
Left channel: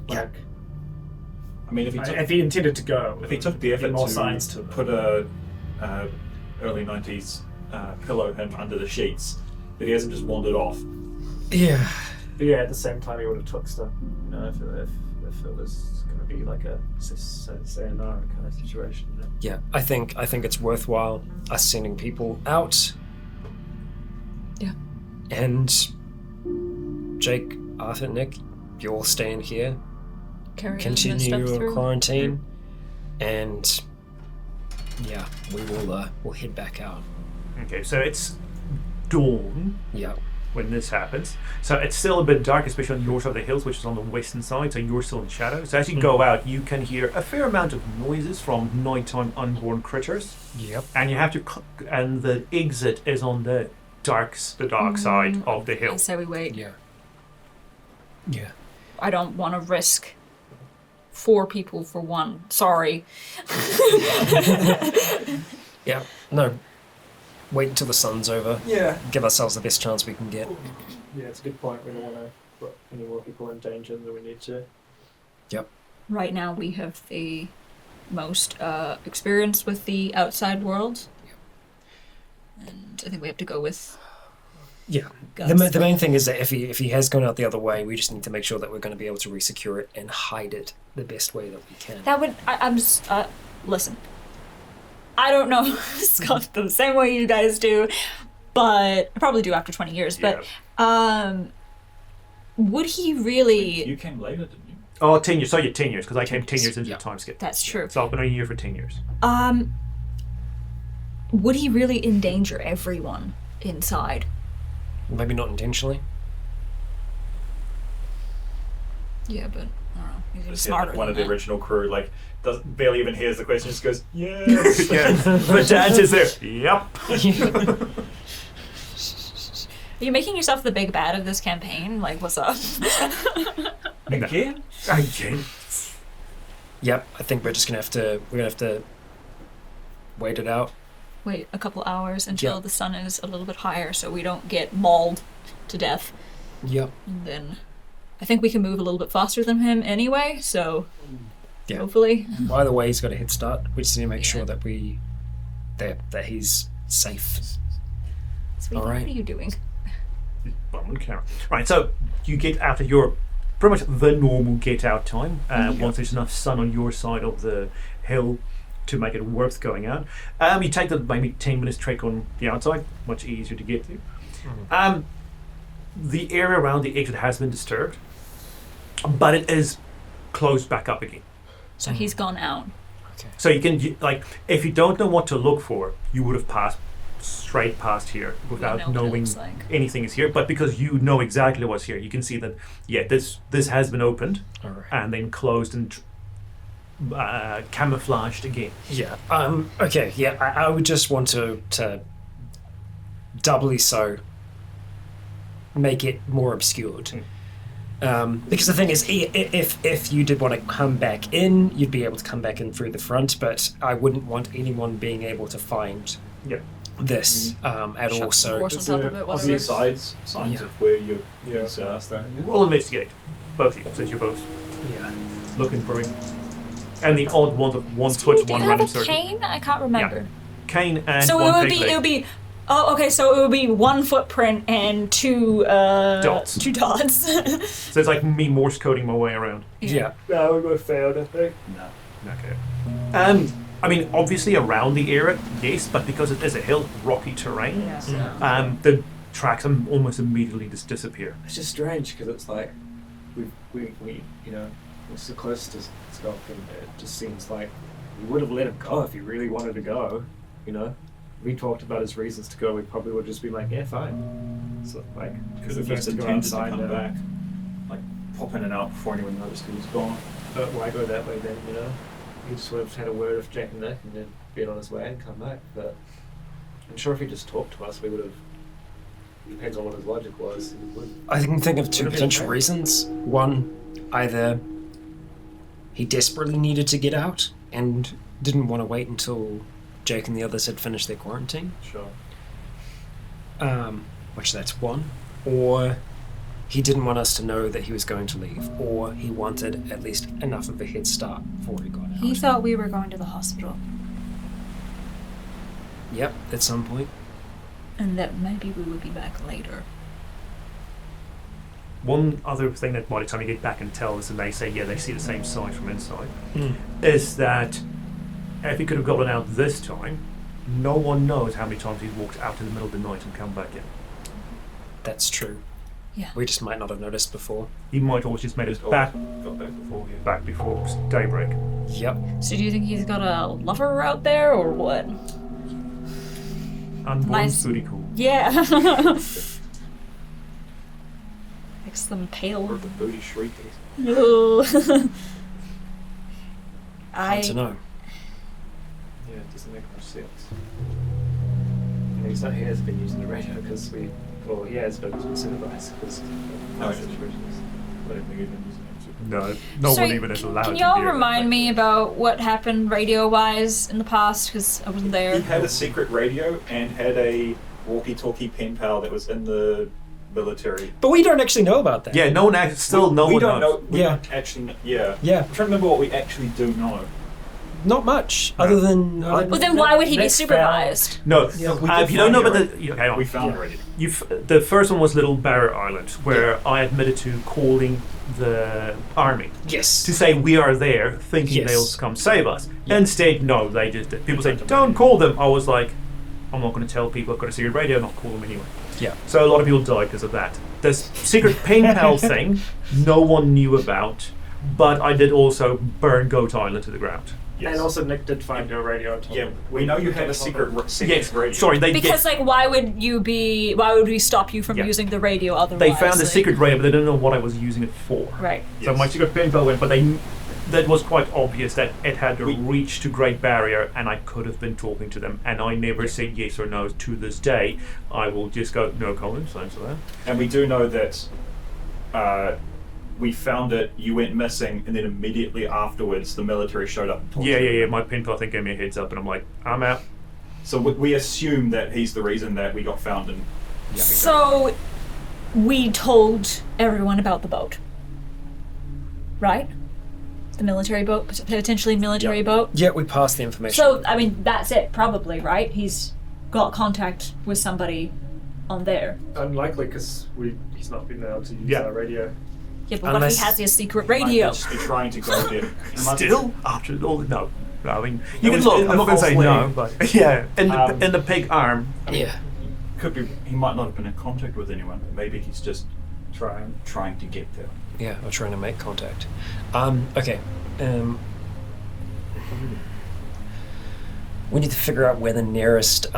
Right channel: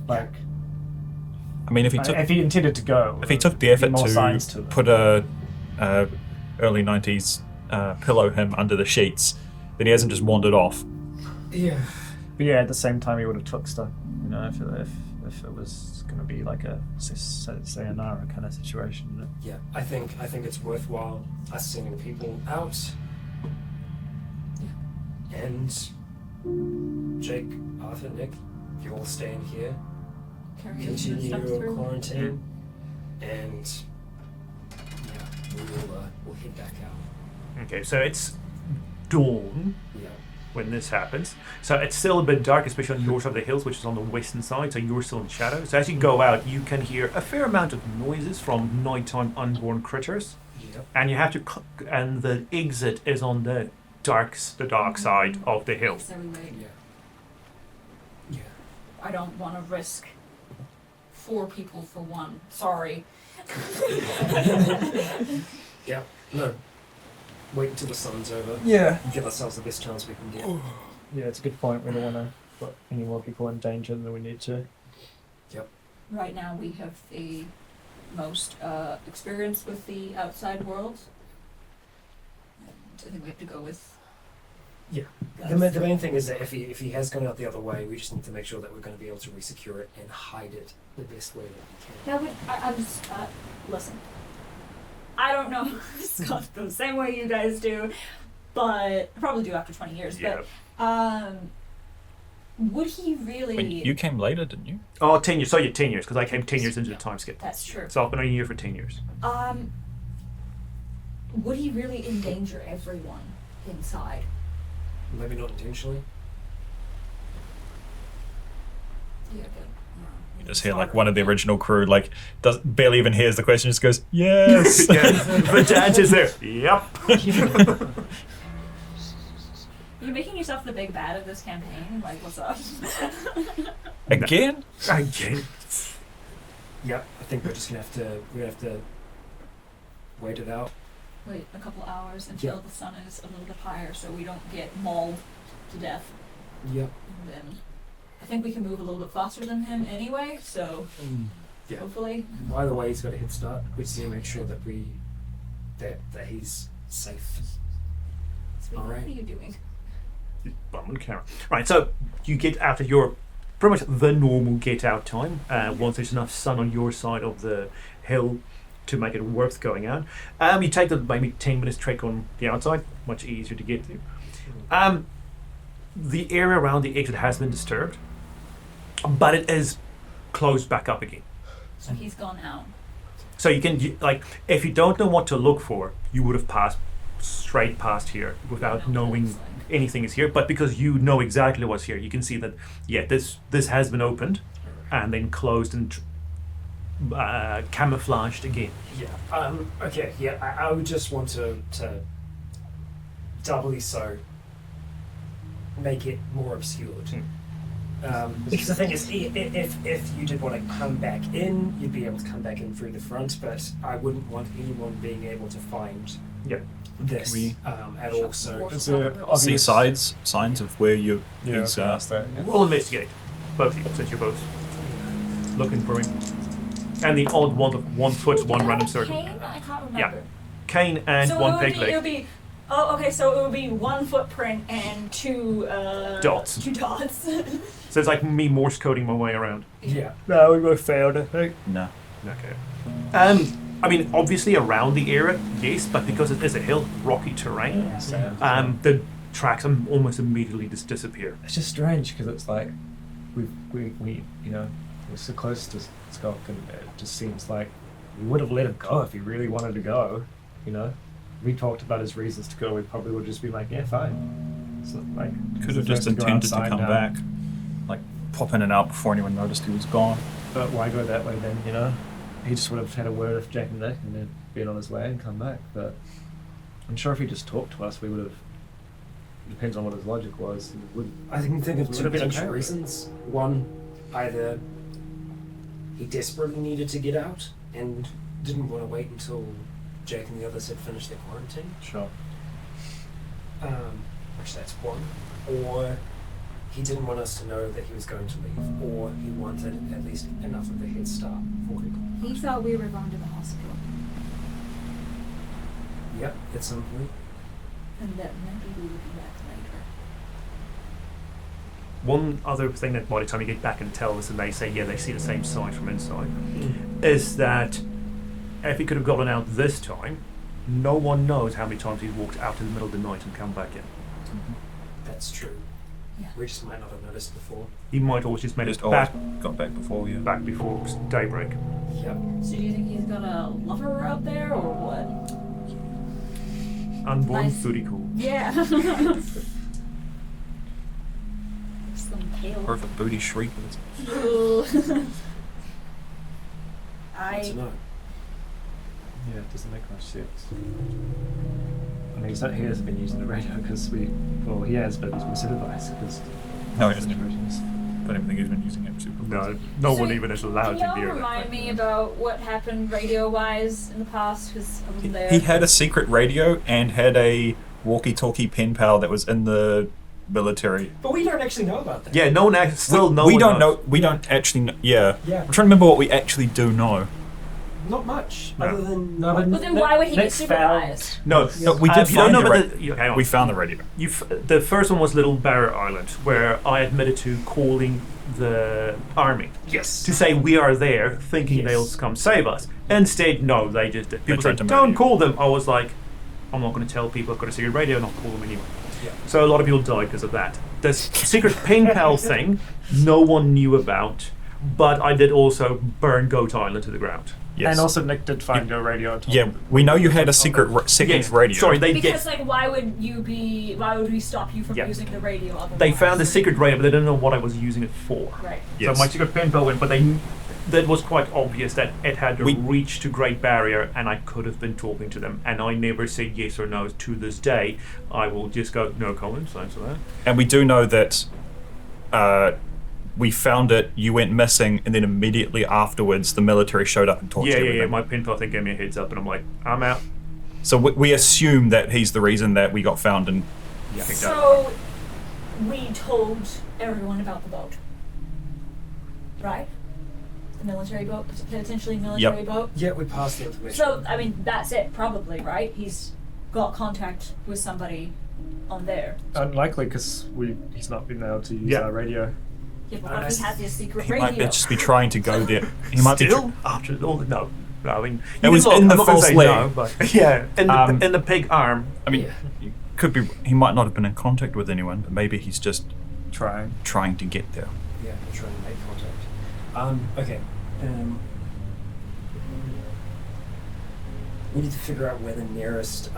Like, I mean, if he intended to go, if he took the effort more to signs to them. put a early 90s pillow him under the sheets, then he hasn't just wandered off. Yeah. But yeah, at the same time, he would have took stuff. You know, if it was going to be like a sayonara kind of situation. Yeah, I think it's worthwhile us sending people out. Yeah. And Jake, Arthur, Nick, you all stay in here, Carry continue your through. quarantine, and yeah, we'll head back out. Okay, so it's dawn Yeah. when this happens. So it's still a bit dark, especially on your side of the hills, which is on the western side, so you're still in shadow. So as you go out, you can hear a fair amount of noises from nighttime unborn critters. Yep. And you have to, and the exit is on the dark side of the hill. I say we wait. Yeah. Yeah. I don't want to risk 4 people for 1. Sorry. Yeah. No. Wait until the sun's over. Yeah. Give ourselves the best chance we can get. Yeah, it's a good point. We don't want to put any more people in danger than we need to. Yep. Right now we have the most experience with the outside world. And I think we have to go with Yeah. guns. The main thing is that if he has gone out the other way, we just need to make sure that we're going to be able to resecure it and hide it the best way that we can. That would... I'm just... listen. I don't know Scott the same way you guys do, but I probably do after 20 years, but would he really... Wait, you came later, didn't you? Oh, 10 years. So you're 10 years, because I came 10 years into the time skip. That's true. So I've been on here for 10 years. Would he really endanger everyone inside? Maybe not intentionally. Yeah, but... Just hear like one of the original crew like barely even hears the question, just goes, yes. Yeah. The dad is there. Yep. Are you making yourself the big bad of this campaign? Like, what's up? Again? Again. Yep. I think we're gonna have to wait it out. Wait a couple hours until Yeah. the sun is a little bit higher so we don't get mauled to death. Yep. And then I think we can move a little bit faster than him anyway, so Yeah. hopefully. Either way, he's got a head start. We just need to make sure that that he's safe. Sweetie, All right. What are you doing? Bum on camera. Right, so you get out of your pretty much the normal get out time once there's enough sun on your side of the hill to make it worth going out. You take the maybe 10 minutes trek on the outside, much easier to get to. The area around the exit has been disturbed, but it is closed back up again. So he's gone out. So if you don't know what to look for, you would have passed straight past here without know what it knowing looks like. anything is here. But because you know exactly what's here, you can see that this has been opened and then closed and camouflaged again. Yeah. Okay. Yeah. I would just want to doubly so make it more obscured. Because the thing is, if you did want to come back in, you'd be able to come back in through the front, but I wouldn't want anyone being able to find this at all. So Force us up a bit, whatever. See signs of where you is We'll investigate, both of you, since you're both looking for him. And the odd one switch, Did one it have random a circle. cane? I can't remember. Cane and So one it peg would leg. be oh, okay, so it would be 1 footprint and 2 Dots. 2 dots. So it's like me Morse coding my way around. yeah. No, we both failed, I think. no. Okay. I mean, obviously around the area, yes, but because it is a hill, rocky terrain, the tracks almost immediately just disappear. It's just strange because it's like we you know we're so close to Scott, and it just seems like we would have let him go if he really wanted to go. You know, we talked about his reasons to go. We probably would just be like, yeah, fine. So like, Could have just intended to come back, like pop in and out before anyone noticed he was gone. But why go that way then? You know, he just would have had a word with Jack and Nick and then been on his way and come back. But I'm sure if he just talked to us, we would have. It depends on what his logic was. I can think of 2 potential reasons. One, either he desperately needed to get out and didn't want to wait until Jake and the others had finished their quarantine. Sure. Which that's one. Or he didn't want us to know that he was going to leave, or he wanted at least enough of a head start before he got out. He thought we were going to the hospital. Yep, at some point. And that maybe we would be back later. One other thing that by the time you get back and tell us and they say, yeah, they see the same sight from inside, is that if he could have gotten out this time, no one knows how many times he's walked out in the middle of the night and come back in. That's true. Yeah. We just might not have noticed before. He might always just made it Got back back before, yeah. back before daybreak. Yep. So do you think he's got a lover out there, or what? Unborn Nice. booty call. Yeah. Makes them pale. Or if a booty shriek. Hard to know. Yeah, it doesn't make much sense. Yeah, he has been using the radio because he has, but it's supervised because. No, he doesn't. I don't think he's been using it. No So one even is allowed to Can be y'all here. remind me about what happened radio-wise in the past? Because I wasn't there. He had a secret radio and had a walkie-talkie pen pal that was in the military. But we don't actually know about that. Yeah, no one still no we one don't knows. know. We don't actually know. Yeah. Yeah. I'm trying to remember what we actually do know. Not much, No. other than... Well, then why would he be Next supervised? No, We if did you don't know find about the the... Hang on. We found the radio. The first one was Little Barrier Island, where I admitted to calling the army Yes. to say we are there, thinking Yes. they'll come save us. Instead, no, they just did. People They said, tried to don't murder call them. I was like, I'm not going to tell people I've got a secret radio, and I'll call them anyway. Yeah. So a lot of people died because of that. This secret pen pal thing, no one knew about, but I did also burn Goat Island to the ground. Yes. And also Nick did find a radio on top. Yeah, we know you had a secret radio. Sorry, Because, like, why would we stop you from Yeah. using the radio otherwise? they found a secret radio, but they didn't know what I was using it for. Right. So Yes. my secret pen pal went, but that was quite obvious that it had to reach to Great Barrier, and I could have been talking to them, and I never said yes or no to this day. I will just go, no comments, thanks for that. And we do know that we found it, you went missing, and then immediately afterwards the military showed up and talked to you. Yeah. My pen pal thing gave me a heads up, and I'm like, I'm out. So we assume that he's the reason that we got found and... Yeah, So, we told everyone about the boat, right? The military boat, potentially military boat. Yeah, we passed the information. So, I mean, that's it, probably, right? He's got contact with somebody on there. Unlikely because he's not been able to use Yeah. our radio. Yeah, but what if Unless he has his secret He might radio? just be trying to go there. He might be- Still? After all, no. I mean, you It can was look, in I'm the not going to false say leg. no, but yeah, in the pig arm. I mean, Yeah. could be. He might not have been in contact with anyone, but maybe he's just Trying. to get there. Yeah, we're trying to make contact. Okay. We need to figure out where the nearest...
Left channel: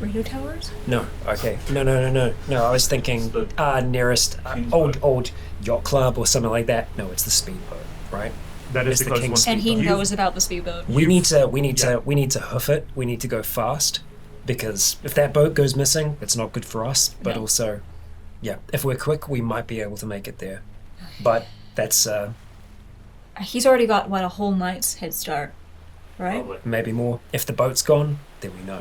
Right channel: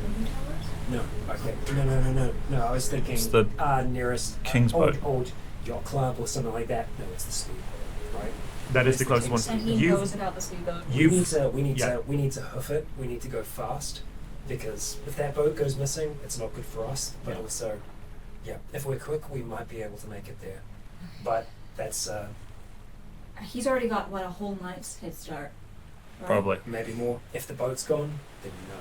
Radio towers? No, okay. No, I was thinking It's the nearest King's old boat. yacht club or something like that. No, it's the speedboat, right? That is It's the the closest King's- one. And he You- knows about the speedboat. We need to yeah. hoof it. We need to go fast because if that boat goes missing, it's not good for us. But No. also, yeah, if we're quick, we might be able to make it there. But that's He's already got, what, a whole night's head start, right? Probably. maybe more. If the boat's gone, then we know.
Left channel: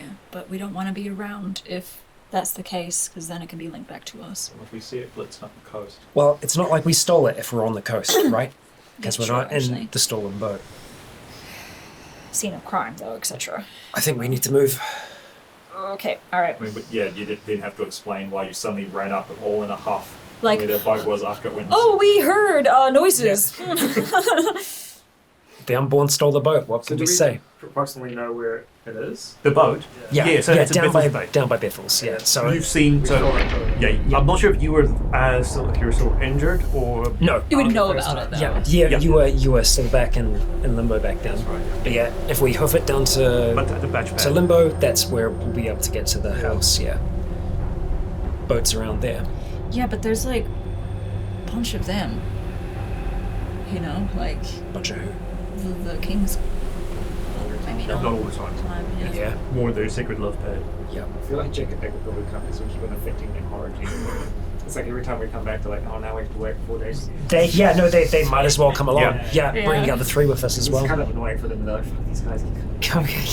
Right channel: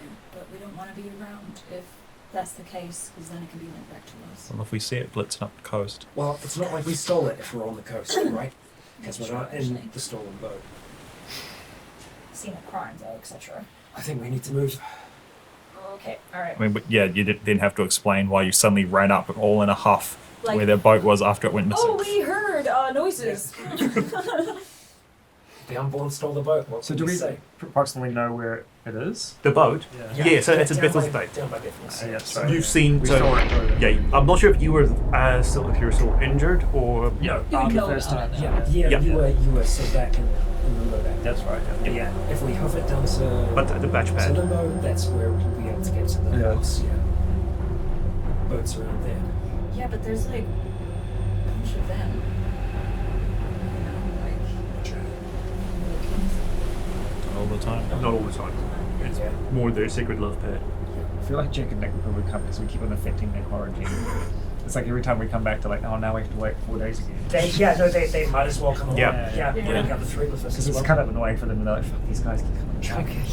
Yeah, but we don't want to be around if that's the case, because then it can be linked back to us. Well, if we see it blitzing up the coast. Well, it's not like we stole it if we're on the coast, right? Because That's we're true, not in actually. the stolen boat. Scene of crime, though, etc. I think we need to move. Okay, alright. I mean, but yeah, you then have to explain why you suddenly ran up all in a huff Like, where their boat was after it went missing. oh, we heard noises. The Unborn stole the boat. What So can do we we say? approximately know where it is? The boat? Yeah, so it's a down Biffle's by, Bay. down by Biffle's, yeah. So You've seen, so, yeah, I'm not sure if you were if you were still injured or... no. You would On the know first about it, time. though. Yeah, Yeah. you were still back in limbo back then. That's right, Yeah, if we hoof it down to But the batch to pad. limbo, that's where we'll be able to get to the house. Yeah, boats around there. Yeah, but there's like a bunch of them. You know, like Bunch of the Kings. All the time. Not all the time. yeah. More their secret love pad. Yeah. I feel like Jake and Nick will probably come because we keep on affecting them origin. It's like every time we come back to like, oh, now we have to wait 4 days. They might as well come along. Yeah. Bring the other three with us as well. It's kind of annoying for them to know, fuck, these guys.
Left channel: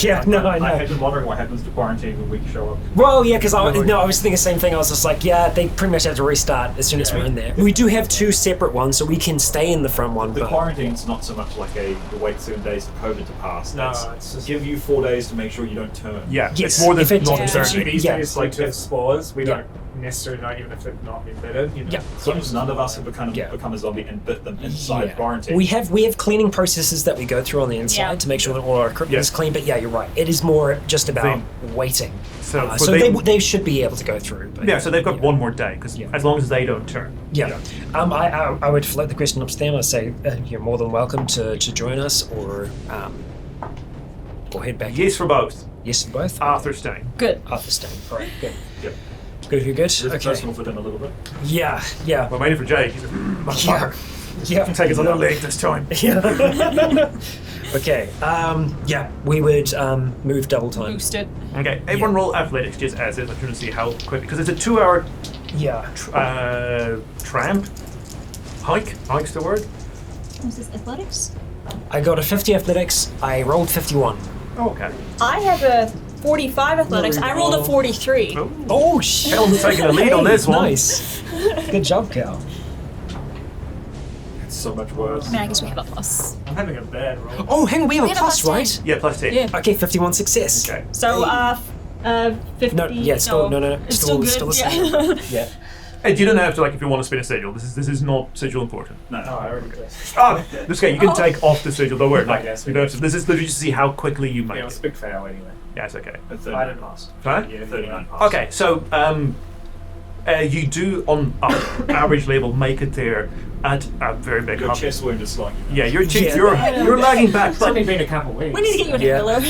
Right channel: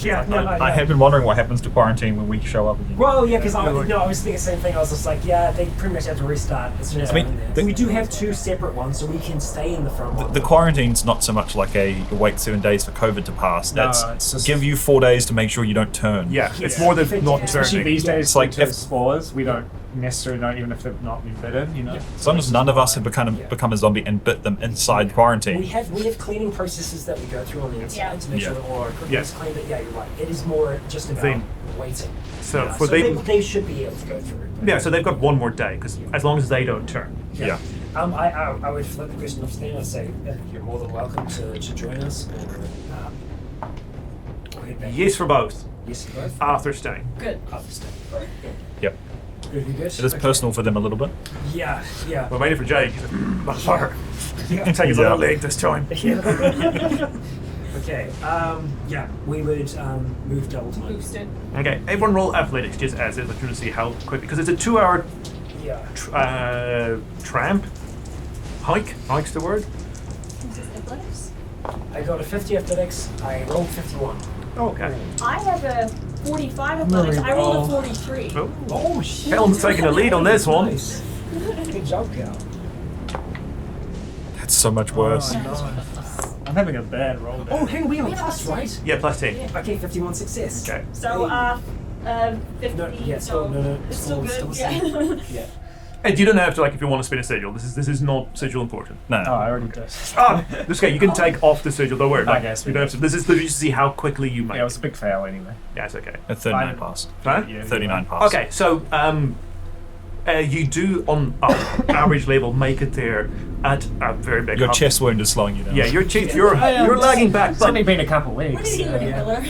Yeah, no, I know. I have been wondering what happens to quarantine when we show up. Well, yeah, because I was thinking the same thing. I was just like, yeah, they pretty much have to restart as soon as we're in there. We do have two separate ones, so we can stay in the front one. The quarantine's not so much like a wait 7 days for COVID to pass. It's just give you 4 days to make sure you don't turn. Yeah, Yes. it's more than If not it's- turning. These Yeah, days, it's like like if- spores, we don't necessarily know, even if they've not been bitten, you know. Yeah. As long as none of us have become a zombie and bit them inside quarantine. We have cleaning processes that we go through on the inside to make sure that all our equipment is clean. But yeah, you're right. It is more just about waiting. So, So they should be able to go through. But yeah, so they've got one more day, because as long as they don't turn. Yeah. I would float the question up to them. I'd say you're more than welcome to join us or head back. Yes for both. Yes to both. Arthur staying. Good. Arthur staying. Right. Good. Yep. Good. You're good. It is personal for them a little bit. Yeah. Well, mainly for Jake. He's like, motherfucker. Yeah. Take his other leg this time. Yeah. Okay. We would move double time. Boosted. Okay, everyone roll athletics just as is. I'm trying to see how quick, because it's a 2 hour Yeah. tramp. Hike's the word. Is this athletics? I got a 50 athletics. I rolled 51. Okay. I have a 45 athletics. I rolled a 43. Oh shit! Kellen's taking the lead on this one. Nice. Good job, Cal. That's so much worse. Yeah, I guess we have a plus. I'm having a bad roll. Oh, hang on, we have a have a plus, plus right? Yeah, plus 10. Yeah. Okay, 51 success. Okay. So, 50. No, yeah, still no. It's Still good. the same. Yeah. And you don't have to, like, if you want to spin a sigil. This is not sigil important. No. Oh, I already did. This guy, you can take off the sigil. Don't worry. Like, Okay, you don't have to. This is literally to see how quickly you make Yeah, it was it. a big fail anyway. Yeah, it's okay. A 39 pass. Huh? Yeah. 39 pass. Okay, so you do on average level make it there at a very big Your hub. chest wound is slowing you down. Yeah, you're lagging back, It's only but been a couple of weeks. We need to get you an Yeah. inhaler.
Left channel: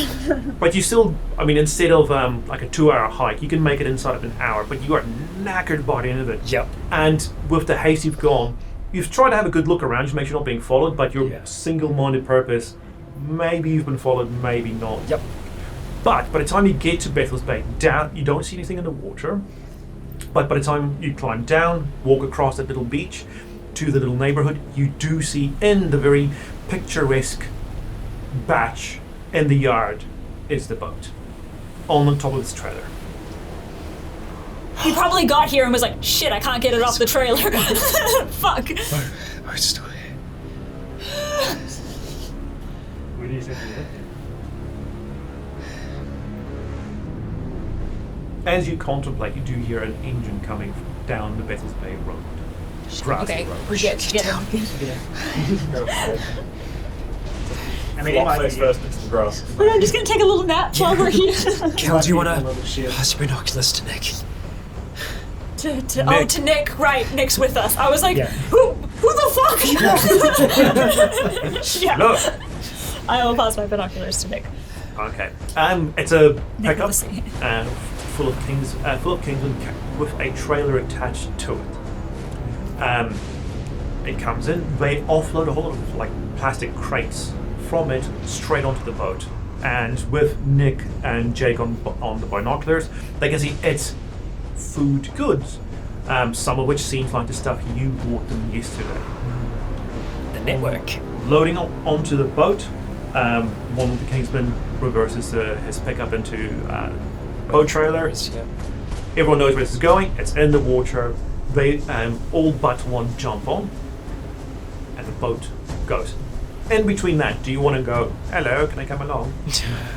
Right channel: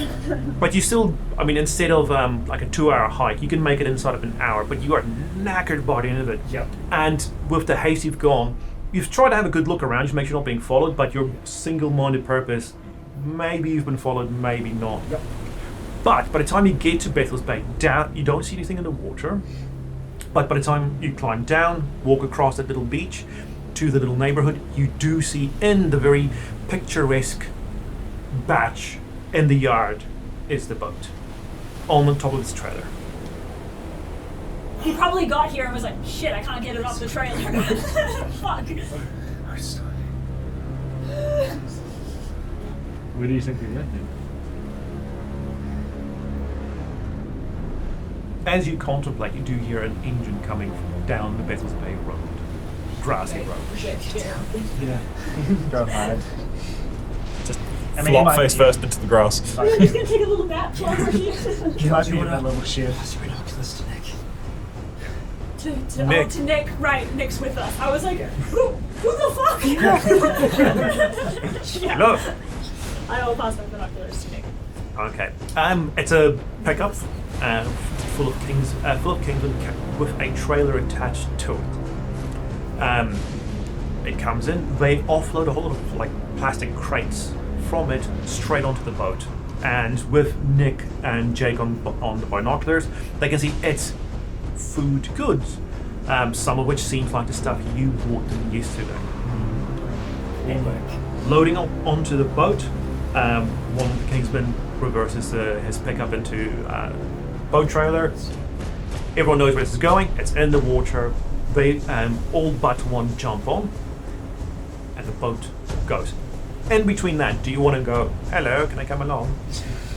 but you still, I mean, instead of like a 2 hour hike, you can make it inside of an hour. But you are knackered by the end of it. Yep. And with the haste you've gone, you've tried to have a good look around, just make sure you're not being followed. But your single-minded purpose, maybe you've been followed, maybe not. Yep. But by the time you get to Bethel's Bay, you don't see anything in the water. But by the time you climb down, walk across that little beach to the little neighborhood, you do see in the very picturesque batch in the yard is the boat on the top of its trailer. He probably got here and was like, shit, I can't get it off the trailer. Fuck. We're still here. Where do you think you're at? As you contemplate, you do hear an engine coming down the Bethel's Bay Road. Grassy road. We're good. Get it. Flop face first into the grass. I'm just gonna take a little nap while we're here. Cal, do you want A to little shit. pass your binoculars to Nick? Nick. To Nick, right? Nick's with us. I was like, Yeah. who the fuck? Yeah. Look. I will pass my binoculars to Nick. Okay. It's a pickup listen. full of Kingsland with a trailer attached to it. It comes in. They offload a whole lot of like plastic crates from it straight onto the boat. And with Nick and Jake on the binoculars, they can see it's food goods. Some of which seems like the stuff you bought them yesterday. The network. Loading up onto the boat, one of the Kingsmen reverses his pickup into boat trailer. Everyone knows where this is going. It's in the water. They all but one jump on, and the boat goes. In between that, do you want to go, hello, can I come along?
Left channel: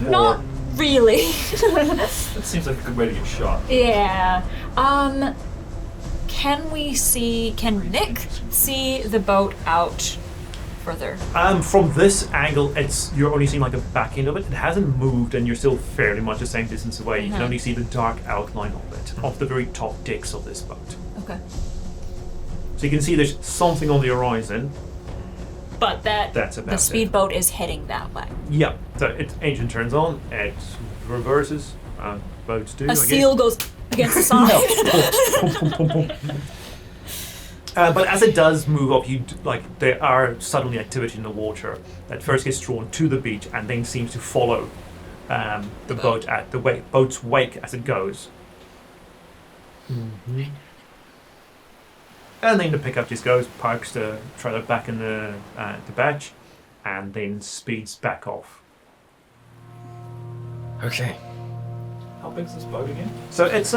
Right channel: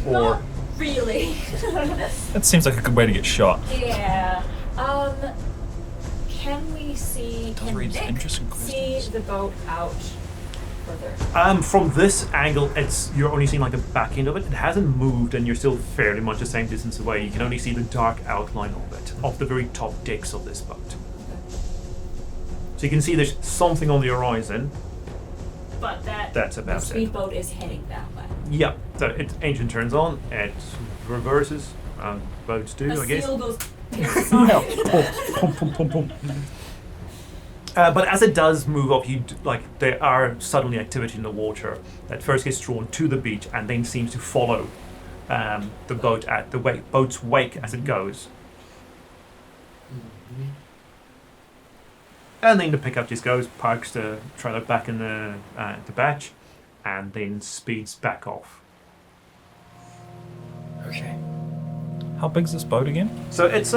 Not really. That seems like a good way to get shot. Yeah. Can Nick see the boat out further? From this angle, you're only seeing like the back end of it. It hasn't moved, and you're still fairly much the same distance away. You can only see the dark outline of it, of the very top decks of this boat. Okay. So you can see there's something on the horizon. But That's about the it. speedboat is heading that way. Yeah, so engine turns on, it reverses, boats do, A I guess. seal goes against the side. But as it does move up, there are suddenly activity in the water that first gets drawn to the beach and then seems to follow the boat at the boat's wake as it goes. And then the pickup just goes, parks the trailer back in the batch, and then speeds back off. Okay. How big's this boat again? So it's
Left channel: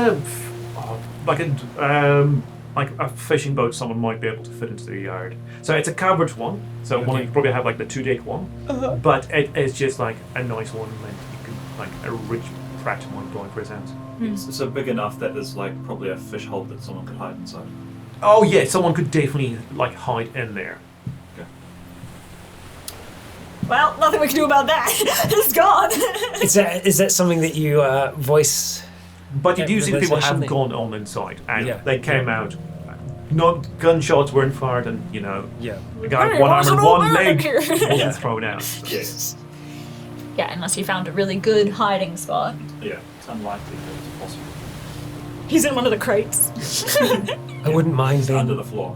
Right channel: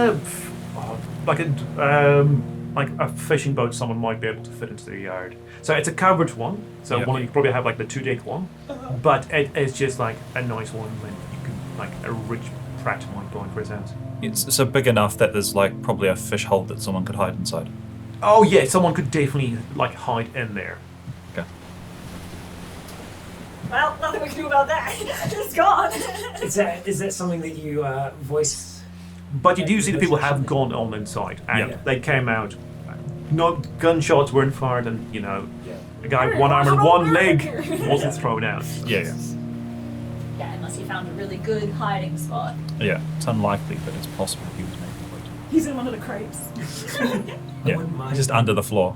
like a fishing boat someone might be able to fit into the yard. So it's a covered one. So Yeah. one you probably have like the 2-deck one, but it is just like a nice one that you could like a rich Pratt might go in for his hands. It's so big enough that there's like probably a fish hole that someone could hide inside. Oh yeah, someone could definitely like hide in there. Okay. Well, nothing we can do about that. It's gone. Is that something that you voice? But you do see the people have Something. gone on inside, and Yeah. they came out. Not gunshots weren't fired, and you know, Yeah. a guy with Hey, one arm and what's one wrong leg here? wasn't thrown out. Yeah. Yeah, unless you found a really good hiding spot. Yeah. It's unlikely, but it's possible. He's in one of the crates. I wouldn't mind Just under the floor.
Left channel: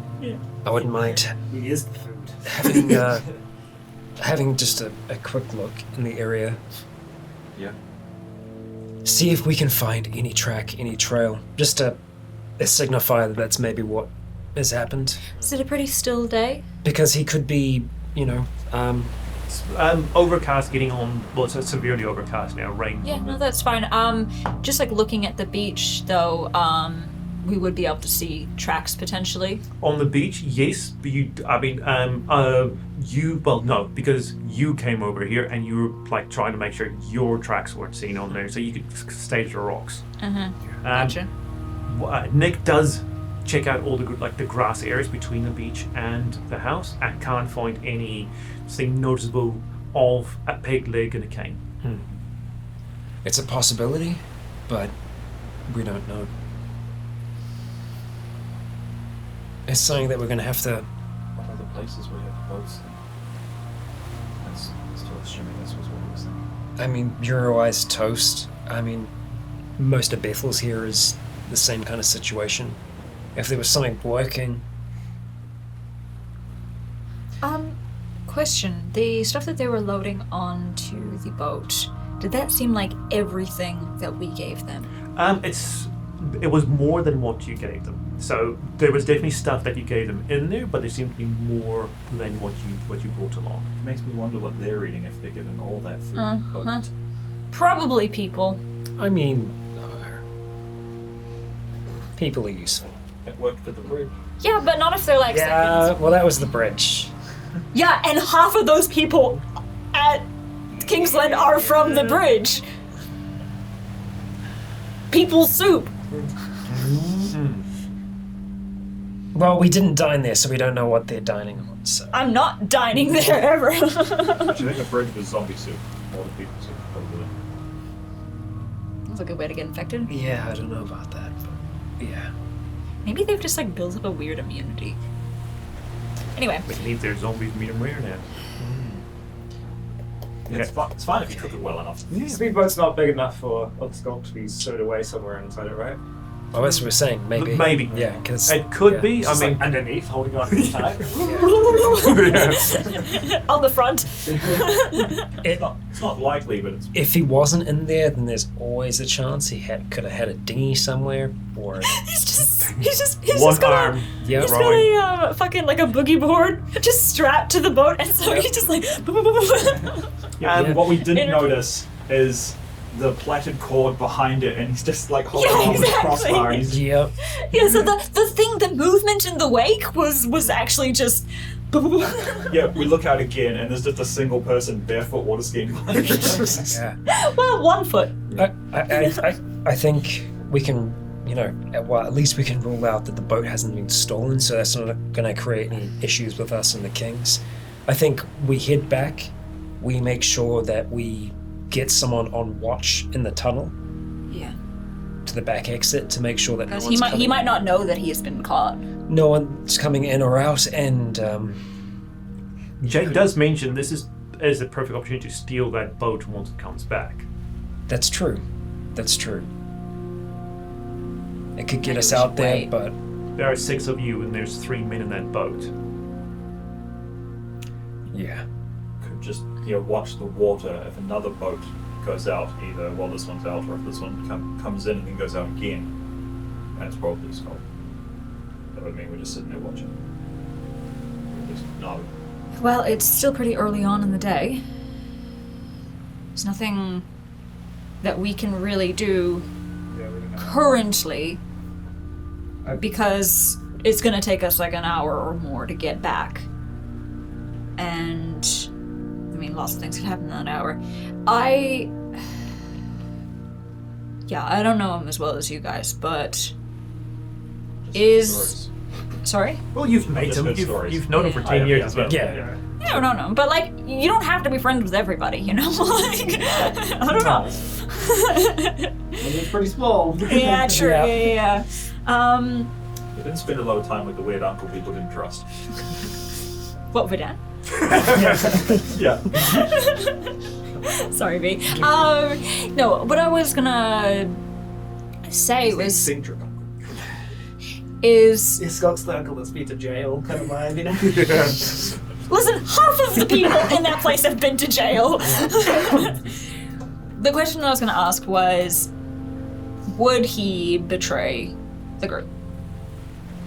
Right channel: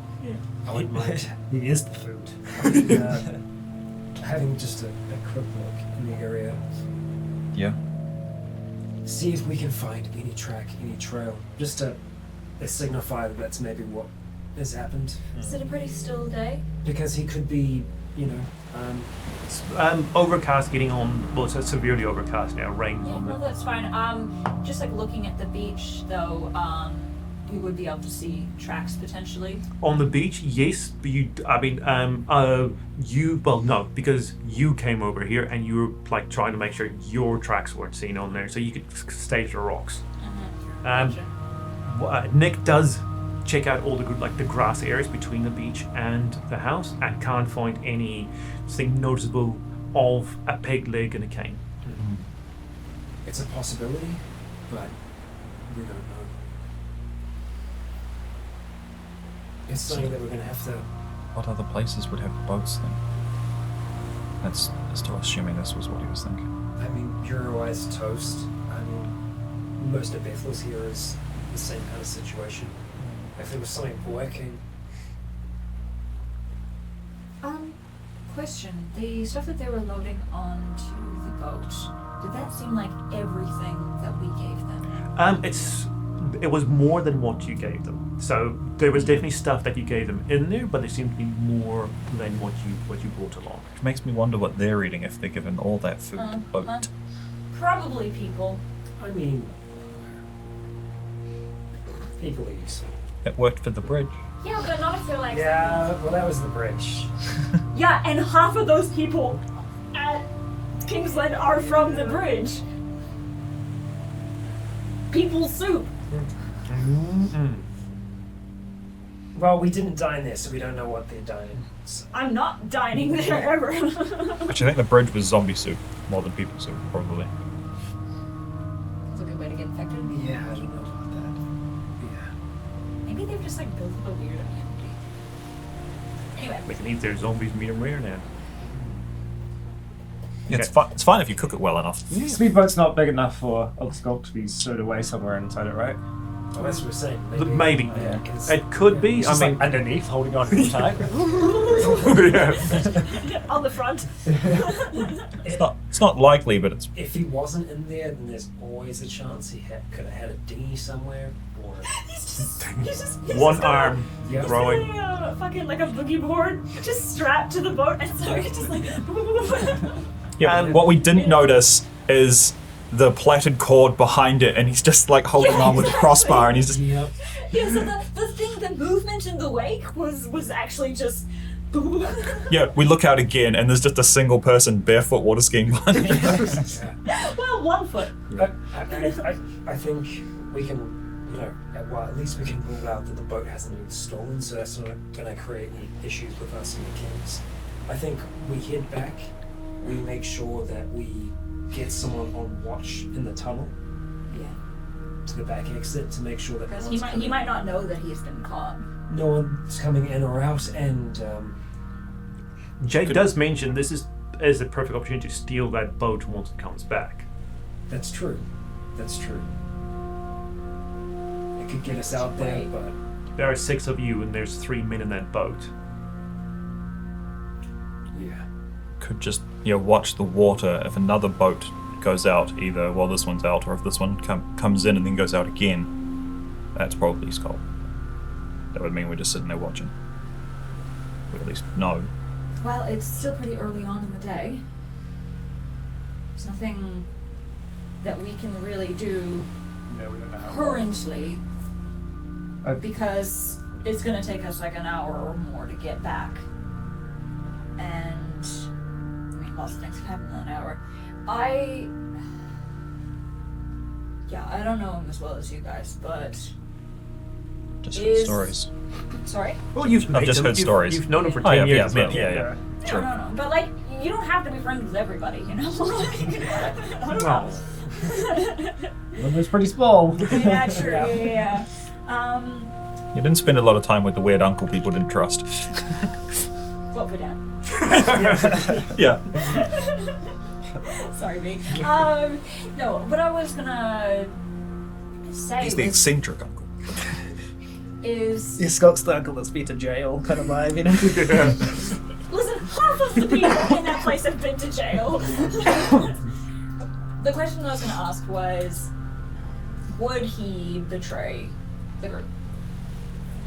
I wouldn't mind He is the food. having just a quick look in the area. Yeah. See if we can find any track, any trail, just to signify that that's maybe what has happened. Is it a pretty still day? Because he could be, Overcast getting on. Well, it's severely overcast now. Rain. Yeah, on no, the, that's fine. Just like looking at the beach, though, we would be able to see tracks potentially. on the beach, yes. But no, because you came over here and you were like trying to make sure your tracks weren't seen on there, so you could stay to the rocks. Gotcha. Nick does check out all the good, like the grass areas between the beach and the house, and can't find anything noticeable of a peg leg and a cane. it's a possibility, but we don't know. It's something that we're going to have to. What other places would have boats then? That's still assuming this was what he was thinking. I mean, Euroeye's toast. I mean, most of Bethel's here is the same kind of situation. If there was something working, Question. The stuff that they were loading onto the boat, did that seem like everything that we gave them? It was more than what you gave them. So there was definitely stuff that you gave them in there, but there seemed to be more than what you brought along. It makes me wonder what they're eating if they're given all that food. Boat. Probably people. I mean, people are useful. It worked for the bridge. Yeah, but not if they're like Yeah, seconds. well, that was the bridge. Yeah, and half of those people at Kingsland are from the bridge. People soup. Well, we didn't dine there, so we don't know what they're dining on. So. I'm not dining there ever. Actually, I think the bridge was zombie soup more than people soup, probably. That's a good way to get infected. Yeah, I don't know about that, but yeah. Maybe they've just like built up a weird immunity. Anyway. We can eat their zombies medium rare now. Yeah, it's fine if you cook it well enough. Speedboat's not big enough for a skull to be stowed away somewhere inside it, right? Oh, that's what we're saying. Maybe. Maybe. Yeah, because It could be. It's I just, mean, like, underneath, holding on to the side. On the front. It's not likely, but it's if he wasn't in there, then there's always a chance he could have had a dinghy somewhere, or he's just one just got arm yeah, He's rowing. got a fucking like a boogie board just strapped to the boat, and so he's just like. yeah. And What we didn't You know- notice is the plaited cord behind it, and he's just like holding Yeah, on with a exactly. crossbar, and he's just Yep. Yeah, so the movement in the wake was actually just. yeah. We look out again, and there's just a single person barefoot water skiing behind us. Yeah. Well, 1 foot. I think we can, well, at least we can rule out that the boat hasn't been stolen, so that's not going to create any issues with us and the Kings. I think we head back, we make sure that we get someone on watch in the tunnel Yeah. to the back exit to make sure that no Because one's he coming. might not know that he has been caught. No one's coming in or out, and Jake does mention this is the perfect opportunity to steal that boat once it comes back. that's true. That's true. It could get Maybe us we out should there, wait. but There are 6 of you, and there's 3 men in that boat. yeah. Could just watch the water. If another boat goes out, either while this one's out, or if this one comes in and then goes out again, that's probably Skull. That would mean we're just sitting there watching. Or at least no. Well, it's still pretty early on in the day. There's nothing that we can really do currently because it's going to take us like an hour or more to get back. And, I mean, lots of things can happen in that hour. I don't know him as well as you guys, but Just stories. Sorry? Well, you've I've just heard stories. You've known him for 10 years as well. Yeah. No. But, like, you don't have to be friends with everybody, you know? Like, I don't know. Well, it's pretty small. Yeah, true. Yeah. You didn't spend a lot of time with the weird uncle people didn't trust. What, Vidan? Yeah. Sorry, V. No, what I was gonna say He's the was... eccentric uncle. Is... Yeah, Scott's the uncle that's been to jail, kind of vibe, you know? Listen, half of the people in that place have been to jail. The question I was going to ask was, would he betray the group?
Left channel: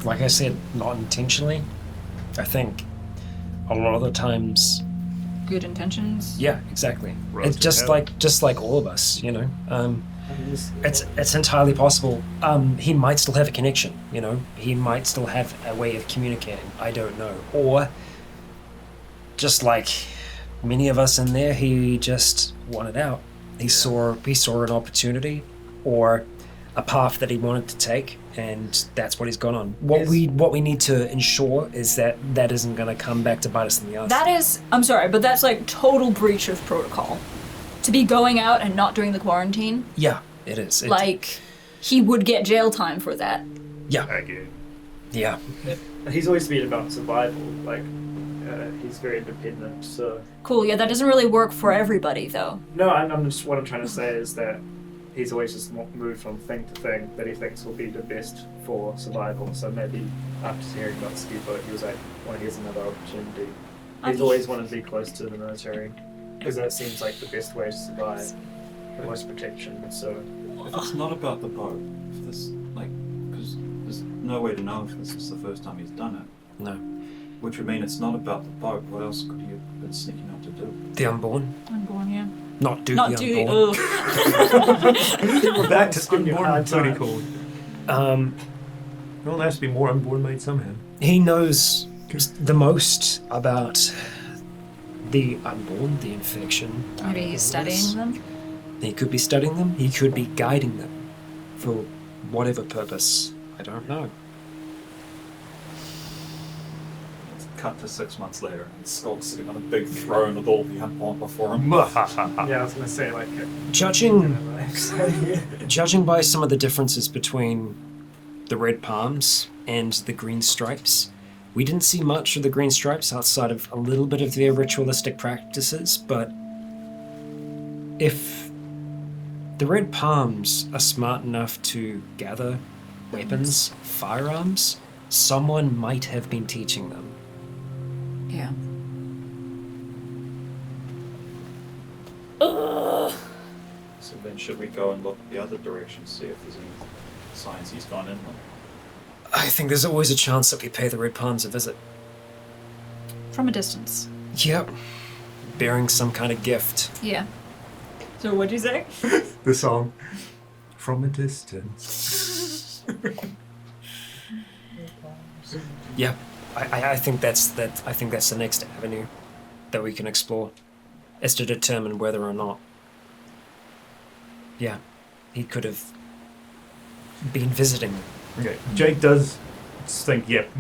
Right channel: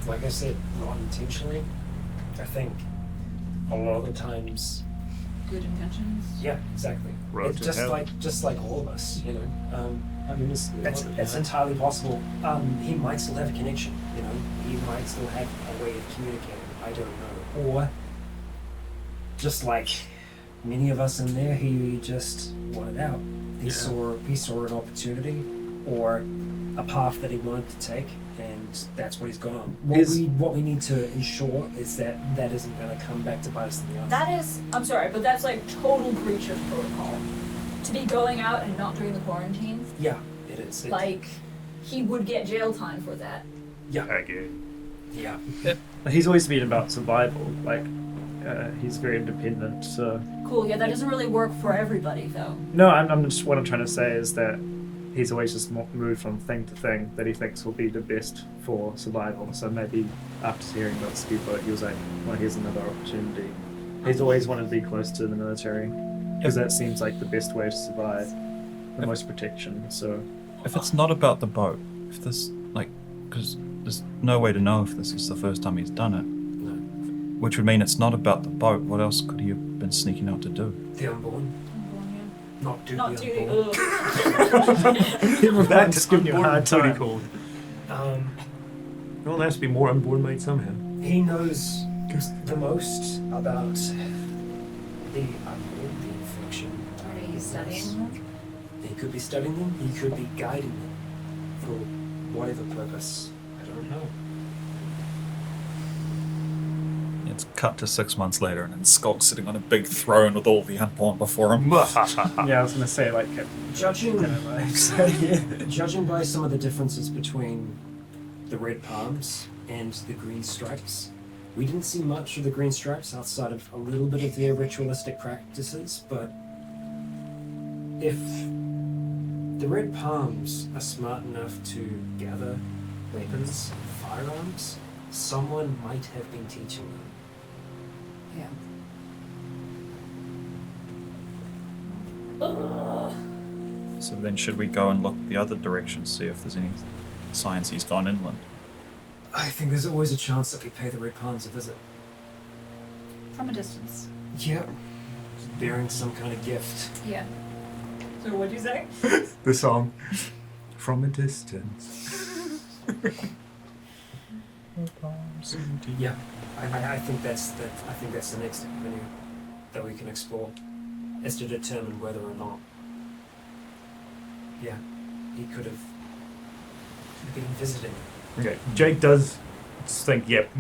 Like I said, not intentionally. I think a lot of the times. Good intentions? Yeah, exactly. Road It's to just hell. like all of us, you know. It's entirely possible. He might still have a connection, you know. He might still have a way of communicating. I don't know. Or just like many of us in there, he just wanted out. He saw an opportunity or a path that he wanted to take, and that's what he's gone on. What we need to ensure is that isn't going to come back to bite us in the ass. That is, I'm sorry, but that's like total breach of protocol. To be going out and not doing the quarantine. Yeah, it is. Like, he would get jail time for that. Yeah. Again. Yeah. He's always been about survival, like, he's very independent, so... Cool, yeah, that doesn't really work for everybody, though. No, I'm just, what I'm trying to say is that he's always just moved from thing to thing that he thinks will be the best for survival, so maybe after hearing about Skibo, he was like, well, here's another opportunity. He's always wanted to be close to the military, because that seems like the best way to survive, the most protection, so... If it's not about the boat, if this, like, because there's no way to know if this is the first time he's done it. No. Which would mean it's not about the boat. What else could he have been sneaking out to do? The Unborn. Unborn, yeah. Not do Not the do Unborn. the... Back to giving you a Unborn hard booty time. call. Well, there has to be more Unborn made somehow. He knows the most about the Unborn, the infection. Maybe he's studying them? He could be studying them. He could be guiding them for whatever purpose. I don't know. It's cut to 6 months later, and Skull's sitting on a big throne with all the Unborn before him. Yeah, I was gonna say, like... Judging by some of the differences between the red palms and the green stripes, we didn't see much of the green stripes outside of a little bit of their ritualistic practices, but if the red palms are smart enough to gather weapons, firearms, someone might have been teaching them. Yeah. So then should we go and look the other direction, see if there's any signs he's gone inland? I think there's always a chance that we pay the red palms a visit. From a distance. Yep. Bearing some kind of gift. Yeah. So what'd you say? The song. From a distance. Yeah. I think that's the next avenue that we can explore, is to determine whether or not, yeah, he could have been visiting them. Okay. Jake does think, yep,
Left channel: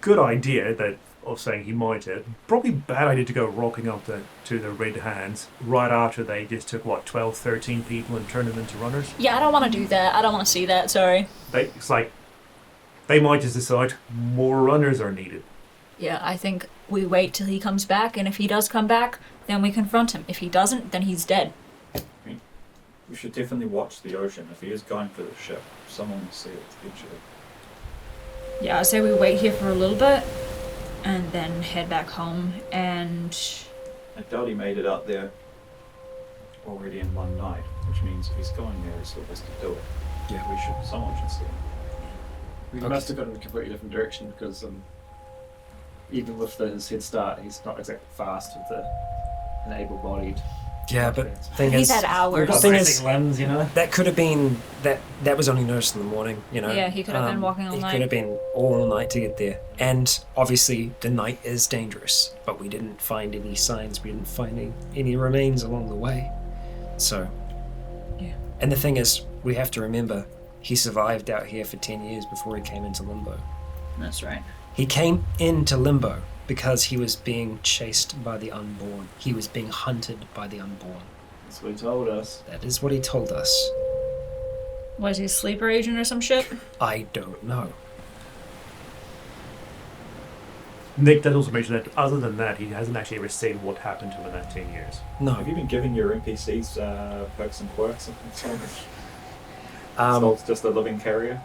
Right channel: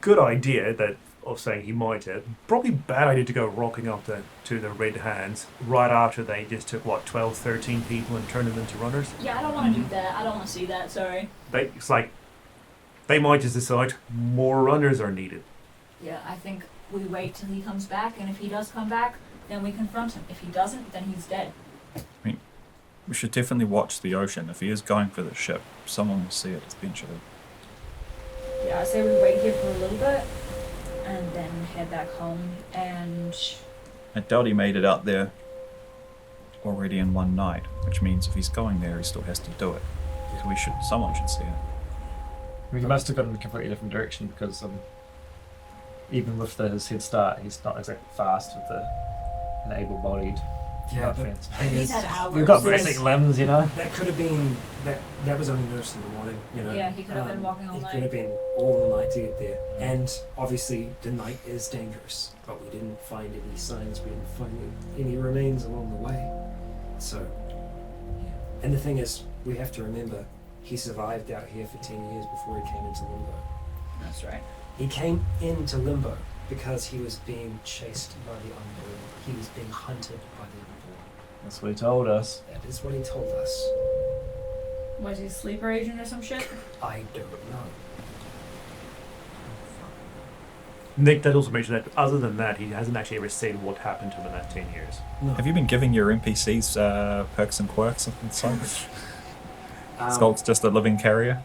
good idea that of saying he might have. Probably bad idea to go rocking up to the Red Hands right after they just took, 12, 13 people and turned them into runners? Yeah, I don't want to do that. I don't want to see that, sorry. It's like, they might just decide more runners are needed. Yeah, I think we wait till he comes back, and if he does come back, then we confront him. If he doesn't, then he's dead. We should definitely watch the ocean. If he is going for the ship, someone will see it eventually. Yeah, I say we wait here for a little bit, and then head back home, and... I doubt he made it out there already in one night, which means if he's going there, he still has to do it. Yeah, someone should see it. We must have gone in a completely different direction because even with his head start, he's not exactly fast with an able-bodied. Yeah, but thing He's is, had hours. We've got thing basic is- limbs, you know. that could have been that was only noticed in the morning. You know. Yeah, he could have been walking all He night. could have been all night to get there, and obviously the night is dangerous. But we didn't find any signs. We didn't find any remains along the way. So. Yeah. And the thing is, we have to remember, he survived out here for 10 years before he came into Limbo. That's right. He came into Limbo because he was being chased by the Unborn. He was being hunted by the Unborn. That's what he told us. That is what he told us. Was he a sleeper agent or some shit? I don't know. Nick did also mention that other than that, he hasn't actually ever said what happened to him in that 10 years. No. Have you been giving your NPCs perks and quirks and so much? Um, So it's just a living carrier?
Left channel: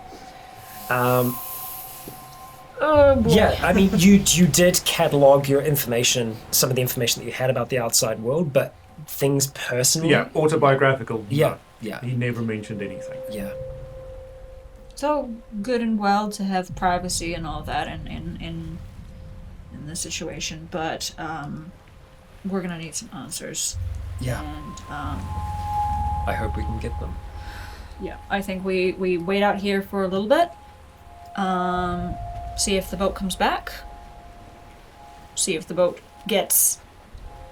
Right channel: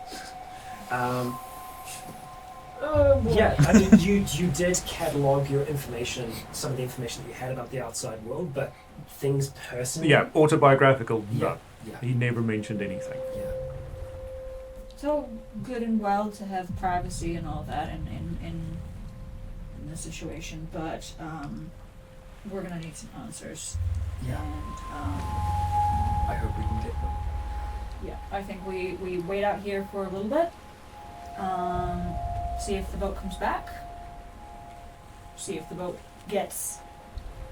Yeah, I mean, you did catalog your information, some of the information that you had about the outside world, but things personally. Yeah, autobiographical. Yeah. No. Yeah. He never mentioned anything. Yeah. So good and well to have privacy and all that in this situation, but we're gonna need some answers. Yeah. And I hope we can get them. yeah, I think we wait out here for a little bit. See if the boat comes back. See if the boat gets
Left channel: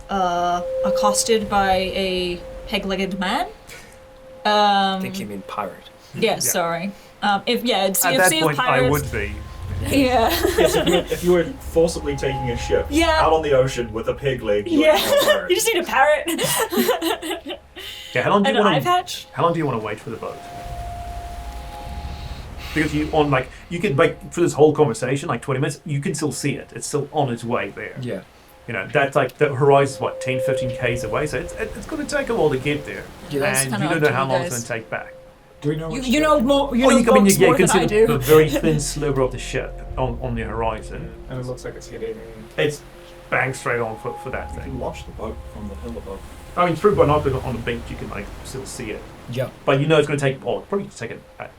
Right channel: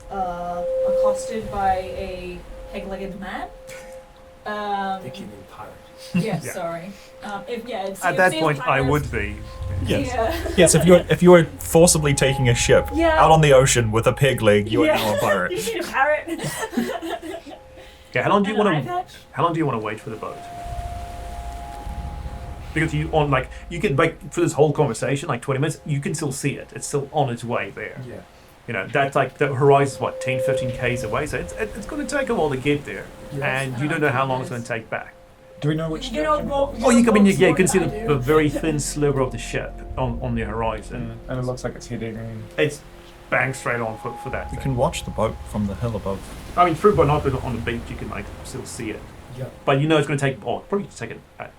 accosted by a peg-legged man. I think you mean pirate. Yeah, sorry. It's At see that if point, I pirates- would be. Yeah. Yes, if you were forcibly taking a ship Yeah. out on the ocean with a peg leg, you would Yeah. be a pirate. You just need a parrot. Yeah, how long do An you want eye to? patch. How long do you want to wait for the boat? Because you can for this whole conversation, like 20 minutes, you can still see it. It's still on its way there. Yeah. You know, that's like the horizon's what 10, 15 k's away, so it's going to take a while to get there, Yeah, that's and kinda you don't up know to how you long it's guys. going to take back. Do we know which? You know more. You can see than I do. the very thin sliver of the ship on the horizon. And it looks like it's heading. It's bang straight on for that You thing. can watch the boat from the hill above. I mean, through binoculars on the beach, you can still see it. Yeah. But you know it's going to probably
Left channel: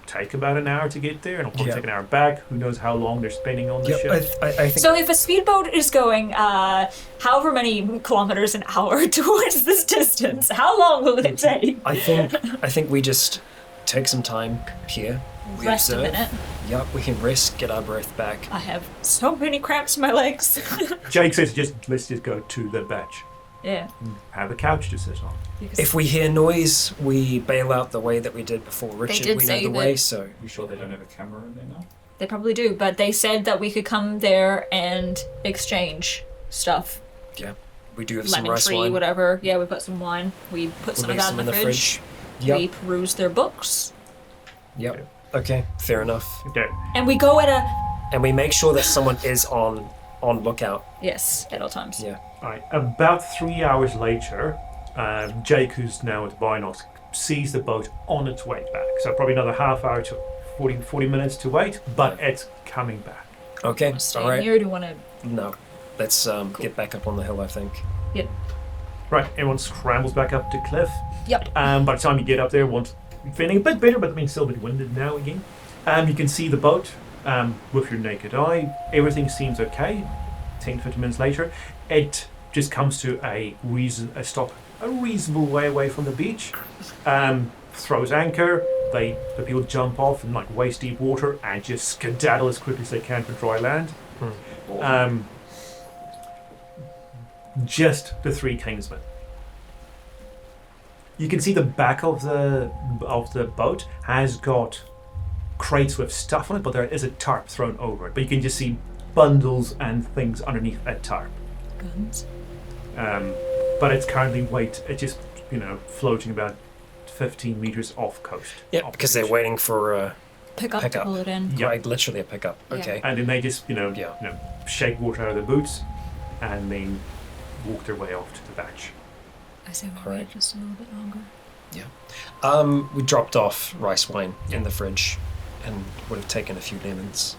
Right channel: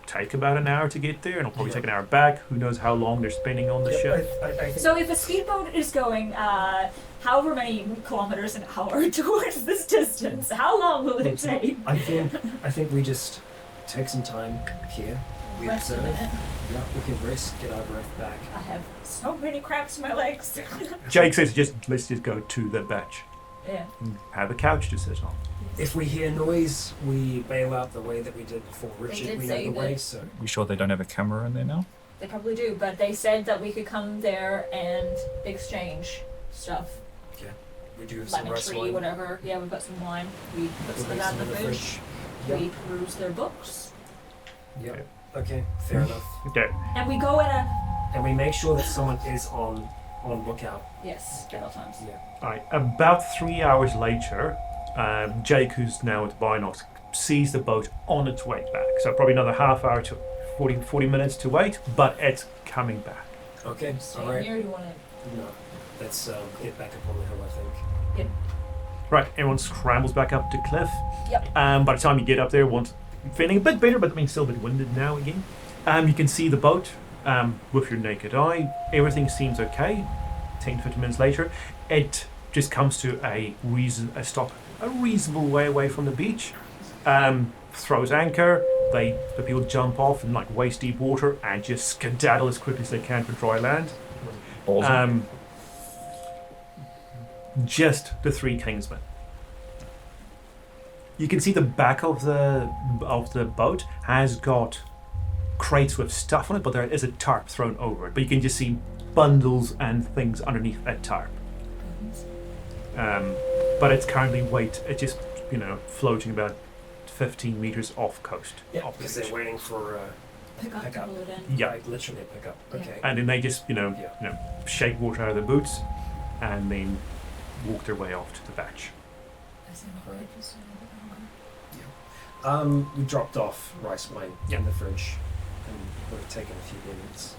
take about an hour to get there, and it'll probably Yeah. take an hour back. Who knows how long they're spending on the ship? I think. So if a speedboat is going however many kilometers an hour towards this distance, how long will it take? I think we just take some time here. We Rest a observe. minute. Yep, we can rest, get our breath back. I have so many cramps in my legs. Jake says, let's just go to the beach Yeah. and have a couch to sit on. If we hear noise, we bail out the way that we did before Richard. did We know say the that- way, so You sure they don't have a camera in there now? They probably do, but they said that we could come there and exchange stuff. yeah, we do have some Lemon rice tree, wine. whatever. Yeah, we put some wine. We put We'll some of leave that some in the fridge. Yep. We peruse their books. Yep. Okay, fair enough. Okay. And we go at a... And we make sure that someone is on lookout. Yes, at all times. Yeah. All right. About 3 hours later, Jake, who's now at the binocs, sees the boat on its way back. So probably another half hour to 40 minutes to wait, but it's coming back. Okay. Stay All right. here, do you want to... No, let's get back up on the hill. I think. Yep. Right. Everyone scrambles back up the cliff. Yep. By the time you get up there, once feeling a bit better, but I mean still a bit winded now again. You can see the boat with your naked eye. Everything seems okay. 10, 15 minutes later, it just comes to a stop a reasonable way away from the beach. Throws anchor. The people jump off in waist deep water and just skedaddle as quickly as they can for dry land. Awesome. Just the three Kingsmen. You can see the back of the boat has got crates with stuff on it, but there is a tarp thrown over it. But you can just see bundles and things underneath that tarp. But it's currently it's just floating about 15 meters off coast. Yeah, off the because they're beach. waiting for Pick up Pick to up. pull it in. Yeah. like literally a pickup. Yeah. Okay. And then they just Yeah. shake water out of their boots, and then walk their way off to the beach. I say All we right. wait just a little bit longer. We dropped off rice wine in the fridge, and would have taken a few lemons.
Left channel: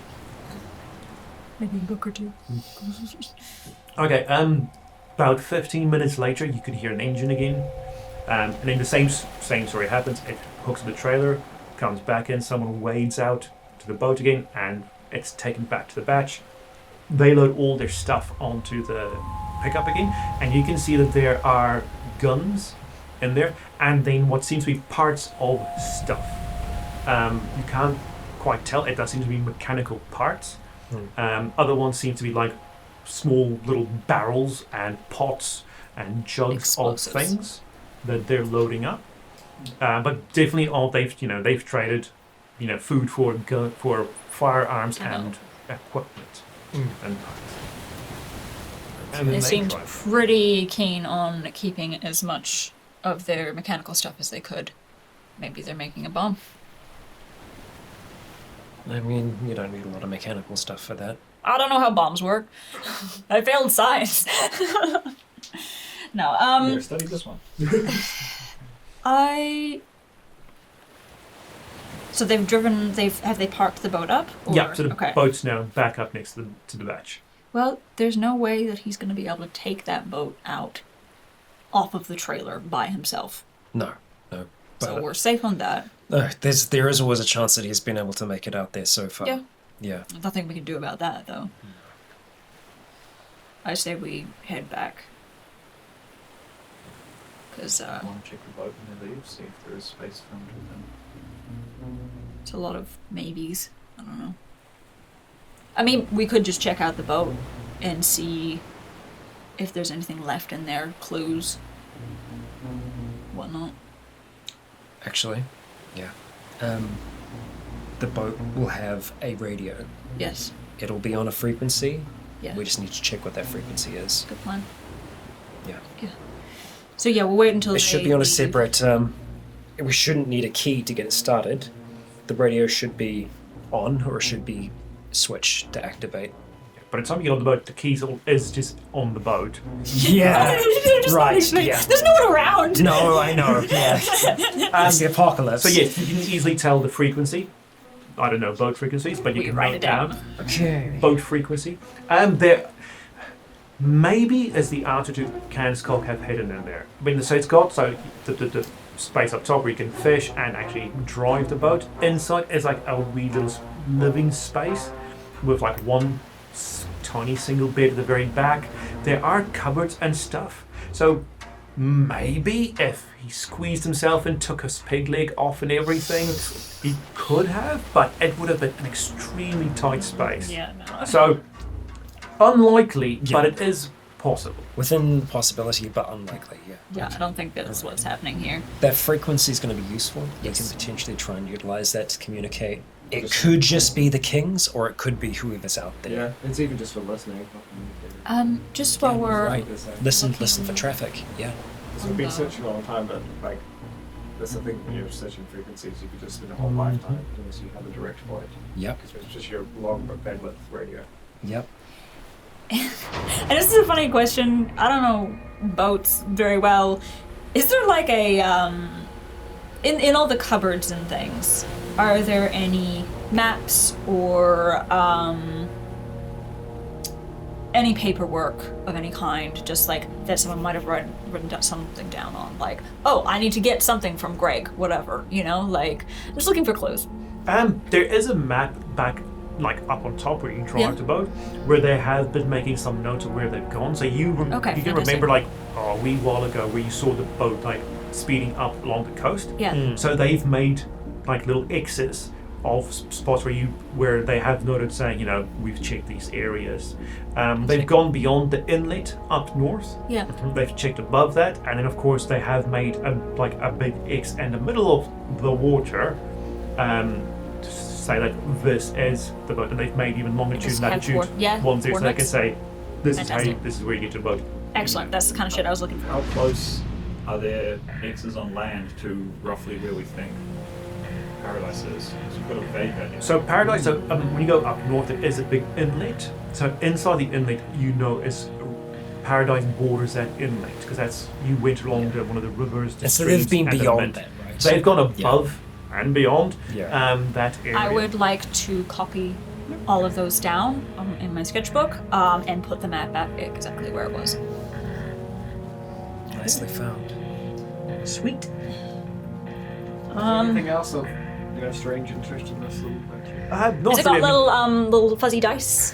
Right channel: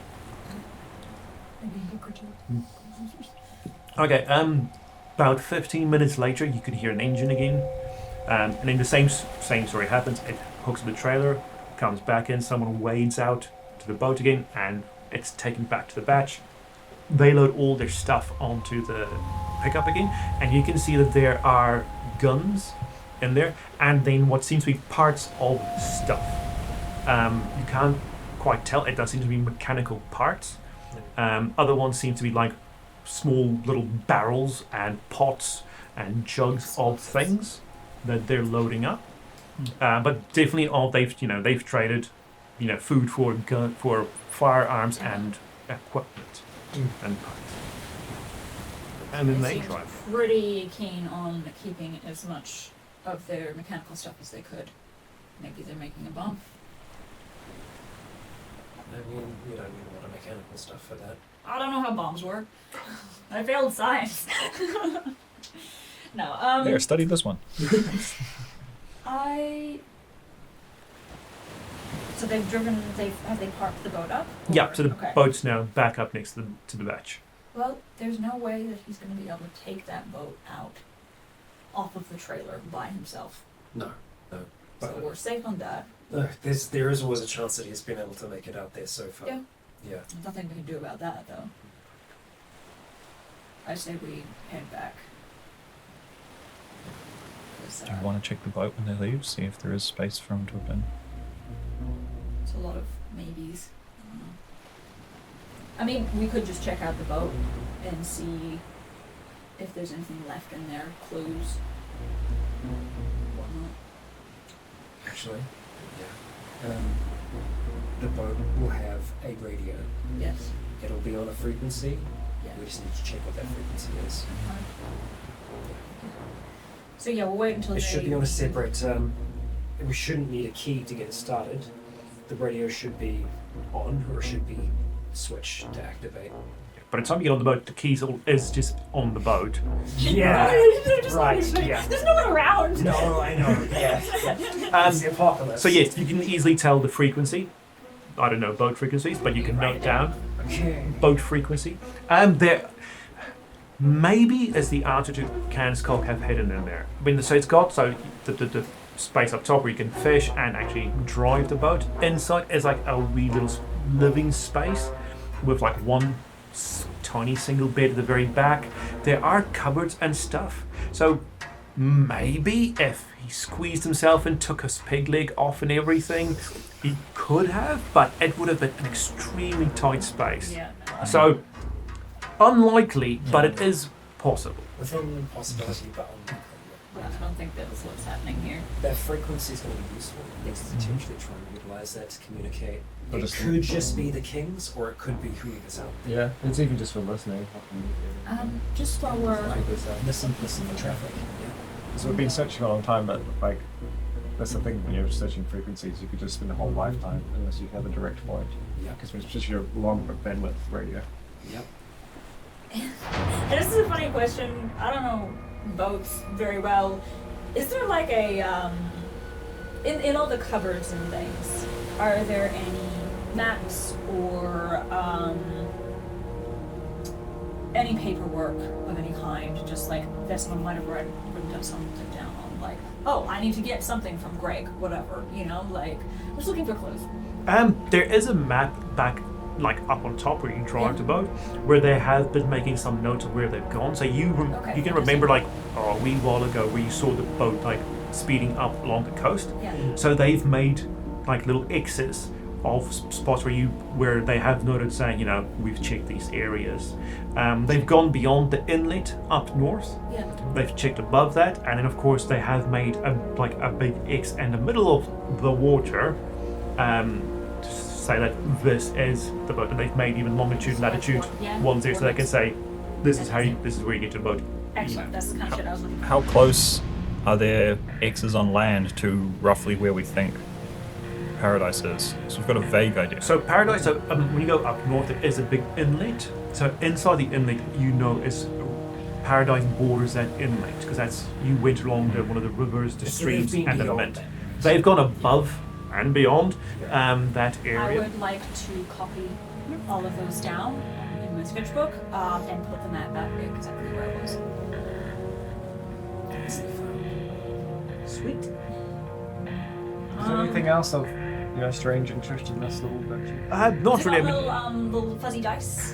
Maybe a book or two. Okay, about 15 minutes later, you could hear an engine again. And then the same story happens. It hooks up the trailer, comes back in, someone wades out to the boat again, and it's taken back to the batch. They load all their stuff onto the pickup again, and you can see that there are guns in there, and then what seems to be parts of stuff. You can't quite tell. It does seem to be mechanical parts. Other ones seem to be like small little barrels and pots and jugs of things that they're loading up. But definitely they've traded, food for firearms and equipment and parts. And They then seemed drive. pretty keen on keeping as much of their mechanical stuff as they could. Maybe they're making a bomb. I mean, you don't need a lot of mechanical stuff for that. I don't know how bombs work. I failed science. No, Yeah, study this one. So have they parked the boat up? Yeah, so the okay. boat's now back up next to the batch. Well, there's no way that he's going to be able to take that boat out off of the trailer by himself. No. So we're safe on that. No, there is always a chance that he's been able to make it out there so far. Yeah. There's nothing we can do about that, though. I say we head back. Because Do you want to check the boat when they leave, see if there is space for them to have been? it's a lot of maybes. I don't know. I mean, we could just check out the boat and see if there's anything left in there, clues, whatnot. Actually, yeah. The boat will have a radio. Yes. It'll be on a frequency. Yeah. We just need to check what that frequency is. Good plan. Yeah. So yeah, we'll wait until It should be on a separate. We shouldn't need a key to get it started. The radio should be on, or it should be switched to activate. By the time you get on the boat, the keys is just on the boat. Yeah. Right. Yeah. There's no one around. No, I know. Yeah. It's the apocalypse. So yes, you can easily tell the frequency. I don't know boat frequencies, but you can write note it down. Okay. boat frequency. There maybe as the altitude cans cock have hidden in there. I mean, so it's got the space up top where you can fish and actually drive the boat. Inside is like a wee little living space with like one tiny single bed at the very back. There are cupboards and stuff. So maybe if he squeezed himself and took his pig leg off and everything, he could have, but it would have been an extremely tight space. Yeah, no. So unlikely, but it is possible. Within possibility, but unlikely. Yeah. Yeah, I don't think that's what's happening here. That frequency is going to be useful. Yes. We can potentially try and utilize that to communicate. It could just be the kings, or it could be whoever's out there. Yeah, it's even just for listening. Just while we're Right. Listen for traffic. Yeah. Because we've been searching a long time, but like, that's the thing, when you're searching frequencies, you could just spend a whole lifetime unless you have a direct point. Yep. Because it's just your long bandwidth radio. Yep. And this is a funny question. I don't know boats very well. Is there like a in all the cupboards and things, are there any maps or any paperwork of any kind, just like that someone might have written something down on, like, oh, I need to get something from Greg, whatever, like, I'm just looking for clues. There is a map back, like up on top where you can drive Yeah. the boat, where they have been making some notes of where they've gone. So you Okay, you can remember like a wee while ago where you saw the boat like speeding up along the coast. Yeah. So they've made like little X's of spots where they have noted saying, we've checked these areas. They've gone beyond the inlet up north. Yeah. They've checked above that, and then of course they have made a big X in the middle of the water, to say that this is the boat, and they've made even longitude, Just have latitude ones there, so they can say this is where you get your boat. Excellent. That's the kind of shit I was looking for. How close are there X's on land to roughly where we think Paradise is? So we've got a vague idea. So Paradise, when you go up north, there is a big inlet. So inside the inlet, is Paradise borders that inlet, because that's, you went along one of the rivers, the So streams, they've been and the beyond mint. that, right? They've gone above and beyond that area. I would like to copy all of those down in my sketchbook and put the map back exactly where it was. Nicely found. Sweet. Is there anything else of strange interest in this little bit. Not Has it got really. little fuzzy dice?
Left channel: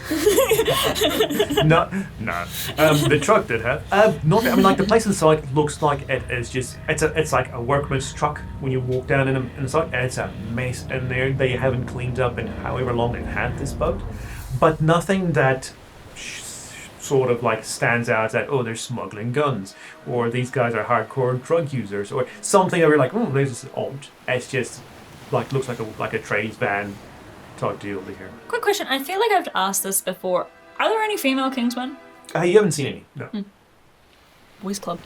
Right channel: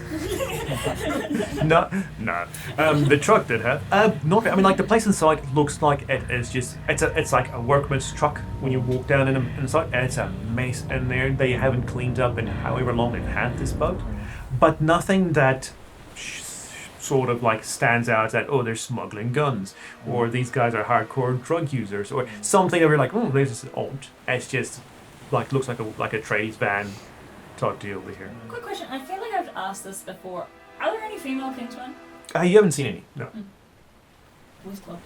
No. The truck did have. Not. I mean, like the place inside looks like it is just. It's like a workman's truck when you walk down inside, and it's a mess in there. They haven't cleaned up in however long they've had this boat, but nothing that sort of like stands out as that. Oh, they're smuggling guns, or these guys are hardcore drug users, or something that we're like, oh, this is odd. It's just like looks like a trades van type deal over here. Quick question. I feel like I've asked this before. Are there any female Kingsmen? You haven't seen any, no. Boys Club.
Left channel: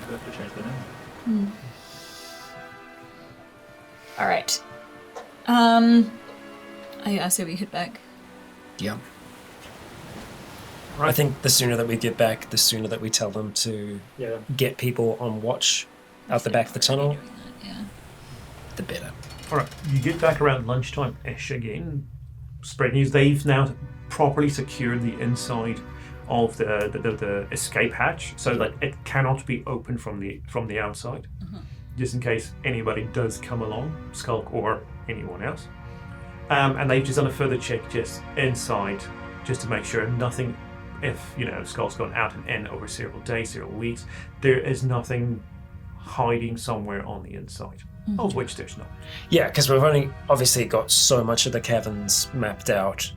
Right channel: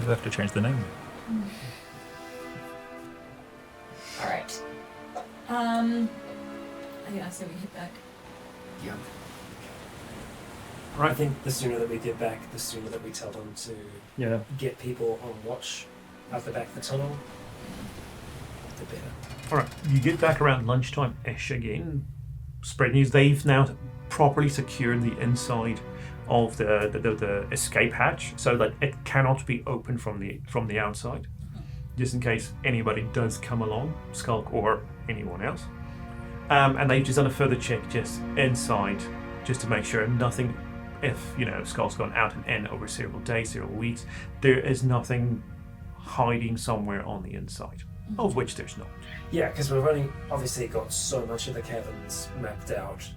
We'll have to change the name. All right. I say we hit back. Yeah. I think the sooner that we get back, the sooner that we tell them to get people on watch out the back of the tunnel, the better. All right, you get back around lunchtime-ish again. Spread news. They've now properly secured the inside of the escape hatch so that it cannot be opened from the outside, just in case anybody does come along, Skulk or anyone else. And they've just done a further check just inside, just to make sure nothing. If Skulk's gone out and in over several days, several weeks, there is nothing hiding somewhere on the inside. Of which there's not. Yeah, because we've only obviously got so much of the caverns mapped out.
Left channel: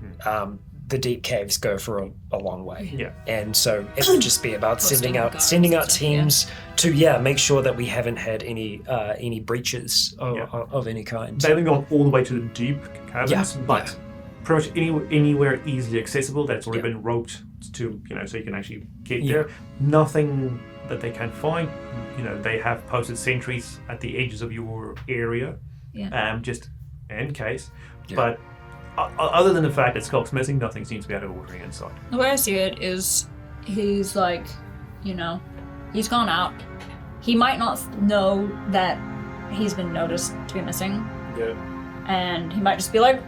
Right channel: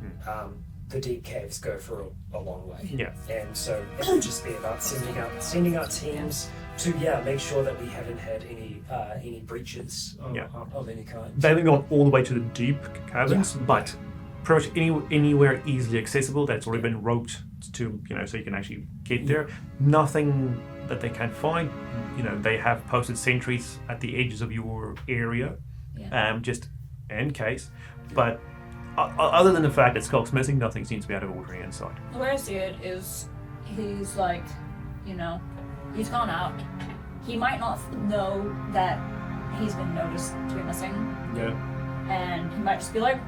The deep caves go for a long way. Yeah. And so it would just be about sending out teams to make sure that we haven't had any breaches of any kind. They haven't gone all the way to the deep caverns, but pretty much anywhere easily accessible that's already been roped to, so you can actually get there. Nothing that they can't find. They have posted sentries at the edges of your area, just in case. Yeah. But other than the fact that Skulk's missing, nothing seems to be out of order inside. The way I see it is, he's like, he's gone out. He might not know that he's been noticed to be missing. Yeah. And he might just be like,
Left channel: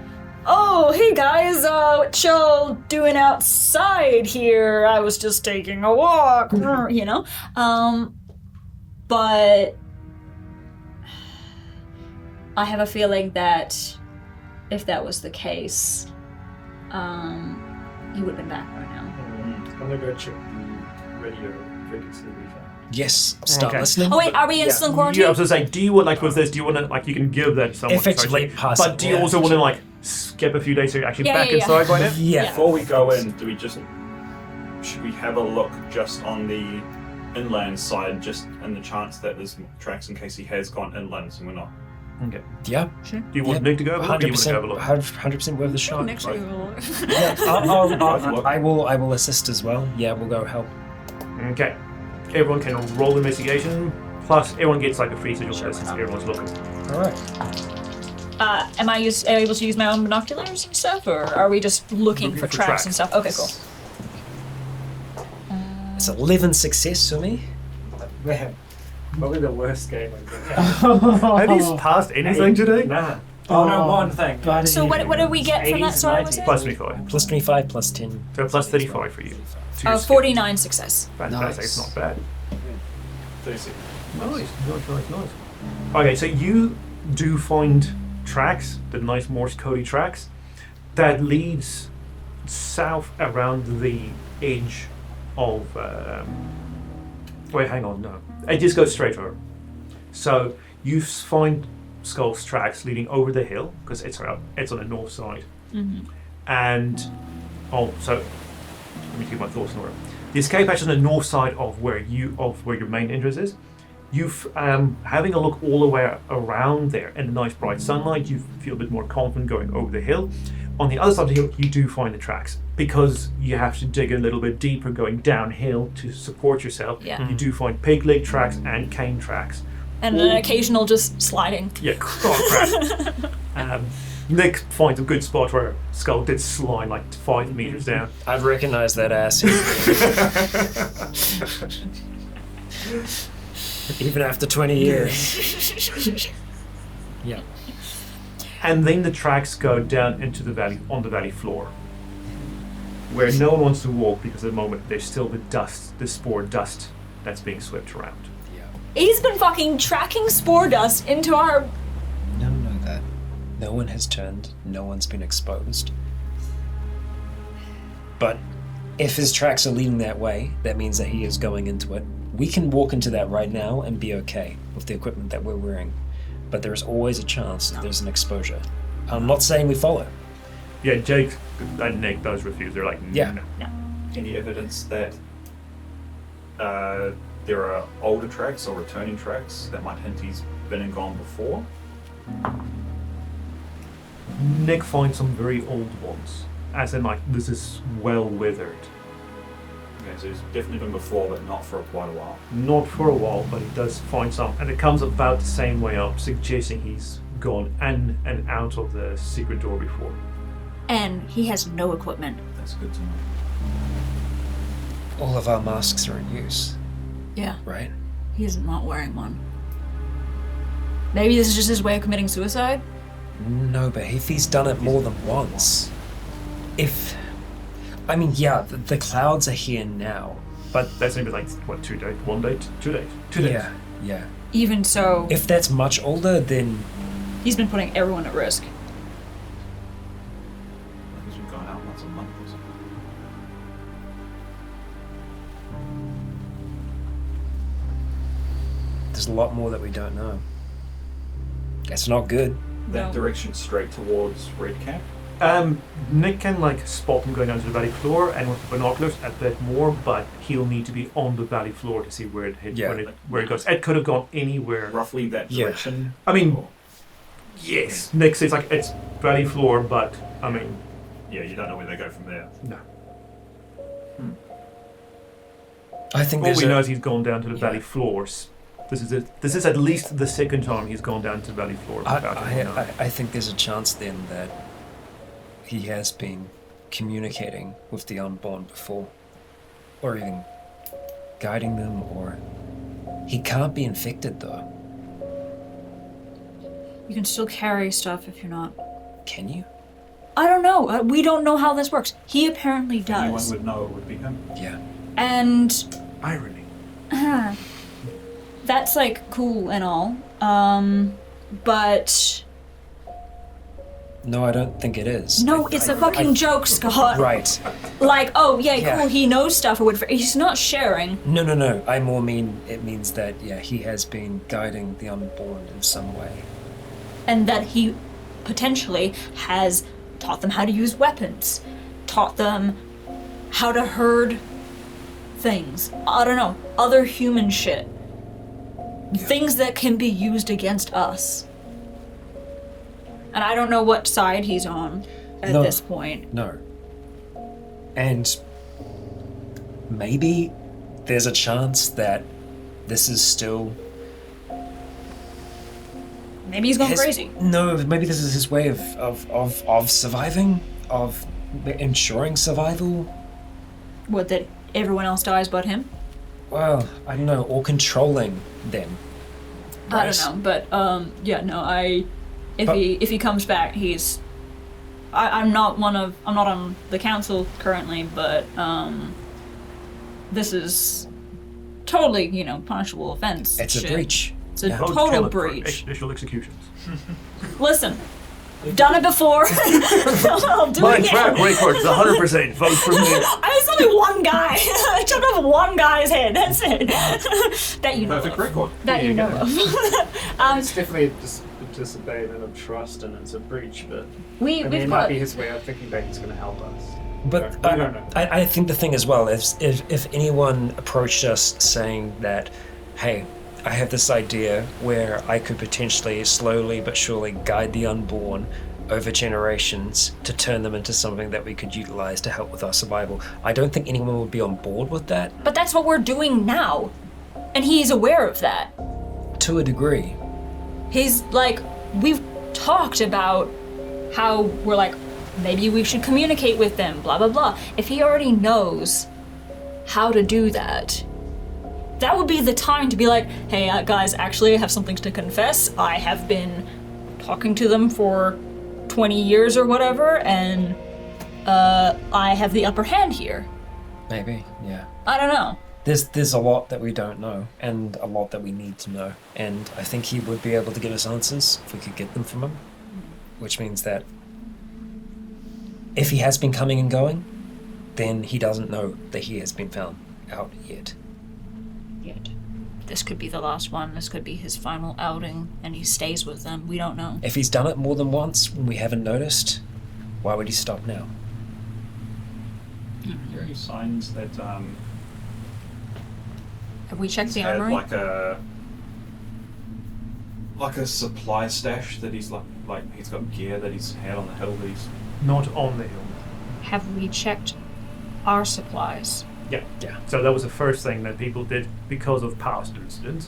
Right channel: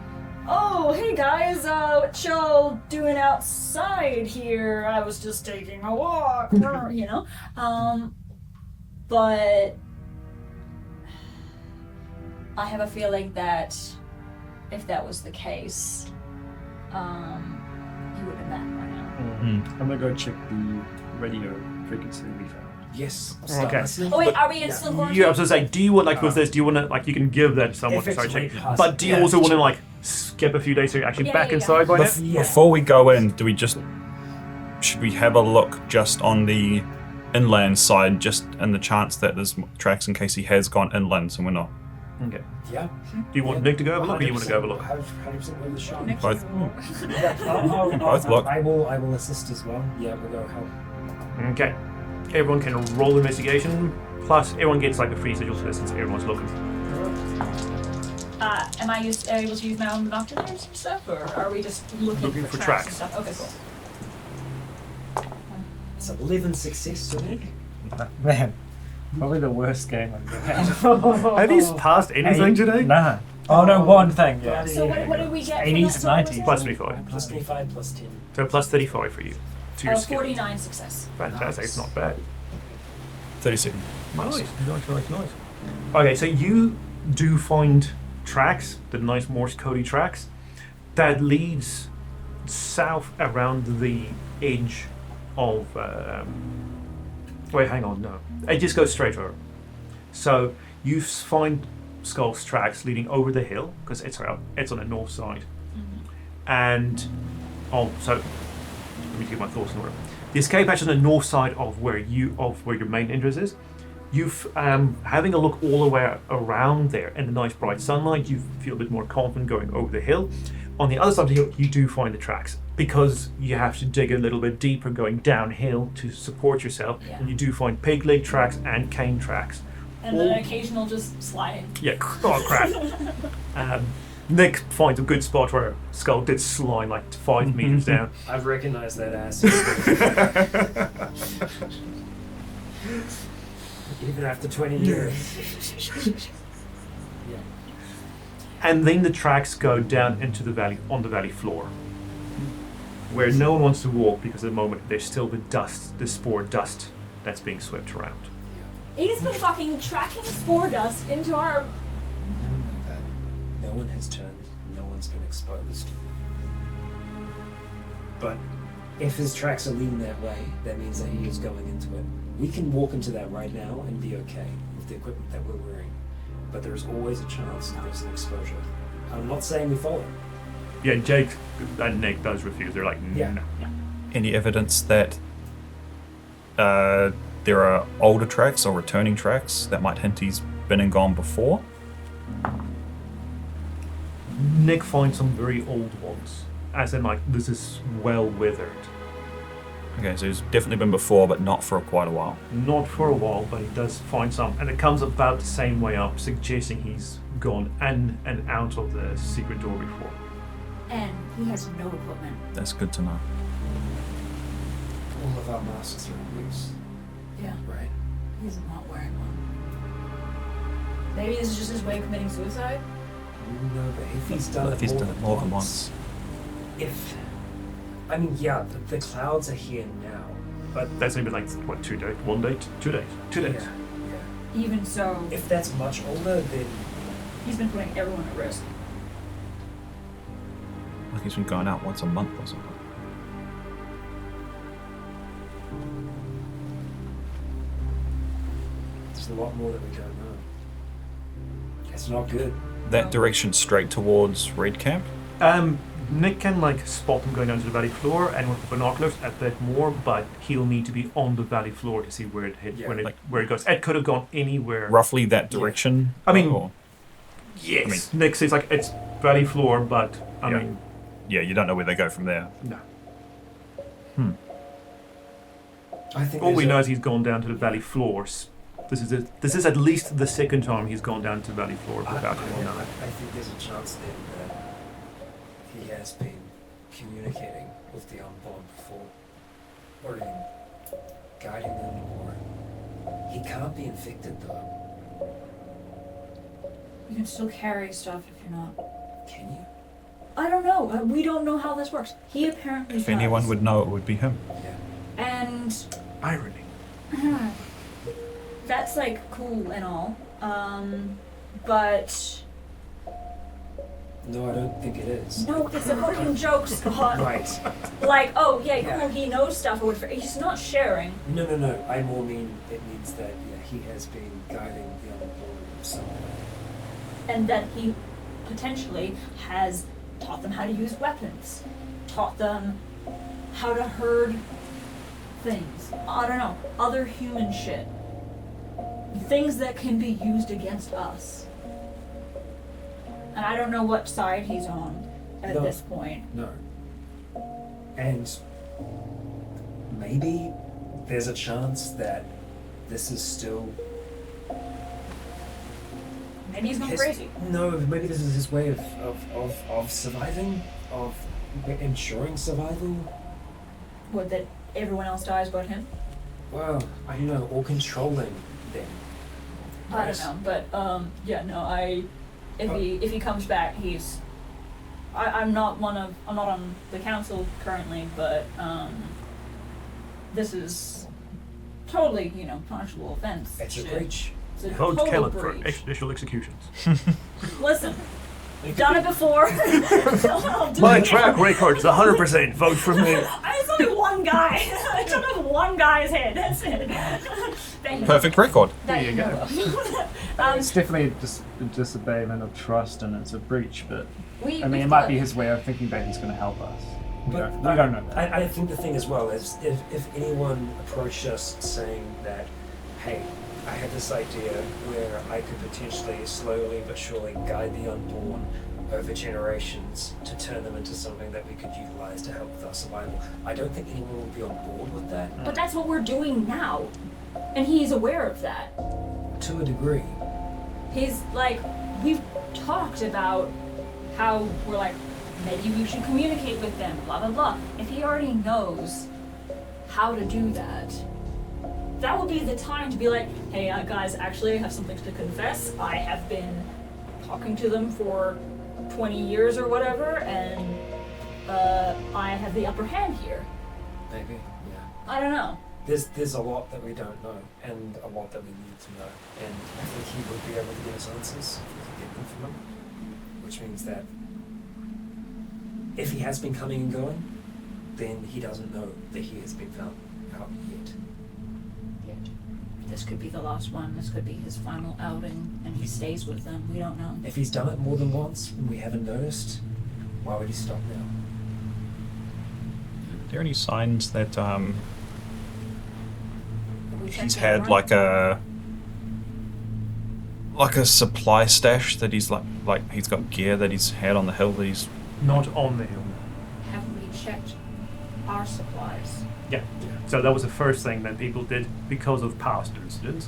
oh, hey guys, what y'all doing outside here? I was just taking a walk, But I have a feeling that if that was the case, he would have been back by now. I'm gonna go check the radio frequency we found. Yes. Start Okay. listening. Oh wait, are we in still quarantine? Yeah, I was gonna say, do you want with this? Do you want to you can give that to someone? If it's sorry, late past, but do you also want to skip a few days so you're actually back inside by now? Yeah. Before we go in, should we have a look just on the inland side, just in the chance that there's tracks in case he has gone inland and we're not? Okay. Yeah. Do you want Nick to go have a look, or you want to go have a look? 100% worth the shot. Both. I will assist as well. Yeah, we'll go help. Okay. Everyone can roll investigation. Plus, everyone gets a free sigil test since everyone's looking. Alright. Am I able to use my own binoculars and stuff, or are we just looking for tracks and stuff? Okay, cool. It's 11 success for me. Man, probably the worst game I've ever had. Have you passed anything today? Nah. Oh no, one thing. So what did we get from that story? Was it? Plus 25. Plus 25, plus 10. So plus 35 for you. To your skill. 49 success. Fantastic, it's not bad. 36. Nice. Okay, so you do find tracks, the nice Morse codey tracks, that leads south around the edge of... wait, hang on, no. It just goes straight over. So you find Skull's tracks leading over the hill, because it's on the north side. And, so, let me take my thoughts in order. The escape hatch is on the north side of where your main entrance is. Having a look all the way around there in the nice bright sunlight, you feel a bit more confident going over the hill. On the other side of the hill, you do find the tracks because you have to dig a little bit deeper going downhill to support yourself. Yeah. You do find pig leg tracks and cane tracks. And an occasional just sliding. Yeah, oh crap. Nick finds a good spot where Skull did slide 5 meters down. I've recognized that ass. Even after 20 years. Yeah. And then the tracks go down into the valley, on the valley floor, where no one wants to walk because at the moment there's still the spore dust that's being swept around. He's been fucking tracking spore dust into our No one has turned. No one's been exposed. But if his tracks are leading that way, that means that he is going into it. We can walk into that right now and be okay with the equipment that we're wearing. But there's always a chance that there's an exposure. I'm not saying we follow. Yeah, Jake and Nick does refuse. They're like, Yeah. no. Any evidence that there are older tracks or returning tracks that might hint he's been and gone before? Nick finds some very old ones. As in, like, this is well withered. Okay, so he's definitely been before, but not for quite a while. Not for a while, but he does find some. And it comes about the same way up, suggesting he's gone in and out of the secret door before. And he has no equipment. That's good to know. All of our masks are in use, Yeah, right? he is not wearing one. Maybe this is just his way of committing suicide? No, but if he's done it more than once. The clouds are here now, but That's only been like, what, 2 days? 1 day? 2 days? 2 days. yeah. Even so, If that's much older, then he's been putting everyone at risk. Like he's been going out once a month or something. there's a lot more that we don't know. It's not good. That direction straight towards Red Camp? Nick can like spot them going down to the valley floor, and with the binoculars a bit more, but he'll need to be on the valley floor to see where it hit, where it goes. It could have gone anywhere. Roughly that direction? I mean, or- yes. Nick says like it's valley floor, but I mean, Yeah, you don't know where they go from there. no. I think All we know is he's gone down to the valley floors. This is at least the second time he's gone down to the valley floor without anyone knowing. I think there's a chance then that he has been communicating with the Unborn before, or even guiding them, or he can't be infected though. You can still carry stuff if you're not. Can you? I don't know. We don't know how this works. He apparently If does. anyone would know, it would be him. Yeah. And Irony. that's like cool and all. But No, I don't think it is. no, it's a fucking joke, Scott. Right. Like, oh yeah, Yeah. cool. He knows stuff or whatever. He's not sharing. No. I more mean it means that he has been guiding the Unborn in some way. And that he potentially has taught them how to use weapons, taught them how to herd things. I don't know, other human shit. Things that can be used against us. And I don't know what side he's on at No. this point. No. And maybe there's a chance that this is still Maybe he's going crazy. No, maybe this is his way of surviving, of ensuring survival. What, that everyone else dies but him? Well, I don't know, or controlling them. I don't know, but if he comes back, he's I'm not on the council currently, but this is totally, punishable offense. It's shit. a breach. It's a Yeah. Vote total Caleb for breach. extrajudicial executions. Listen, done it before. I'll do My it track again. record is 100%. Vote for me. I was only one guy. I took off one guy's head. That's it. That you know. Perfect record. That There you go. It's definitely a disobeyment of trust, and it's a breach. But We've it got might be his way of thinking that he's going to help us. But we don't know. I think the thing as well is if anyone approached us saying that, hey, I have this idea where I could potentially slowly but surely guide the Unborn over generations to turn them into something that we could utilize to help with our survival, I don't think anyone would be on board with that. But that's what we're doing now. And he's aware of that. To a degree. He's like, we've talked about how we're like, maybe we should communicate with them, blah, blah, blah. If he already knows how to do that, that would be the time to be like, hey, guys, actually, I have something to confess. I have been talking to them for 20 years or whatever, and I have the upper hand here. Maybe, yeah. I don't know. There's a lot that we don't know, and a lot that we need to know, and I think he would be able to give us answers if we could get them from him. which means that if he has been coming and going, then he doesn't know that he has been found out yet. This could be the last one. This could be his final outing, and he stays with them. We don't know. If he's done it more than once and we haven't noticed, why would he stop now? Are there any signs that Have we checked he's the had armory? like a supply stash that he's like he's got gear that he's had on the hill that he's Not on the hill. Have we checked our supplies? Yeah. So that was the first thing that people did because of past incidents.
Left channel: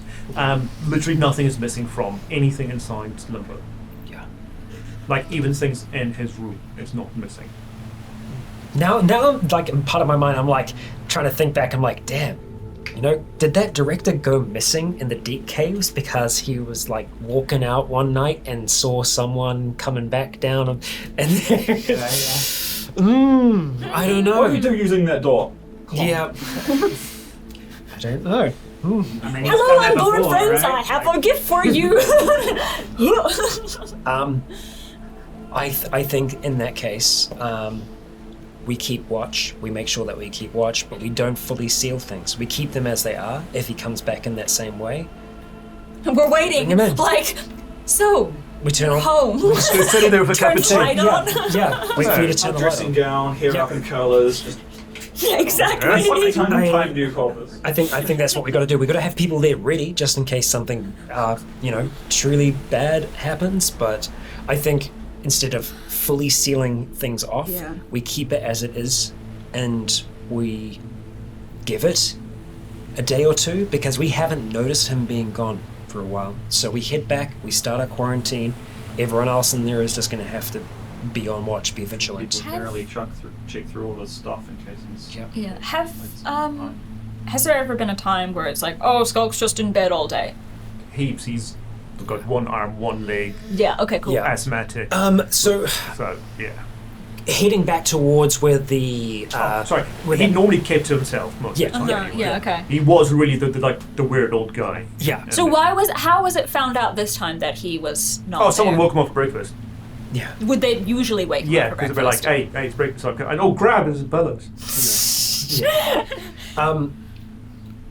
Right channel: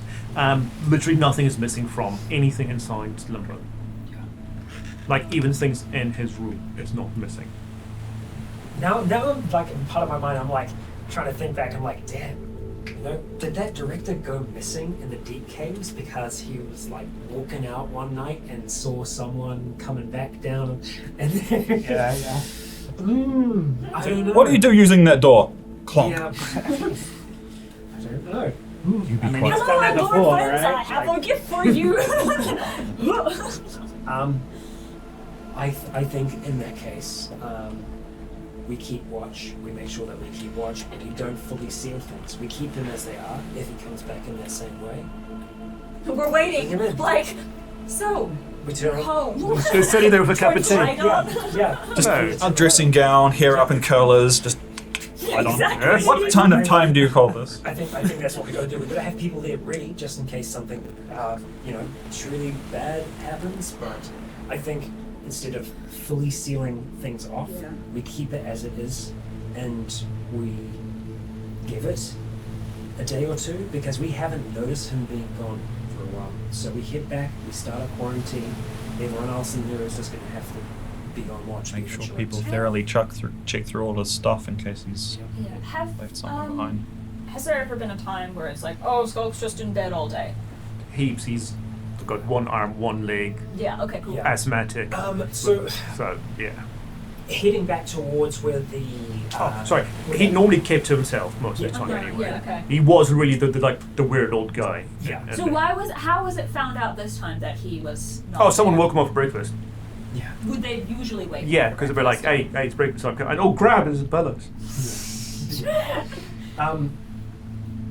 Literally nothing is missing from anything inside Limbo. Yeah. Like even things in his room, it's not missing. Now, like, in part of my mind, I'm like trying to think back. I'm like, damn, did that director go missing in the deep caves because he was like walking out one night and saw someone coming back down and I don't know. What do you do using that door? Clonk. Yeah. I don't know. Hello, Lord friends, I have a gift for you. I think in that case, we keep watch. We make sure that we keep watch, but we don't fully seal things. We keep them as they are. If he comes back in that same way, We're waiting. Bring him in. Like, so, we turn we're on. home. Just sitting there with a cup of tea. Light on. Yeah. Just Yeah. for you to turn the Dressing light gown, hair up in curlers, just Exactly. Yes. what time do you call this? on. I think that's what we got to do. We got to have people there ready just in case something, truly bad happens. But I think instead of fully sealing things off, we keep it as it is, and we give it a day or two because we haven't noticed him being gone for a while. So we head back, we start our quarantine. Everyone else in there is just going to have to be on watch, be vigilant. Thoroughly check through all his stuff in case he's Yeah. left something behind. Has there ever been a time where it's like, oh, Skulk's just in bed all day? Heaps. He's got one arm, one leg, Yeah. Okay. Cool. Yeah. asthmatic. So So yeah. heading back towards where the Sorry. He normally kept to himself most of the time Yeah, anyway. yeah, okay. He was really the weird old guy. Yeah. And So how was it found out this time that he was not? Oh, someone there? woke him up for breakfast. Yeah. Would they usually wake? Yeah, him up because for they'd be like, breakfast? hey, it's breakfast. And grab his bellows.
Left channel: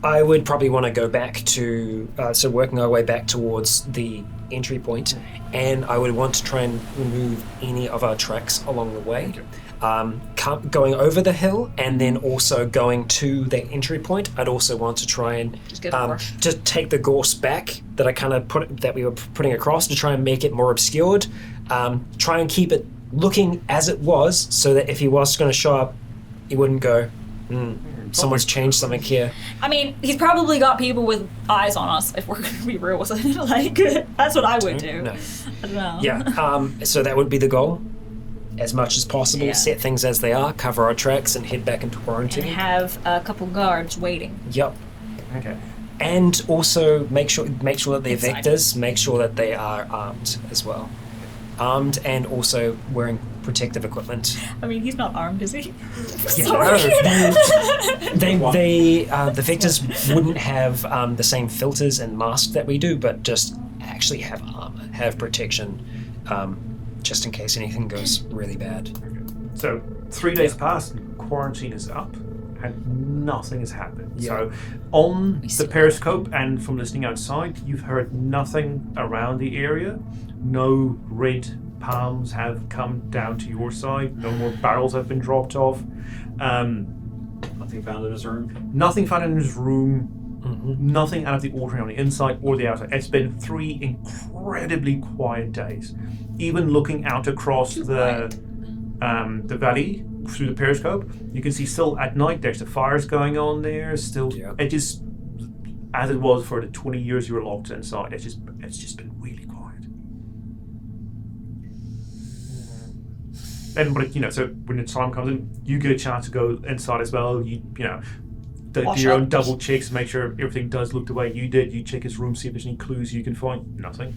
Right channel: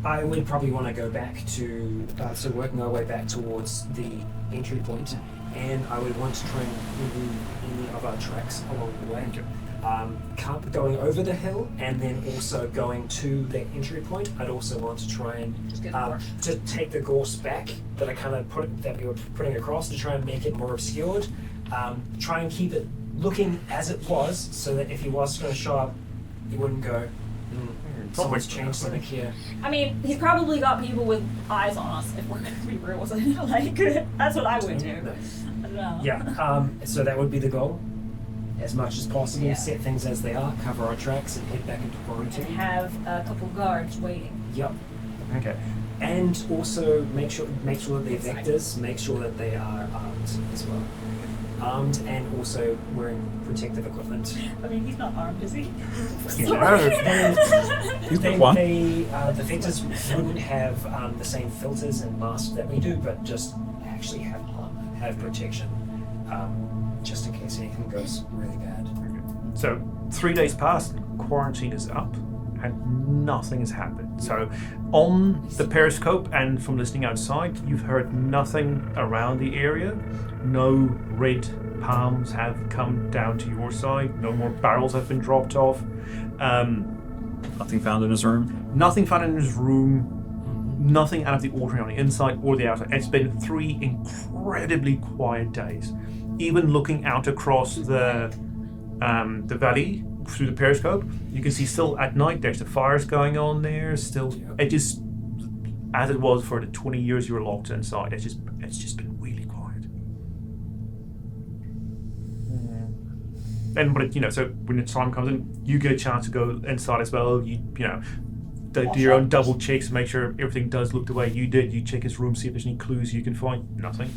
I would probably want to go back to working our way back towards the entry point, and I would want to try and remove any of our tracks along the way. Going over the hill and then also going to the entry point. I'd also want to try and Just get more. to take the gorse back that I kind of that we were putting across to try and make it more obscured. Try and keep it looking as it was, so that if he was going to show up, he wouldn't go, someone's changed something here. I mean, he's probably got people with eyes on us. If we're gonna be real with it, like that's what I would do. No. I don't know. Yeah, so that would be the goal. As much as possible, Yeah. set things as they are, cover our tracks, and head back into And quarantine. have a couple guards waiting. Yep. Okay. And also make sure that they're Inside. vectors, make sure that they are armed as well. Armed and also wearing protective equipment. I mean, he's not armed, is he? You Sorry. The vectors wouldn't have the same filters and masks that we do, but just actually have armor, have protection, just in case anything goes really bad. So 3 days passed, and quarantine is up, and nothing has happened. Yeah. So on the periscope and from listening outside, you've heard nothing around the area. No red palms have come down to your side. No more barrels have been dropped off. Nothing found in his room. Nothing found in his room. Nothing out of the ordinary on the inside or the outside. It's been 3 incredibly quiet days. Even looking out across the valley through the periscope, you can see still at night there's the fires going on there. Still, it is as it was for the 20 years you were locked inside. It's just been really quiet. And so when the time comes in, you get a chance to go inside as well. Do your own double checks, make sure everything does look the way you did. You check his room, see if there's any clues you can find. Nothing.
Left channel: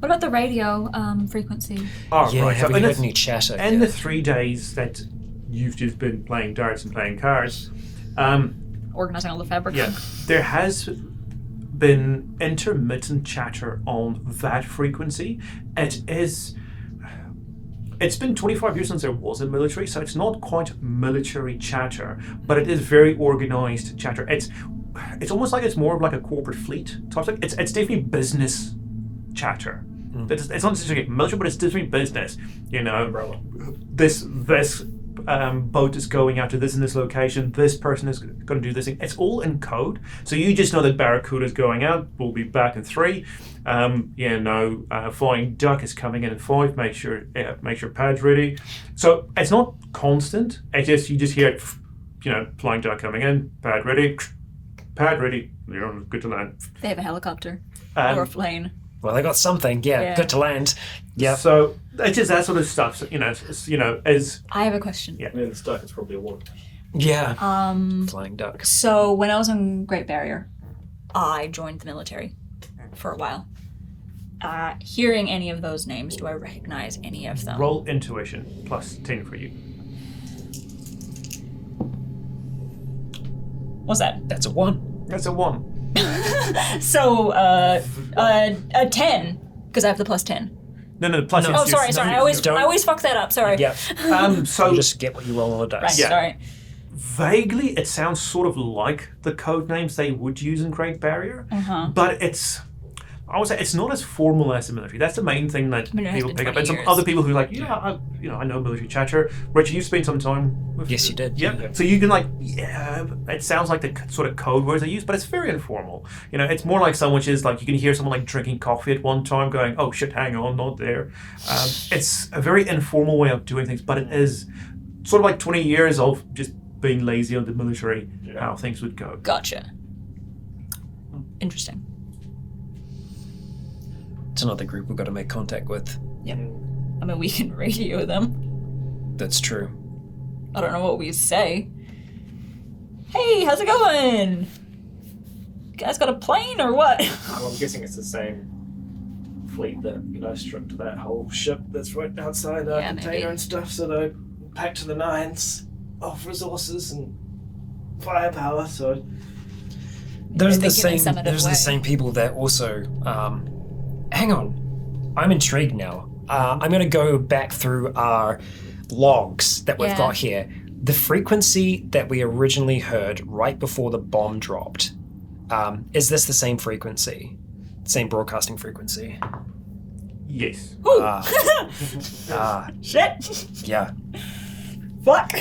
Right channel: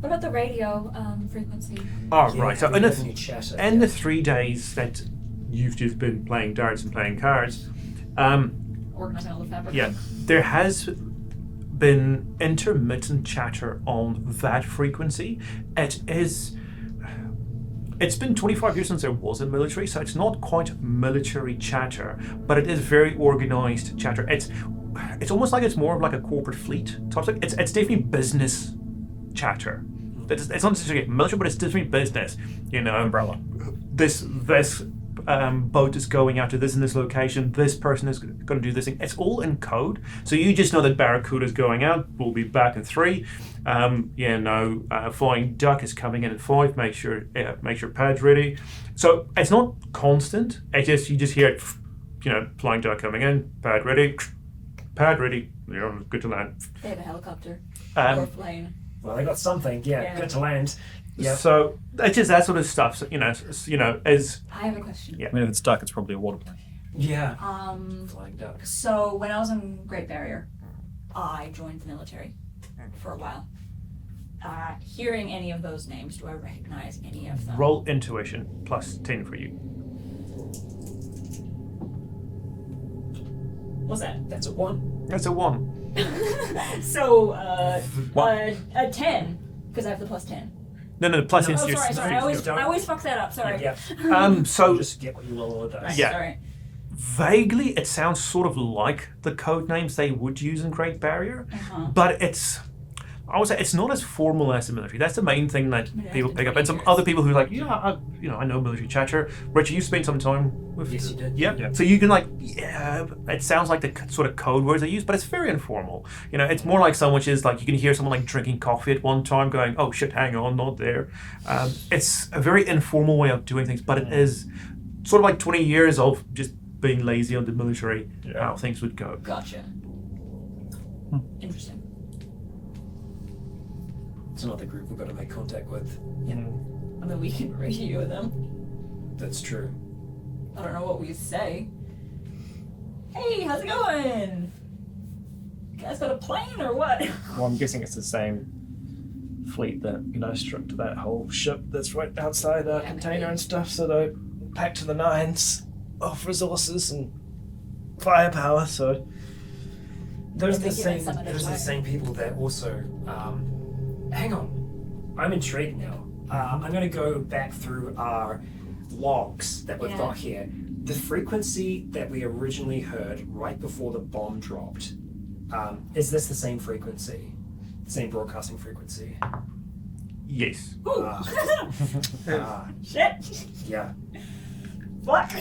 What about the radio frequency? Oh, Yeah, right. have So we in heard the, any chatter? in the 3 days that you've just been playing darts and playing cards, Organizing all the fabric. yeah, there has been intermittent chatter on that frequency. It's been 25 years since there was a military, so it's not quite military chatter, but it is very organized chatter. It's almost like it's more of like a corporate fleet type thing. It's definitely business chatter. It's not necessarily military, but it's definitely business. You know, Umbrella. This boat is going out to this and this location. This person is going to do this thing. It's all in code, so you just know that Barracuda is going out. We'll be back in 3. Flying Duck is coming in at 5. Make sure pad's ready. So it's not constant. You just hear it. You know, Flying Duck coming in. Pad ready. Pad ready. You're good to land. They have a helicopter or a plane. Well, they got something. Yeah, good to land. Yeah. So it's just that sort of stuff. So, as I have a question. Yeah. I mean, if it's dark, it's probably a water plane. Yeah. Flying Duck. So when I was on Great Barrier, I joined the military for a while. Hearing any of those names, do I recognize any of them? roll intuition plus 10 for you. What's that? That's a 1. That's a 1. So, a 10, because I have the plus 10. No, plus Oh, intuition. sorry. I always fuck that up. Sorry. Yeah. So You just get what you roll on the dice. Right, Yeah. sorry. vaguely, it sounds sort of like the code names they would use in Great Barrier, but I would say it's not as formal as the military. That's the main thing that people pick up. And some other people who are like, I know military chatter. Richard, you spent some time with. Yes, you did. Yeah. So you can it sounds like the sort of code words they use, but it's very informal. It's more like someone is like you can hear someone like drinking coffee at one time, going, "Oh shit, hang on, not there." It's a very informal way of doing things, but it is sort of like 20 years of just being lazy on the military, how things would go. Gotcha. Interesting. It's another group we've got to make contact with. Yeah. I mean, we can radio them. That's true. I don't know what we say. Hey, how's it going? You guys got a plane or what? Well, I'm guessing it's the same fleet that stripped that whole ship that's right outside our container maybe. and stuff, so they're packed to the nines of resources and firepower, so... There's the same people that also... hang on. I'm intrigued now. I'm going to go back through our logs that we've got here. The frequency that we originally heard right before the bomb dropped, is this the same frequency? Same broadcasting frequency? Yes. Shit! Yeah. Fuck!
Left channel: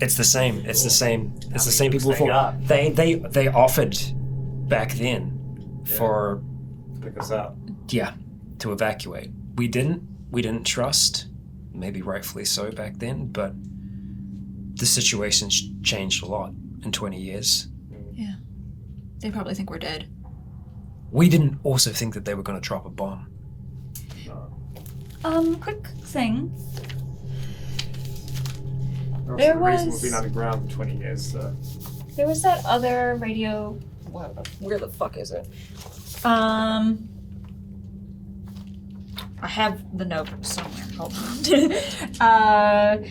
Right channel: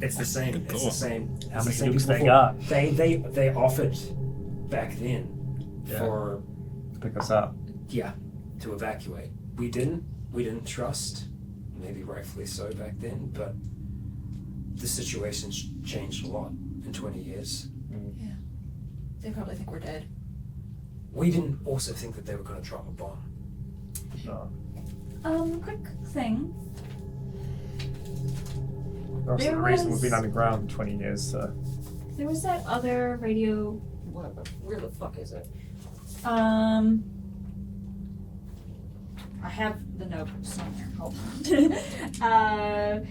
It's the same. It's the same. It's the same looks people they got? before. They offered back then for Pick us up. to evacuate. We didn't trust, maybe rightfully so back then, but the situation's changed a lot in 20 years. Yeah. They probably think we're dead. We didn't also think that they were going to drop a bomb. Quick thing. For There some reason, was- we've been underground for 20 years, so... There was that other radio. Where the fuck is it? I have the note somewhere. Hold on.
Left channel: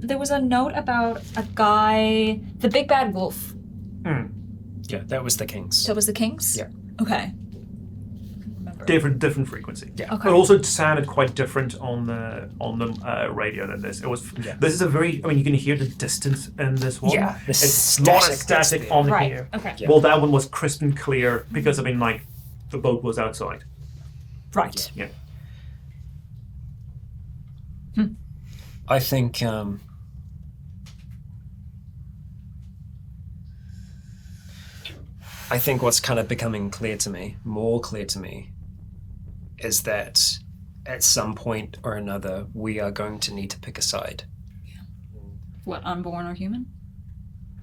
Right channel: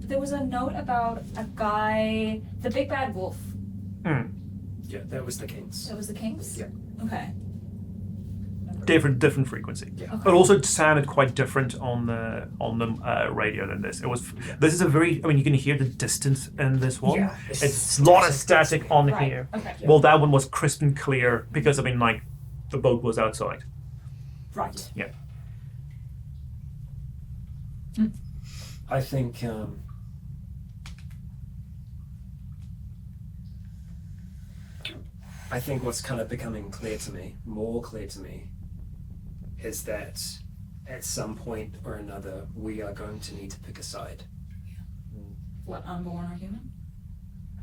There was a note about a guy, the big bad wolf. Yeah, that was the Kings. That was the Kings? Yeah. Okay. Different frequency. Yeah. Okay. But also it sounded quite different on the radio than this. It was. This is a very. I mean, you can hear the distance in this one. Yeah, the It's a lot of static static on Right. here. Okay. Yeah. Well, that one was crisp and clear because the boat was outside. Right. Yeah. I think what's kind of becoming more clear to me, is that at some point or another we are going to need to pick a side. What, unborn or human?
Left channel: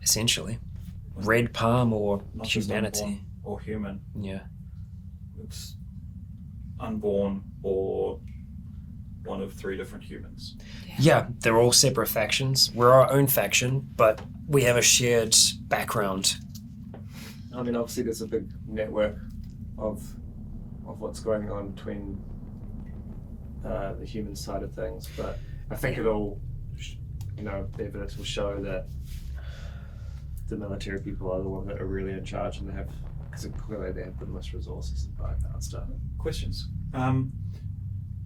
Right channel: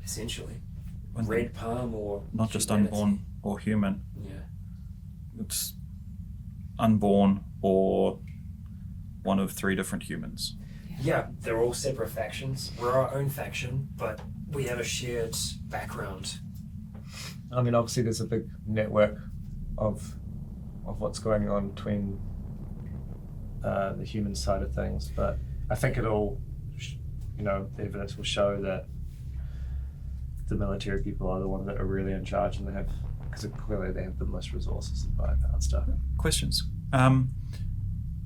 Essentially. Red palm or Not just humanity. unborn or human. Yeah. It's unborn or one of 3 different humans. Yeah, they're all separate factions. We're our own faction, but we have a shared background. I mean, obviously there's a big network of what's going on between the human side of things, but I think it'll, the evidence will show that the military people are the ones that are really in charge, and because clearly they have the most resources to buy that stuff. Questions.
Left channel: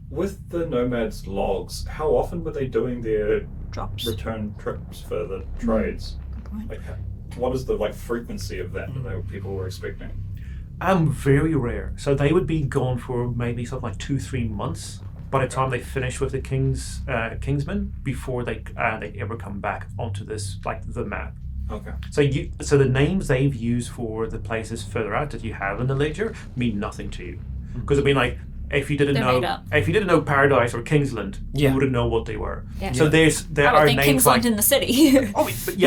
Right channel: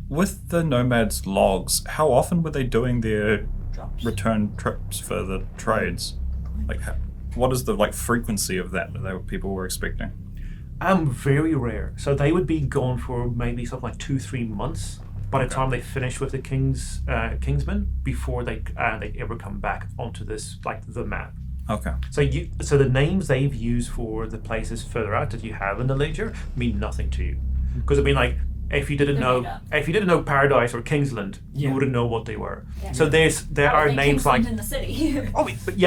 With the nomads' logs, how often were they doing their Drops. return trips for the trades? Like, what is the frequency of that people were expecting? Very rare. So they would be gone for maybe something like 2-3 months by the time they finish with the Kingsmen before they ever come back onto this the map. Okay. So the names they've used for the places further out that you have in the ledger mean nothing to you, because I mean if you didn't know Paradise or Kingsland, you wouldn't know what they were. Yeah. So there are names Kingsland in the city. but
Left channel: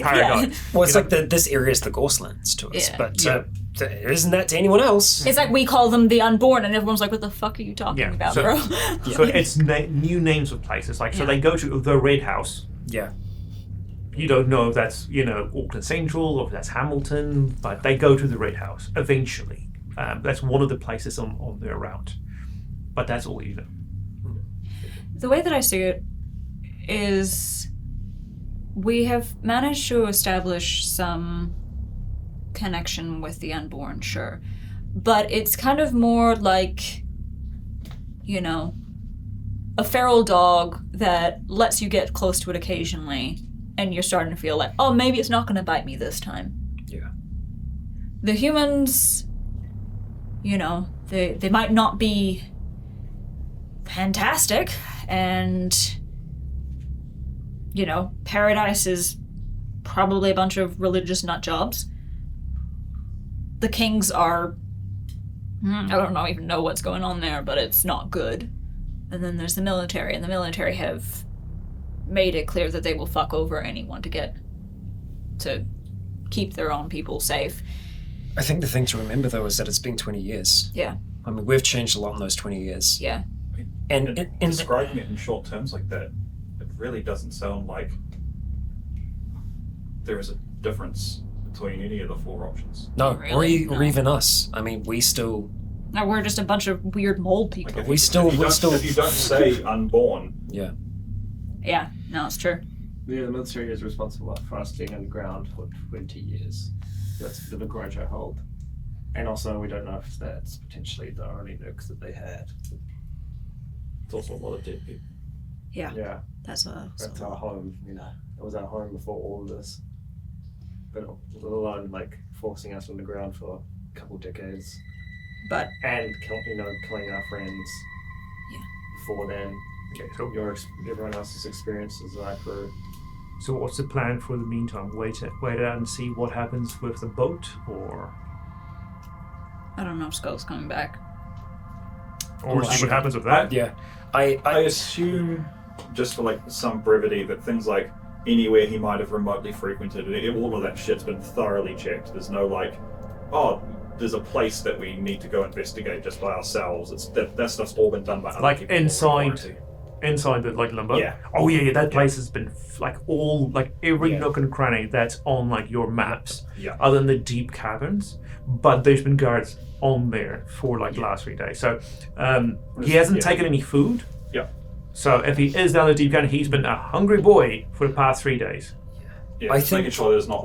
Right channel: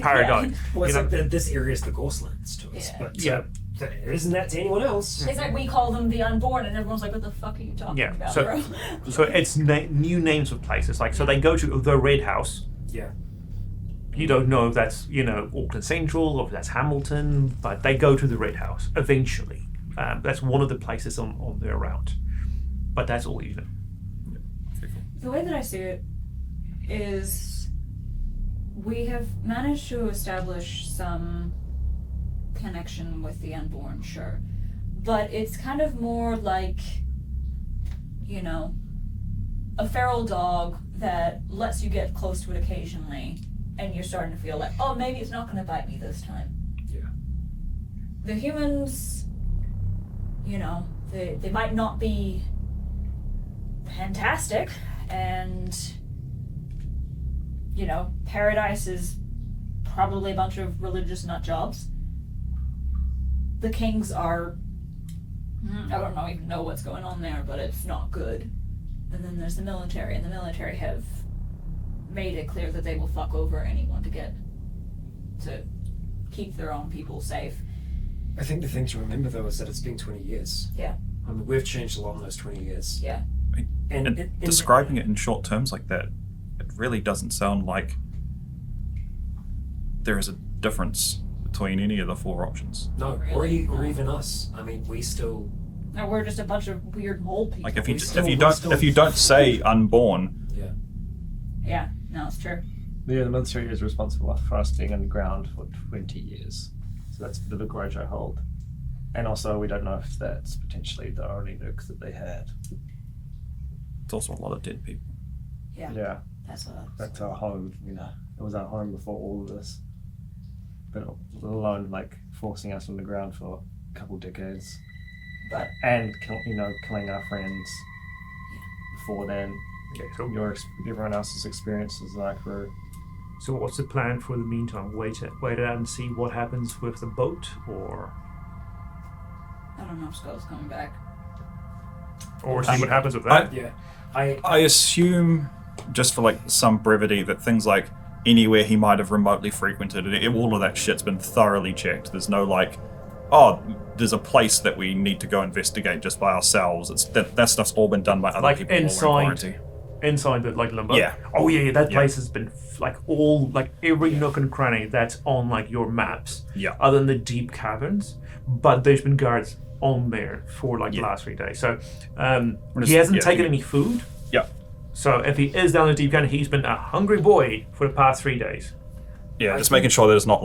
Paradise. Well, it's this area is the Ghostlands to us, but isn't that to anyone else? It's like we call them the Unborn, and everyone's like, "What the fuck are you talking about, bro?" So it's new names of places. So they go to the Red House. Yeah. You don't know if that's Auckland Central or if that's Hamilton, but they go to the Red House eventually. That's one of the places on their route, but that's all you know. The way that I see it is we have managed to establish some connection with the Unborn, sure, but it's kind of more like, a feral dog that lets you get close to it occasionally, and you're starting to feel like, oh, maybe it's not going to bite me this time. Yeah. The humans, they might not be fantastic, and, Paradise is probably a bunch of religious nut jobs. The Kings are, I don't even know what's going on there, but it's not good. And then there's the military, and the military have made it clear that they will fuck over anyone to keep their own people safe. I think the thing to remember, though, is that it's been 20 years. Yeah. I mean, we've changed a lot in those 20 years. Yeah. And describing it in short terms like that, it really doesn't sound like there is a difference between any of the 4 options. No, really? or even us. I mean, we still... No, we're just a bunch of weird mold people. Like if you don't say Unborn... Yeah. Yeah, no, it's true. Yeah, the military is responsible for us being underground for 20 years. That's the big grudge I hold. And also, we don't know if that's potentially the only nukes that they had. It's also a lot of dead people. Yeah. Yeah. That's our home, It was our home before all of this. But alone, forcing us on the ground for a couple decades. And killing our friends. Yeah. Before then. Okay, so everyone else's experiences were. So what's the plan for the meantime? Wait it out and see what happens with the boat, or I don't know if Skull's coming back. Or see what happens with that? Yeah. I assume, just for some brevity, that things like anywhere he might have remotely frequented, all of that shit's been thoroughly checked. There's no there's a place that we need to go investigate just by ourselves. It's that stuff's all been done by other people. Inside the limbo. Yeah. Oh yeah. That place has been every nook and cranny that's on your maps. Yeah. Other than the deep caverns, but there's been guards on there for the last 3 days. So he hasn't taken any food. Yeah. So if he is down the deep cavern, he's been a hungry boy for the past 3 days. Yeah. Just making sure there's not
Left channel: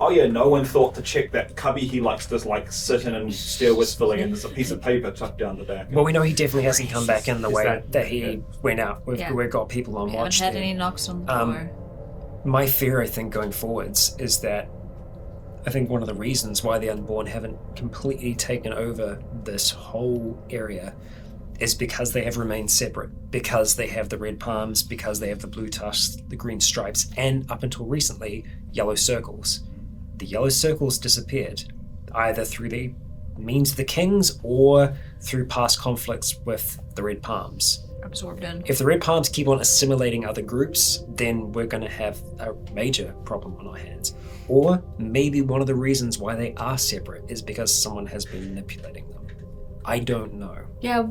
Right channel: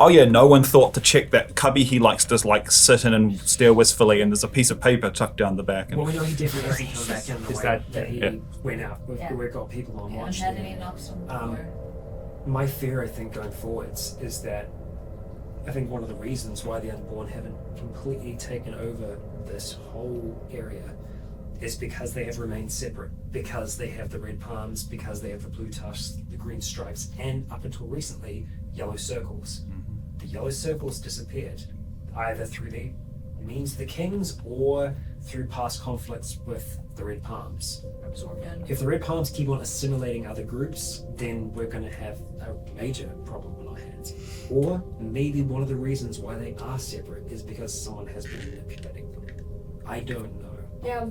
oh yeah, no one thought to check that cubby he likes to sit in and stare wistfully, and there's a piece of paper tucked down the back. Well, we know he definitely hasn't come back in the way that he went out. We've got people on watch. We haven't had any knocks on the door. My fear, I think, going forwards is that I think one of the reasons why the Unborn haven't completely taken over this whole area is because they have remained separate, because they have the red palms, because they have the blue tusks, the green stripes, and up until recently, yellow circles. The yellow circles disappeared, either through the means of the kings or through past conflicts with the red palms. Absorbed in. If the red palms keep on assimilating other groups, then we're going to have a major problem on our hands. Or maybe one of the reasons why they are separate is because someone has been manipulating them. I don't know. Yeah,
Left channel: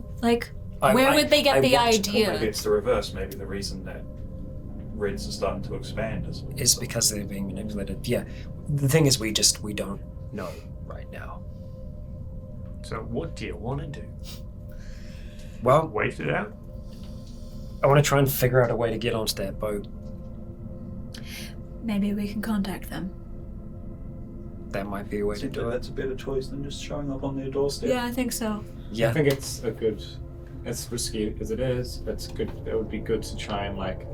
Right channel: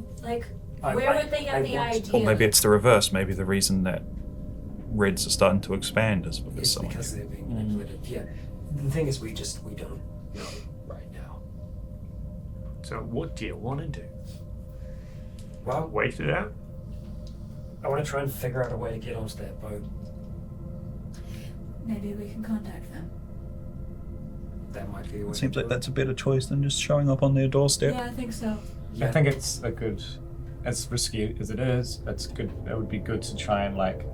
where would they get the idea? Or maybe it's the reverse. Maybe the reason that Reds are starting to expand is because they're being manipulated. Yeah. The thing is, we don't know right now. So what do you want to do? Well, wait it out? I want to try and figure out a way to get onto that boat. Maybe we can contact them. that might be a way to Seems do like it. that's a better choice than just showing up on their doorstep. Yeah, I think so. Yeah. I think it's a good, as risky as it is, that's good. That would be good to try and like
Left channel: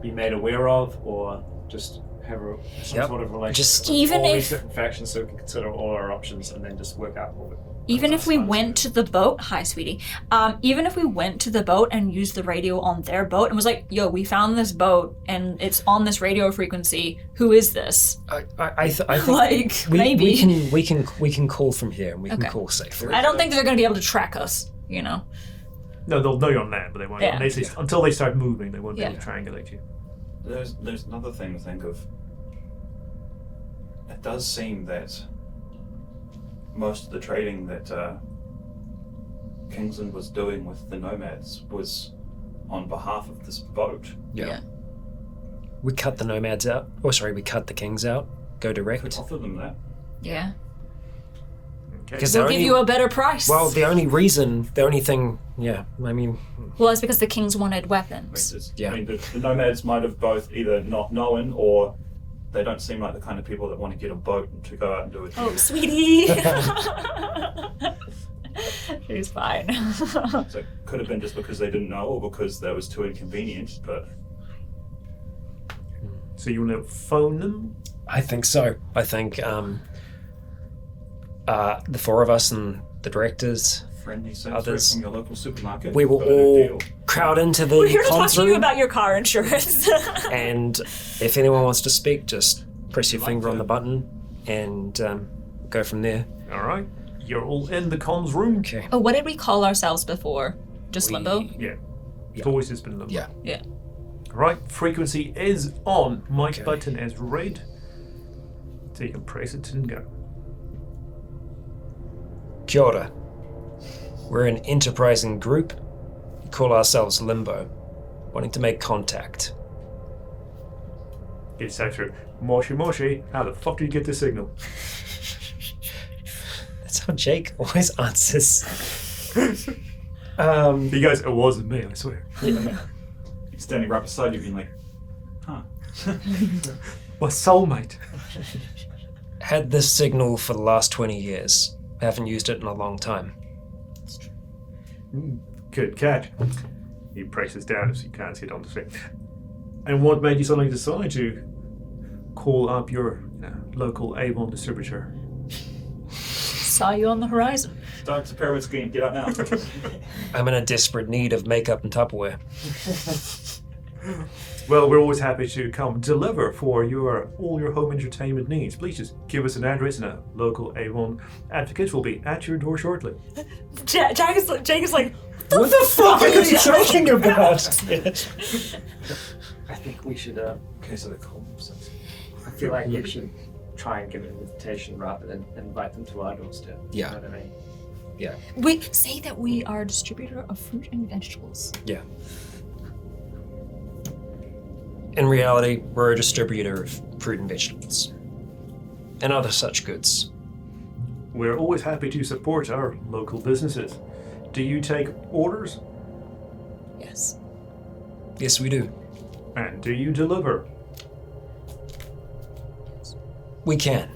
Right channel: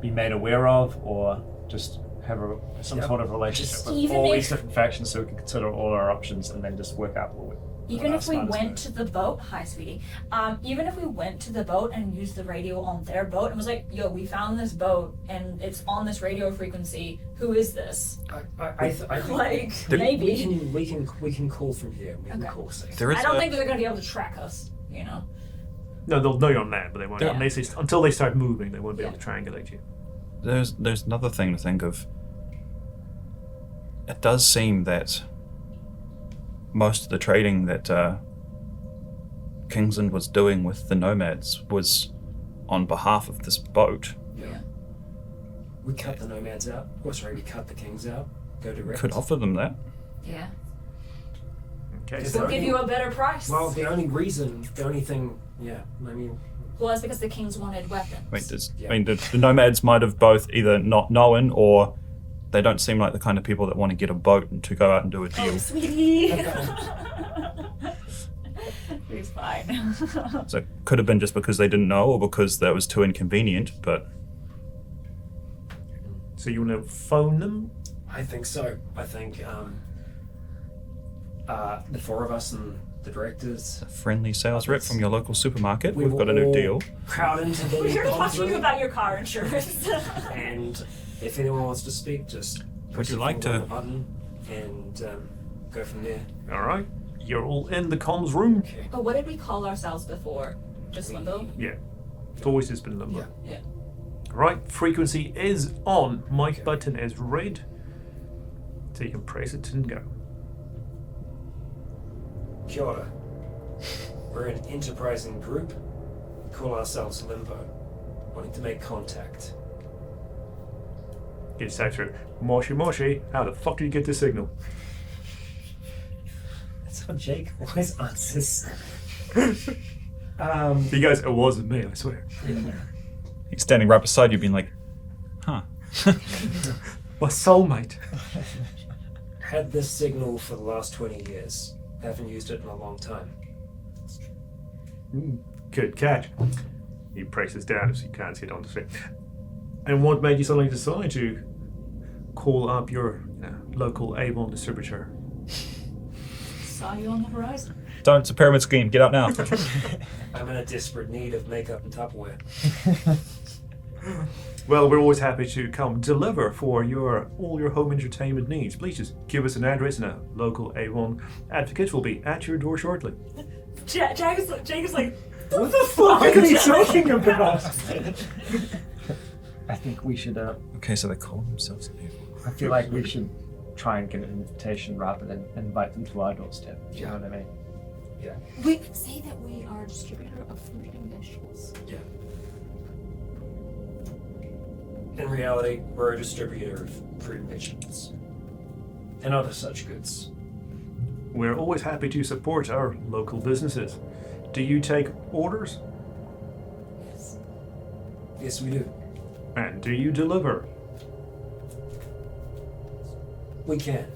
be made aware of, or just have some Yep. sort of relationship Just- with Even all if- these different factions, so we can consider all our options and then just work out what. Even if we sounds went to the boat, hi sweetie. Even if we went to the boat and used the radio on their boat and was like, "Yo, we found this boat and it's on this radio frequency. Who is this?" I think Like, we, maybe. we can call from here and we can Okay. call safe. There is I don't a- think they're gonna be able to track us. You know. No, they'll know you're on land, but they won't. Yeah. Until they start moving, they won't be Yeah. able to triangulate you. There's another thing to think of. It does seem that most of the trading that Kingsland was doing with the nomads was on behalf of this boat. Yeah. We cut the nomads out. Oh, sorry, we cut the kings out. Go direct. Could offer them that. Yeah. Okay. Because We'll give you a better price. Well, the only thing, yeah, I mean, Well, that's because the kings wanted I mean, weapons. Yeah. the nomads might have both either not known or they don't seem like the kind of people that want to get a boat and to go out and do a deal. Oh, sweetie. She's fine. So it could have been just because they didn't know or because that was too inconvenient, but So you want to phone them? I think so. I think the four of us and the directors, a friendly sales rep Others. from your local supermarket. we we've will got a new all deal. crowd into the We're here to talk comms to you room, about your car insurance. and if anyone wants to speak, just press Would you your like finger on to? the button and go from there. All right. You're all in the comms room. Okay. Oh, what did we call ourselves before? Just Limbo? Yeah. It's Yeah. always just been limbo. Yeah. Yeah. Right. Frequency is on. Mic Okay. button is red. So you can press it and go. Kia ora. We're an enterprising group. We call ourselves Limbo. Wanting to make contact. It's actually Moshi Moshi. How the fuck do you get the signal? That's how Jake always answers. You guys, it wasn't me, I swear. He's standing right beside you being like, huh. My soulmate. Had this signal for the last 20 years. Haven't used it in a long time. Good catch. He presses down so you can't see it on the screen. And what made you suddenly decide to call up your local Avon distributor? Saw you on the horizon. Don't, it's a pyramid scheme, get up now. I'm in a desperate need of makeup and Tupperware. Well, we're always happy to come deliver for all your home entertainment needs. Please just give us an address and a local Avon advocate will be at your door shortly. Jake is like, What the fuck are you talking about? I think we should. Okay, so they call themselves. I feel like we should try and give an invitation rather than invite them to our doorstep. Yeah. You know what I mean? Yeah. we say that we are a distributor of fruit and vegetables. Yeah. In reality, we're a distributor of fruit and vegetables. And other such goods. We're always happy to support our local businesses. Do you take orders? Yes. Yes, we do. And do you deliver? We can.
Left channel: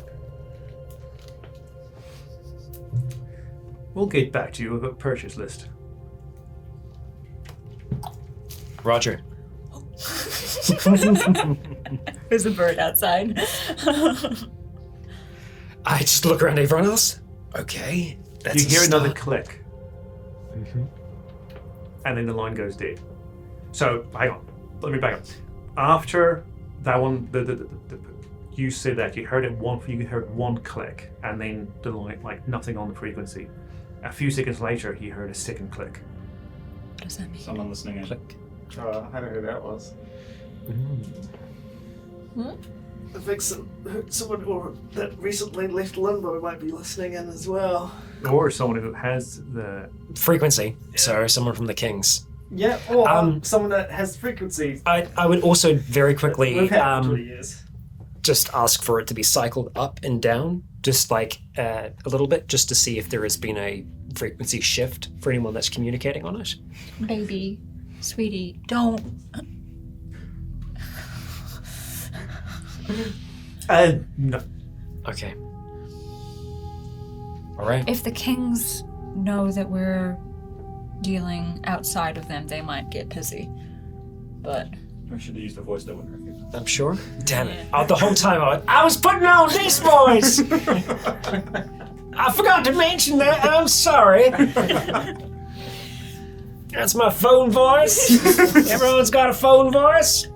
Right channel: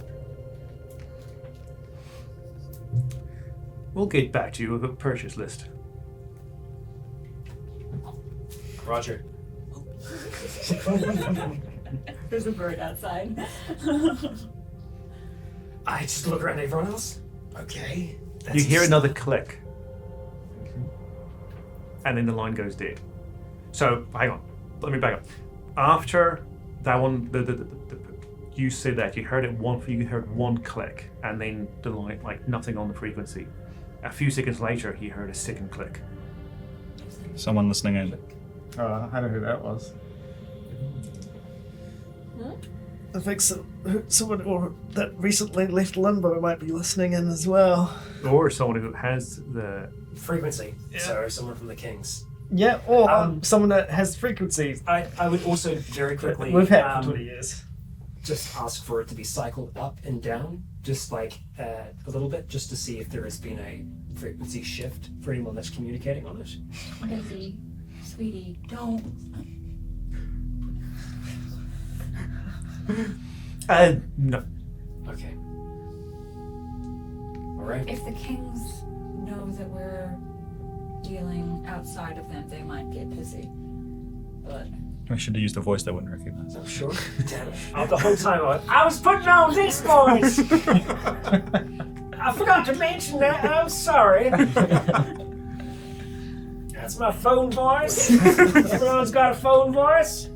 We'll get back to you with a purchase list. Roger. There's a bird outside. I just look around at everyone else. Okay. That's You a hear another start. click. And then the line goes dead. So, hang on. Let me back up. After that one, you said that you heard one click, and then the line, like nothing on the frequency. A few seconds later, he heard a second click. What does that mean? Someone listening in. I don't know who that was. I think someone that recently left Limbo might be listening in as well. Or someone who has the... Frequency. So someone from the Kings. Yeah, or someone that has frequencies. I would also very quickly We've had for 20 years. just ask for it to be cycled up and down, just like a little bit, just to see if there has been a frequency shift for anyone that's communicating on it. Baby, sweetie, don't. No. Okay. All right. If the kings know that we're dealing outside of them, they might get pissy. But We should have used a voice they wouldn't recognize. I'm sure. Damn it. The whole time I was putting on this voice! I forgot to mention that. I'm sorry. That's my phone voice. Everyone's got a phone voice.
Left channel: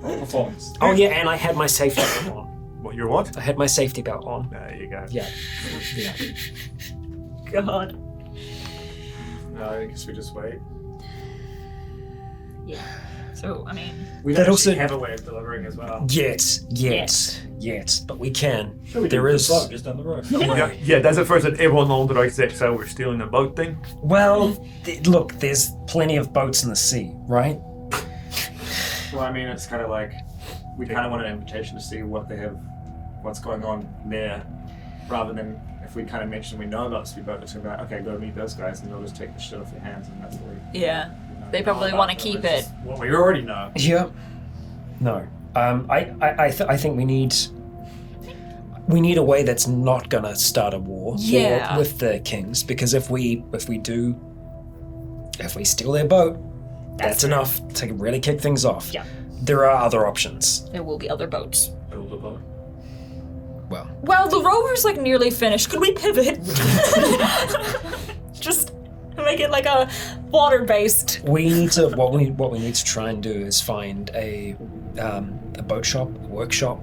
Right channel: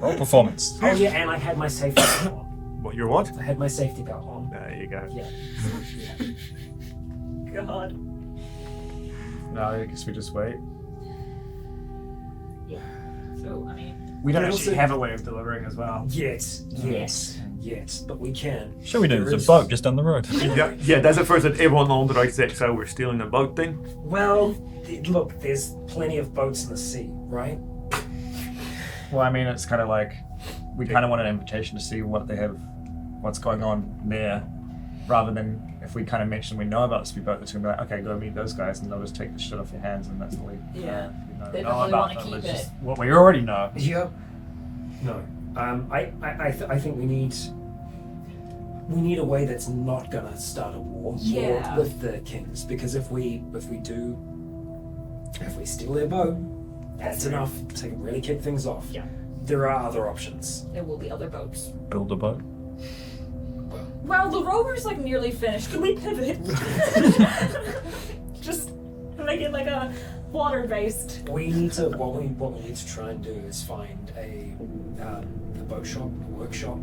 Roll performance. Oh, yeah, and I had my safety belt on. What, your what? I had my safety belt on. There you go. Yeah. God. No, I guess we just wait. Yeah. So I mean, We That don't also- actually have a way of delivering as well. Yet. But we can. Sure, we did. There The is- boat just down the road. Yeah, that's the first that everyone on the right six, so we're stealing a boat then. Well, look, there's plenty of boats in the sea, right? Well, I mean, it's kind of like we kind of want an invitation to see what they have, what's going on there, rather than if we kind of mention we know about the speedboat, it's gonna be like, okay, go meet those guys, and they'll just take the shit off your hands, and that's what we. yeah. They know probably about wanna them. keep It's it. just what we already know. Yeah. No. I think we need a way that's not gonna start a war Yeah. with the kings, because if we steal their boat, that's enough to really kick things off. Yeah. There are other options. There will be other boats. Build a boat. Well, the rover's like nearly finished. Could we pivot? Just make it like a water-based. We need to what we need to try and do is find a boat shop, workshop.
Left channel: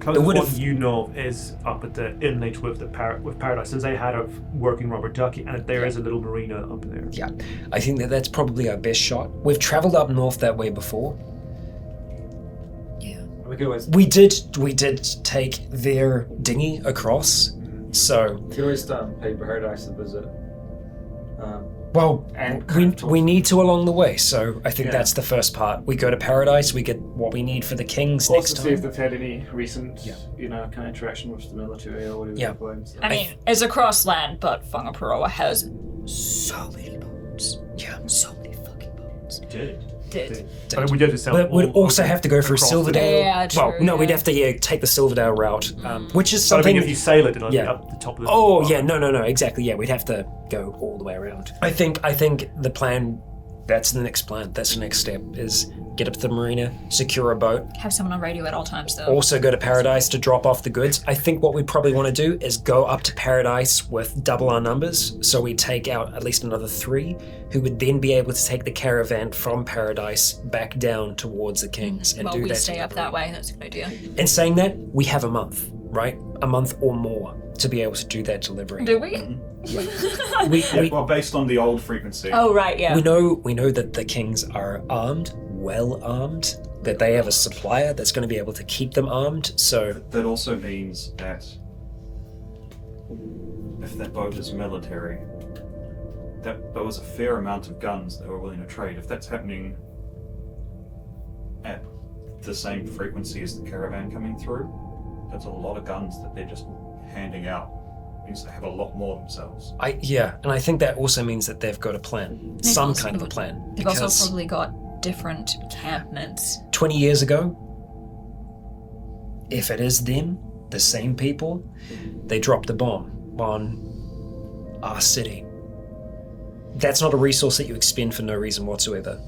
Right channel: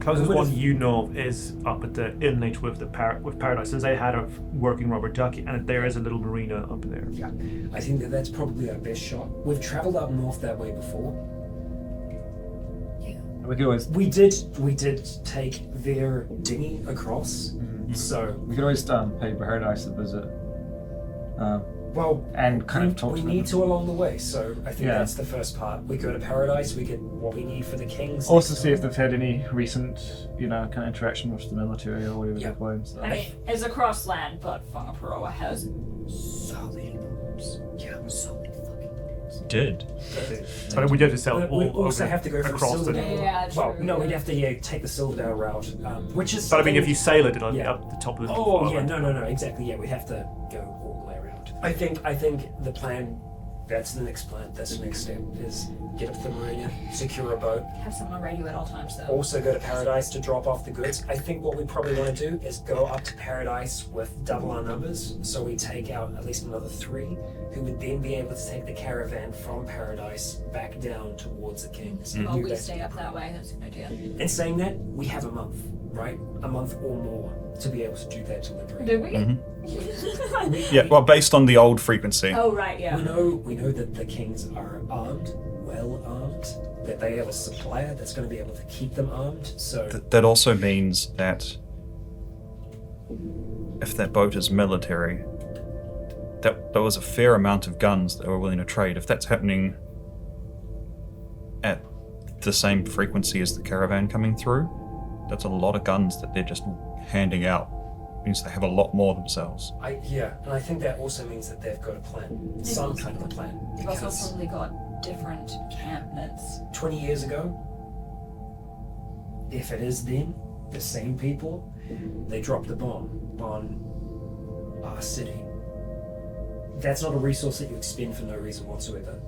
Closest would've- one you know of is up at the inlet with with Paradise, since they had a working rubber ducky, and there is a little marina up there. Yeah, I think that's probably our best shot. We've travelled up north that way before. We could always We did take their dinghy across, so pay Paradise a visit. well, And kind of talk we to need to along the way. So I think Yeah. that's the first part. We go to Paradise, we get what we need for the kings Also next see if time. they've had any recent, kind of interaction with the military or whatever. Yeah. they're playing, so. I mean, it's across land, but Whangaparoa has so many boats. Yeah. So many fucking boats. Did. But we'd have to sell. But we'd all also over have to go through across the- Silverdale. Yeah, Well, true, no, we'd yeah. have to take the Silverdale route, which is But I something. mean, if you sail it, it'll be Yeah. up the top of the. Oh yeah, no, exactly. Yeah, we'd have to go all the way around. I think the plan. That's the next plan. That's the next step. Is get up to the marina, secure a boat, Have someone on radio at all times, though. also go to Paradise to drop off the goods. I think what we probably want to do is go up to Paradise with double our numbers, so we take out at least another 3, who would then be able to take the caravan from Paradise back down towards the Kings and Well, do we that. stay up that way. That's a good idea. And saying that, we have a month, right? A month or more to be able to do that delivery. Do we? Yeah, well, based on the old frequency. Oh, right, yeah. We know that the Kings are armed, well armed, that they have a supplier that's going to be able to keep them armed. So That also means that if that boat is military, that was a fair amount of guns that were willing to trade. If that's happening at the same frequency as the caravan coming through, that's a lot of guns that they're just handing out. It means they have a lot more themselves. and I think that also means that they've got a plan, some kind of a plan. They've also Because probably got different encampments. 20 years ago, if it is them, the same people, they dropped a bomb on our city. That's not a resource that you expend for no reason whatsoever.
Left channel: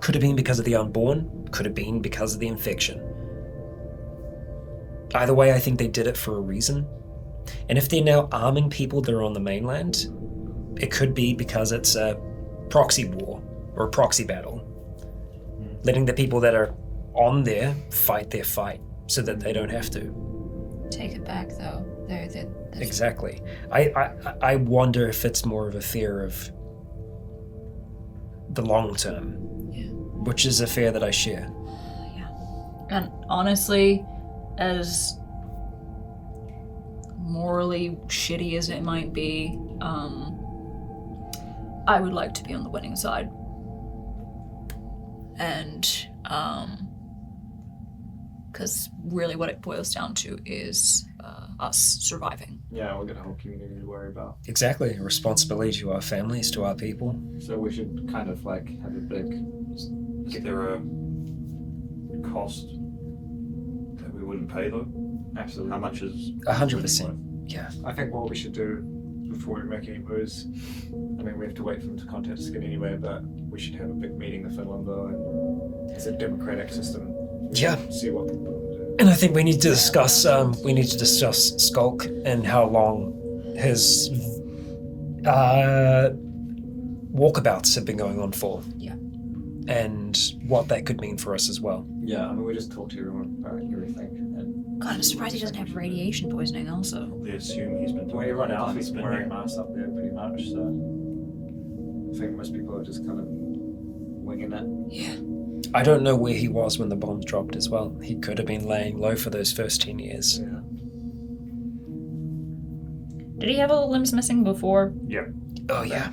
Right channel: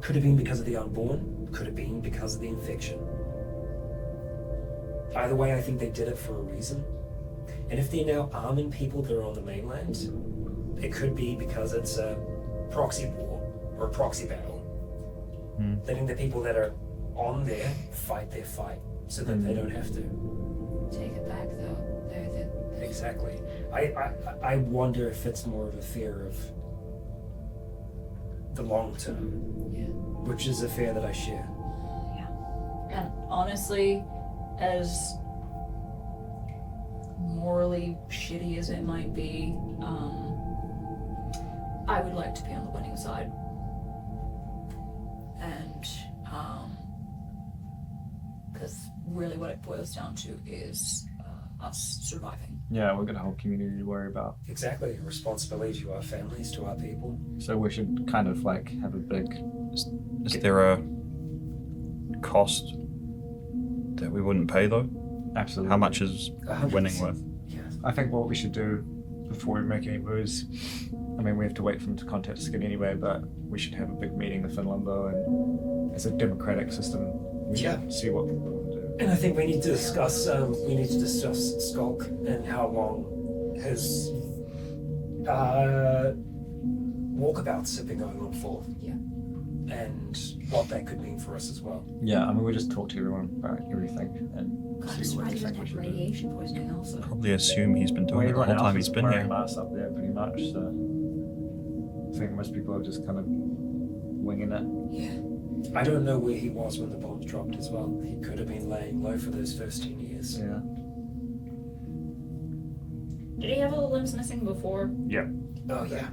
Could have been because of the Unborn, could have been because of the infection. Either way, I think they did it for a reason. And if they're now arming people that are on the mainland, it could be because it's a proxy war or a proxy battle. Letting the people that are on there fight their fight so that they don't have to. Take it back, though. They're Exactly. I wonder if it's more of a fear of the long term, which is a fear that I share. And honestly, as morally shitty as it might be, I would like to be on the winning side. And, because really what it boils down to is us surviving. Yeah, we've got a whole community to worry about. Exactly. A responsibility to our families, to our people. So we should kind of like have a big. Is there a cost that we wouldn't pay though? Absolutely. How much is 100%. winning worth? Yeah. I think what we should do before we make any moves, I mean, we have to wait for them to contact us again anyway, but we should have a big meeting with Limbo, and it's a democratic system. We Yeah. should see what people want to do. And I think we need to discuss Skulk and how long his walkabouts have been going on for. Yeah. And what that could mean for us as well. Yeah, I mean, we just talk to everyone about everything. And God, I'm surprised he doesn't have radiation poisoning also. Probably assume he's been Well, doing it the everyone whole else time is he's been wearing there. masks up there pretty much, so I think most people are just kind of winging it. Yeah. I don't know where he was when the bombs dropped as well. He could have been laying low for those first 10 years. Yeah. Did he have all the limbs missing before? Yeah. Oh, yeah.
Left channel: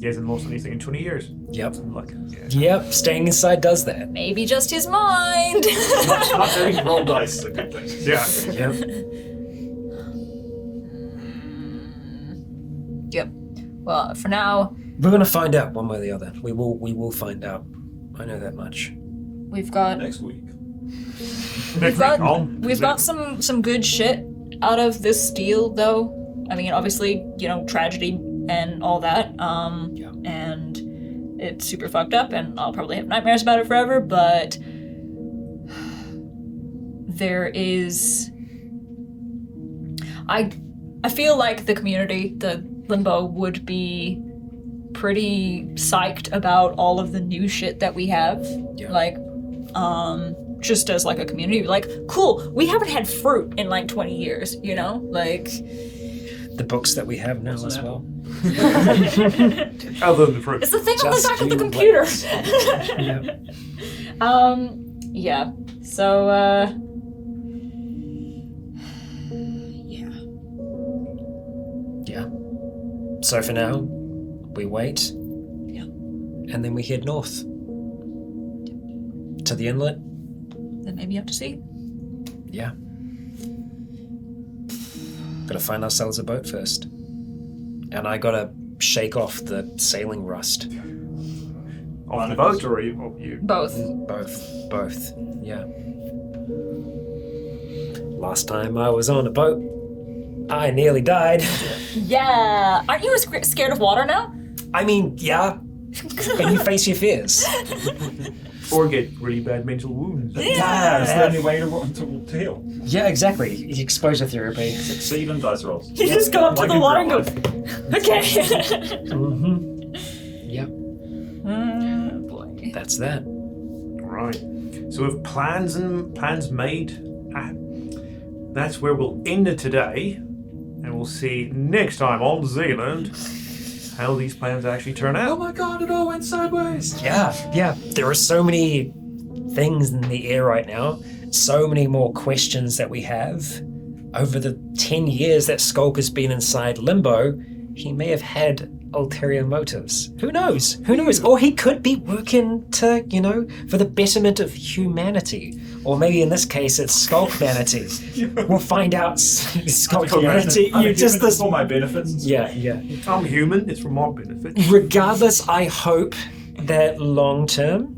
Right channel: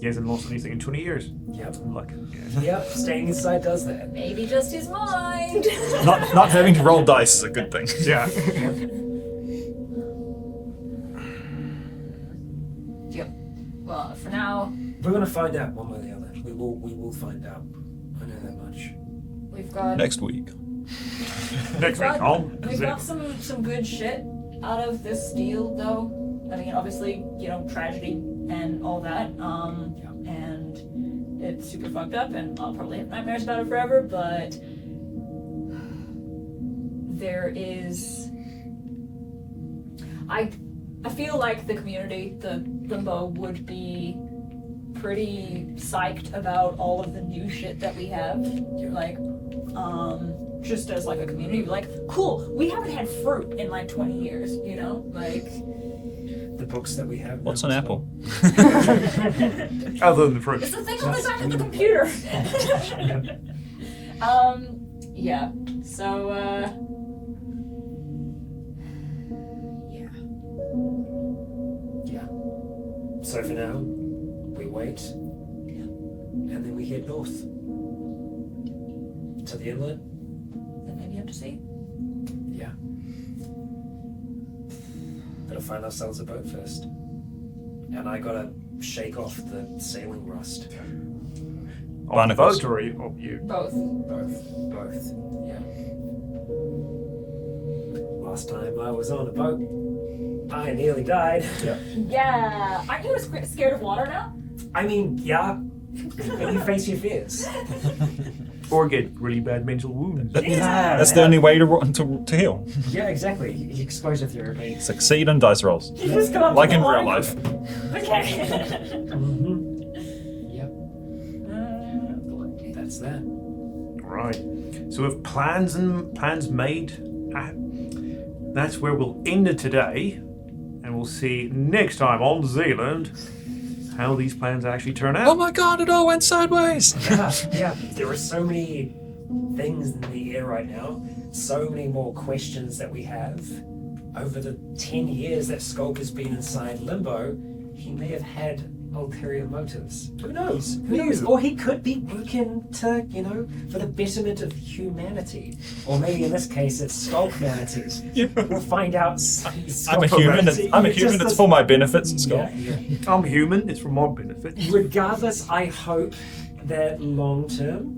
He hasn't lost anything in 20 years. Yep. Like, yeah. Yep, staying inside does that. Maybe just his mind. Not having to roll dice is a good thing. Yeah. Yep. Yep. Well, for now, We're going to find out one way or the other. We will find out. I know that much. we've got Next week. Next week, we've got some good shit out of this deal, though. I mean, obviously, tragedy and all that. And it's super fucked up, and I'll probably have nightmares about it forever. But there is, I feel like the community, the Limbo, would be pretty psyched about all of the new shit that we have. Yeah. Like, just as like a community, like, cool, we haven't had fruit in like 20 years, like. The books that we have now What's as an well. apple? Other than the fruit. It's the thing on the Just back of the green computer. Yeah. Yeah. So, yeah. Yeah. So for now, we wait. Yeah. And then we head north. To the inlet. Then maybe up to sea. Yeah. Gotta find ourselves a boat first. And I gotta shake off the sailing rust. On the boat or you? Both. Both. Yeah. Last time I was on a boat, I nearly died. Yeah. Aren't you scared of water now? I mean, yeah. And you face your fears. Or get really bad mental wounds. Yeah. That's the only way to heal. Yeah, exactly. Exposure therapy. Succeed in dice rolls. You just go up Like to the in line real of, life. okay. Yep. Boy. That's that. Right. So with plans made, that's where we'll end it today. And we'll see next time on Zealand how these plans actually turn out. Oh my god, it all went sideways. Yeah. There are so many things in the air right now. So many more questions that we have. Over the 10 years that Skulk has been inside Limbo, he may have had ulterior motives. Who knows? Or he could be working to, for the betterment of humanity. Or maybe in this case, it's Skulk-manity. We'll find out Skulk-manity. I'm a human, it's for my benefits. Yeah. I'm human, it's for my benefit. Regardless, I hope that long term,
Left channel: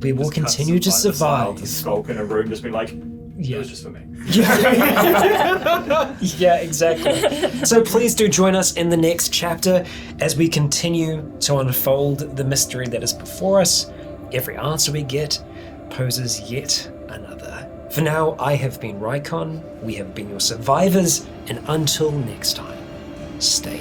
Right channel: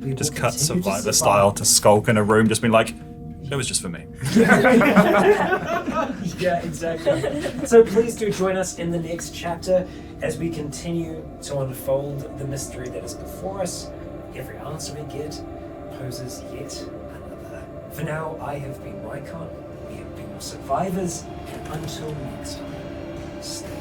we will Just cut continue to the style survive. to Skulk in a room, just be like, it was just for me. Yeah, exactly. So please do join us in the next chapter as we continue to unfold the mystery that is before us. Every answer we get poses yet another. For now, I have been Rycon, we have been your survivors, and until next time, stay